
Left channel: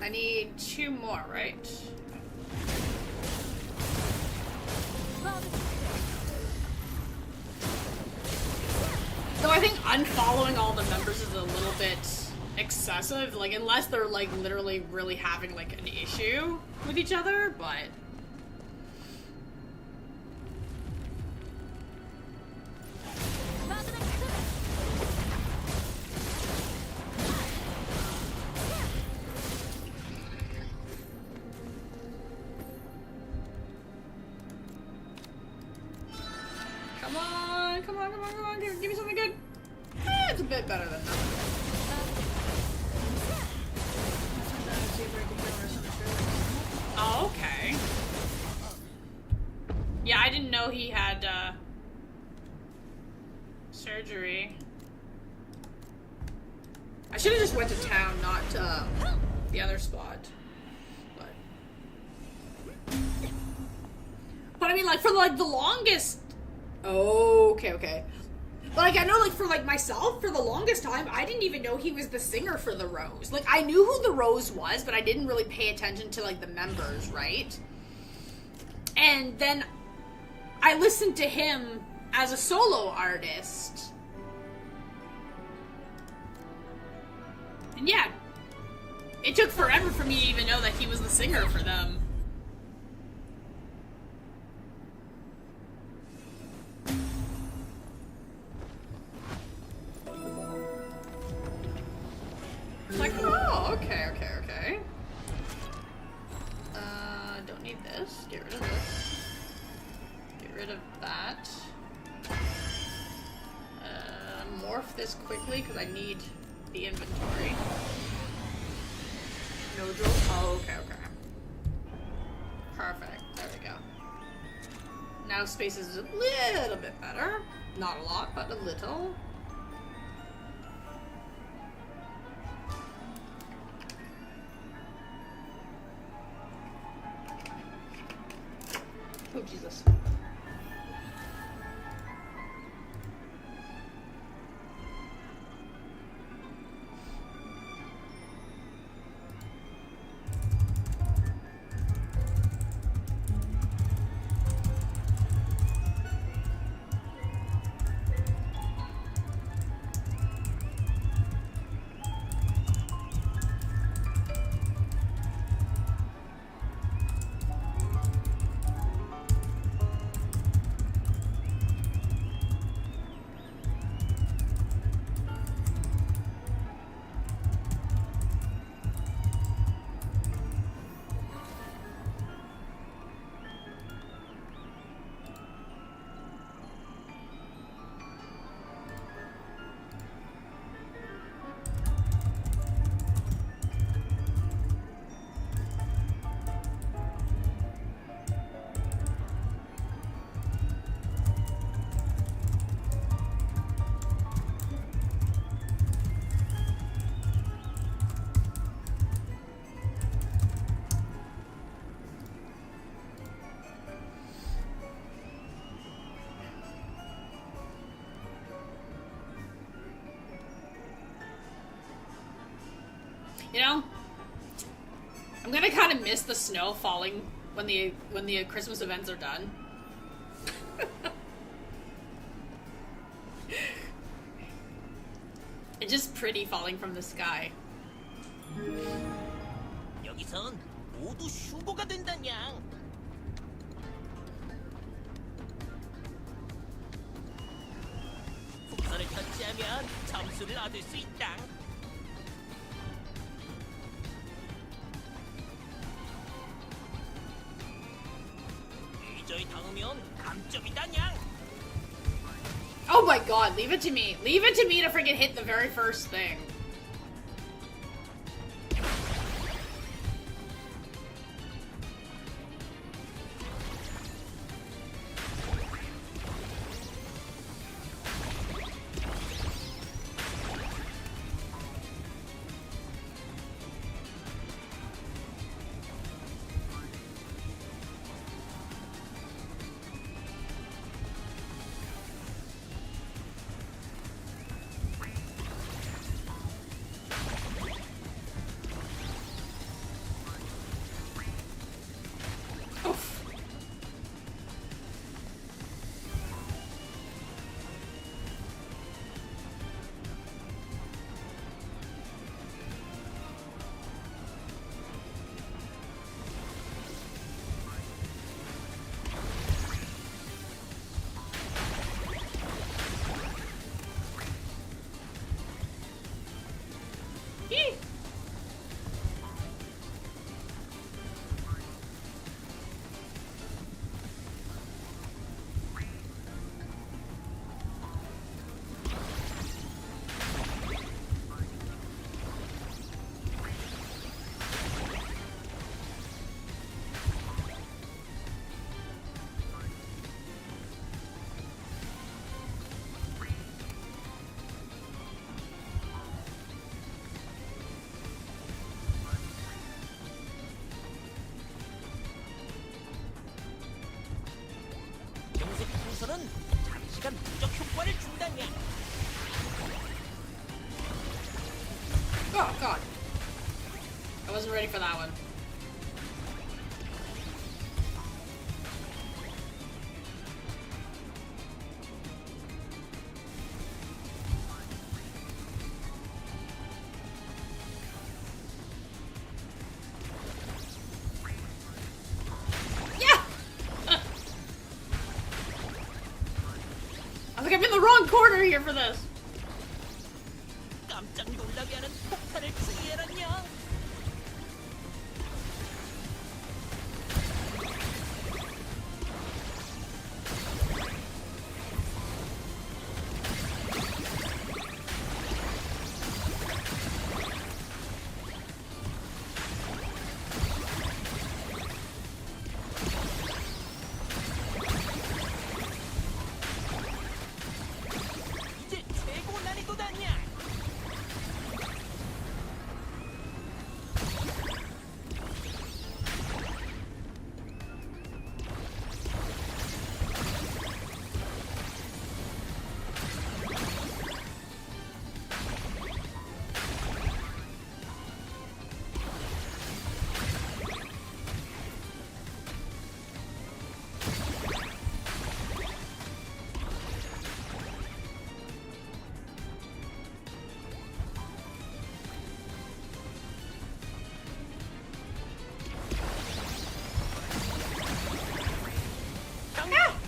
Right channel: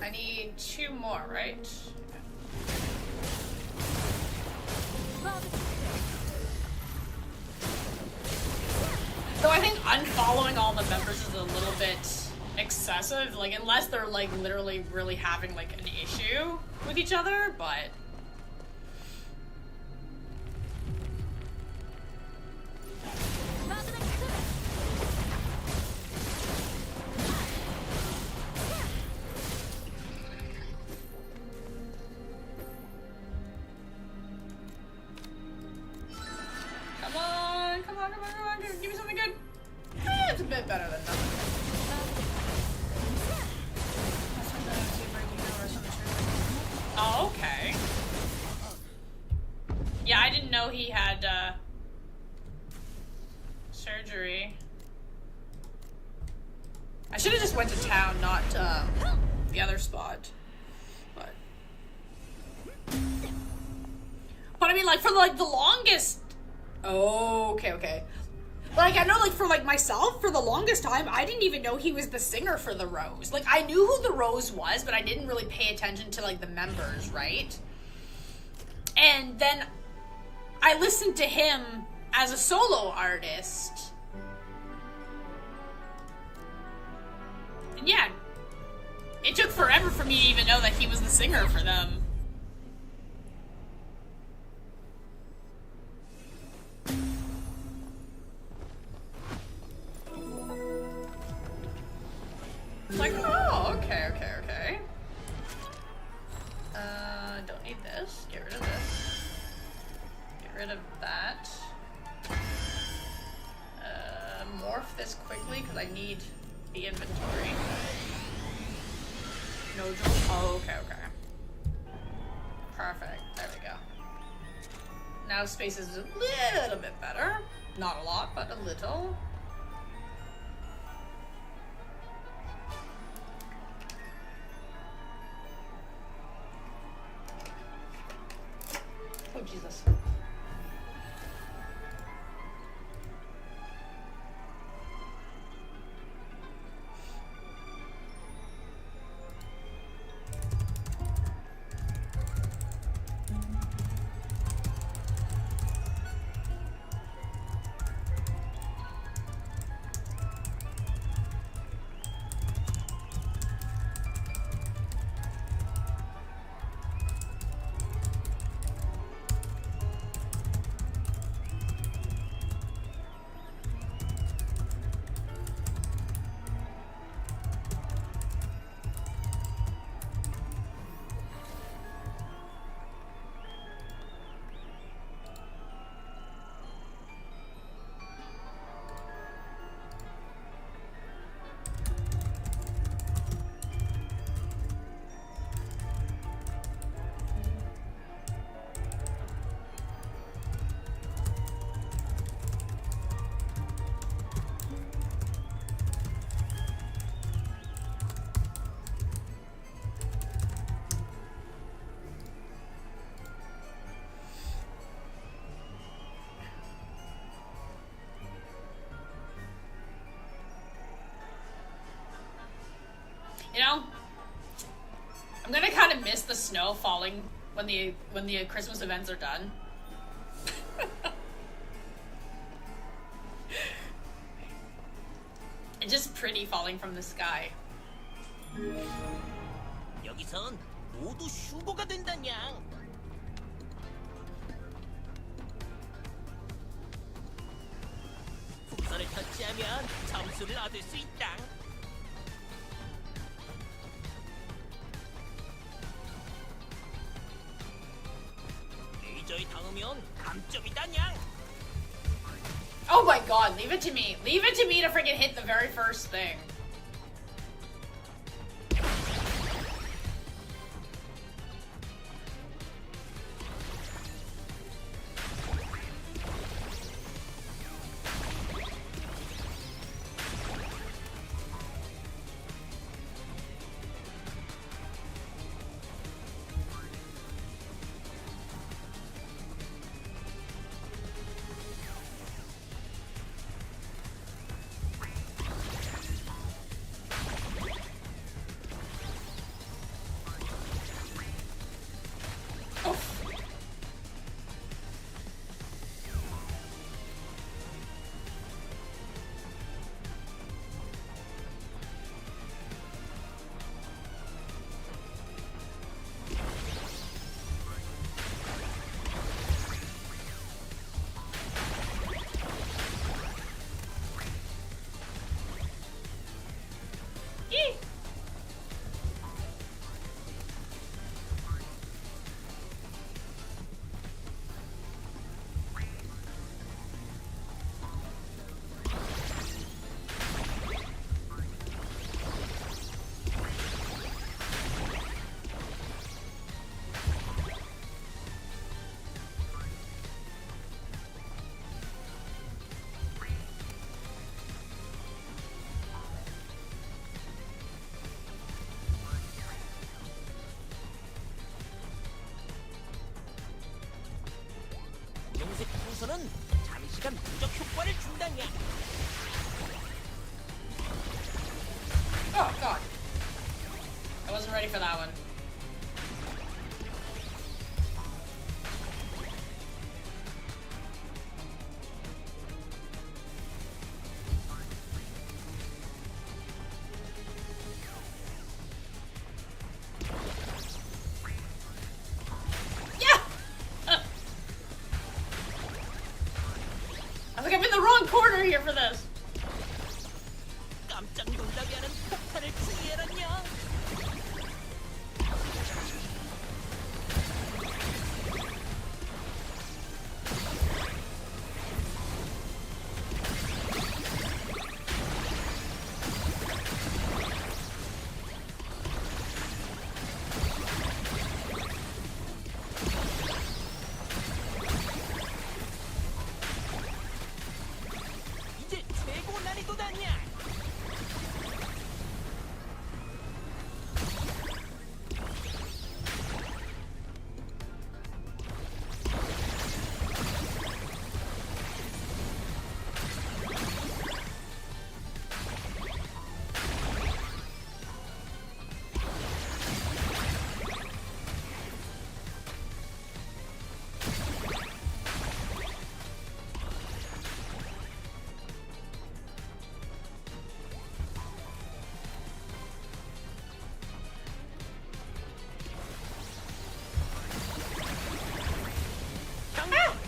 I need 2 more, right? So I think unfollowing all the members is a little bit excessive, like unless they're like literally really having like an issue with each other, but come on, come on, come on, come on, give me something good. It's a bit better than nothing. Oh, okay. Yeah, I didn't know he had, surgery. I should have just went to town, not the other spot. But I mean, like, for like the longest. Oh, okay. Like, I know, like, for like myself, for the longest time, I didn't even know he was the singer for the Rose. Like, I knew who the Rose was, but I didn't really pay attention to like the members, right? And then I listened to him as a solo artist. And yeah, it took forever for me to even know that he was the singer for them. It's like, oh, okay. Don't need this. Get rid of this. Get rid of that. Morph this quickly because I need the inventory. No drill. Oh, okay. Perfect. There we go. Now space is a little bit better. Not a lot, but a little. Oh, Jesus. You know, I'm gonna kind of miss the snow falling when the Christmas events are done. It's just pretty falling from the sky. 여기선 모두 휴거가 된다냥. 풍선을 터치하면 점수를 얻을 수 있다. 레이저에 닿으면 감점이다냥. Oh my god, leave it to me. Leave it to me to freaking hit the very first thing. ready for that one. Yeah! I think I'm in the wrong corner here for this. 깜짝 놀라게 하는 폭탄을 지혜라냐? 이제 최고 난이도다냐?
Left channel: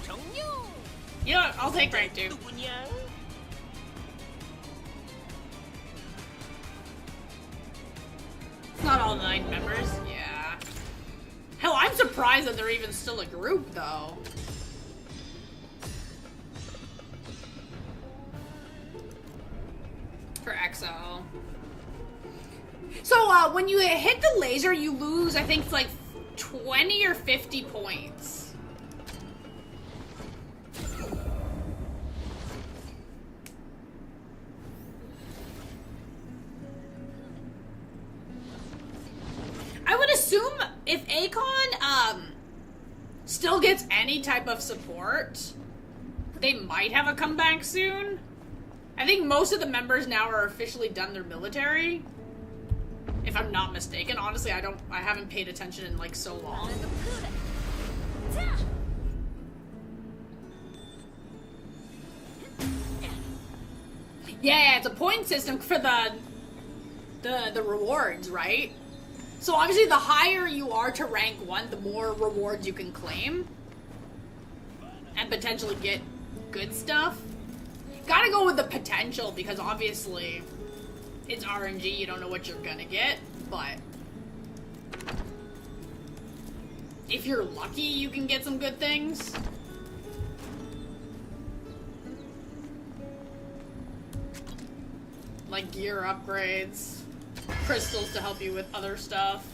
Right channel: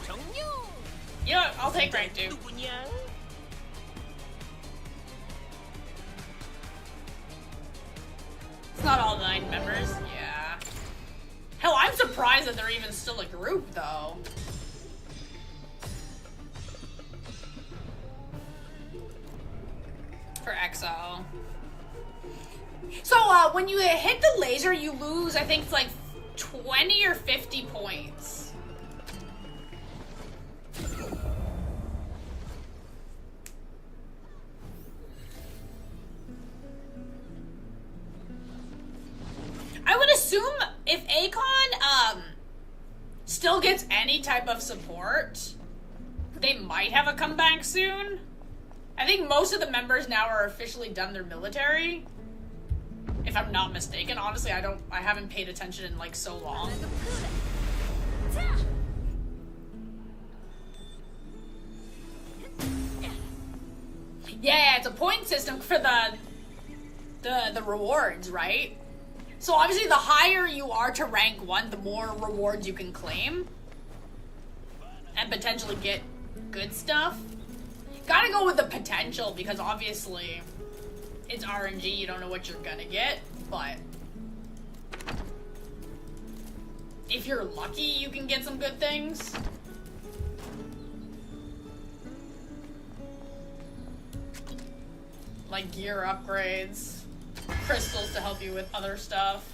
정령. You know what? I'll take rank 2. 누구냐? Not all 9 members, yeah. Hell, I'm surprised that they're even still a group, though. For XO. So, when you hit the laser, you lose, I think, like, 20 or 50 points. I would assume if Akon, still gets any type of support, they might have a comeback soon. I think most of the members now are officially done their military. If I'm not mistaken. Honestly, I haven't paid attention in like so long. Yeah, it's a point system for the rewards, right? So obviously the higher you are to rank 1, the more rewards you can claim. And potentially get good stuff. Gotta go with the potential because obviously it's RNG, you don't know what you're gonna get, but if you're lucky you can get some good things. Like gear upgrades. Crystals to help you with other stuff.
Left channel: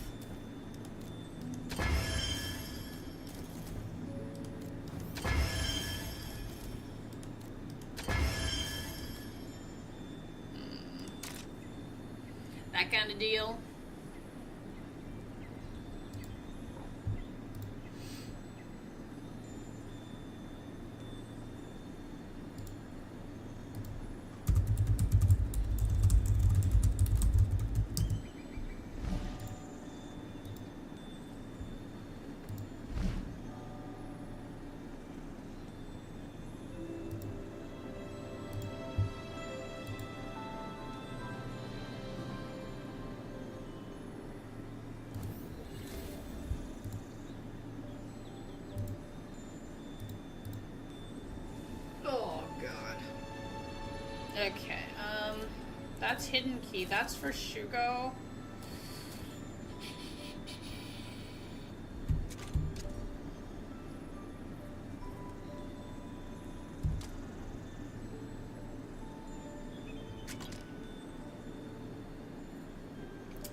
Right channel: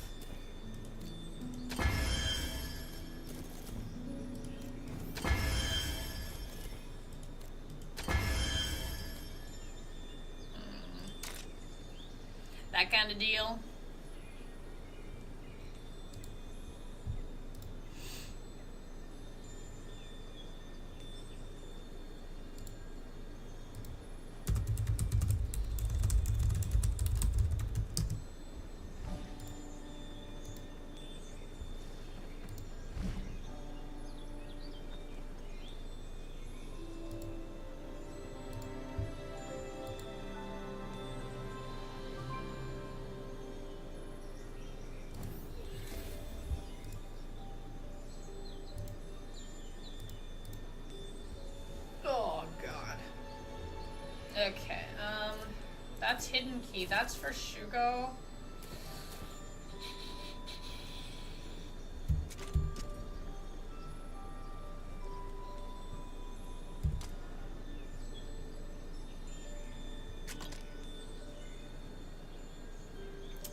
That kind of deal. Okay, that's hidden key. That's for Shugo.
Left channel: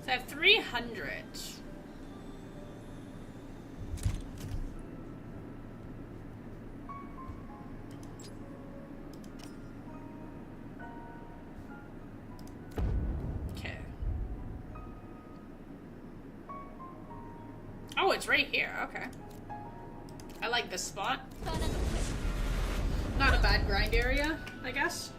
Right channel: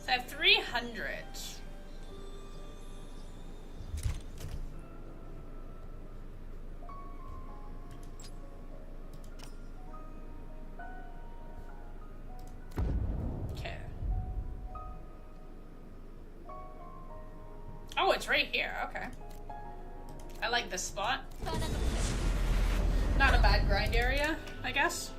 So I have 300. Oh, it's right here. Okay. I like this spot. Not a bad grind area, I guess.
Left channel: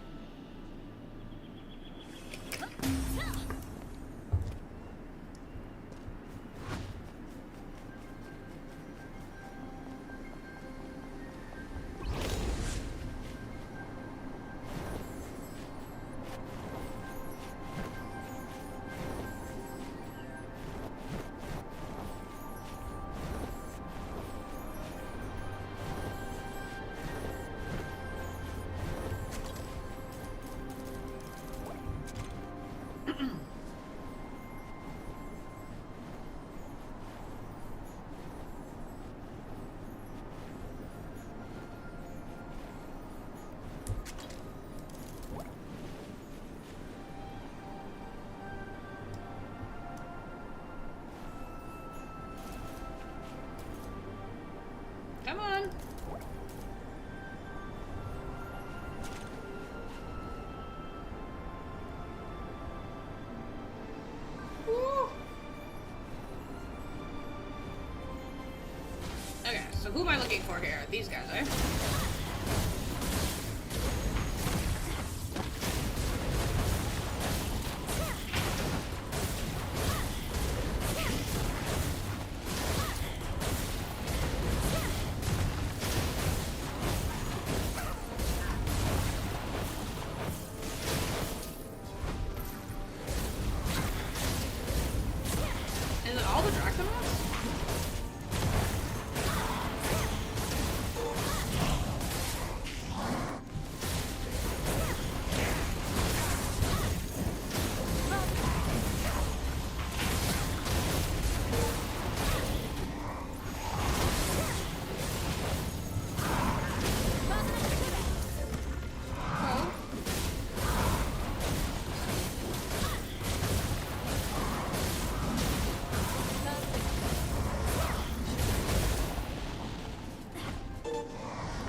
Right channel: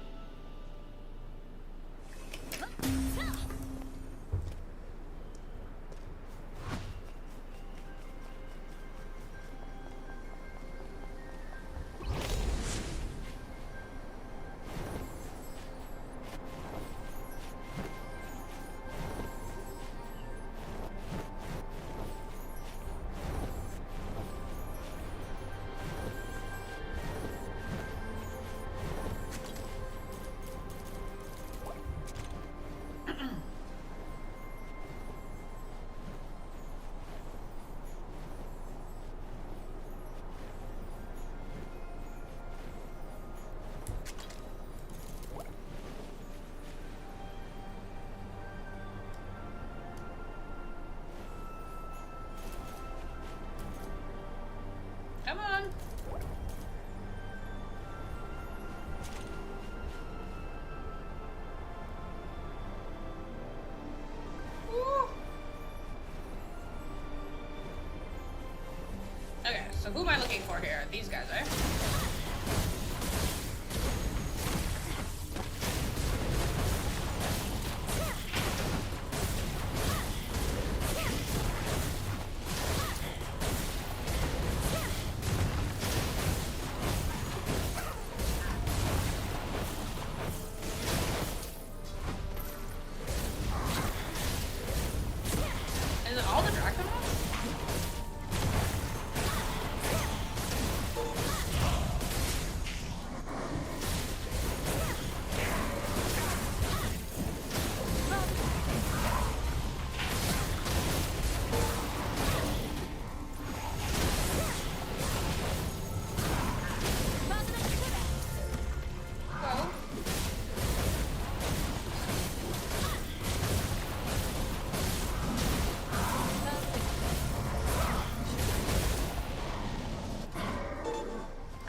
So who am I looking for here? These guys, eh? Is it all the Draconos?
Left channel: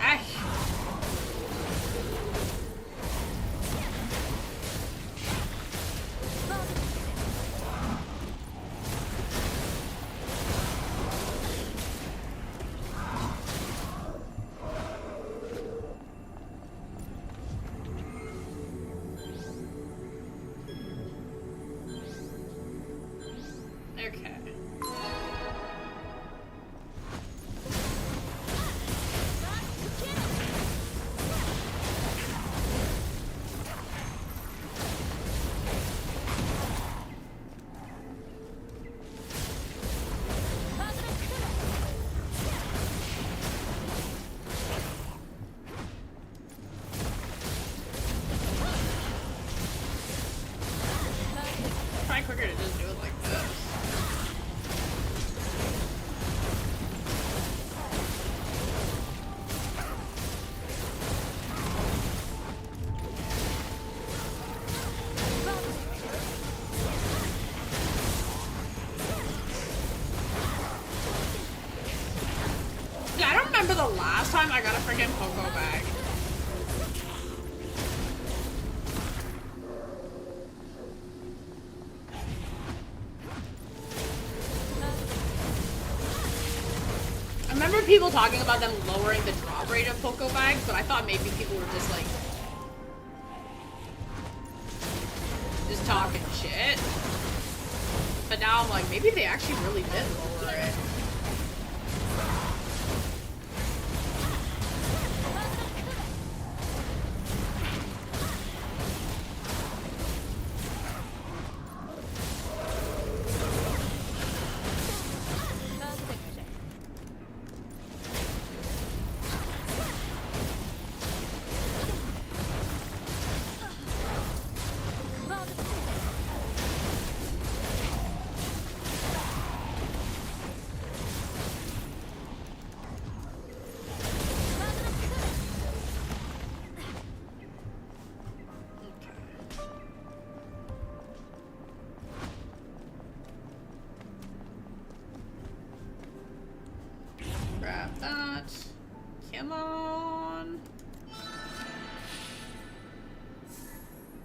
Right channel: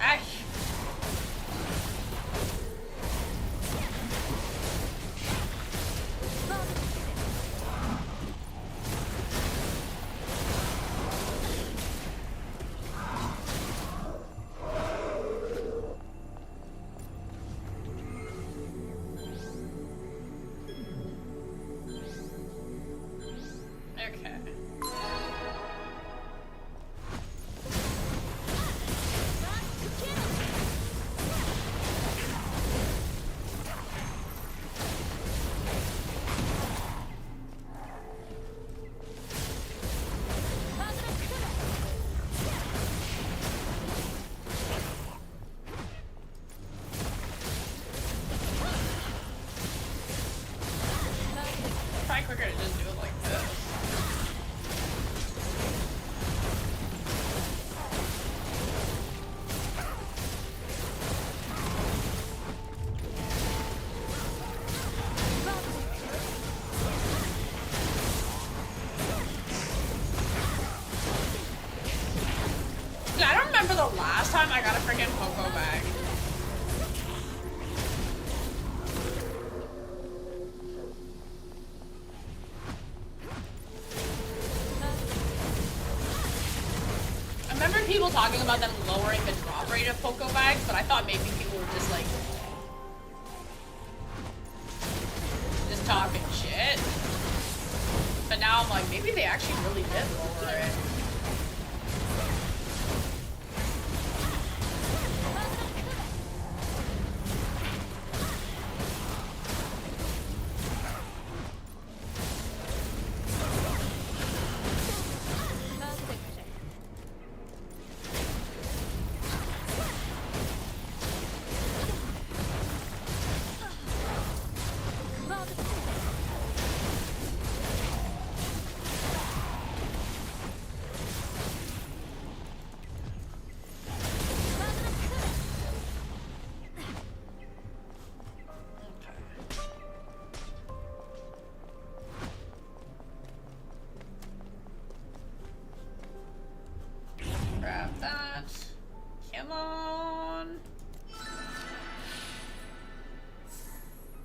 Ay. Okay. Try quicker to just do it like this. Yeah, I don't remember the last time I got a freaking Poco bag. I remember people talking about them lowering the drop rate of Poco bags, but I thought maybe people were just like just talking shit. But now I'm like, maybe they actually really did lower it. Grab that. Come on.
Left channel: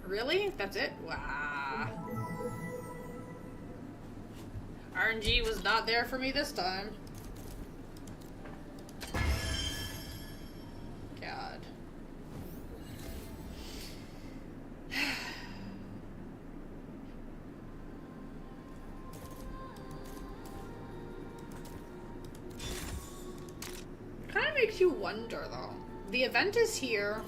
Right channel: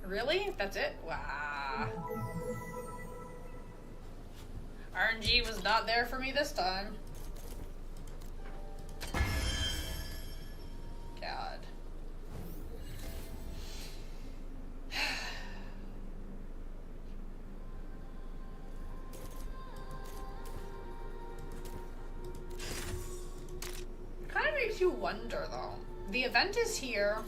Really? That's it? Wow. RNG was not there for me this time. God. Kind of makes you wonder though. The event is here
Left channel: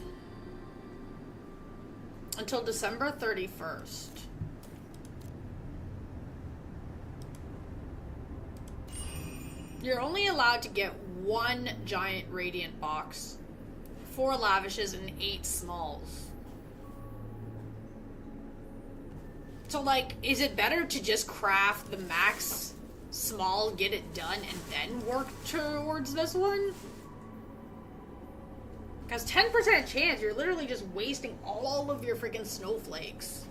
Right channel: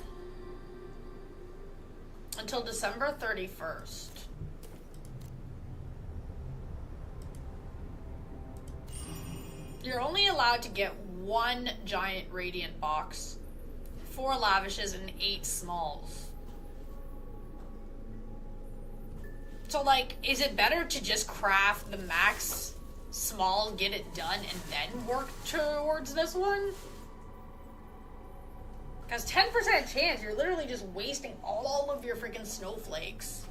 until December 31st. You're only allowed to get one giant radiant box, 4 lavishes, and 8 smalls. So, like, is it better to just craft the max small, get it done, and then work towards this one? Because 10% chance, you're literally just wasting all of your freaking snowflakes.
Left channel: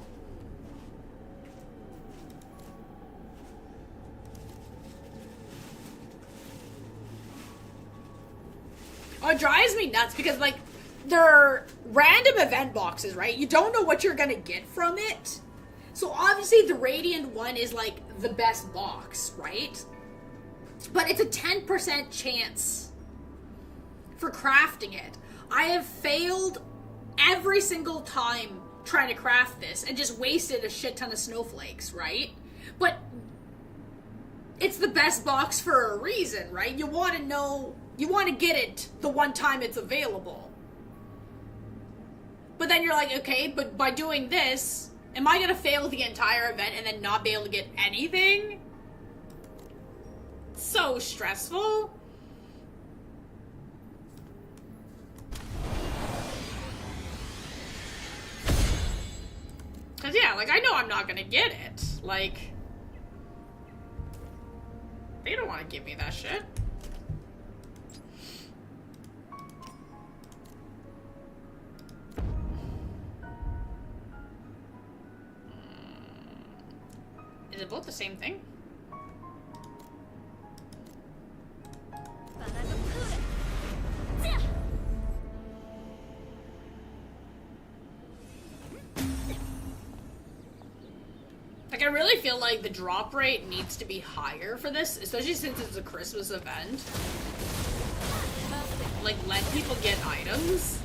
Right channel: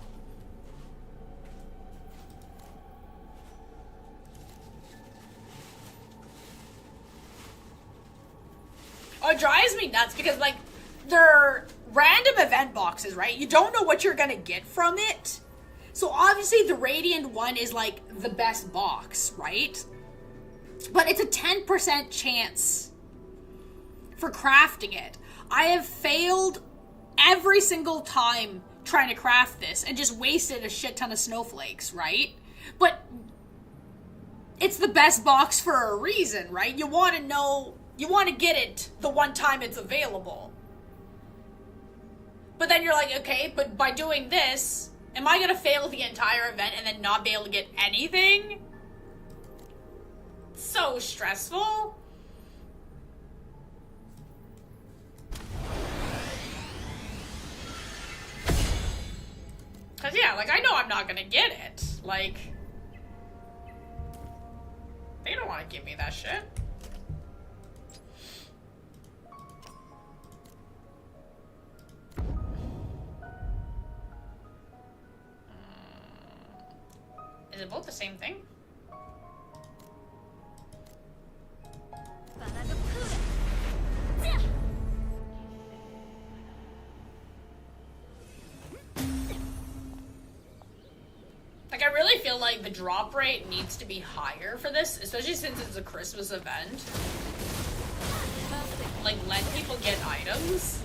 Oh, it drives me nuts because, like, they're random event boxes, right? You don't know what you're gonna get from it. So obviously the Radiant one is, like, the best box, right? But it's a 10% chance for crafting it. I have failed every single time trying to craft this and just wasted a shit ton of snowflakes, right? But it's the best box for a reason, right? You want to know, you want to get it the one time it's available. But then you're like, okay, but by doing this, am I going to fail the entire event and then not be able to get anything? So stressful. Cause yeah, like I know I'm not gonna get it. Like, they don't want to give me that shit. Is it both the same thing? Like, I really feel like the drop rate needs to be higher for this, especially since it's a Christmas event. Like, let people get items.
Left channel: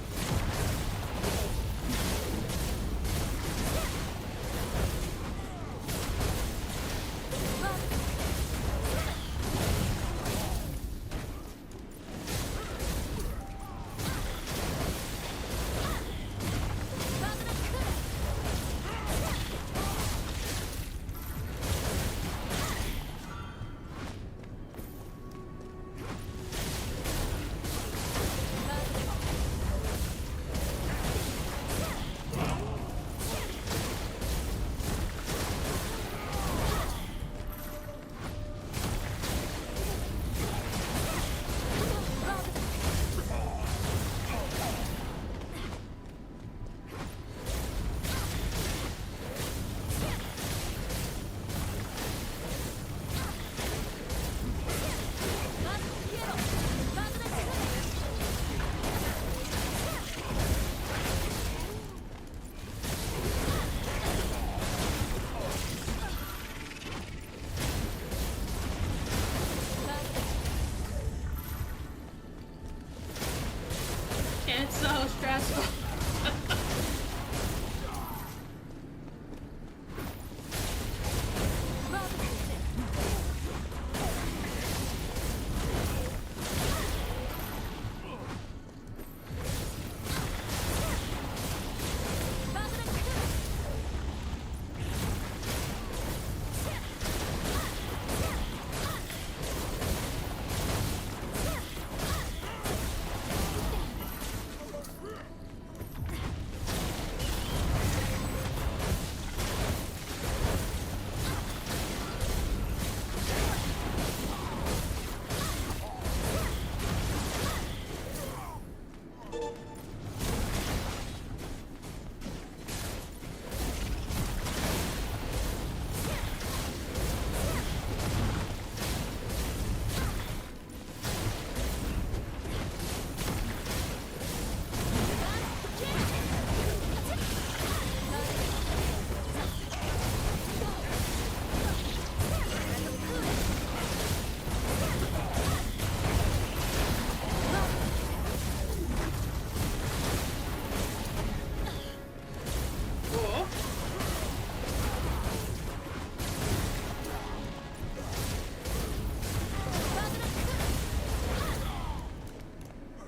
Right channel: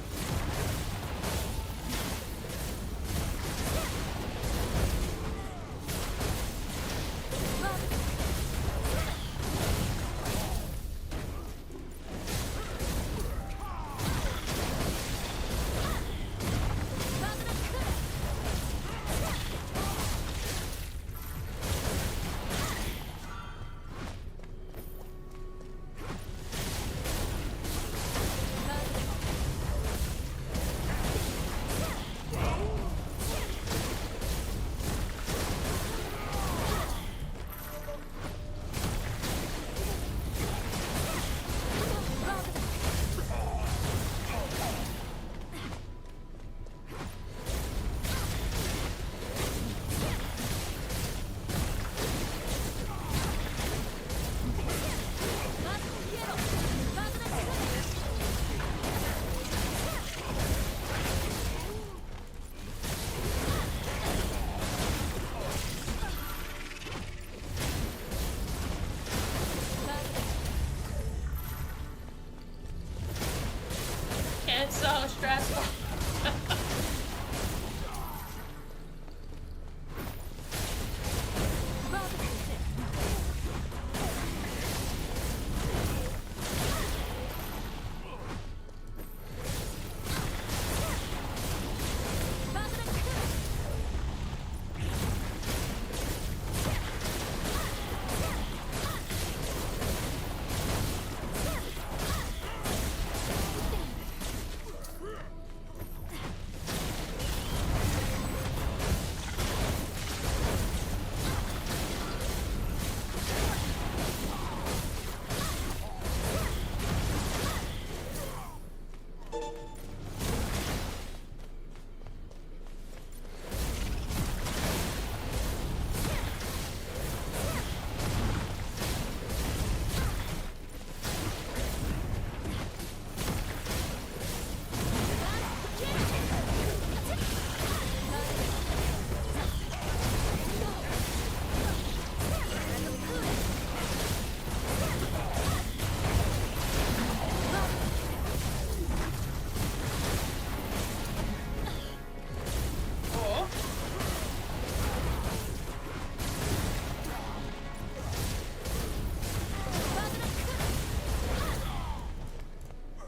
It's so stressful.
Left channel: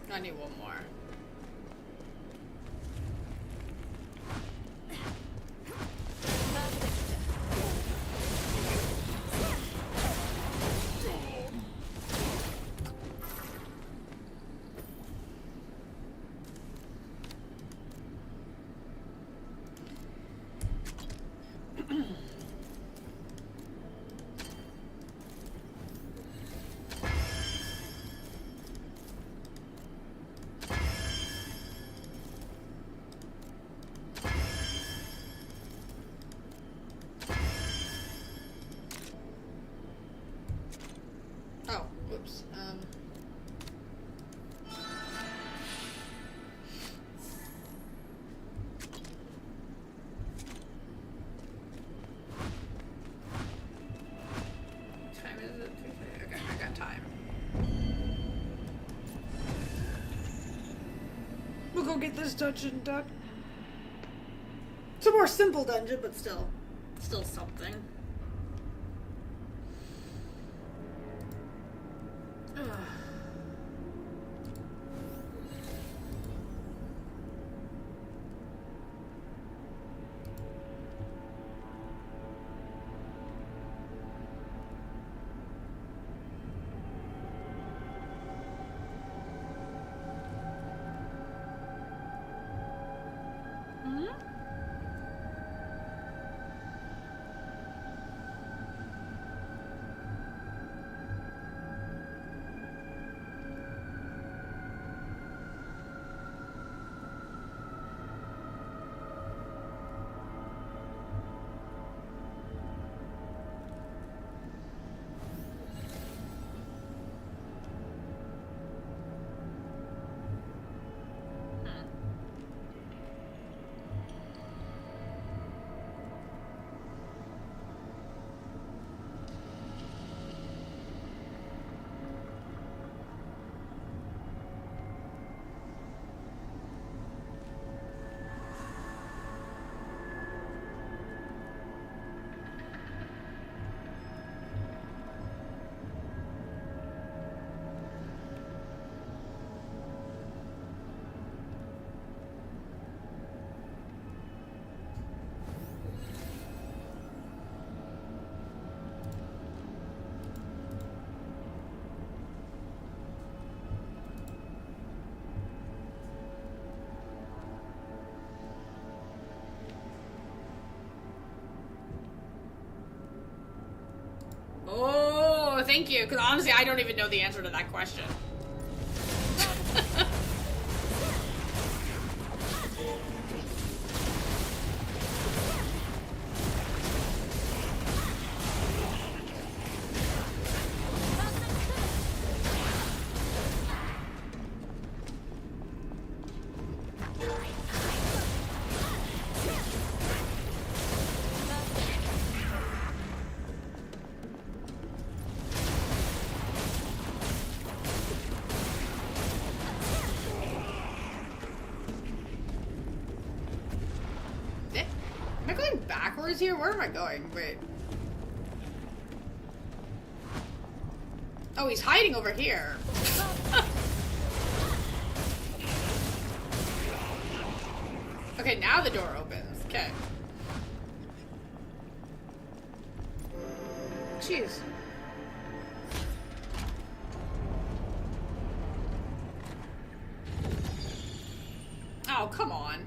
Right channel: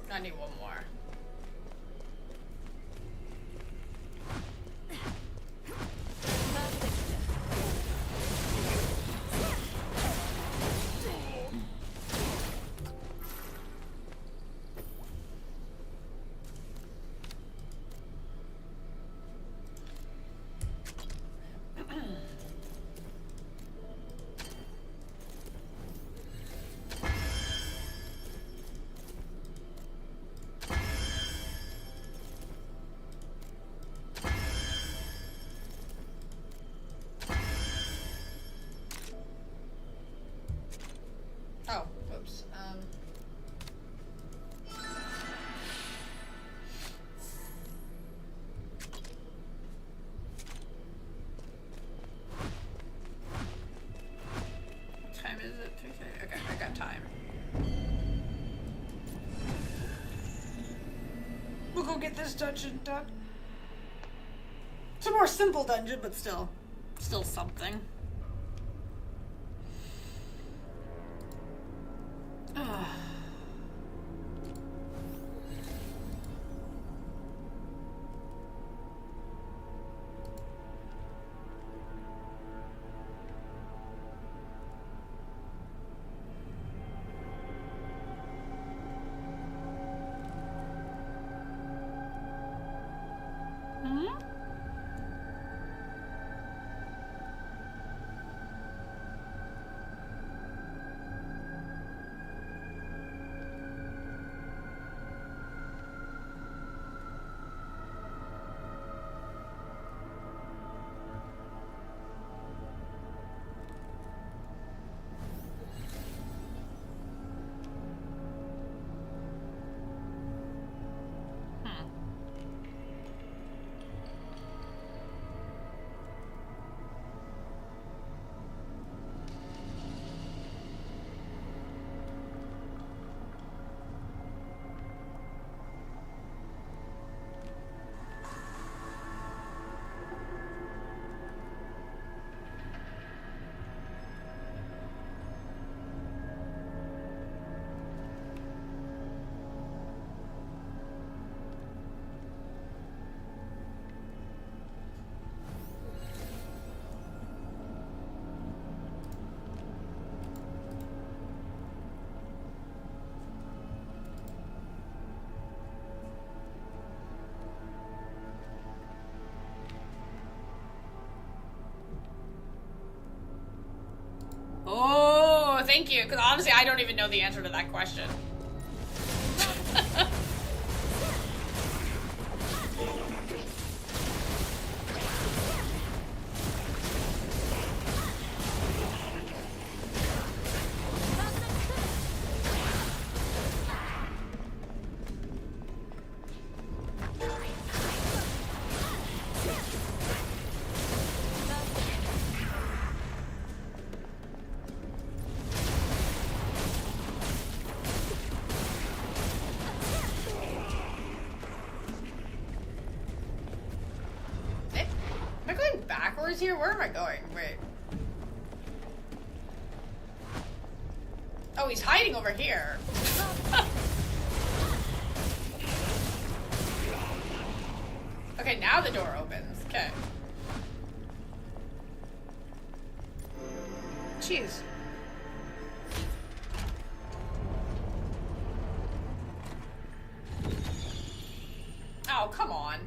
I need one more. go get this dungeon done. It's a more simple dungeon, but still something. Ugh. Oh, thank you. Because honestly, I don't even know the answer to that question. Here? Where am I going? Wait. Oh, he's hiding over here. Okay, now the door opens. Okay. Jeez. Oh, come on.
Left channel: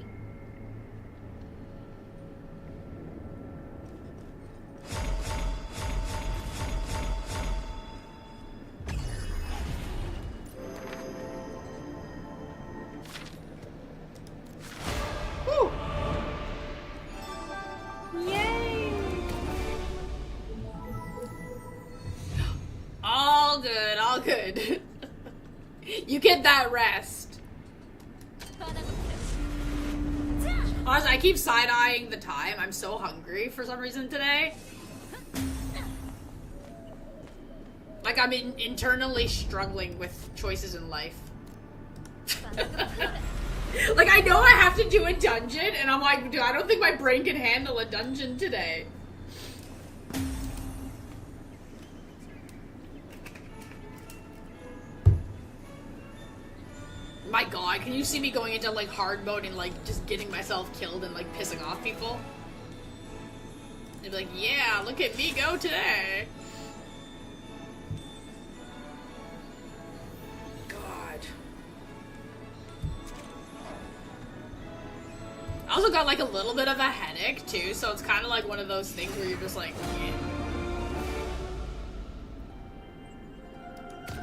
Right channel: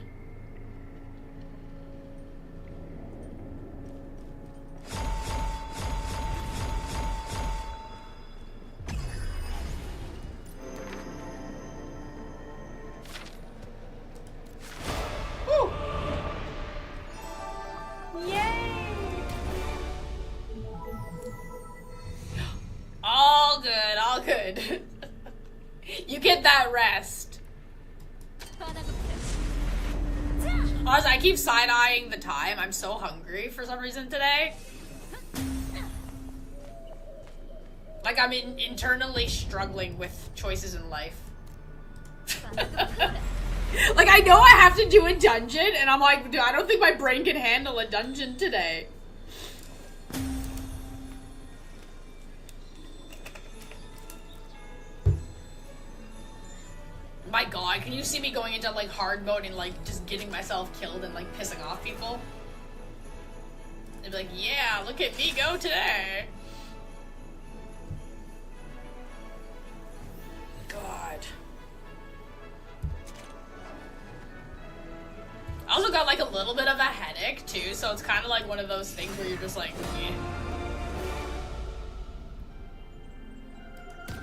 You get that rest. Honestly, I keep side-eyeing the time. I'm so hungry for some reason today. Like I'm internally struggling with choices in life. Like I know I have to do a dungeon, and I'm like, dude, I don't think my brain can handle a dungeon today. My god, can you see me going into like hard mode and like just getting myself killed and like pissing off people? They'd be like, yeah, look at me go today. God. I also got like a little bit of a headache too, so it's kind of like one of those things where you're just like, eh.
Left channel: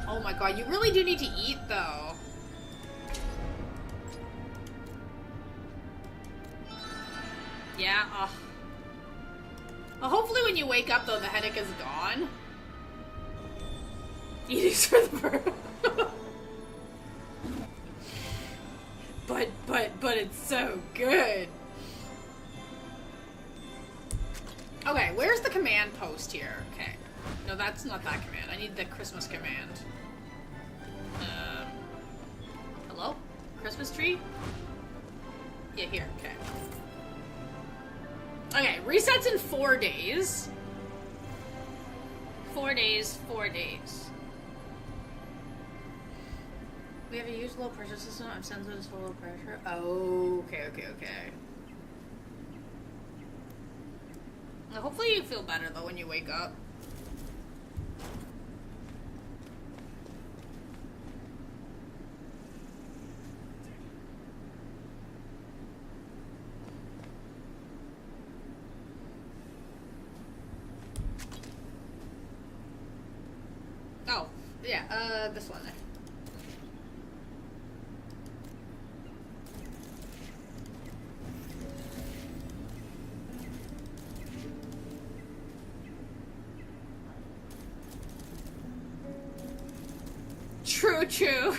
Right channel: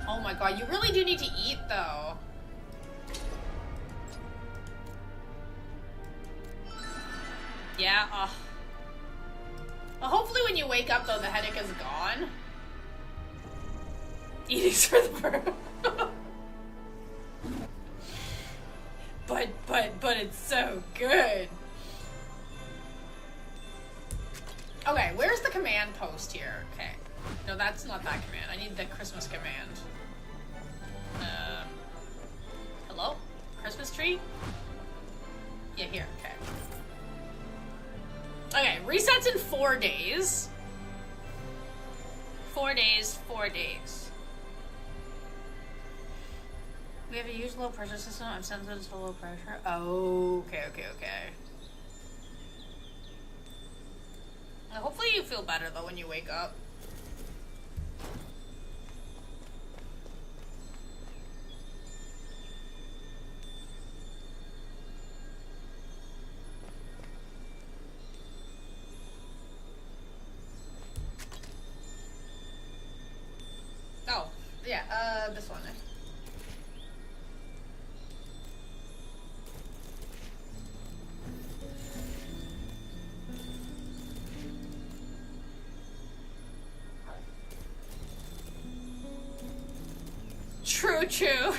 Oh my god, you really do need to eat though. Yeah, well, hopefully when you wake up, though, the headache is gone. Eating's for the bird. But it's so good. Okay, where's the command post here? Okay. No, that's not that command. I need the Christmas command. Hello? Christmas tree? Yeah, here, okay. Okay, resets in 4 days. 4 days, 4 days. We have a huge low pressure system. I'm sensitive to low pressure. Oh, okay. Well, hopefully you feel better though when you wake up. Oh, yeah, this one. True.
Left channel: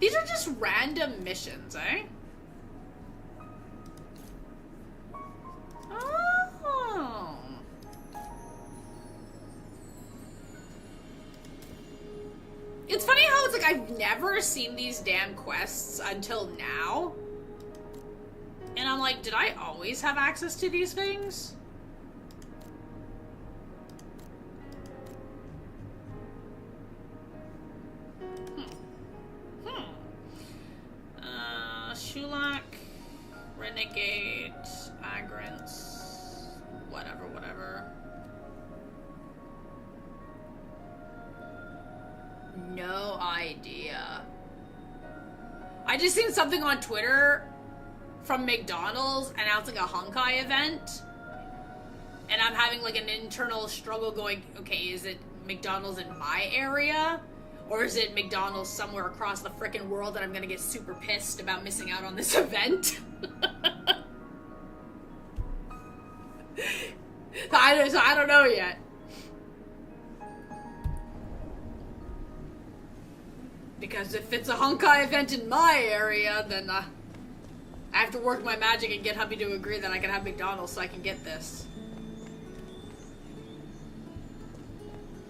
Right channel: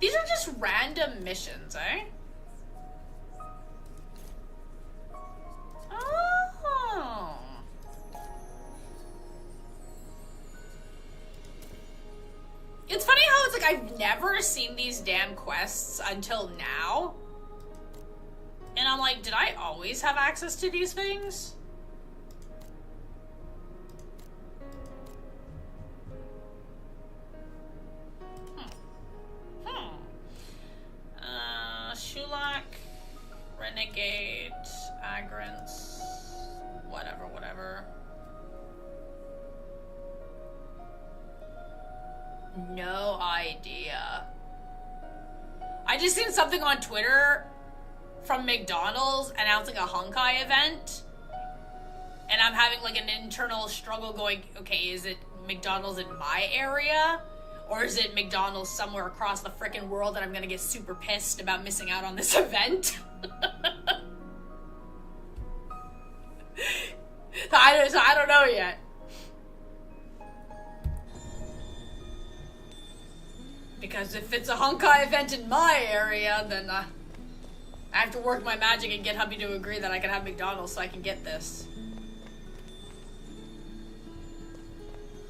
These are just random missions, eh? Oh. It's funny how it's like I've never seen these damn quests until now. And I'm like, did I always have access to these things? Shulak, Renegade, Agrants, whatever. No idea. I just seen something on Twitter from McDonald's announcing a Honkai event, and I'm having like an internal struggle going, okay, is it McDonald's in my area, or is it McDonald's somewhere across the frickin' world that I'm gonna get super pissed about missing out on this event? So I don't know yet. Because if it's a Honkai event in my area, then I have to work my magic and get hubby to agree that I can have McDonald's so I can get this.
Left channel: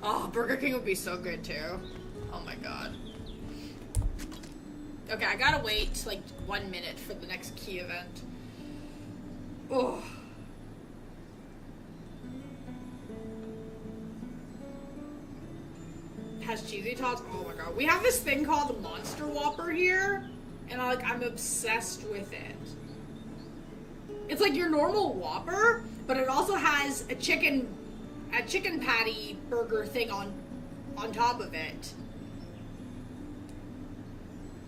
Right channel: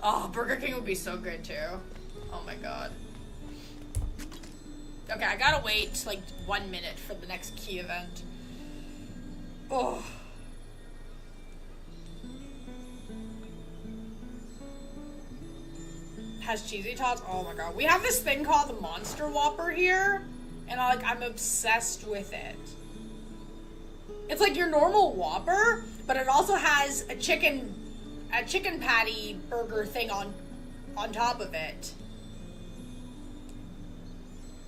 Oh, Burger King would be so good too. Oh my god. Okay, I gotta wait like 1 minute for the next key event. Oh. Has cheesy tots? Oh my god. We have this thing called the Monster Whopper here, and I'm obsessed with it. It's like your normal Whopper, but it also has a chicken patty burger thing on top of it.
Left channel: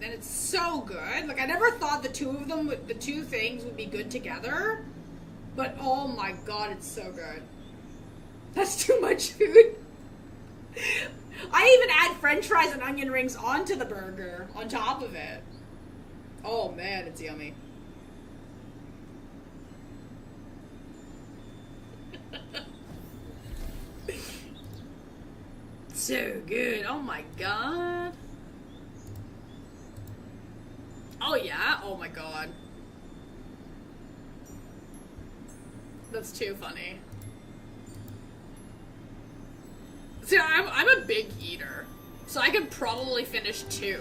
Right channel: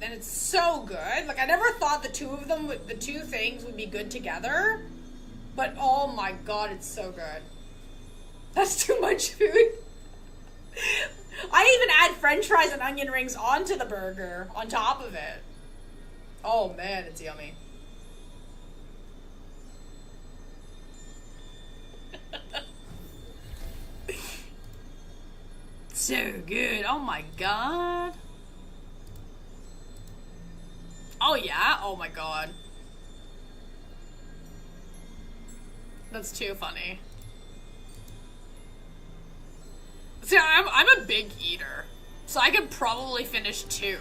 And it's so good. Like, I never thought the two things would be good together, but oh my god, it's so good. That's too much food. I even add french fries and onion rings onto the burger, on top of it. Oh man, it's yummy. So good. Oh my god. Oh yeah? Oh my god. That's too funny. See, I'm a big eater, so I could probably finish 2.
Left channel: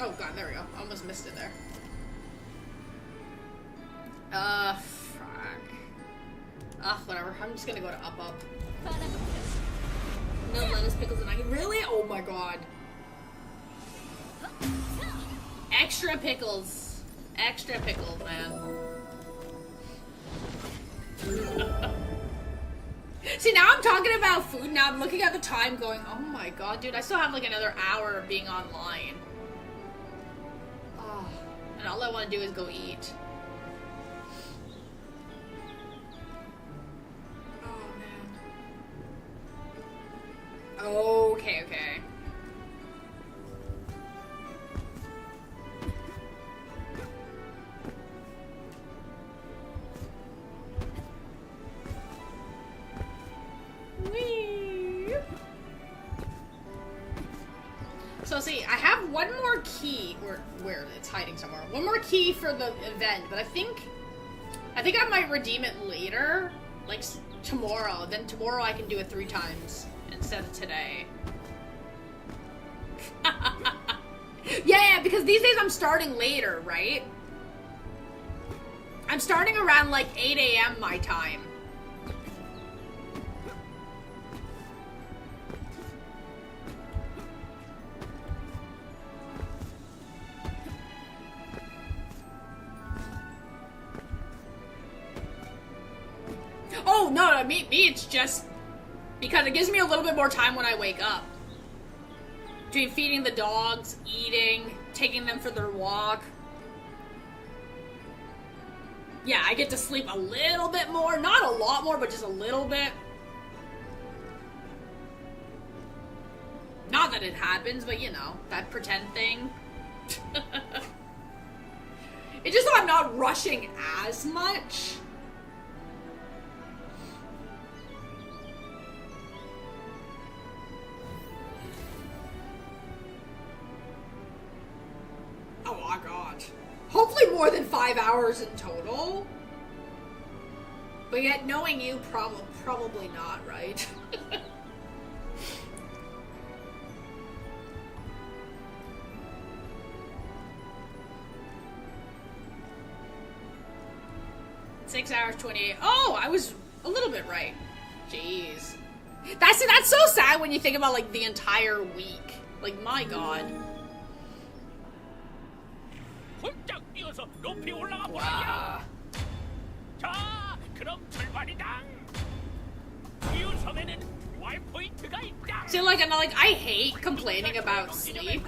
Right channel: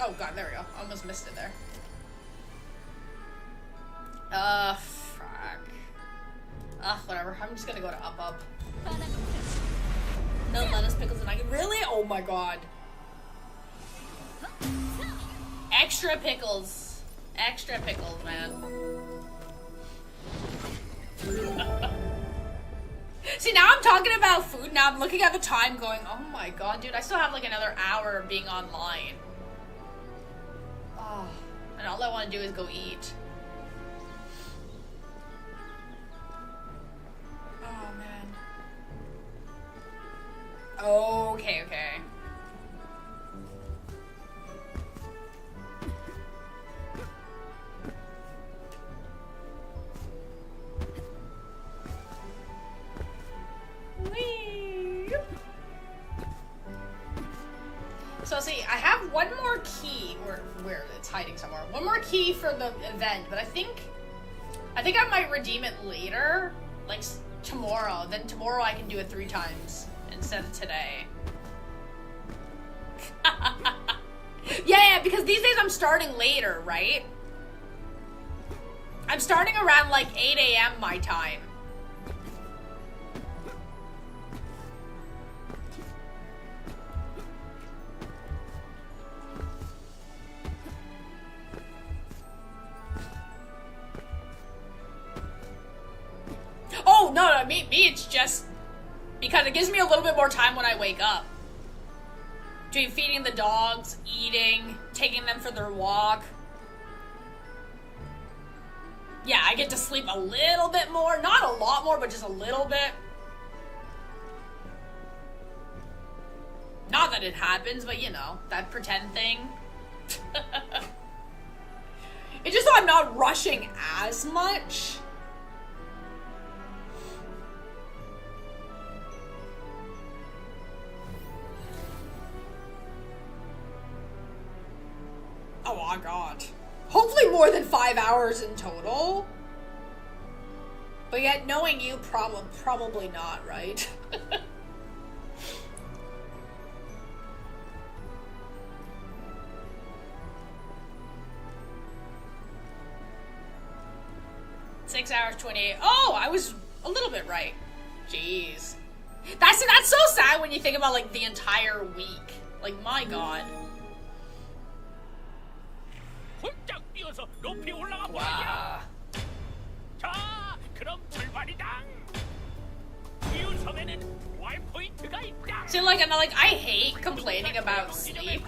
Oh god, there we go. Almost missed it there. Fuck. Whatever. I'm just gonna go to up. No lettuce, pickles, and onion. Really? Oh my god. Extra pickles. Extra pickles, man. See, now I'm talking about food, now I'm looking at the time going, oh my god, dude, I still have like another hour of being online. Oh, and all I want to do is go eat. Oh, man. Okay. So see, I have one more key, where it's hiding somewhere. One more key for the event, but I think I might redeem it later. like tomorrow. Then tomorrow I can do it 3 times instead of today. Yeah, because these days I'm starting later, right? I'm starting around like 8 a.m. my time. Oh, no, me, it's just because it gives me a little bit more time when I wake up. Between feeding the dogs, eating, taking them for their walk. Yeah, I get to sleep a little bit more. Not a lot more, but just a little bit. Not that it happens, but you know, that pretend thing. It's just so I'm not rushing as much. Oh my god. Hopefully more than 5 hours in total. But yet, knowing you, probably not, right? Six hours, 28. Oh, I was a little bit right. Jeez. That's so sad when you think about, like, the entire week. Like, my god. 훌쩍 뛰어서 높이 올라가 보라냐. 자, 그럼 출발이다. 이웃 섬에는 부활 포인트가 있다. See, like, and I hate complaining about sleep.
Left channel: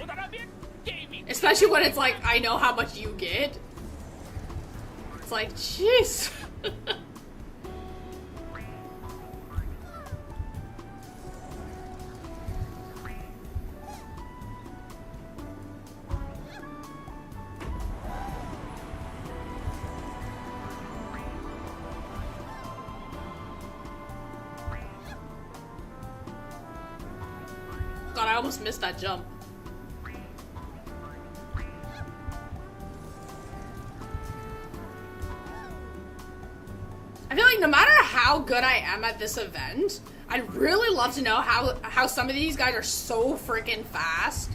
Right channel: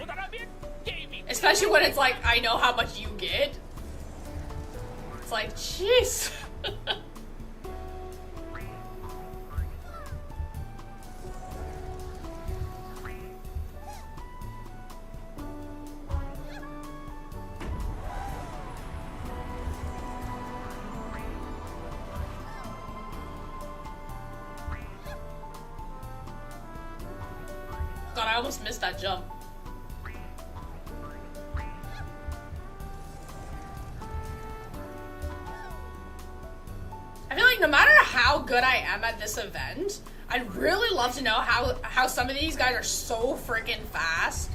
Especially when it's like, I know how much you get. It's like, jeez. God, I almost missed that jump. I feel like no matter how good I am at this event, I'd really love to know how some of these guys are so freaking fast.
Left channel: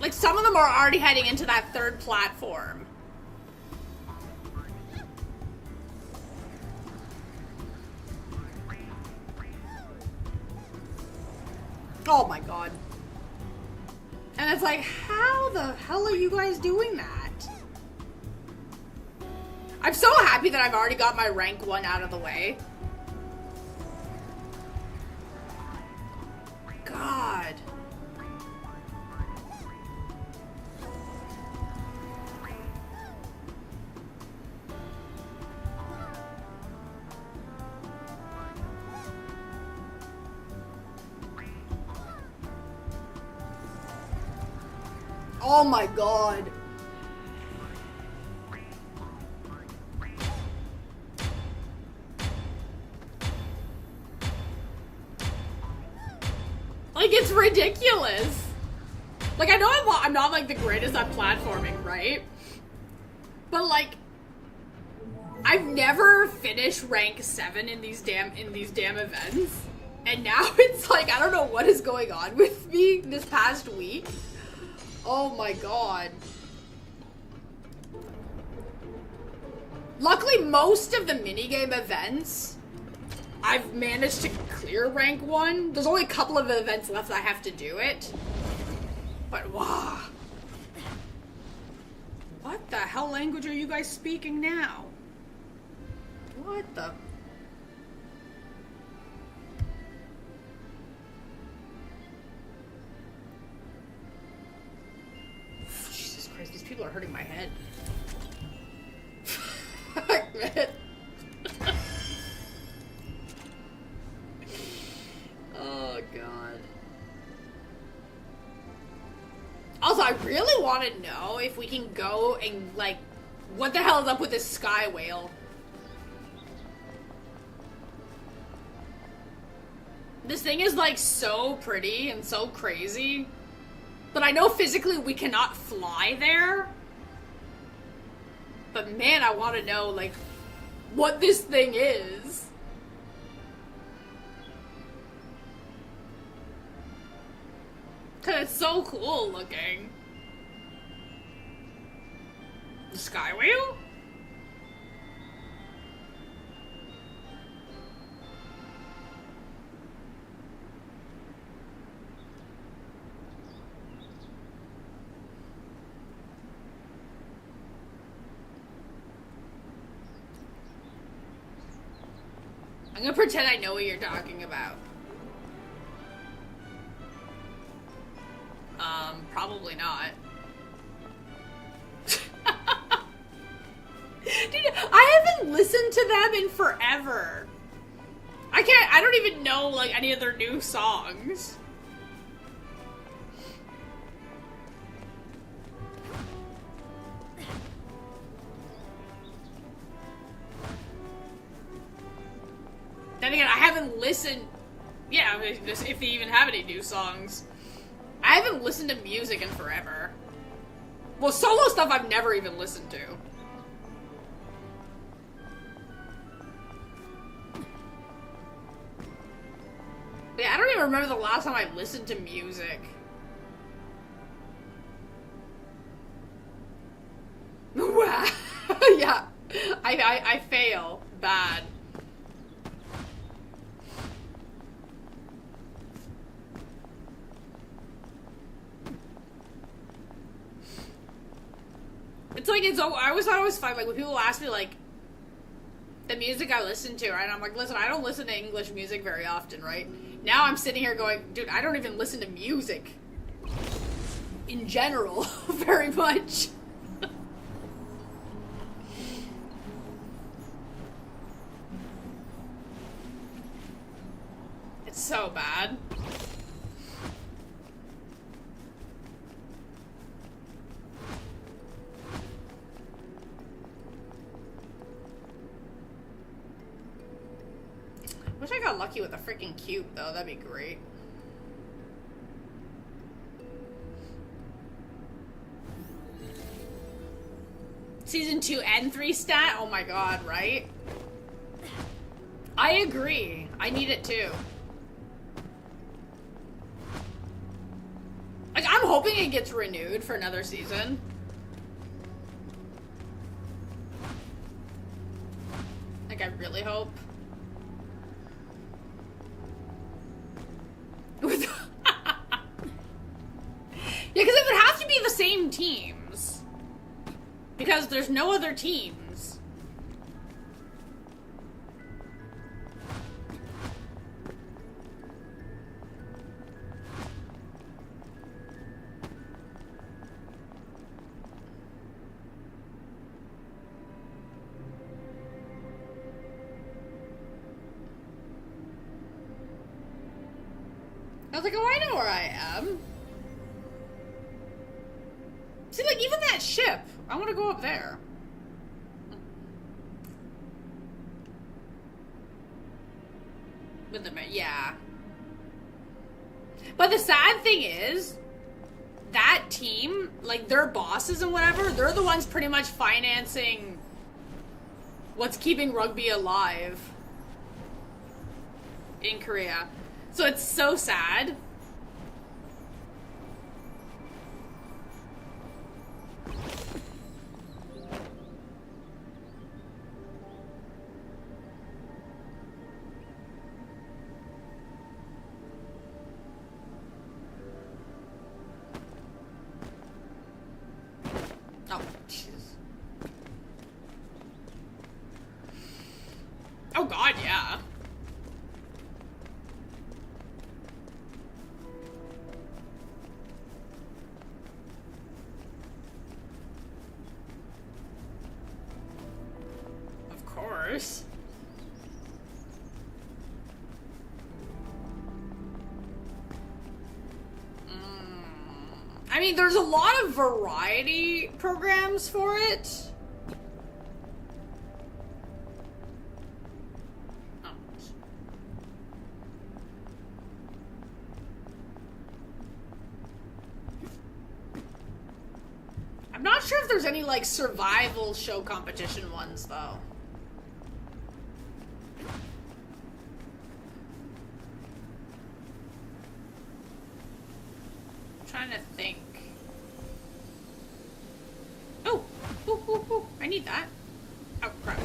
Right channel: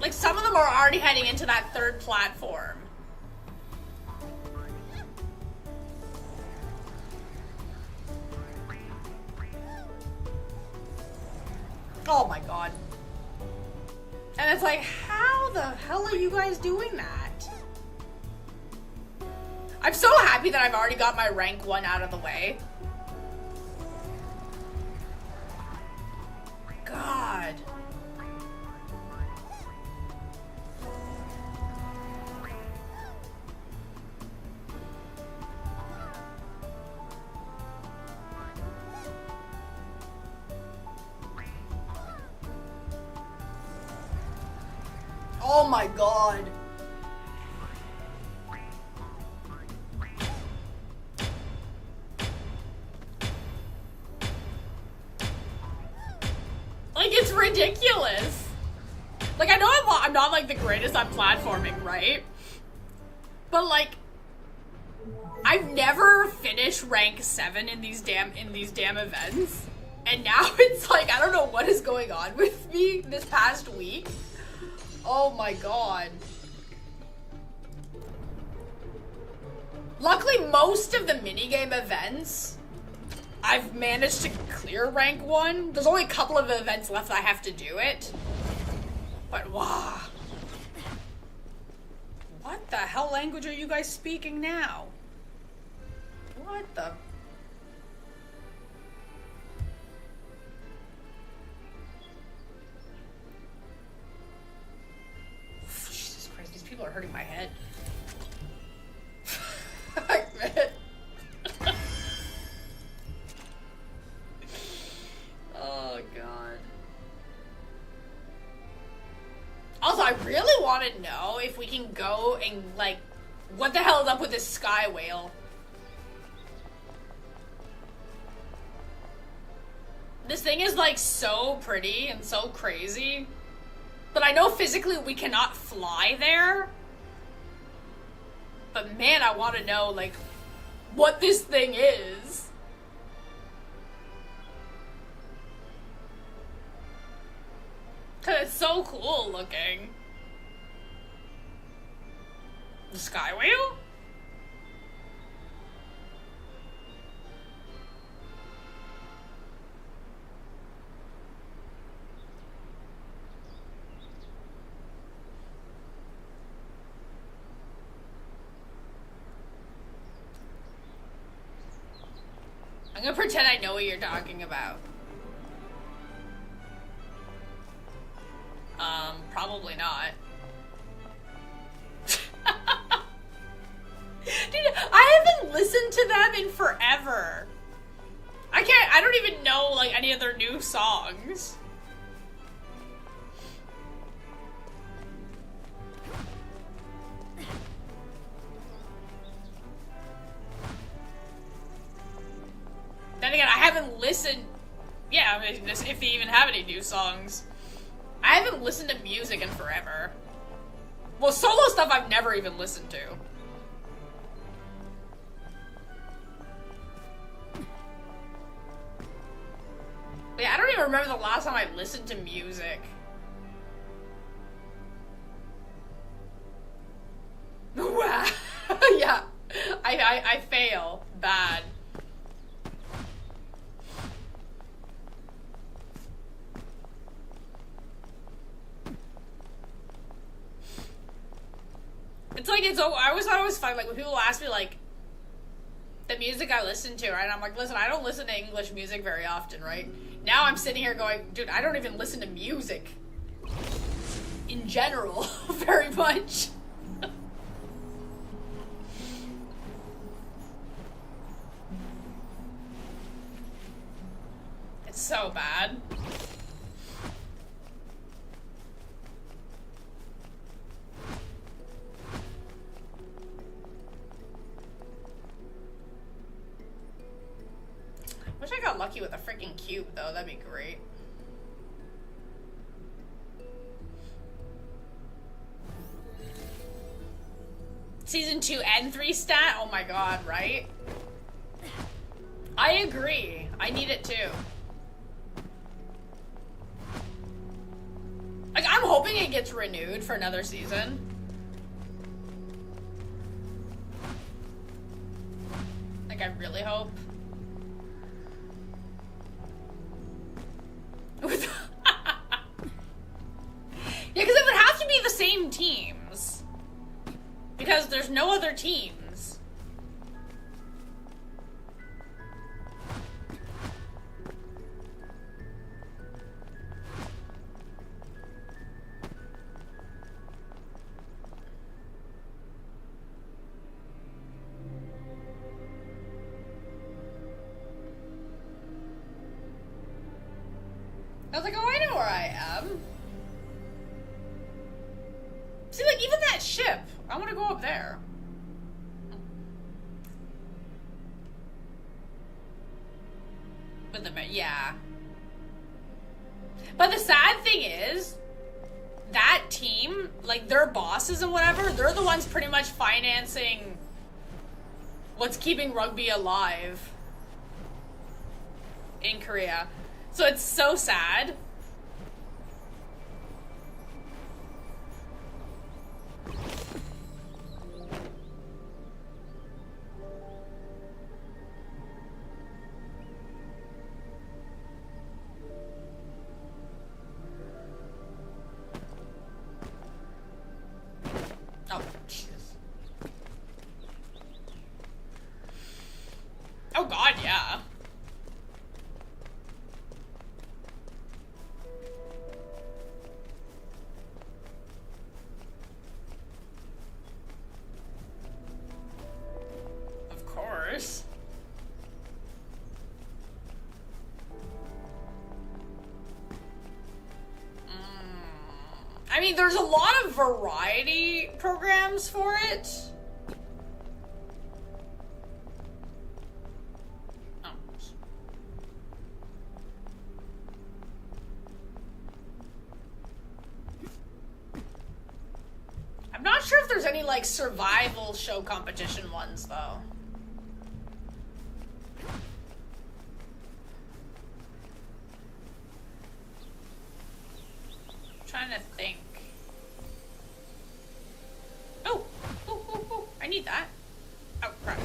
Like, some of them are already heading into that 3rd platform. Oh my god. And it's like, how the hell are you guys doing that? I'm so happy that I've already got my rank 1 out of the way. God. Oh my god. Like, it's ridiculous. Like, I know I'm not like the greatest at platforming, right? But like, I've never finished rank 7 in these damn events. And now it's like, I don't know what is going on with me this past week. Oh my god. Luckily, most of the minigame events, I've managed to clear rank 1. There's only a couple of events left that I have to do it. But wow. What the hell language are you guys speaking now? What the... Jesus Christ, these people are hurting my head. Fuck, man. Oh, God. Also, I really want to know if we can go and, like, what the hell is up with this sky whale? This thing is, like, so pretty and so crazy. But I know physically we cannot fly there. but man, I want to know, like, what this thing is. Cause it's so cool looking. The Sky Wheel? I'm gonna pretend I know what you're talking about. Probably not. Dude, I haven't listened to them in forever. I don't even know, like, any of their new songs. Then again, I haven't listened. Yeah, if they even have any new songs. I haven't listened to music in forever. Well, solo stuff I've never even listened to. Yeah, I don't even remember the last time I listened to music. Wow. Yeah. I fail. Bad. It's like, I always thought it was fun, like, when people ask me, like, the music I listen to, right? And I'm like, listen, I don't listen to English music very often, right? Now I'm sitting here going, dude, I don't even listen to music. In general, very much. It's so bad. Wish I got lucky with a freaking cube, though. That'd be great. Season 2 and 3 stat? Oh my god, right? I agree. I need it too. Like, I'm hoping it gets renewed for another season. Like, I really hope. Yeah, because it would have to be the same teams. Because there's no other teams. I was like, oh, I know where I am. See, like, even that ship. I want to go up there. With the, yeah. But the sad thing is, that team, like, their bosses and whatever, they're the ones pretty much financing what's keeping rugby alive in Korea. So it's so sad. Oh, jeez. Oh god, yeah. Of course. I mean, there's a lot of variety programs for it. Oh. I'm not sure if there's any like survival show competition ones though. I'm trying to think. Oh, ooh, I need that. Oh crap.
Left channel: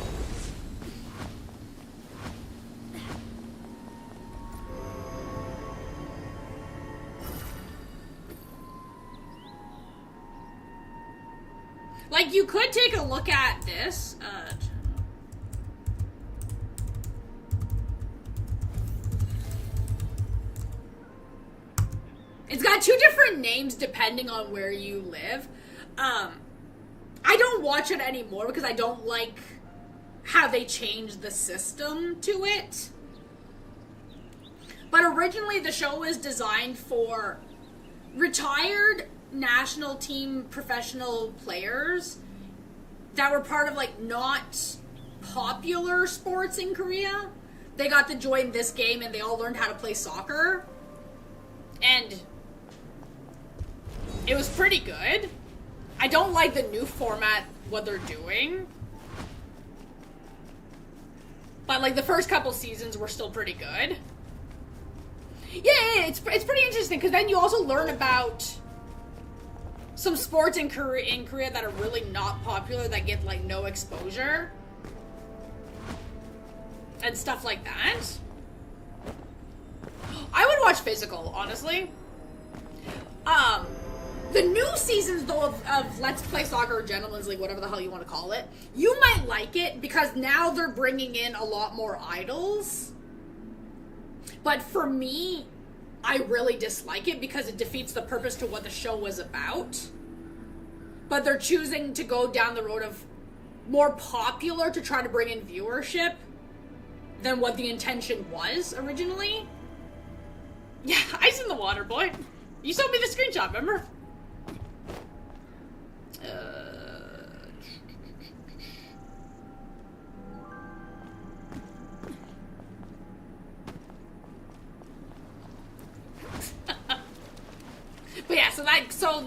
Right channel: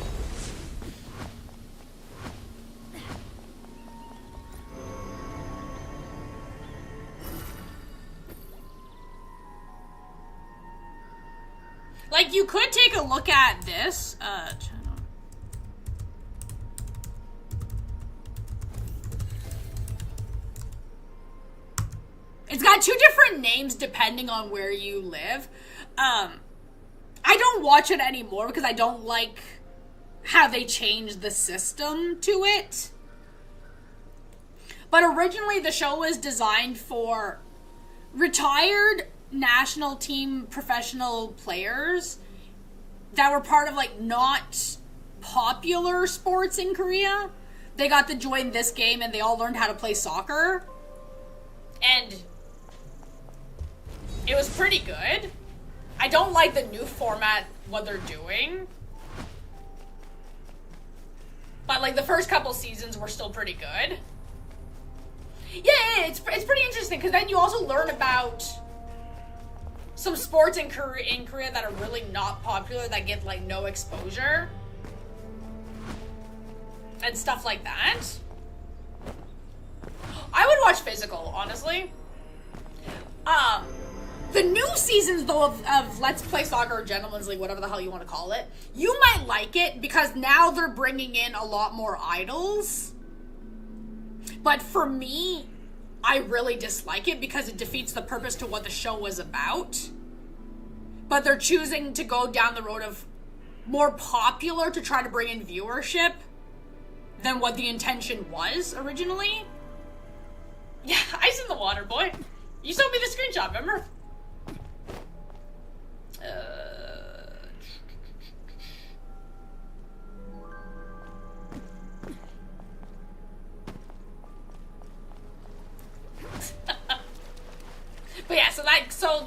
Like, you could take a look at this. It's got 2 different names depending on where you live. I don't watch it anymore because I don't like how they changed the system to it. But originally the show was designed for retired national team professional players that were part of like not popular sports in Korea. They got to join this game and they all learned how to play soccer. And it was pretty good. I don't like the new format, what they're doing. But like the first couple seasons were still pretty good. Yeah, it's pretty interesting because then you also learn about some sports in Korea that are really not popular that get like no exposure and stuff like that. I would watch Physical, honestly. The new seasons though of Let's Play Soccer or Gentlemen's League, whatever the hell you want to call it, you might like it because now they're bringing in a lot more idols. But for me, I really dislike it because it defeats the purpose to what the show was about. But they're choosing to go down the road of more popular to try to bring in viewership than what the intention was originally. Yeah, ice in the water, boy. You showed me the screenshot, remember?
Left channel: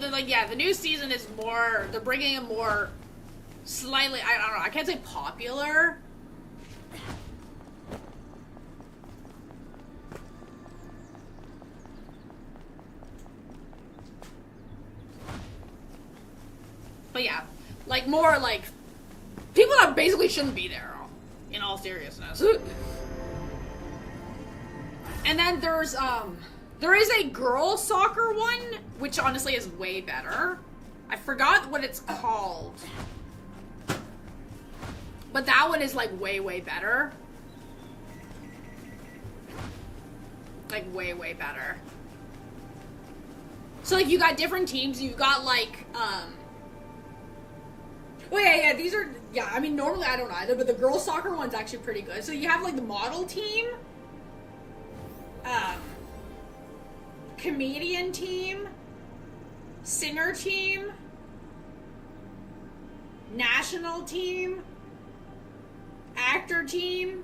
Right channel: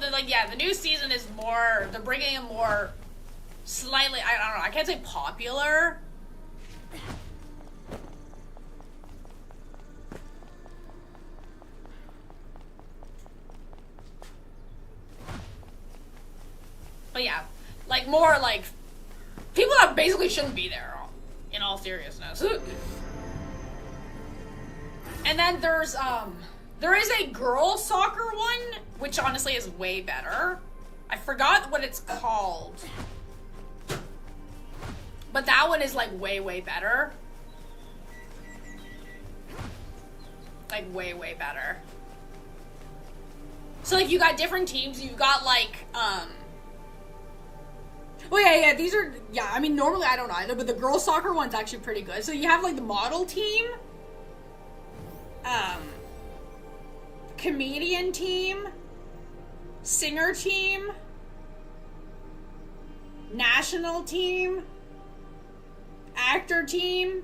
But yeah, the new season is more, they're bringing in more slightly, I don't know, I can't say popular. But yeah, like more like people that basically shouldn't be there, in all seriousness. And then there is a girl soccer one, which honestly is way better. I forgot what it's called. But that one is like way, way better. Like way, way better. So like you got different teams, you've got like, well, yeah, these are, yeah, I mean, normally I don't either, but the girls soccer one's actually pretty good. So you have, like, the model team, comedian team, singer team, national team, actor team.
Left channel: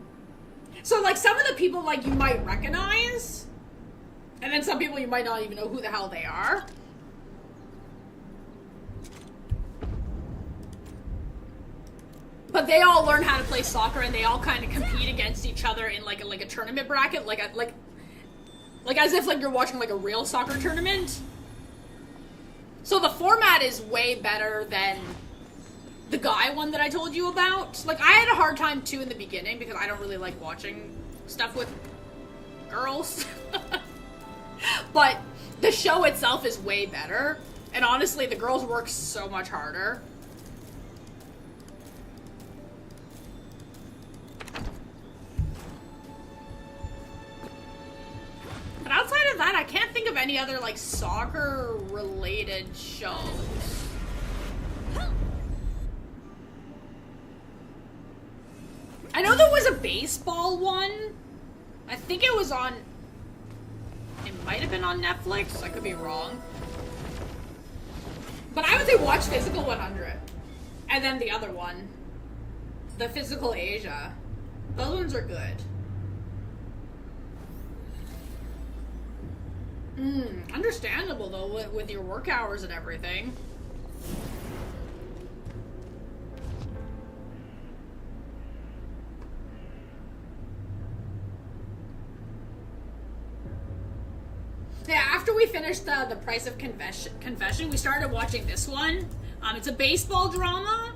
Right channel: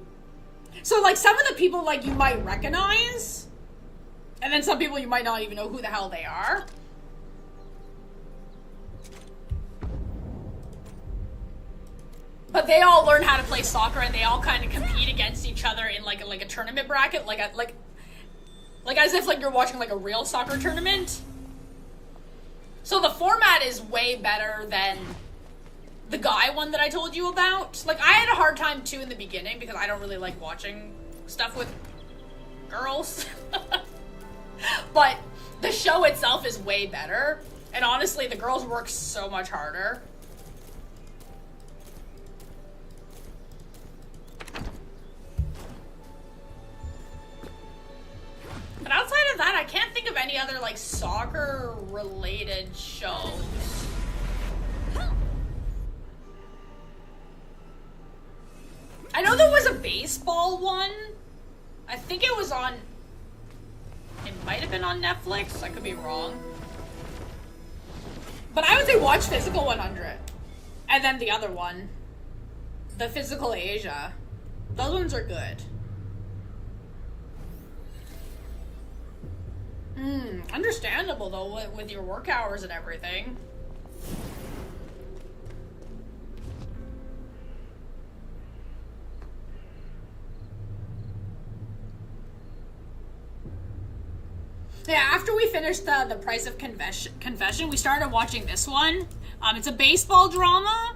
So, like, some of the people, like, you might recognize, and then some people you might not even know who the hell they are. But they all learn how to play soccer, and they all kind of compete against each other in like a tournament bracket, like as if like you're watching like a real soccer tournament. So the format is way better than the guy one that I told you about. Like I had a hard time too in the beginning because I don't really like watching stuff with girls. But the show itself is way better, and honestly, the girls work so much harder. But outside of that, I can't think of any other, like, soccer-related shows. I know there was a baseball one. I think it was on... It might have been on Netflix. I could be wrong. But I would say watch Physical 100. And then the other one. The Physical Asia. Those ones are good. Understandable though with your work hours and everything. Yeah, after we finished the Price of Confession, we started watching this one. It's a baseball drama,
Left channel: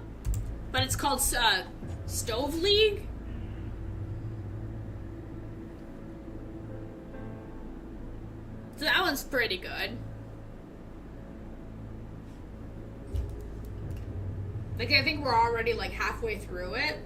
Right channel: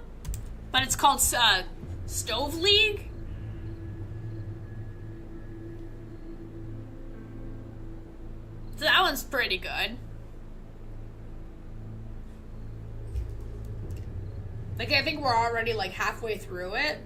but it's called Stove League. So that one's pretty good. Like, I think we're already like halfway through it.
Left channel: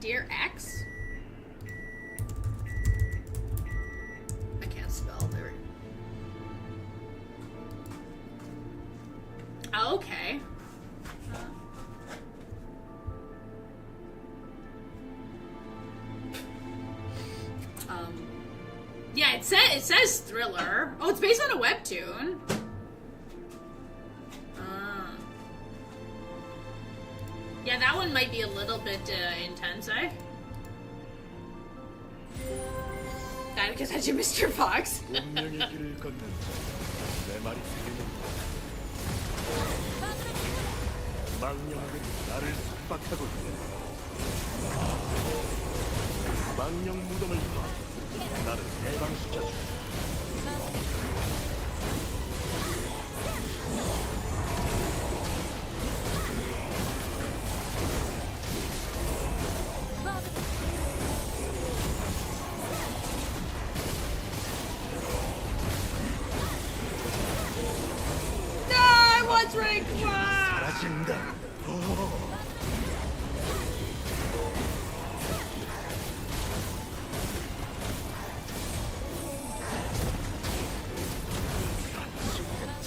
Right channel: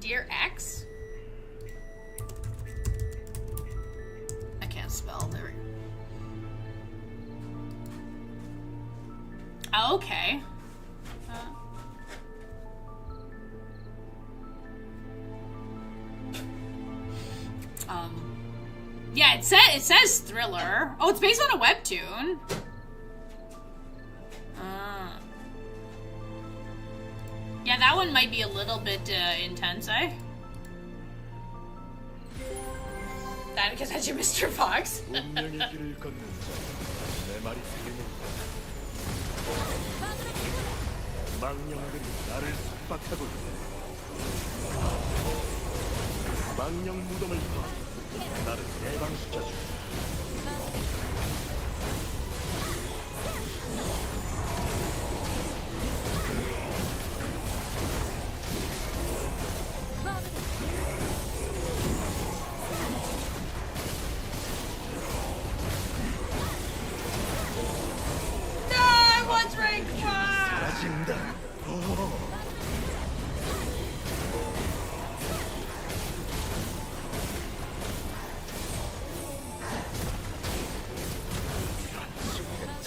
Dear X? I can't spell there. Oh, okay. Yeah, it says thriller. Oh, it's based on a webtoon. Yeah, that one might be a little bit intense, eh? That because that's your Mr. Fox. 운명의 길을 걷는 자, 내 말이 들리는가? 망령들이 나를 속박하고 있네. 망령 무덤을 파 나를 해방시켜줘. 사라진다.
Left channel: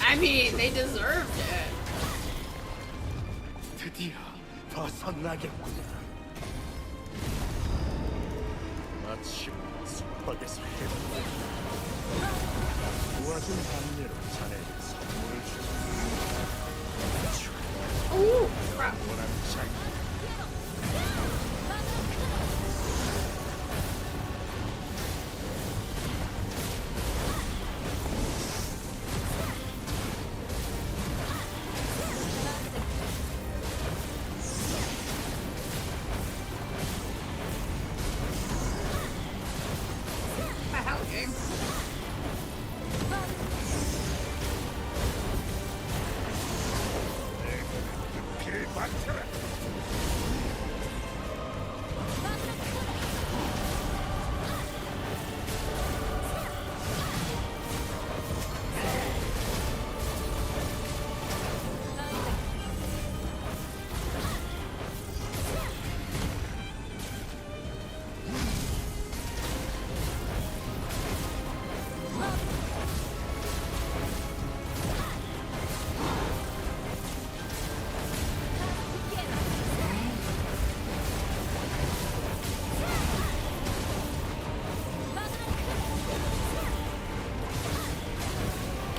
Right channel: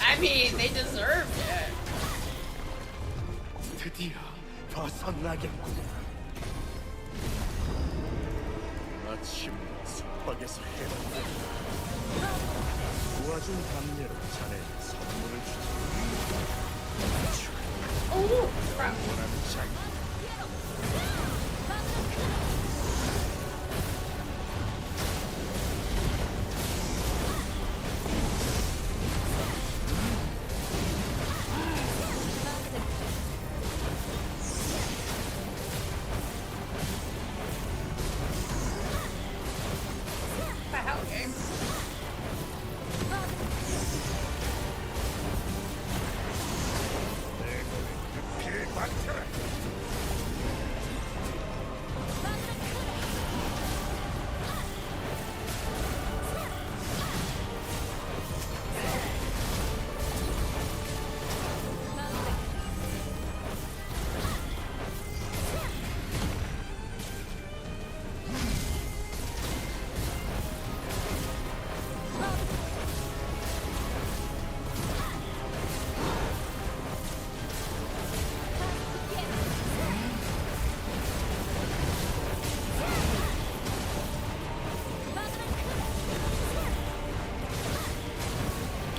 I mean, they deserved it. 드디어 벗어나겠구나. 마침 속박에서 해방돼. 도와준 감례로 자네에게 선물을 주지. Oh, 영원한 자유. 길을 맞춰라.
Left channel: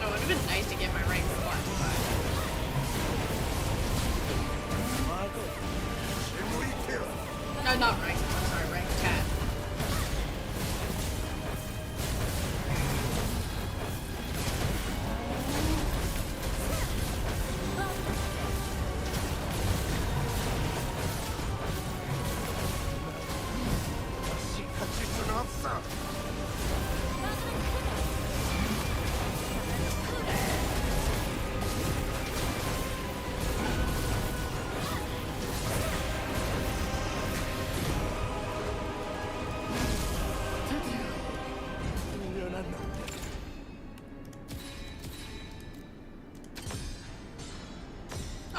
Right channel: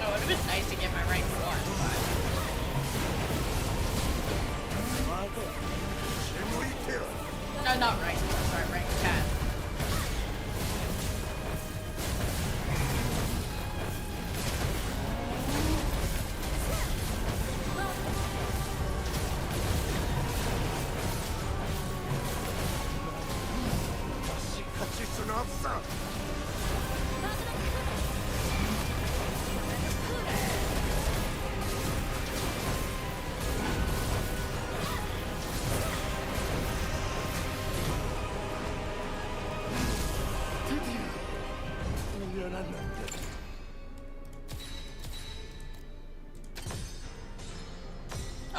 it would have been nice to get my rank 1. No, not rank. Sorry, rank 10. 다시 갇힐 수는 없어. 드디어 훈련한 남자.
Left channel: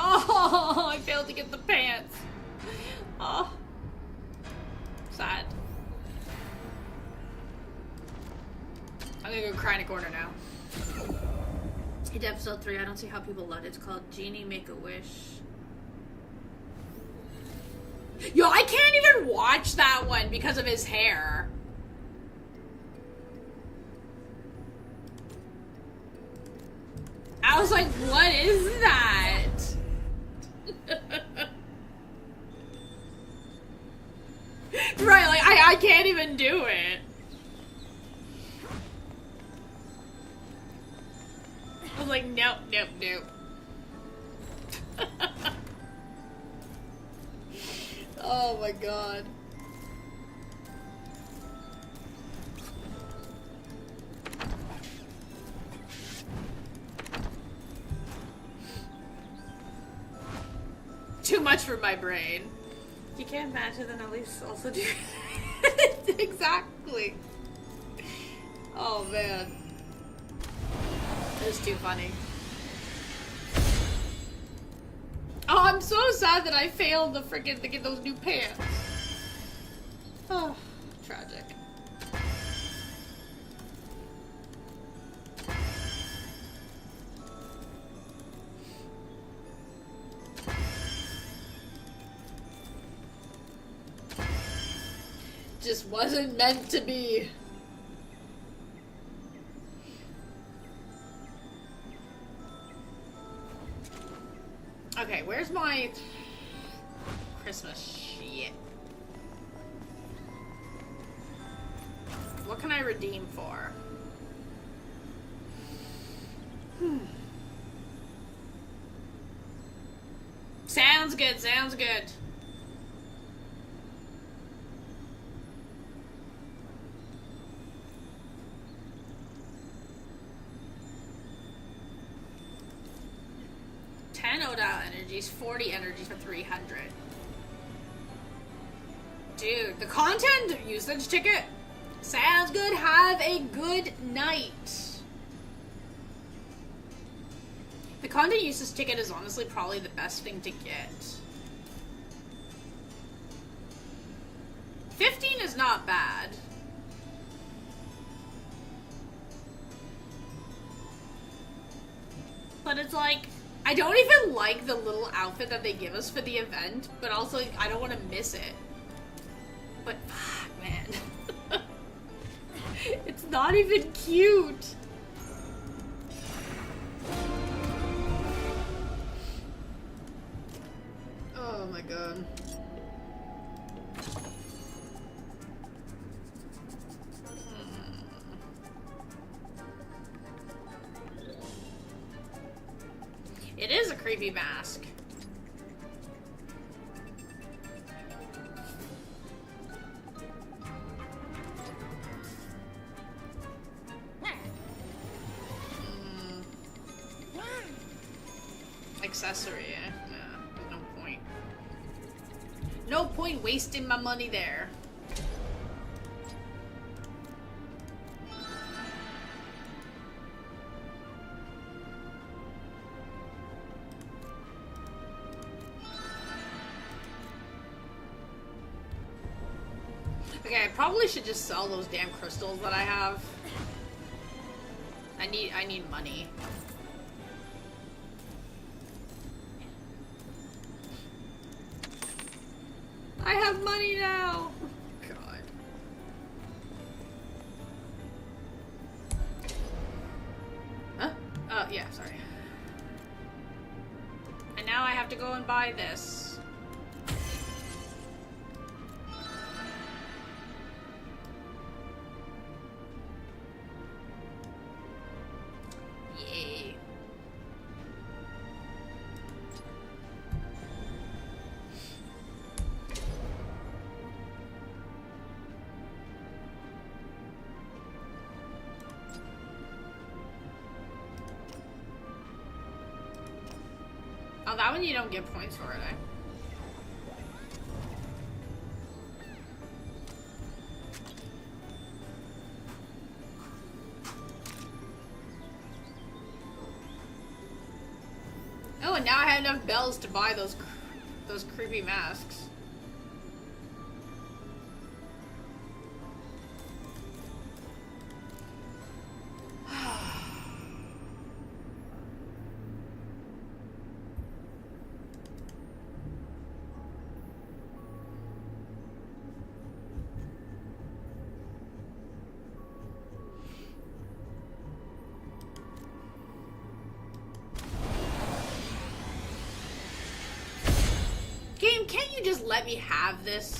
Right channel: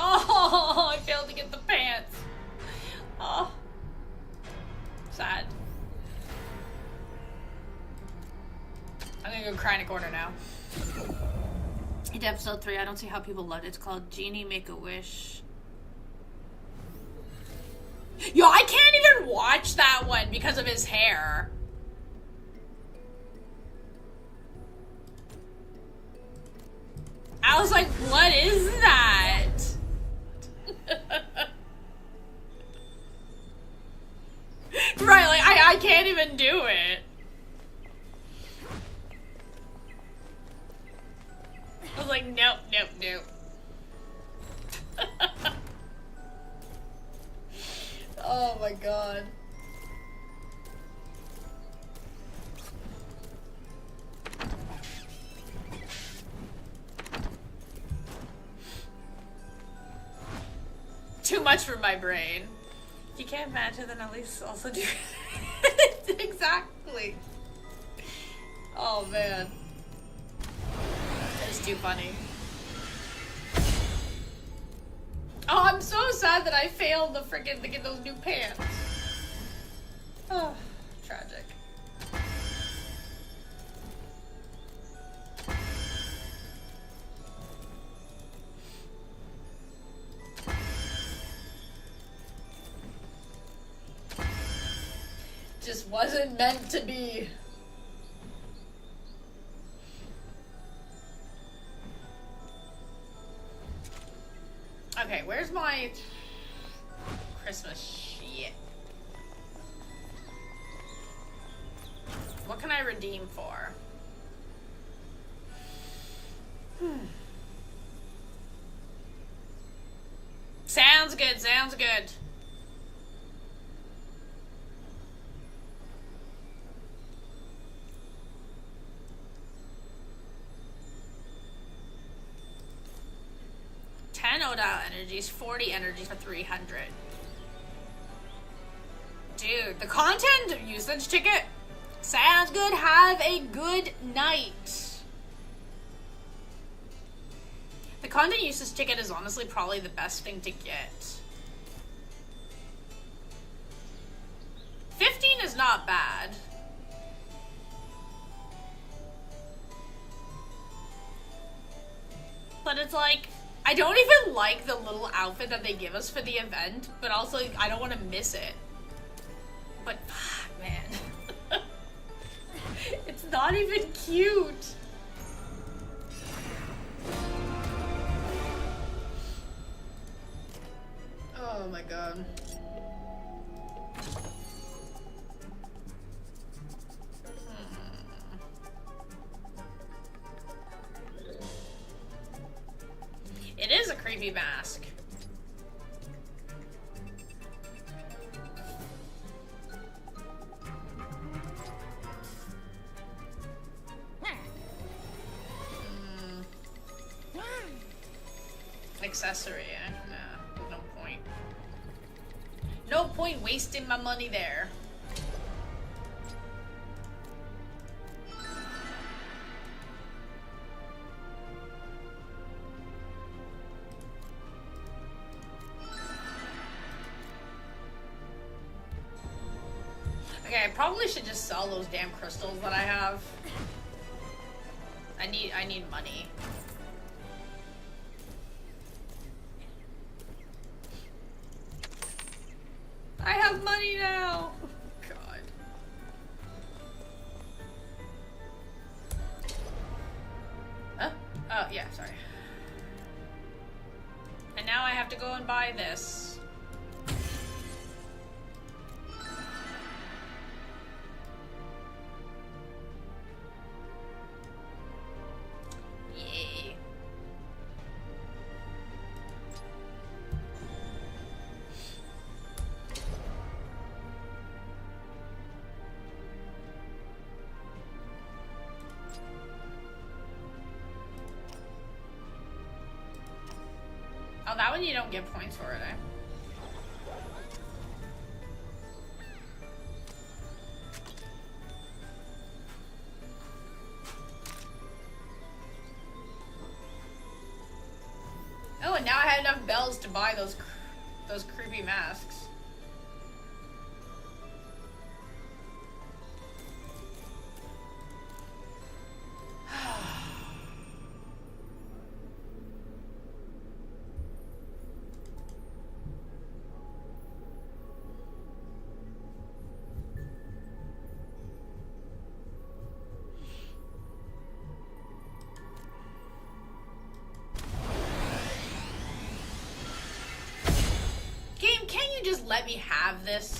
Oh, I failed to get the pants. Oh, sad. I'm gonna go cry in a corner now. It's episode 3. I don't see how people loved it. It's called Genie Make a Wish. Yo, I can't even watch that one because of his hair. I was like, what is that? Right, like, I can't even do it. I was like, nope, nope, nope. Oh my god. Too much for my brain. If you can't match it, then at least also do it. Exactly. Oh man. It's too funny. Oh, I'm so sad that I failed to freaking to get those new pants. Oh, tragic. Just wasn't meant to be. Okay, where's my Christmas shit? What can I redeem for? Sounds good, sounds good. Odile energies, 40 energies for 300. Dude, the content usage ticket sounds good. Have a good night. The content usage ticket is honestly probably the best thing to get. 15 is not bad. But it's like, I don't even like the little outfit that they give us for the event, but also like, I don't want to miss it. But, man. It's not even cute. Oh my god. It is a creepy mask. Accessory, nah, there's no point. No point wasting my money there. Okay, I probably should just sell those damn crystals that I have. I need money. I have money now. God. Huh? Oh, yeah, sorry. And now I have to go and buy this. Yay. Oh, that one you don't get points for it, eh? Oh, and now I have enough bells to buy those creepy masks. just let me have this?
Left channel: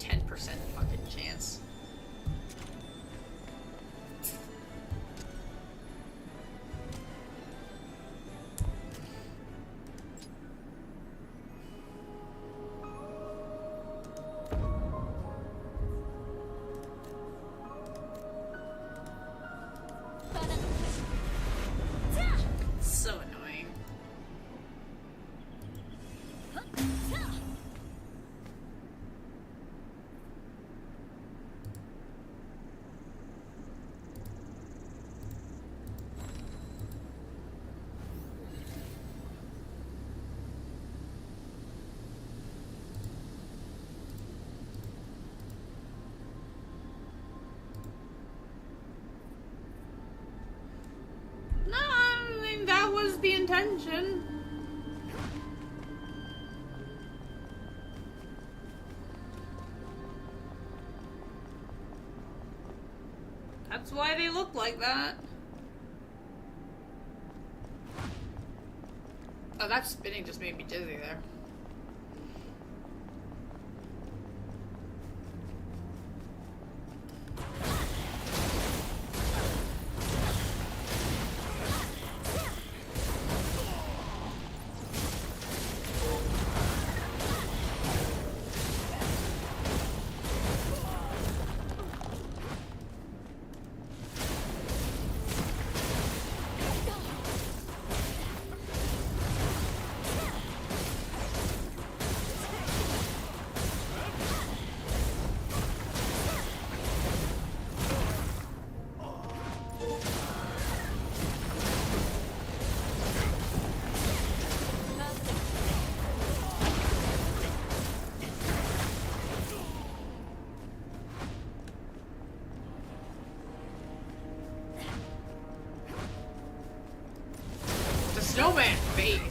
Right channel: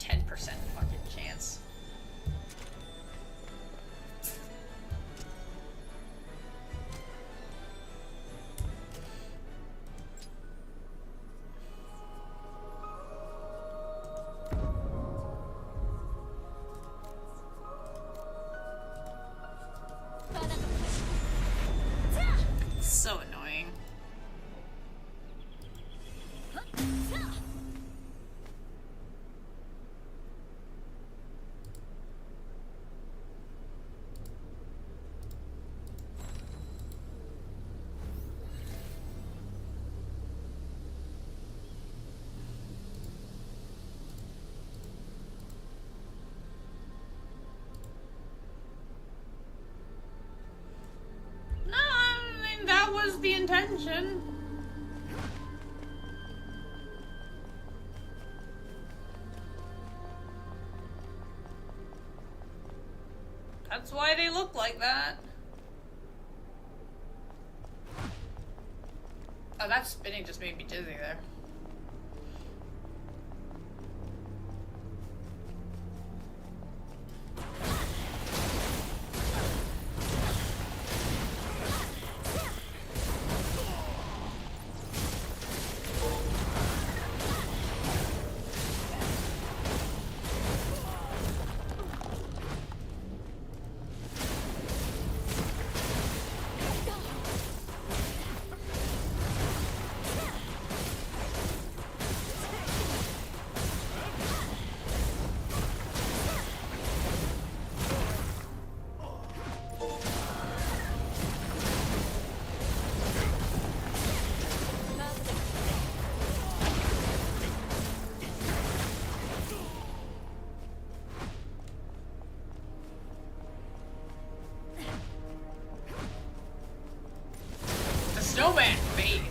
%, fucking chance. So annoying. No, I mean, that was the intention. That's why they look like that. Oh, that spinning just made me dizzy there. The snowman face.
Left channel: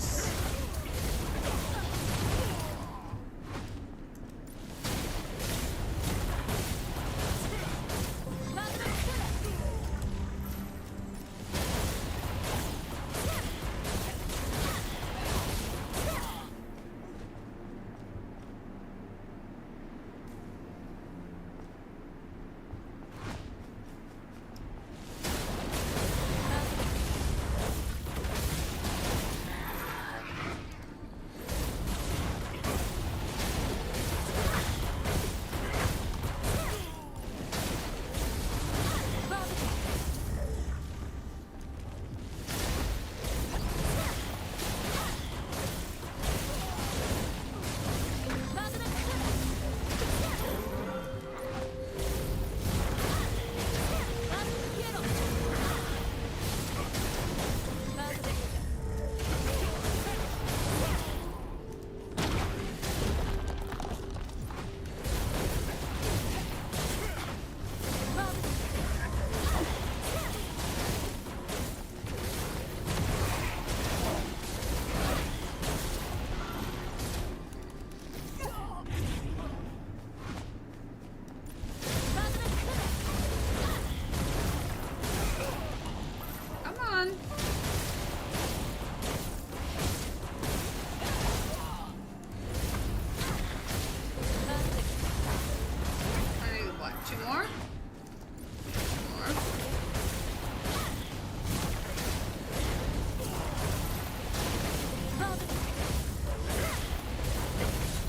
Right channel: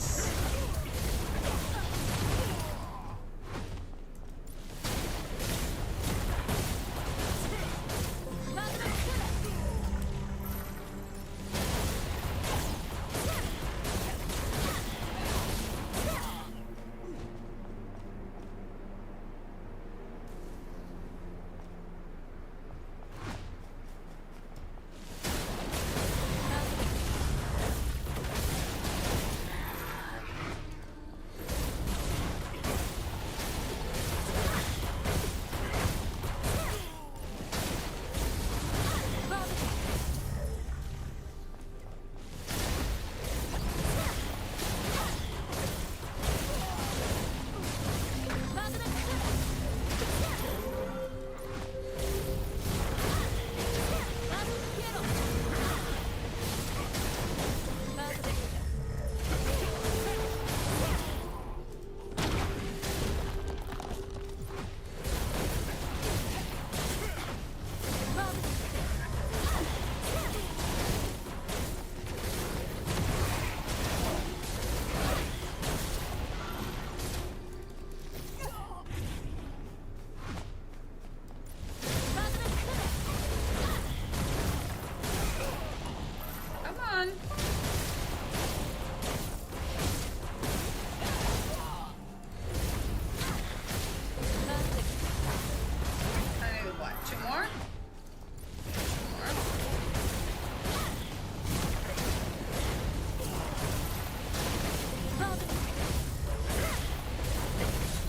Come on. I need what? 2 more?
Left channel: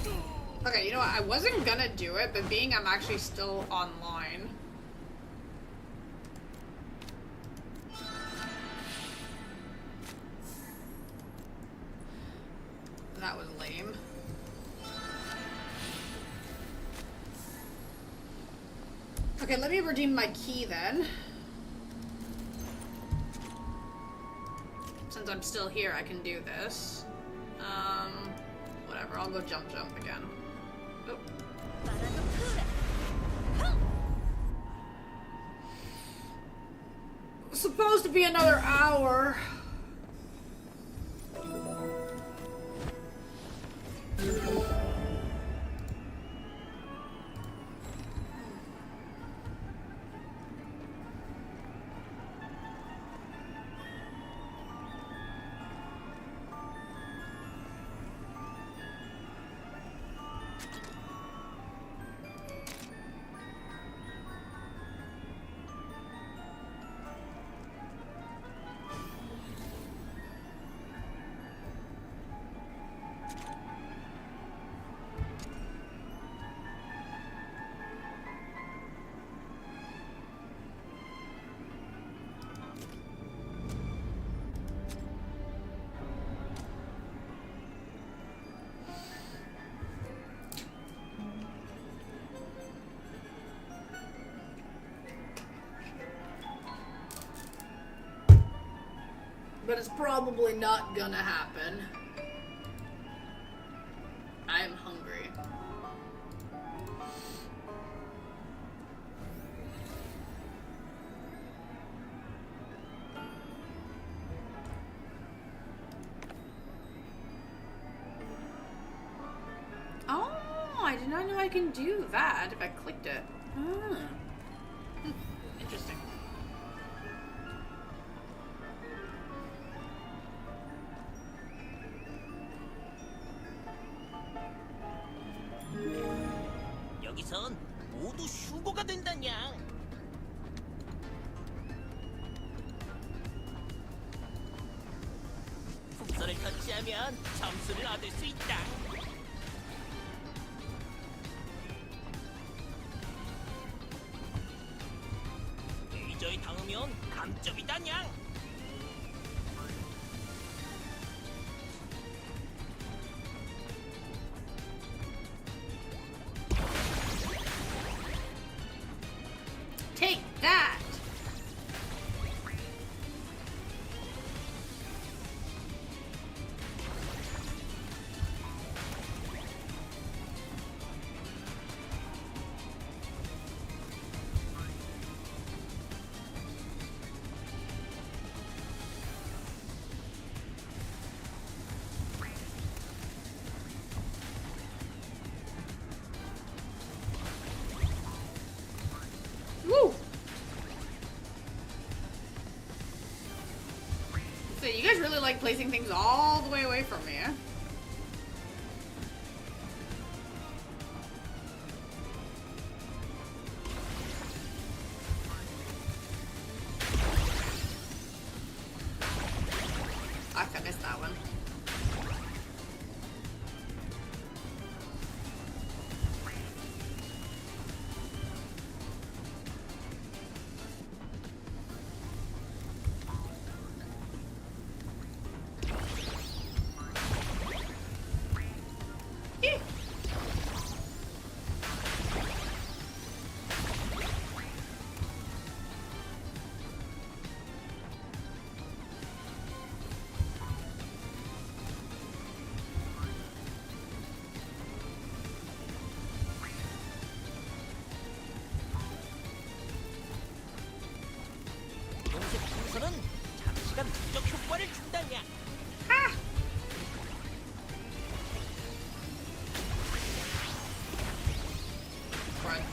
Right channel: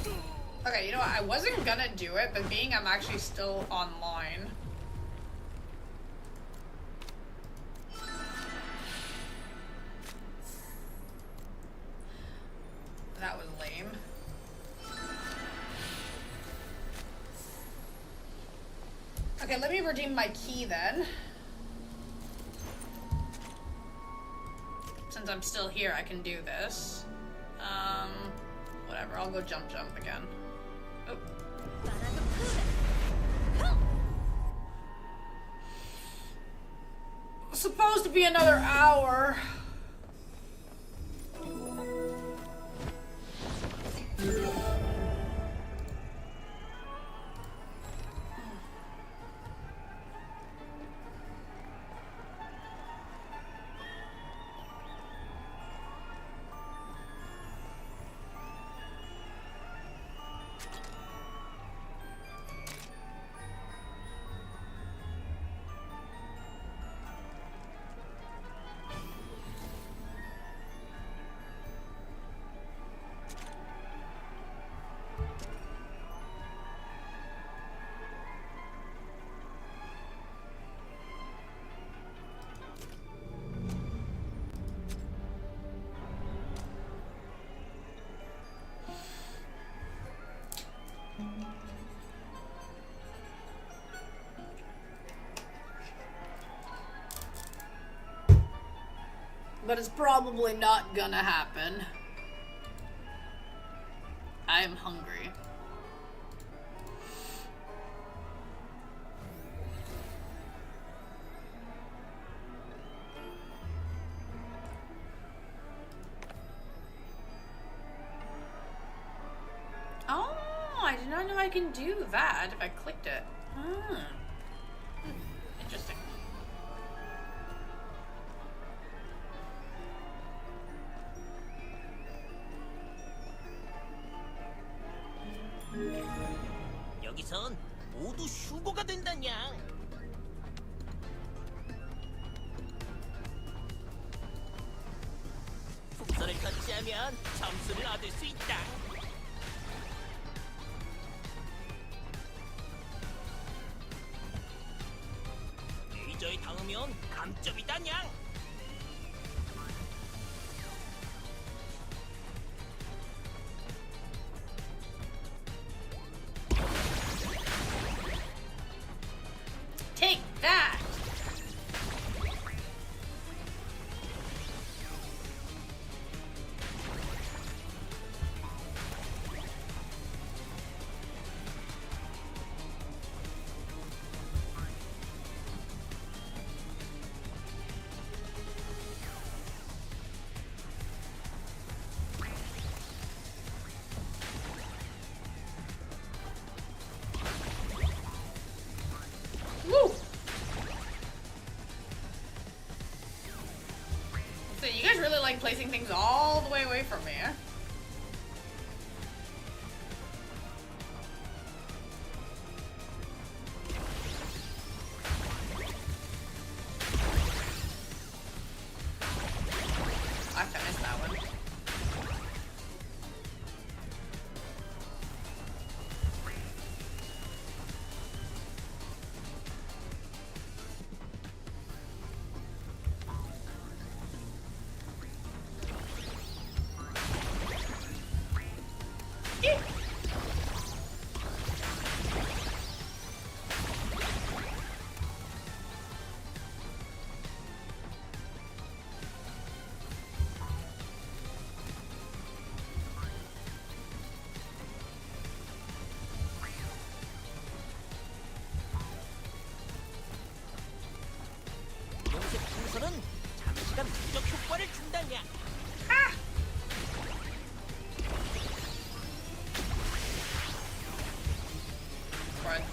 2 more. Okay, you know what? I wasn't gonna do it, but being I'm actually still online. That was lame. Okay, let me redeem my key then. Since I'm still here, I can do this. Whatever, I'll go jump again. Oh. It's supposed to be another hour. But it's probably not gonna happen. I am hungry. Oh, I did not know I can do that if I clicked it. Interesting. 여기선 모두 휴고가 된다냐. 풍선을 터치하면 점수를 얻을 수 있다. 레이저에 닿으면 감점이다냐. Take that! Woo! So you guys really like placing things all the way away from me, eh? I finished that one. 녹색 풍선은 잠시간 무적 효과를 준다냐. Right.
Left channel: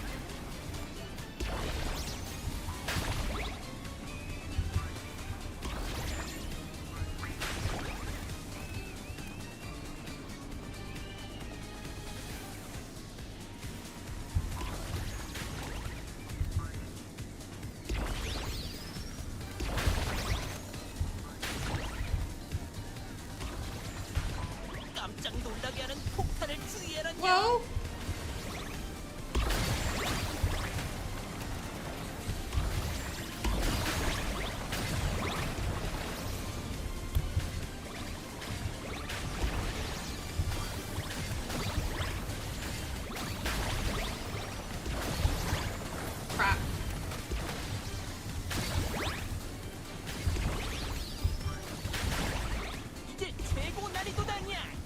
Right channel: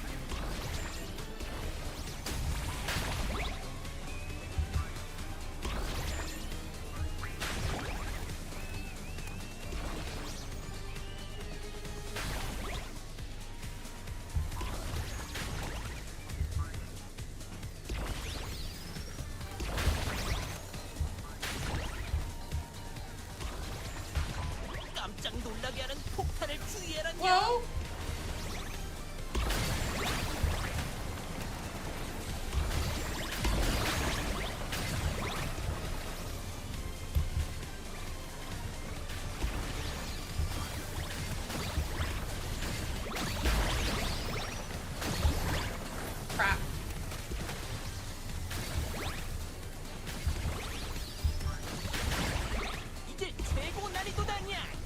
깜짝 놀라게 하는 폭탄을 주의해라냐. Well, crap. 이제 최고 난이도다냐.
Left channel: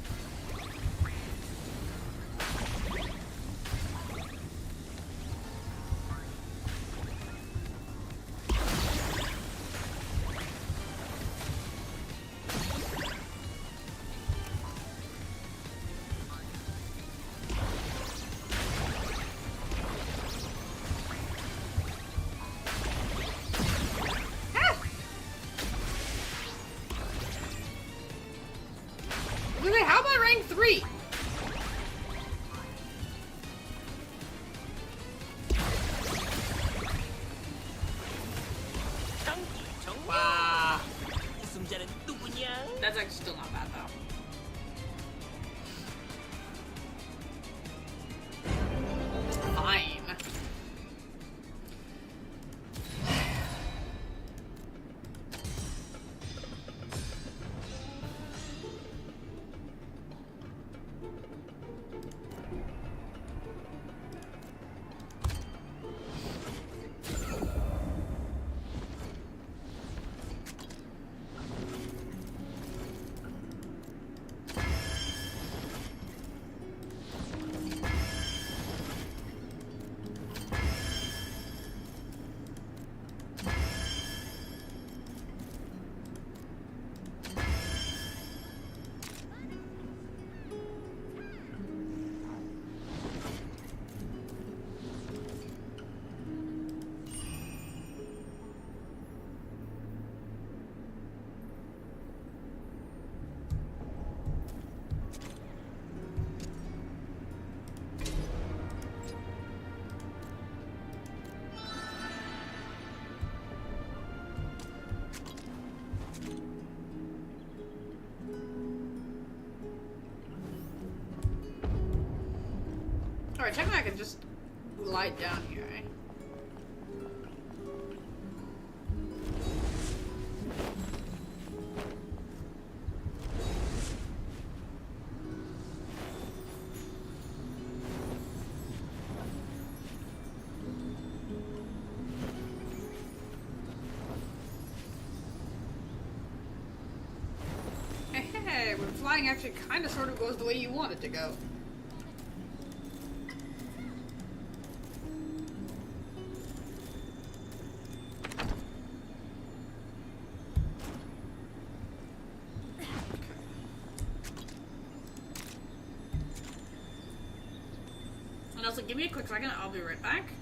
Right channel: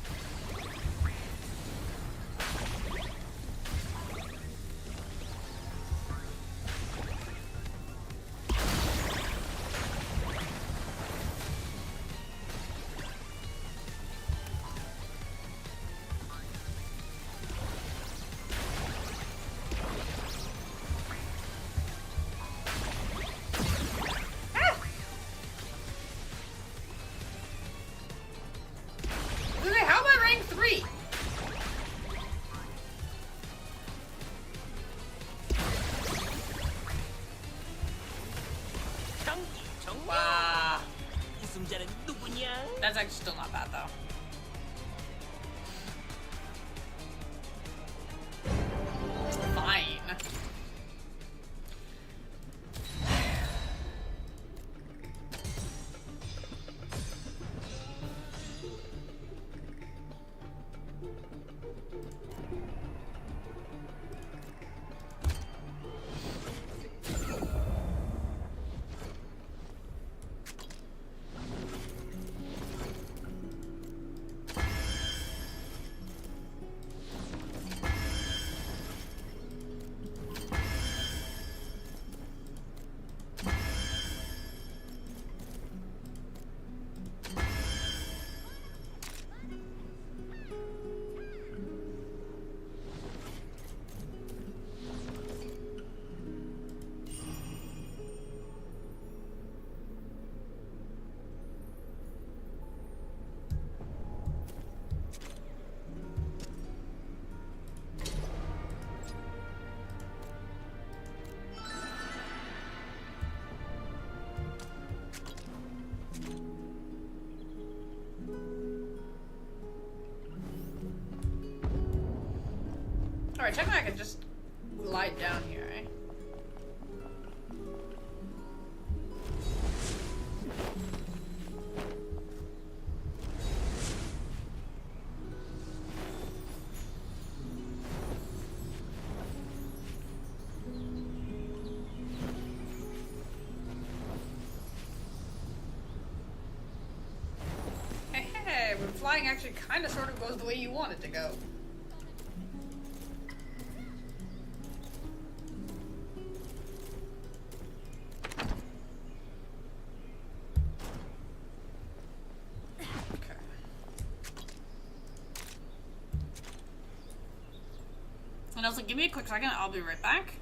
Really, how about rank 3? 경기 종료. Wow. 우승자는 누구냐? That's actually still not bad though. Fine. Alright, technically I can just glide down here, eh? Hey, when flying actually kind of sort of goes the way you want it to go. And I was like, give me a quick second, I'll be right back.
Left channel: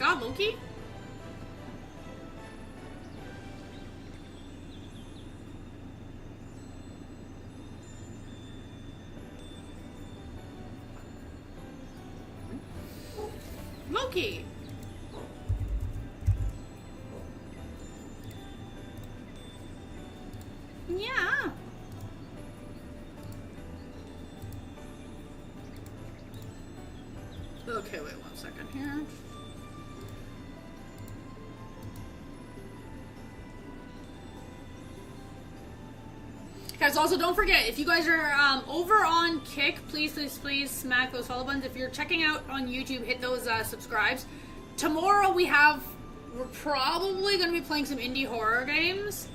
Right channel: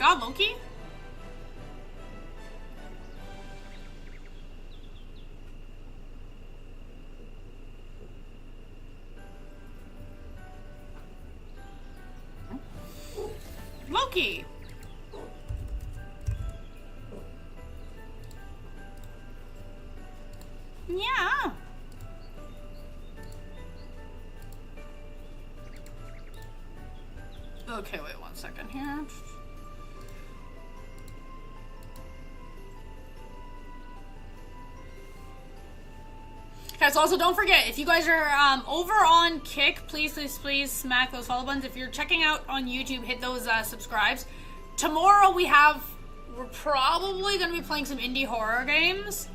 god, Loki? Loki! Yeah. Okay, wait 1 second here. Guys, also don't forget, if you guys are over on Kick, please smack those follow buttons. If you're checking out on YouTube, hit those subscribes. Tomorrow we're probably going to be playing some indie horror games.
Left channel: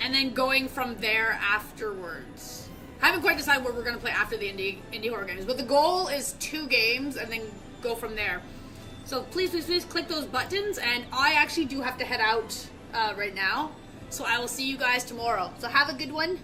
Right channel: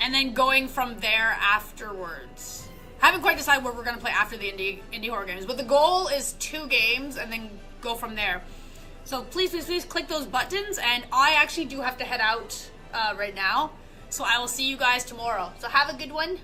And then going from there afterwards. I haven't quite decided what we're going to play after the indie horror games. But the goal is 2 games and then go from there. So please click those buttons. And I actually do have to head out right now. So I will see you guys tomorrow. So have a good one.